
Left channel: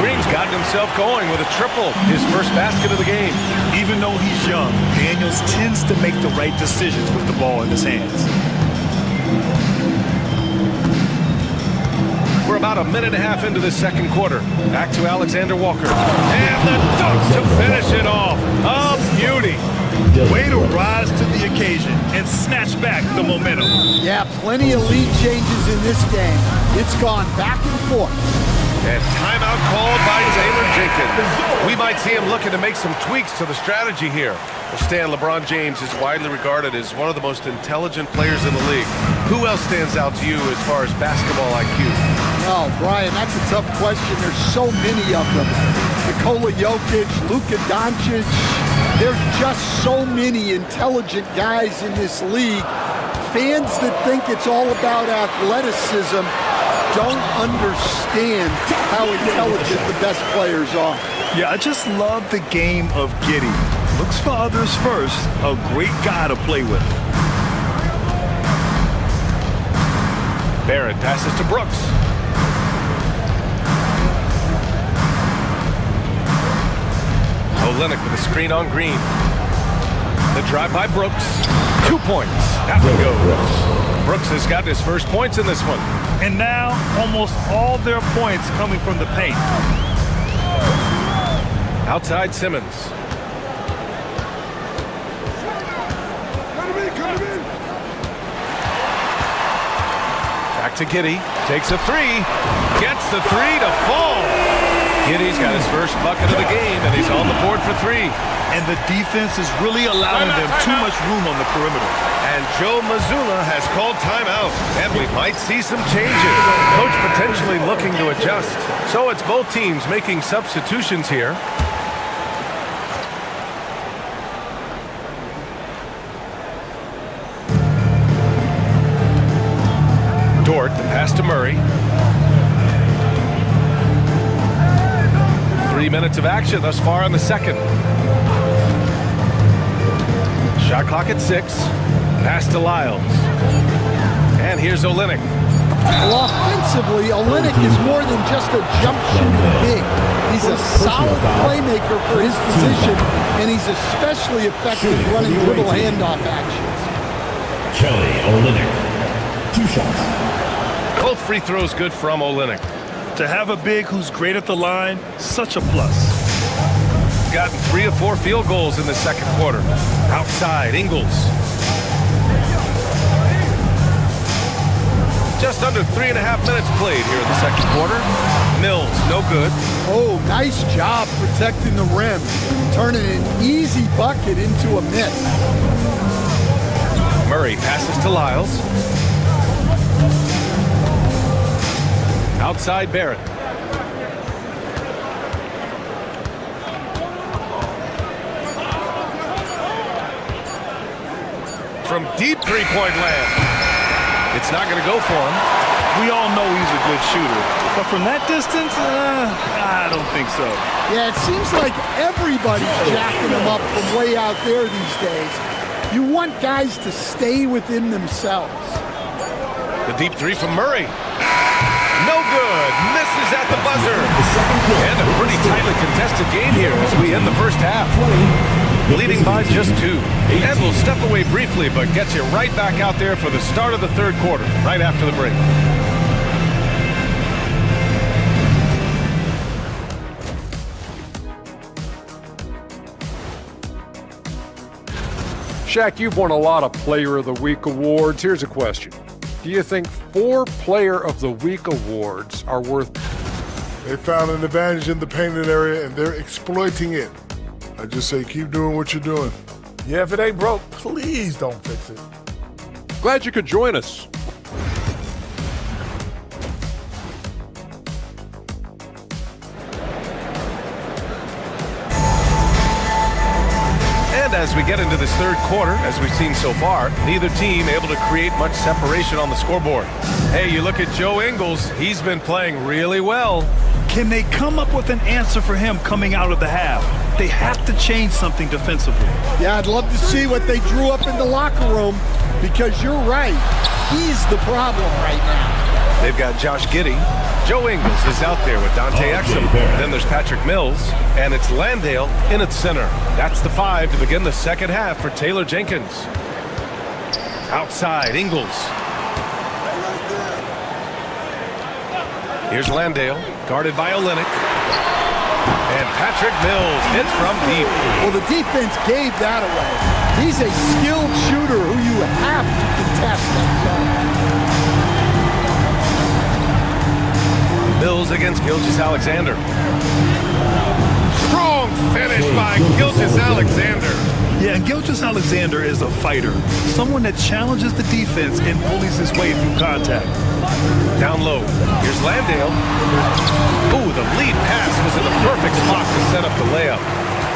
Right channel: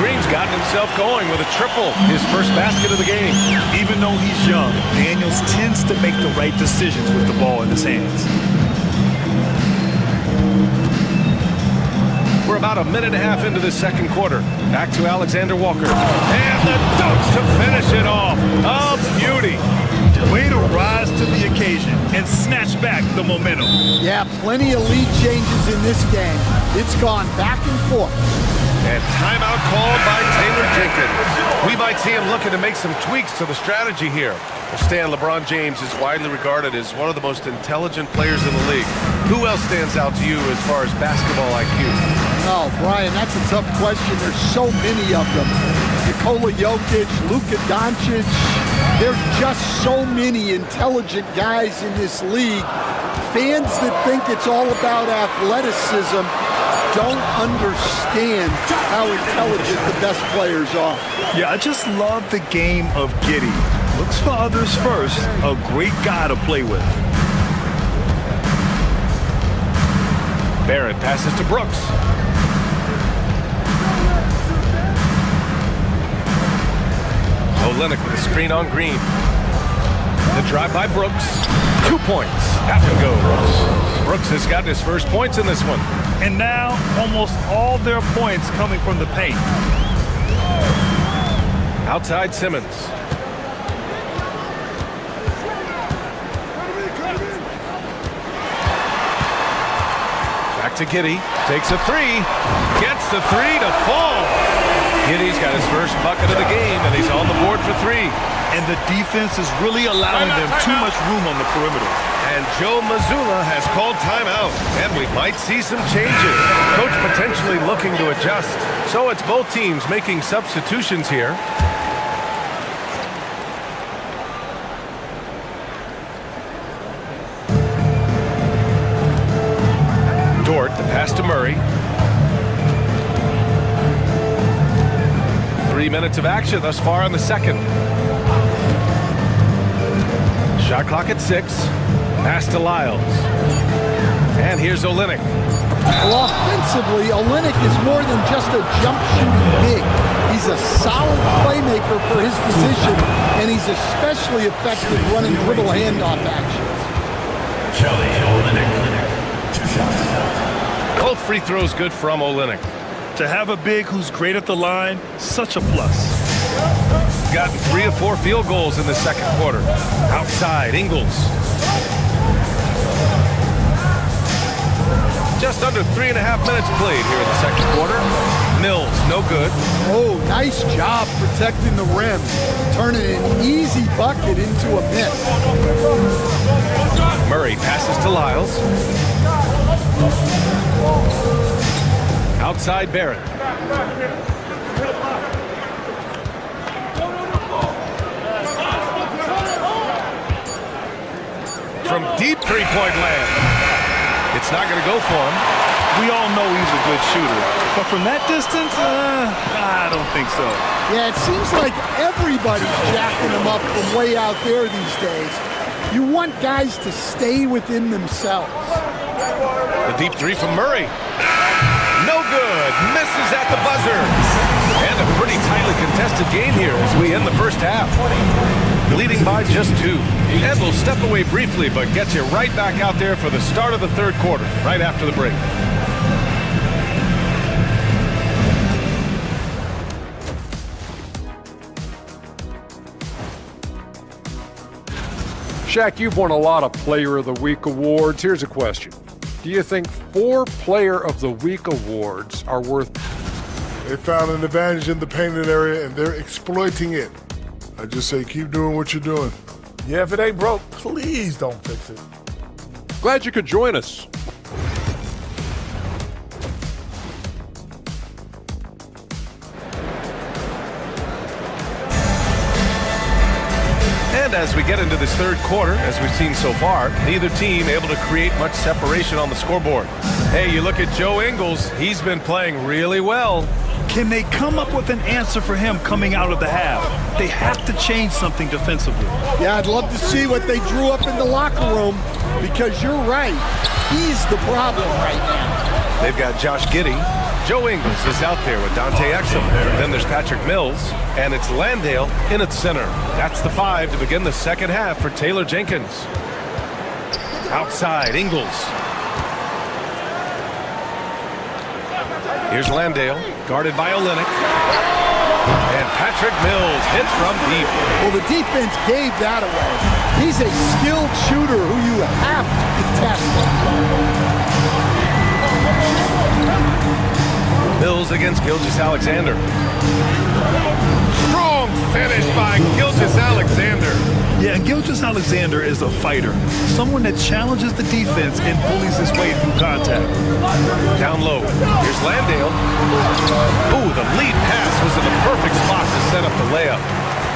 Green's gotten himself going with a triple. His first basket of the game. Even though he's young, Daniels tends to make the right decisions with the ball in his hands. We're about a minute and a half into the second quarter. Back to Alexander Walker. And the dunk to finish it off. A beauty. Way to rise to the occasion and snatch back the momentum. Yeah, plenty of lead changes in this game. It's gone back and forth. And timeout called by Taylor Jenkins. We might see him looking to make some tweaks to the strategy here. Well, Stan, LeBron James is widely regarded as one of the most intelligent players in the league. Who else stands out to you as far as basketball IQ? Oh, Brian, that's a tough question. There's so many of them. Nikola Jokic, Luka Doncic. There's just so many intelligent guys in this league. Fans that think it's all about athleticism don't understand how intelligent the best players are. Yeah, I just love the game of Giddey. Looks for others first. A great guy to play with. Barrett passes to Brooks. Olynyk with a screen on Green. The drive by Brooks. 2 points. That one goes. Brooks has got his first points in this one. And now almost all their points coming from the paint. Outside Simmons. Back to Giddey. Takes a 3. Gets the 3 to fall. Giddey's got his first bucket of the game, and he's on the board for 3. And the defense is really allowing them too much room on the perimeter. And Joe Mazzulla has called timeout, and we might see some changes. Coach potentially looking to adjust. So it's both teams making substitutions here. Dort, the pass to Murray. 3 minutes of action thus far in the second. Shot clock at 6. Pass to Lyles. And here's Olynyk. Well, offensively, Olynyk is more than just a jump shooting big. He's a solid playmaker for his position, and he's especially effective running dribble handoff actions. Kelly Olynyk, 2 shots. Both free throws good from Olynyk. To have a big who's great at the line, such a plus. Gotten 3 of 4 field goals in the second quarter. Outside, Ingles. Just under 3.5 minutes played here in the second quarter. Mills, no good. Oh, nice job protecting the rim. Turning an easy bucket into a miss. Murray passes to Lyles. Outside Barrett. From deep three-point land. It's not going to go for him. We all know he's a good shooter. But from that distance, I don't think so. Yeah, it seems like everybody's jacking him up from way out there these days. You want guys to stay within themselves. The deep 3 from Murray. No good. Misses at the buzzer. And a pretty tightly contested game here as we end the first half. Leading by just 2. And we'll step away briefly, but get you right back out there for the start of the third quarter, right after the break. Shaq, you've won a lot of Player of the Week awards. Here's a question. Do you think 4 Player of the Week awards are worth? They found an advantage in the painted area, and they're exploiting it. I just say keep doing what you're doing. Yeah, if it ain't broke, please don't fix it. Glad you could join us. And as we get into this third quarter, as we've seen so far, neither team able to create much separation on the scoreboard. Hey, you look at Joe Ingles, he's been playing really well. Can they come up with an answer for him coming out of the half? They have to change something defensively. Yeah, I'd love to see what they drew up in the locker room, because you're right. He's the problem right now. They've got Josh Giddey. Joe Ingles is out there with Dante Exum. Then there's Patrick Mills, and it's Landale in its center. That's the 5 to begin the second half for Taylor Jenkins. Outside, Ingles. Here's Landale, guarded by Olynyk. And Patrick Mills hits from deep. Well, the defense gave that away. He's a skilled shooter who you have to contest that shot. Mills against Gilgeous-Alexander. Strong finish by Gilgeous-Alexander. Yeah, and Gilgeous-Alexander is a fighter. Someone that challenges the defense and bullies his way through contact. Down low. Here's Landale. Ooh, the lead pass was in the perfect spot to set up the layup.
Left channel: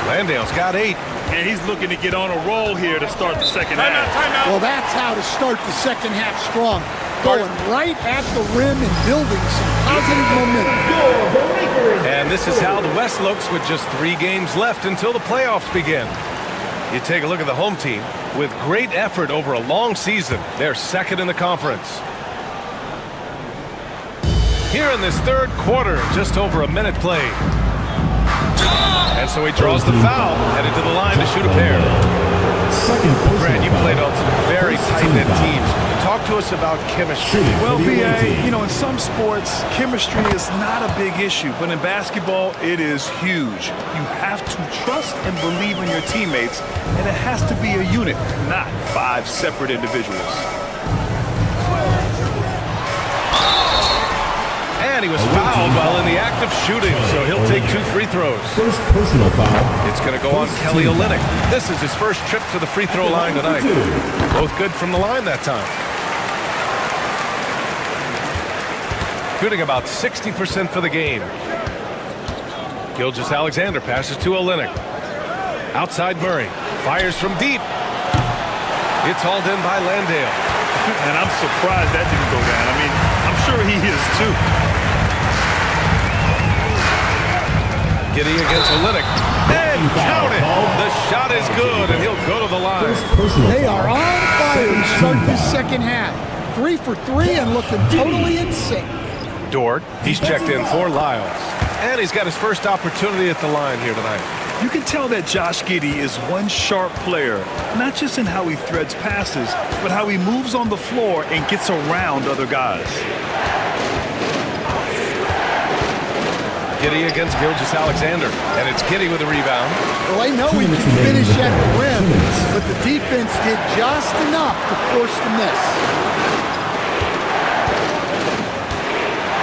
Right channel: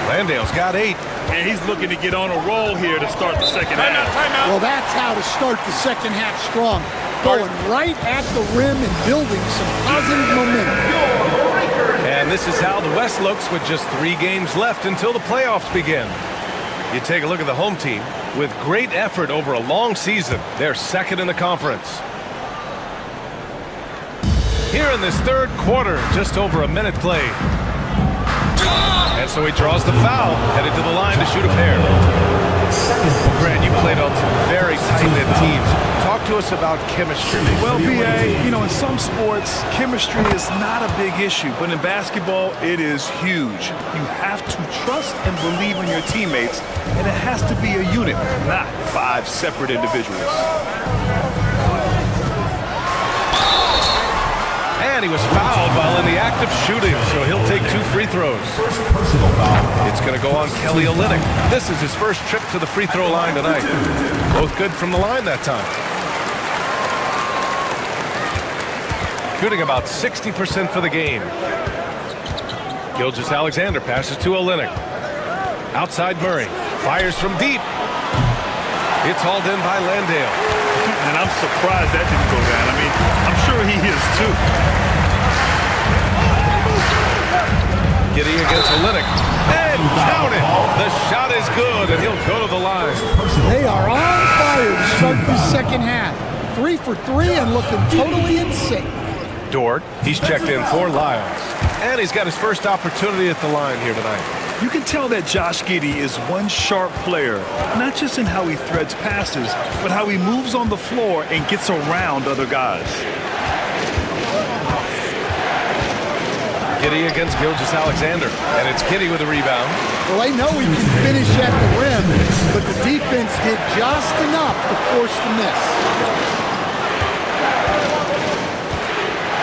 Landale's got 8. And he's looking to get on a roll here to start the second half. Timeout. Well, that's how to start the second half strong. Going right at the rim and building some positive momentum. And this is how the West looks with just 3 games left until the playoffs begin. You take a look at the home team. With great effort over a long season, they're second in the conference. Here in this third quarter, just over a minute played. And so he draws the foul, headed to the line to shoot a pair. Well, Grant, you played on some very tight-knit teams. Talk to us about chemistry. Well, B.A., you know, in some sports, chemistry is not a big issue, but in basketball, it is huge. You have to trust and believe in your teammates, and it has to be a unit, not 5 separate individuals. And he was fouled while in the act of shooting, so he'll take 2 free throws. First personal foul. It's going to go on Kelly Olynyk. This is his first trip to the free throw line tonight. Both good from the line that time. Shooting about 60% for the game. Gilgeous-Alexander passes to Olynyk. Outside Murray. Fires from deep. It's hauled in by Landale. And I'm surprised that didn't go down. I mean, I'm sure he is too. Giddey against Olynyk. And count it! The shot is good, and he'll go to the line. They are on fire to start this second half. 3 for 3 and looking totally in sync. Dort, he's checked in for Lyles. And he's got his first opportunity at the line here tonight. You can tell that Josh Giddey is one sharp player, not just in how he threads passes, but how he moves on the floor and gets around other guys. Giddey against Gilgeous-Alexander, and it's Giddey with a rebound. Well, I know he can finish at the rim, but the defense did just enough to force the miss.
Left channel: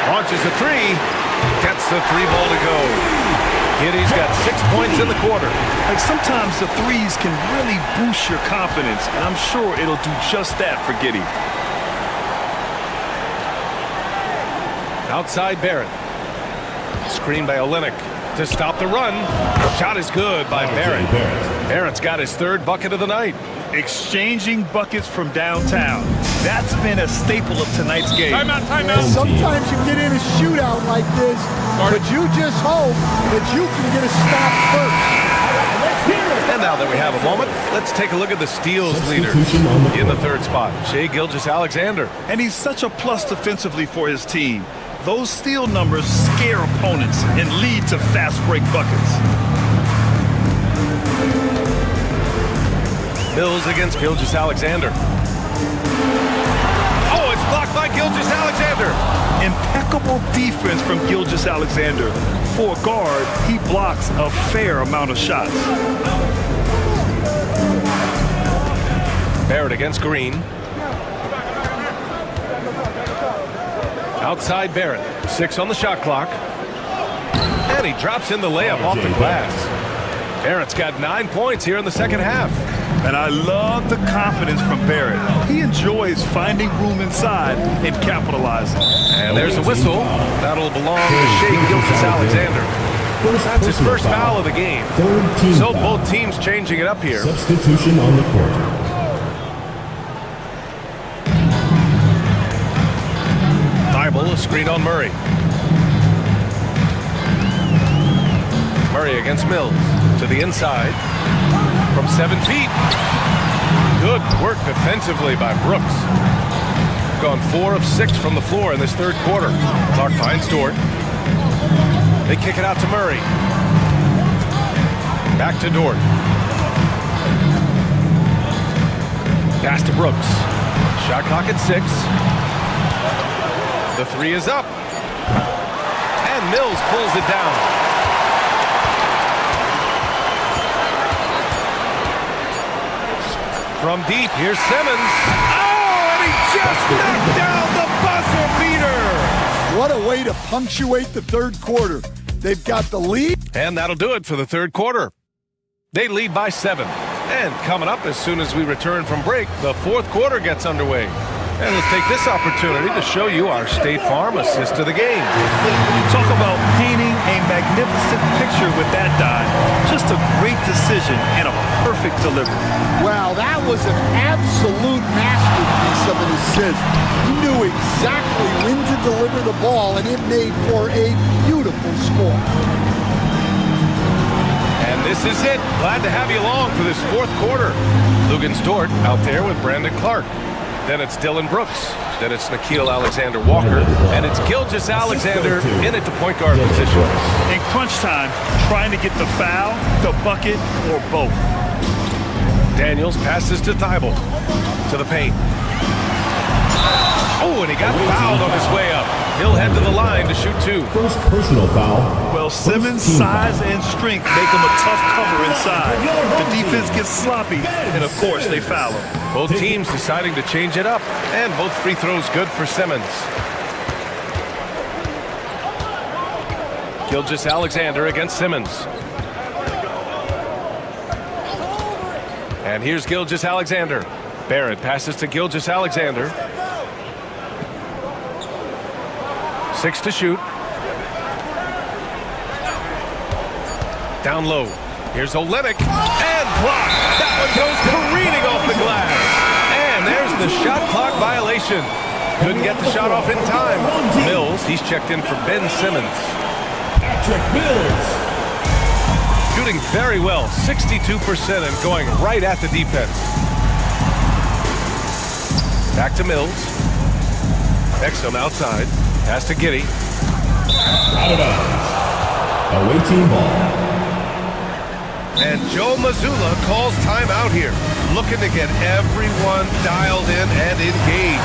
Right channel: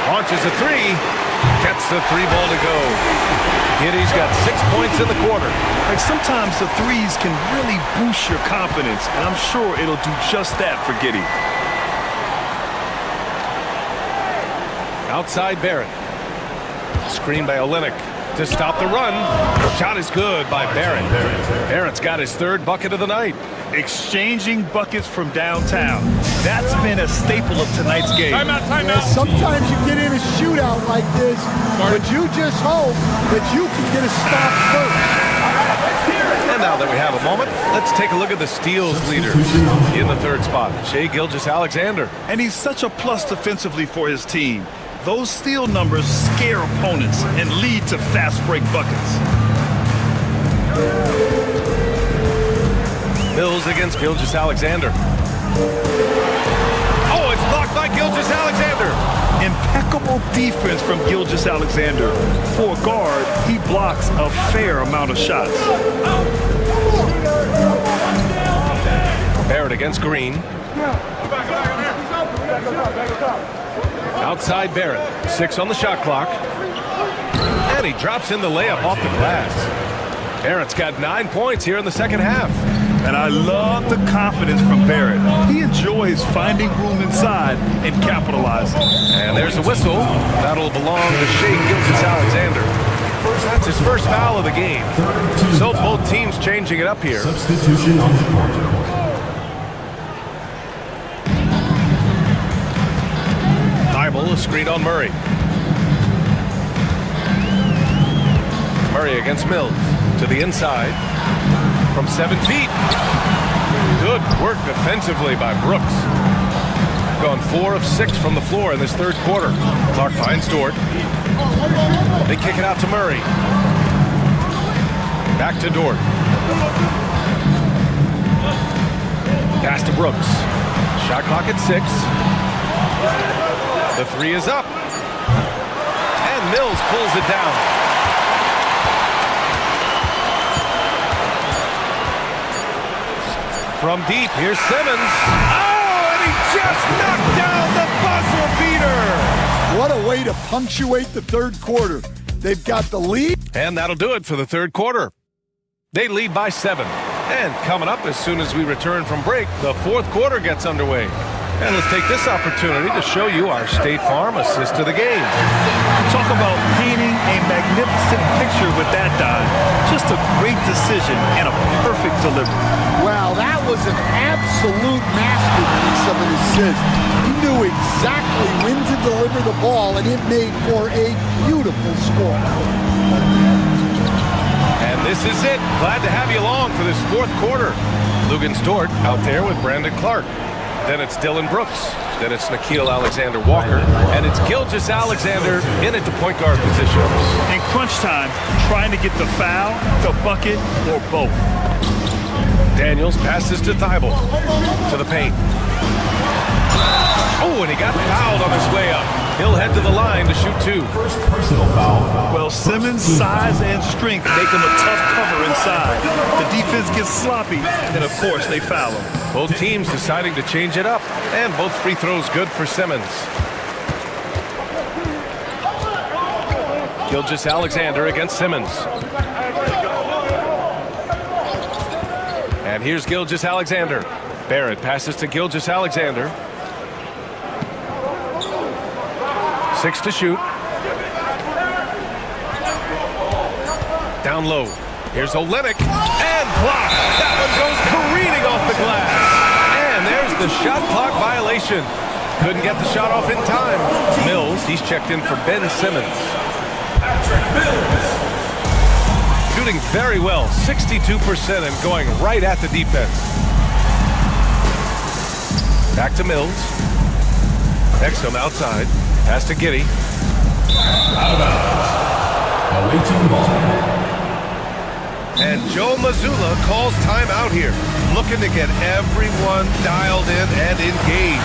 Launches a 3, gets the 3 ball to go. Giddey's got 6 points in the quarter. Like, sometimes the threes can really boost your confidence, and I'm sure it'll do just that for Giddey. Outside Barrett. Screen by Olynyk to stop the run. Shot is good by Barrett. Barrett's got his 3rd bucket of the night. Exchanging buckets from downtown. That's been a staple of tonight's game. Timeout. Yeah, sometimes you get in a shootout like this, but you just hope that you can get a stop first. And now that we have a moment, let's take a look at the steals leaders in the 3rd spot. Shai Gilgeous-Alexander. And he's such a plus defensively for his team. Those steal numbers scare opponents and lead to fast break buckets. Mills against Gilgeous-Alexander. Oh, it's blocked by Gilgeous-Alexander. Impeccable defense from Gilgeous-Alexander. For a guard, he blocks a fair amount of shots. Barrett against Green. Outside Barrett. 6 on the shot clock. And he drops in the layup off the glass. Barrett's got 9 points here in the second half. And I love the confidence from Barrett. He enjoys finding room inside and capitalizing. And there's a whistle. That'll belong to Shai Gilgeous-Alexander. That's his first foul of the game. So both teams changing it up here. Substitution on the court. Thibault, a screen on Murray. Murray against Mills. To the inside. From 7 feet. Good work defensively by Brooks. Gone 4 of 6 from the floor in this third quarter. Clark finds Dort. They kick it out to Murray. Back to Dort. Pass to Brooks. Shot clock at 6. The 3 is up. And Mills pulls it down. From deep, here's Simmons. Oh, and he just knocked down the buzzer beater. What a way to punctuate the third quarter. They've got the lead. And that'll do it for the third quarter. They lead by 7. And coming up as soon as we return from break, the fourth quarter gets underway. And let's take this opportunity to show you our State Farm assist to the game. Talk about painting a magnificent picture with that dive. Just a great decision and a perfect delivery. Wow, that was an absolute masterpiece of an assist. He knew exactly when to deliver the ball, and it made for a beautiful score. And this is it. Glad to have you along for this fourth quarter. Lugens Dort out there with Brandon Clark. Then it's Dylan Brooks. Then it's Nickeil Alexander-Walker. And it's Gilgeous-Alexander in at the point guard position. In crunch time, trying to get the foul, the bucket, or both. Daniels passes to Thibault. To the paint. Oh, and he got fouled on his way up. He'll head to the line to shoot 2. First personal foul. Well, Simmons' size and strength make him a tough cover inside. The defense gets sloppy, and of course, they foul him. Both teams deciding to change it up, and both free throws good for Simmons. Gilgeous-Alexander against Simmons. And here's Gilgeous-Alexander. Barrett passes to Gilgeous-Alexander. 6 to shoot. Down low. Here's Olynyk. And blocked. That one goes careening off the glass. And there's the shot clock violation. Couldn't get the shot off in time. Mills, he's checked in for Ben Simmons. Patrick Mills. Shooting very well, 62% and going right at the defense. Back to Mills. Exum outside. Pass to Giddey. Out of bounds. Away team ball. And Joe Mazzulla calls timeout here. Looking to get everyone dialed in and engaged.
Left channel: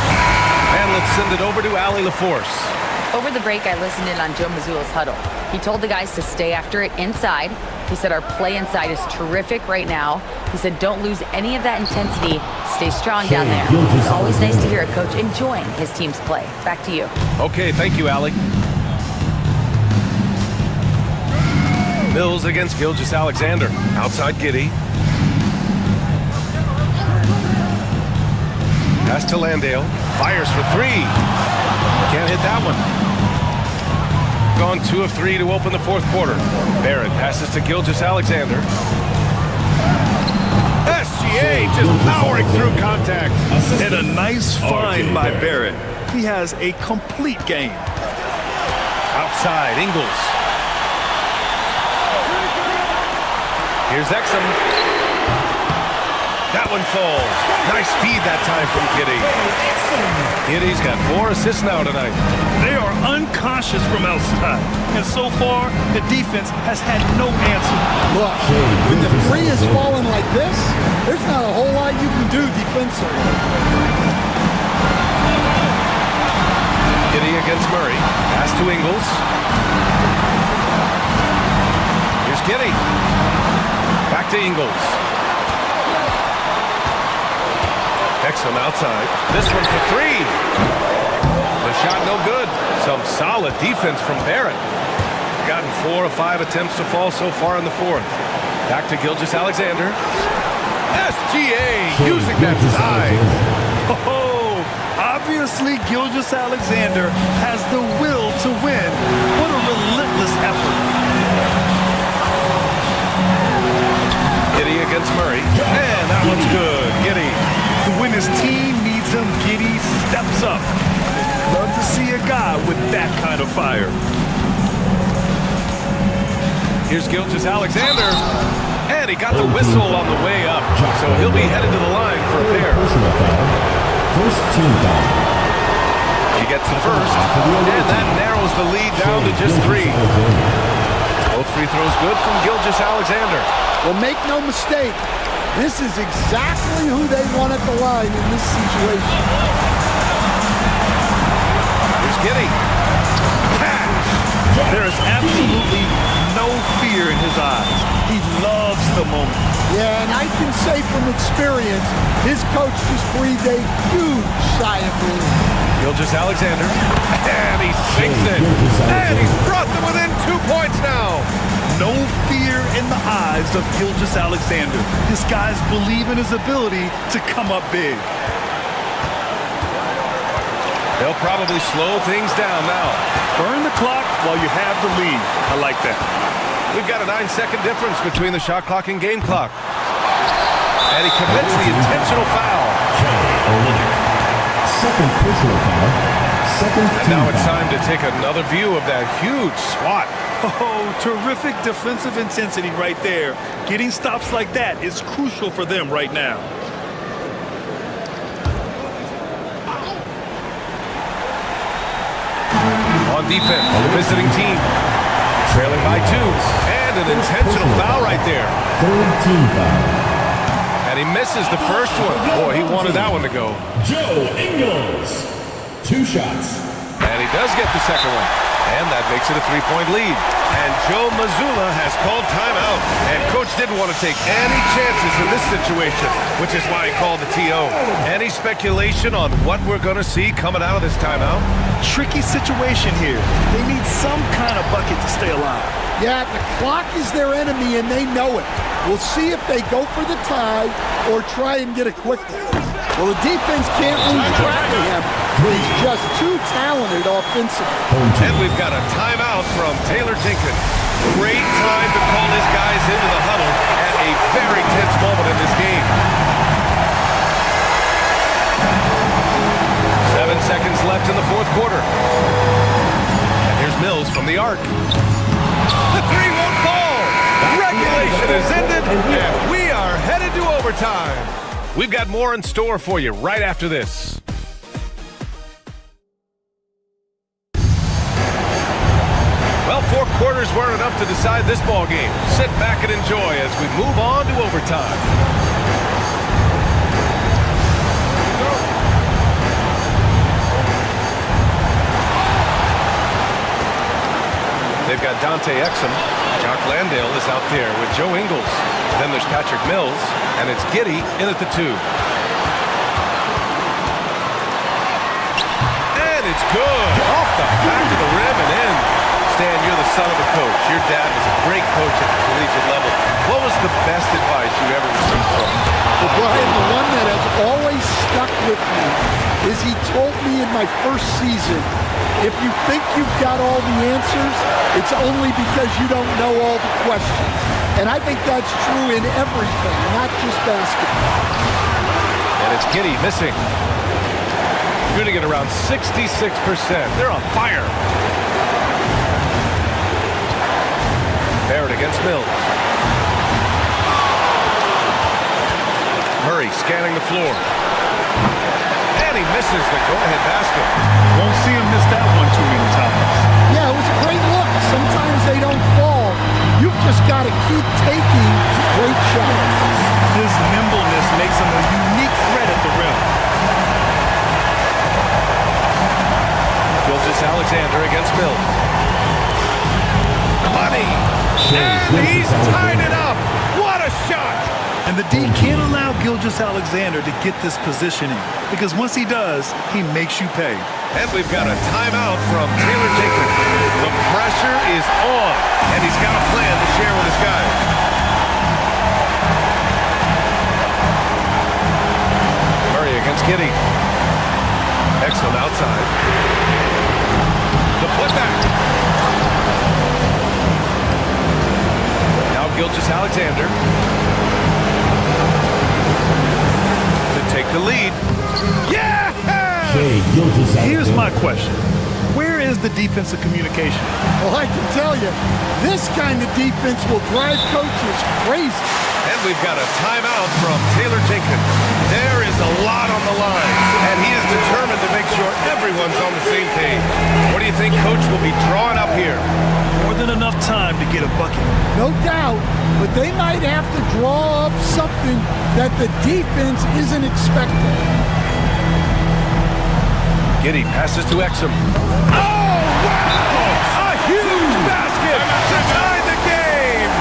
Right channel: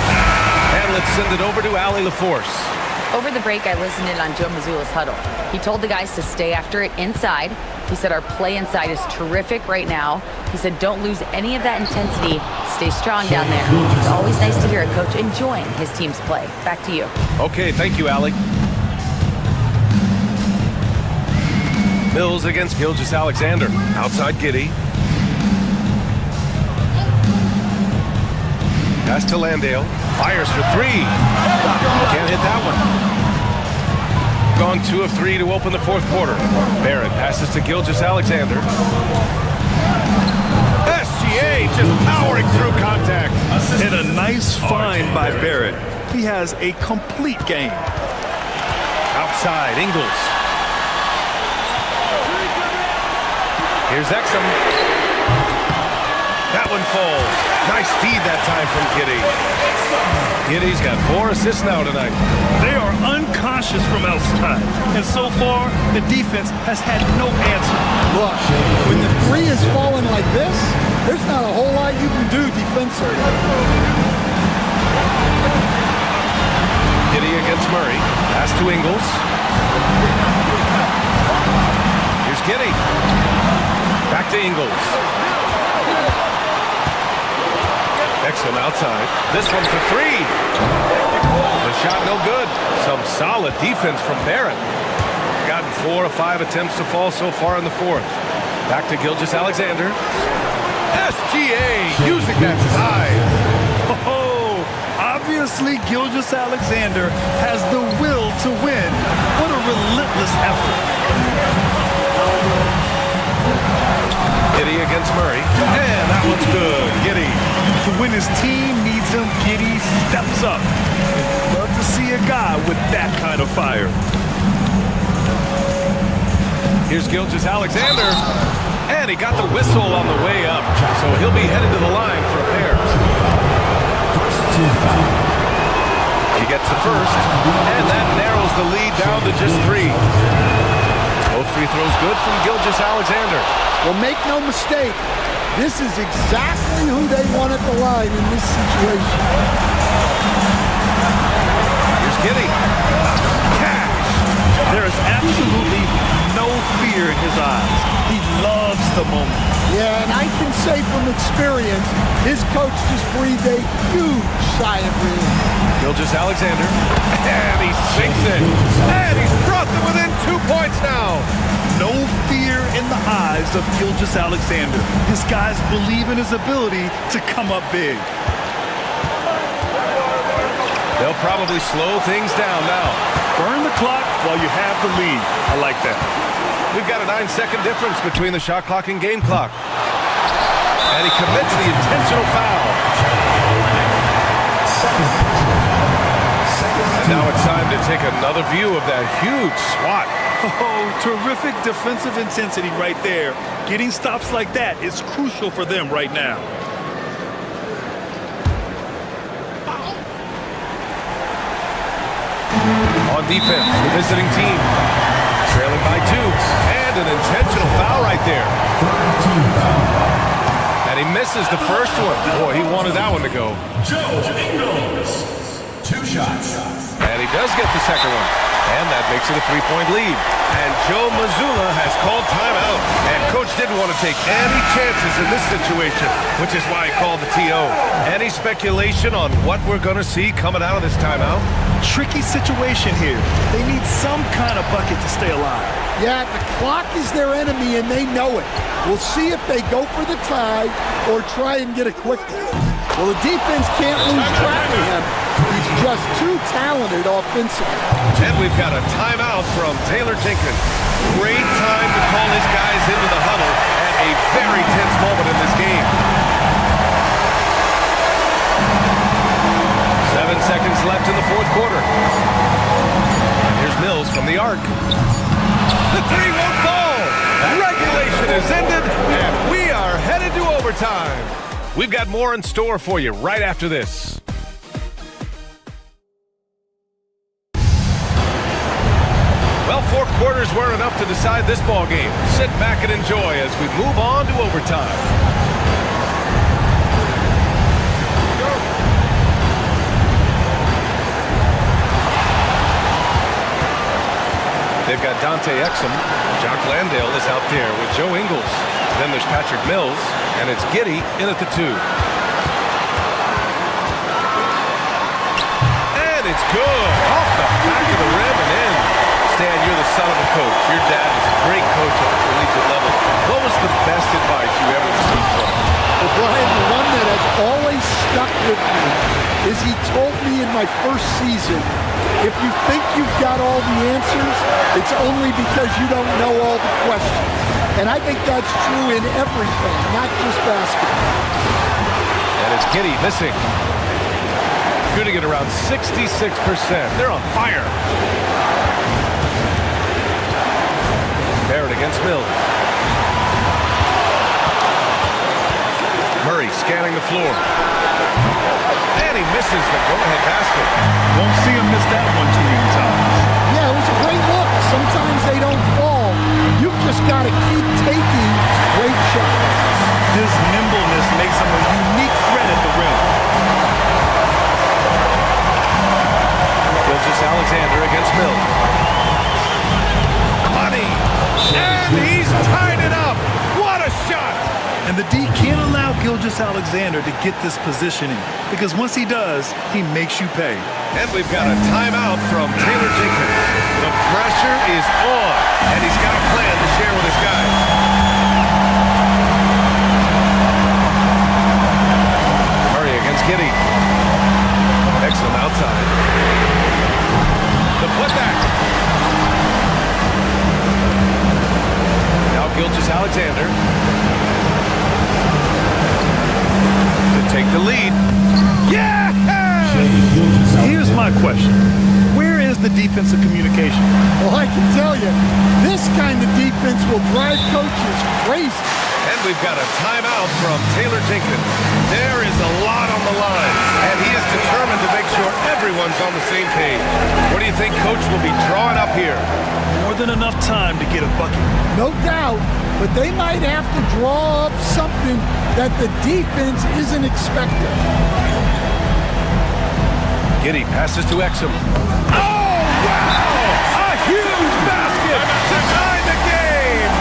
And let's send it over to Allie LaForce. Over the break, I listened in on Joe Mazzulla's huddle. He told the guys to stay after it inside. He said our play inside is terrific right now. He said don't lose any of that intensity. Stay strong down there. It's always nice to hear a coach enjoying his team's play. Back to you. Okay, thank you, Allie. Mills against Gilgeous-Alexander. Outside Giddey. Pass to Landale. Fires for 3. Can't hit that one. Gone 2 of 3 to open the fourth quarter. Barrett passes to Gilgeous-Alexander. SGA just powering through contact. And a nice find by Barrett. He has a complete game. Outside, Ingles. Here's Exum. That one falls. Nice feed that time from Giddey. Giddey's got 4 assists now tonight. They are unconscious from outside, and so far, the defense has had no answer. Look, when the three is falling like this, there's not a whole lot you can do defensively. Giddey against Murray. Pass to Ingles. Here's Giddey. Back to Ingles. Exum outside. This one for 3. The shot no good. Some solid defense from Barrett. Gotten 4 or 5 attempts to fall so far in the 4th. Back to Gilgeous-Alexander. SGA using that size. Oh, obviously Gilgeous-Alexander has the will to win. What a relentless effort. Giddey against Murray. And that one's good. Giddey. When his team needs him, Giddey steps up. And love to see a guy with that kind of fire. Here's Gilgeous-Alexander. And he got the whistle on the way up. So he'll be headed to the line for a pair. First team foul. He gets the first. And that narrows the lead down to just 3. Both free throws good from Gilgeous-Alexander. Well, make no mistake. This is exactly who they want at the line in this situation. Here's Giddey. Cash. There is absolutely no fear in his eyes. He loves the moment. Yeah, and I can say from experience, his coach just breathed a huge sigh of relief. Gilgeous-Alexander. And he sinks it. And he's brought them within 2 points now. No fear in the eyes of Gilgeous-Alexander. His guys believe in his ability to come up big. They'll probably slow things down now. Burn the clock while you have the lead. I like that. We've got a 9-second difference between the shot clock and game clock. And he commits the intentional foul. Second personal foul. And now it's time to take another view of that huge swat. Oh, terrific defensive intensity right there. Getting stops like that is crucial for them right now. On defense, the visiting team. Trailing by 2. And an intentional foul right there. Third team foul. And he misses the first one. Boy, he wanted that one to go. Joe Ingles. 2 shots. And he does get the second one. And that makes it a 3-point lead. And Joe Mazzulla has called timeout. And Coach didn't want to take any chances in this situation, which is why he called the TO. Any speculation on what we're going to see coming out of this timeout? Tricky situation here. They need some kind of bucket to stay alive. Yeah, the clock is their enemy, and they know it. We'll see if they go for the tie or try and get it quickly. Well, the defense can't lose track of him. He's just too talented offensively. And we've got a timeout from Taylor Jenkins. Great time to call his guys into the huddle at a very tense moment in this game. 7 seconds left in the 4th quarter. And here's Mills from the arc. The 3 won't fall. Regulation is ended, and we are headed to overtime. We've got more in store for you right after this. Well, 4 quarters weren't enough to decide this ball game. Sit back and enjoy as we move on to overtime. They've got Dante Exum. Jock Landale is out there with Joe Ingles. Then there's Patrick Mills, and it's Giddey in at the 2. And it's good. Off the back of the rim and in. Stan, you're the son of a coach. Your dad was a great coach at the collegiate level. What was the best advice you ever received from him? Well, Brian, the one that has always stuck with me is he told me in my first season, if you think you've got all the answers, it's only because you don't know all the questions. And I think that's true in everything, not just basketball. And it's Giddey missing. Shooting at around 66%. They're on fire. Barrett against Mills. Murray scanning the floor. And he misses the go-ahead basket. Won't see him miss that one too many times. Yeah, it was a great look. Sometimes they don't fall. You've just got to keep taking great shots. His nimbleness makes him a unique threat at the rim. Gilgeous-Alexander against Mills. Money! And he's tied it up! What a shot! And the D can't allow Gilgeous-Alexander to get this positioning, because once he does, he makes you pay. And we've got a timeout from Taylor Jenkins. The pressure is on, and he's got a plan to share with his guys. Murray against Giddey. Exum outside. The putback. Now Gilgeous-Alexander to take the lead. Yeah! Here's my question. Where is the defensive communication? Well, I can tell you, this kind of defense will drive coaches crazy. And we've got a timeout from Taylor Jenkins. There is a lot on the line, and he is determined to make sure everyone's on the same page. What do you think Coach will be drawing up here? More than enough time to get a bucket. No doubt, but they might have to draw up something that the defense isn't expecting. Giddey passes to Exum. Oh, wow! A huge basket to tie the game!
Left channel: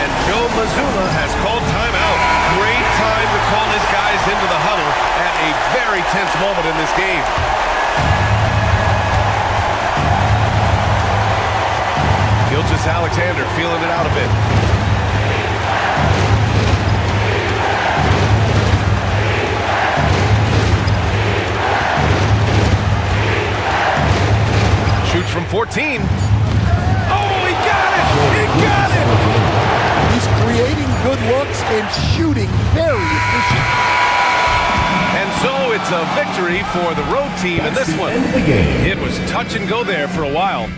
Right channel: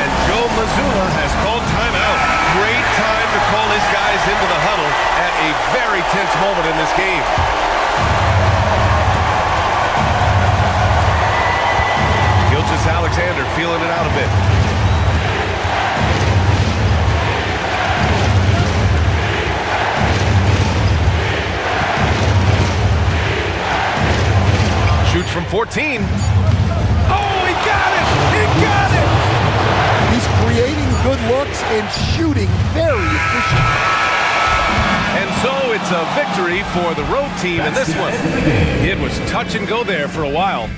And Joe Mazzulla has called timeout. Great time to call his guys into the huddle at a very tense moment in this game. Gilgeous-Alexander feeling it out a bit. Shoots from 14. Oh, he got it! He got it! He's creating good looks and shooting very efficient. And so it's a victory for the road team in this one. It was touch and go there for a while.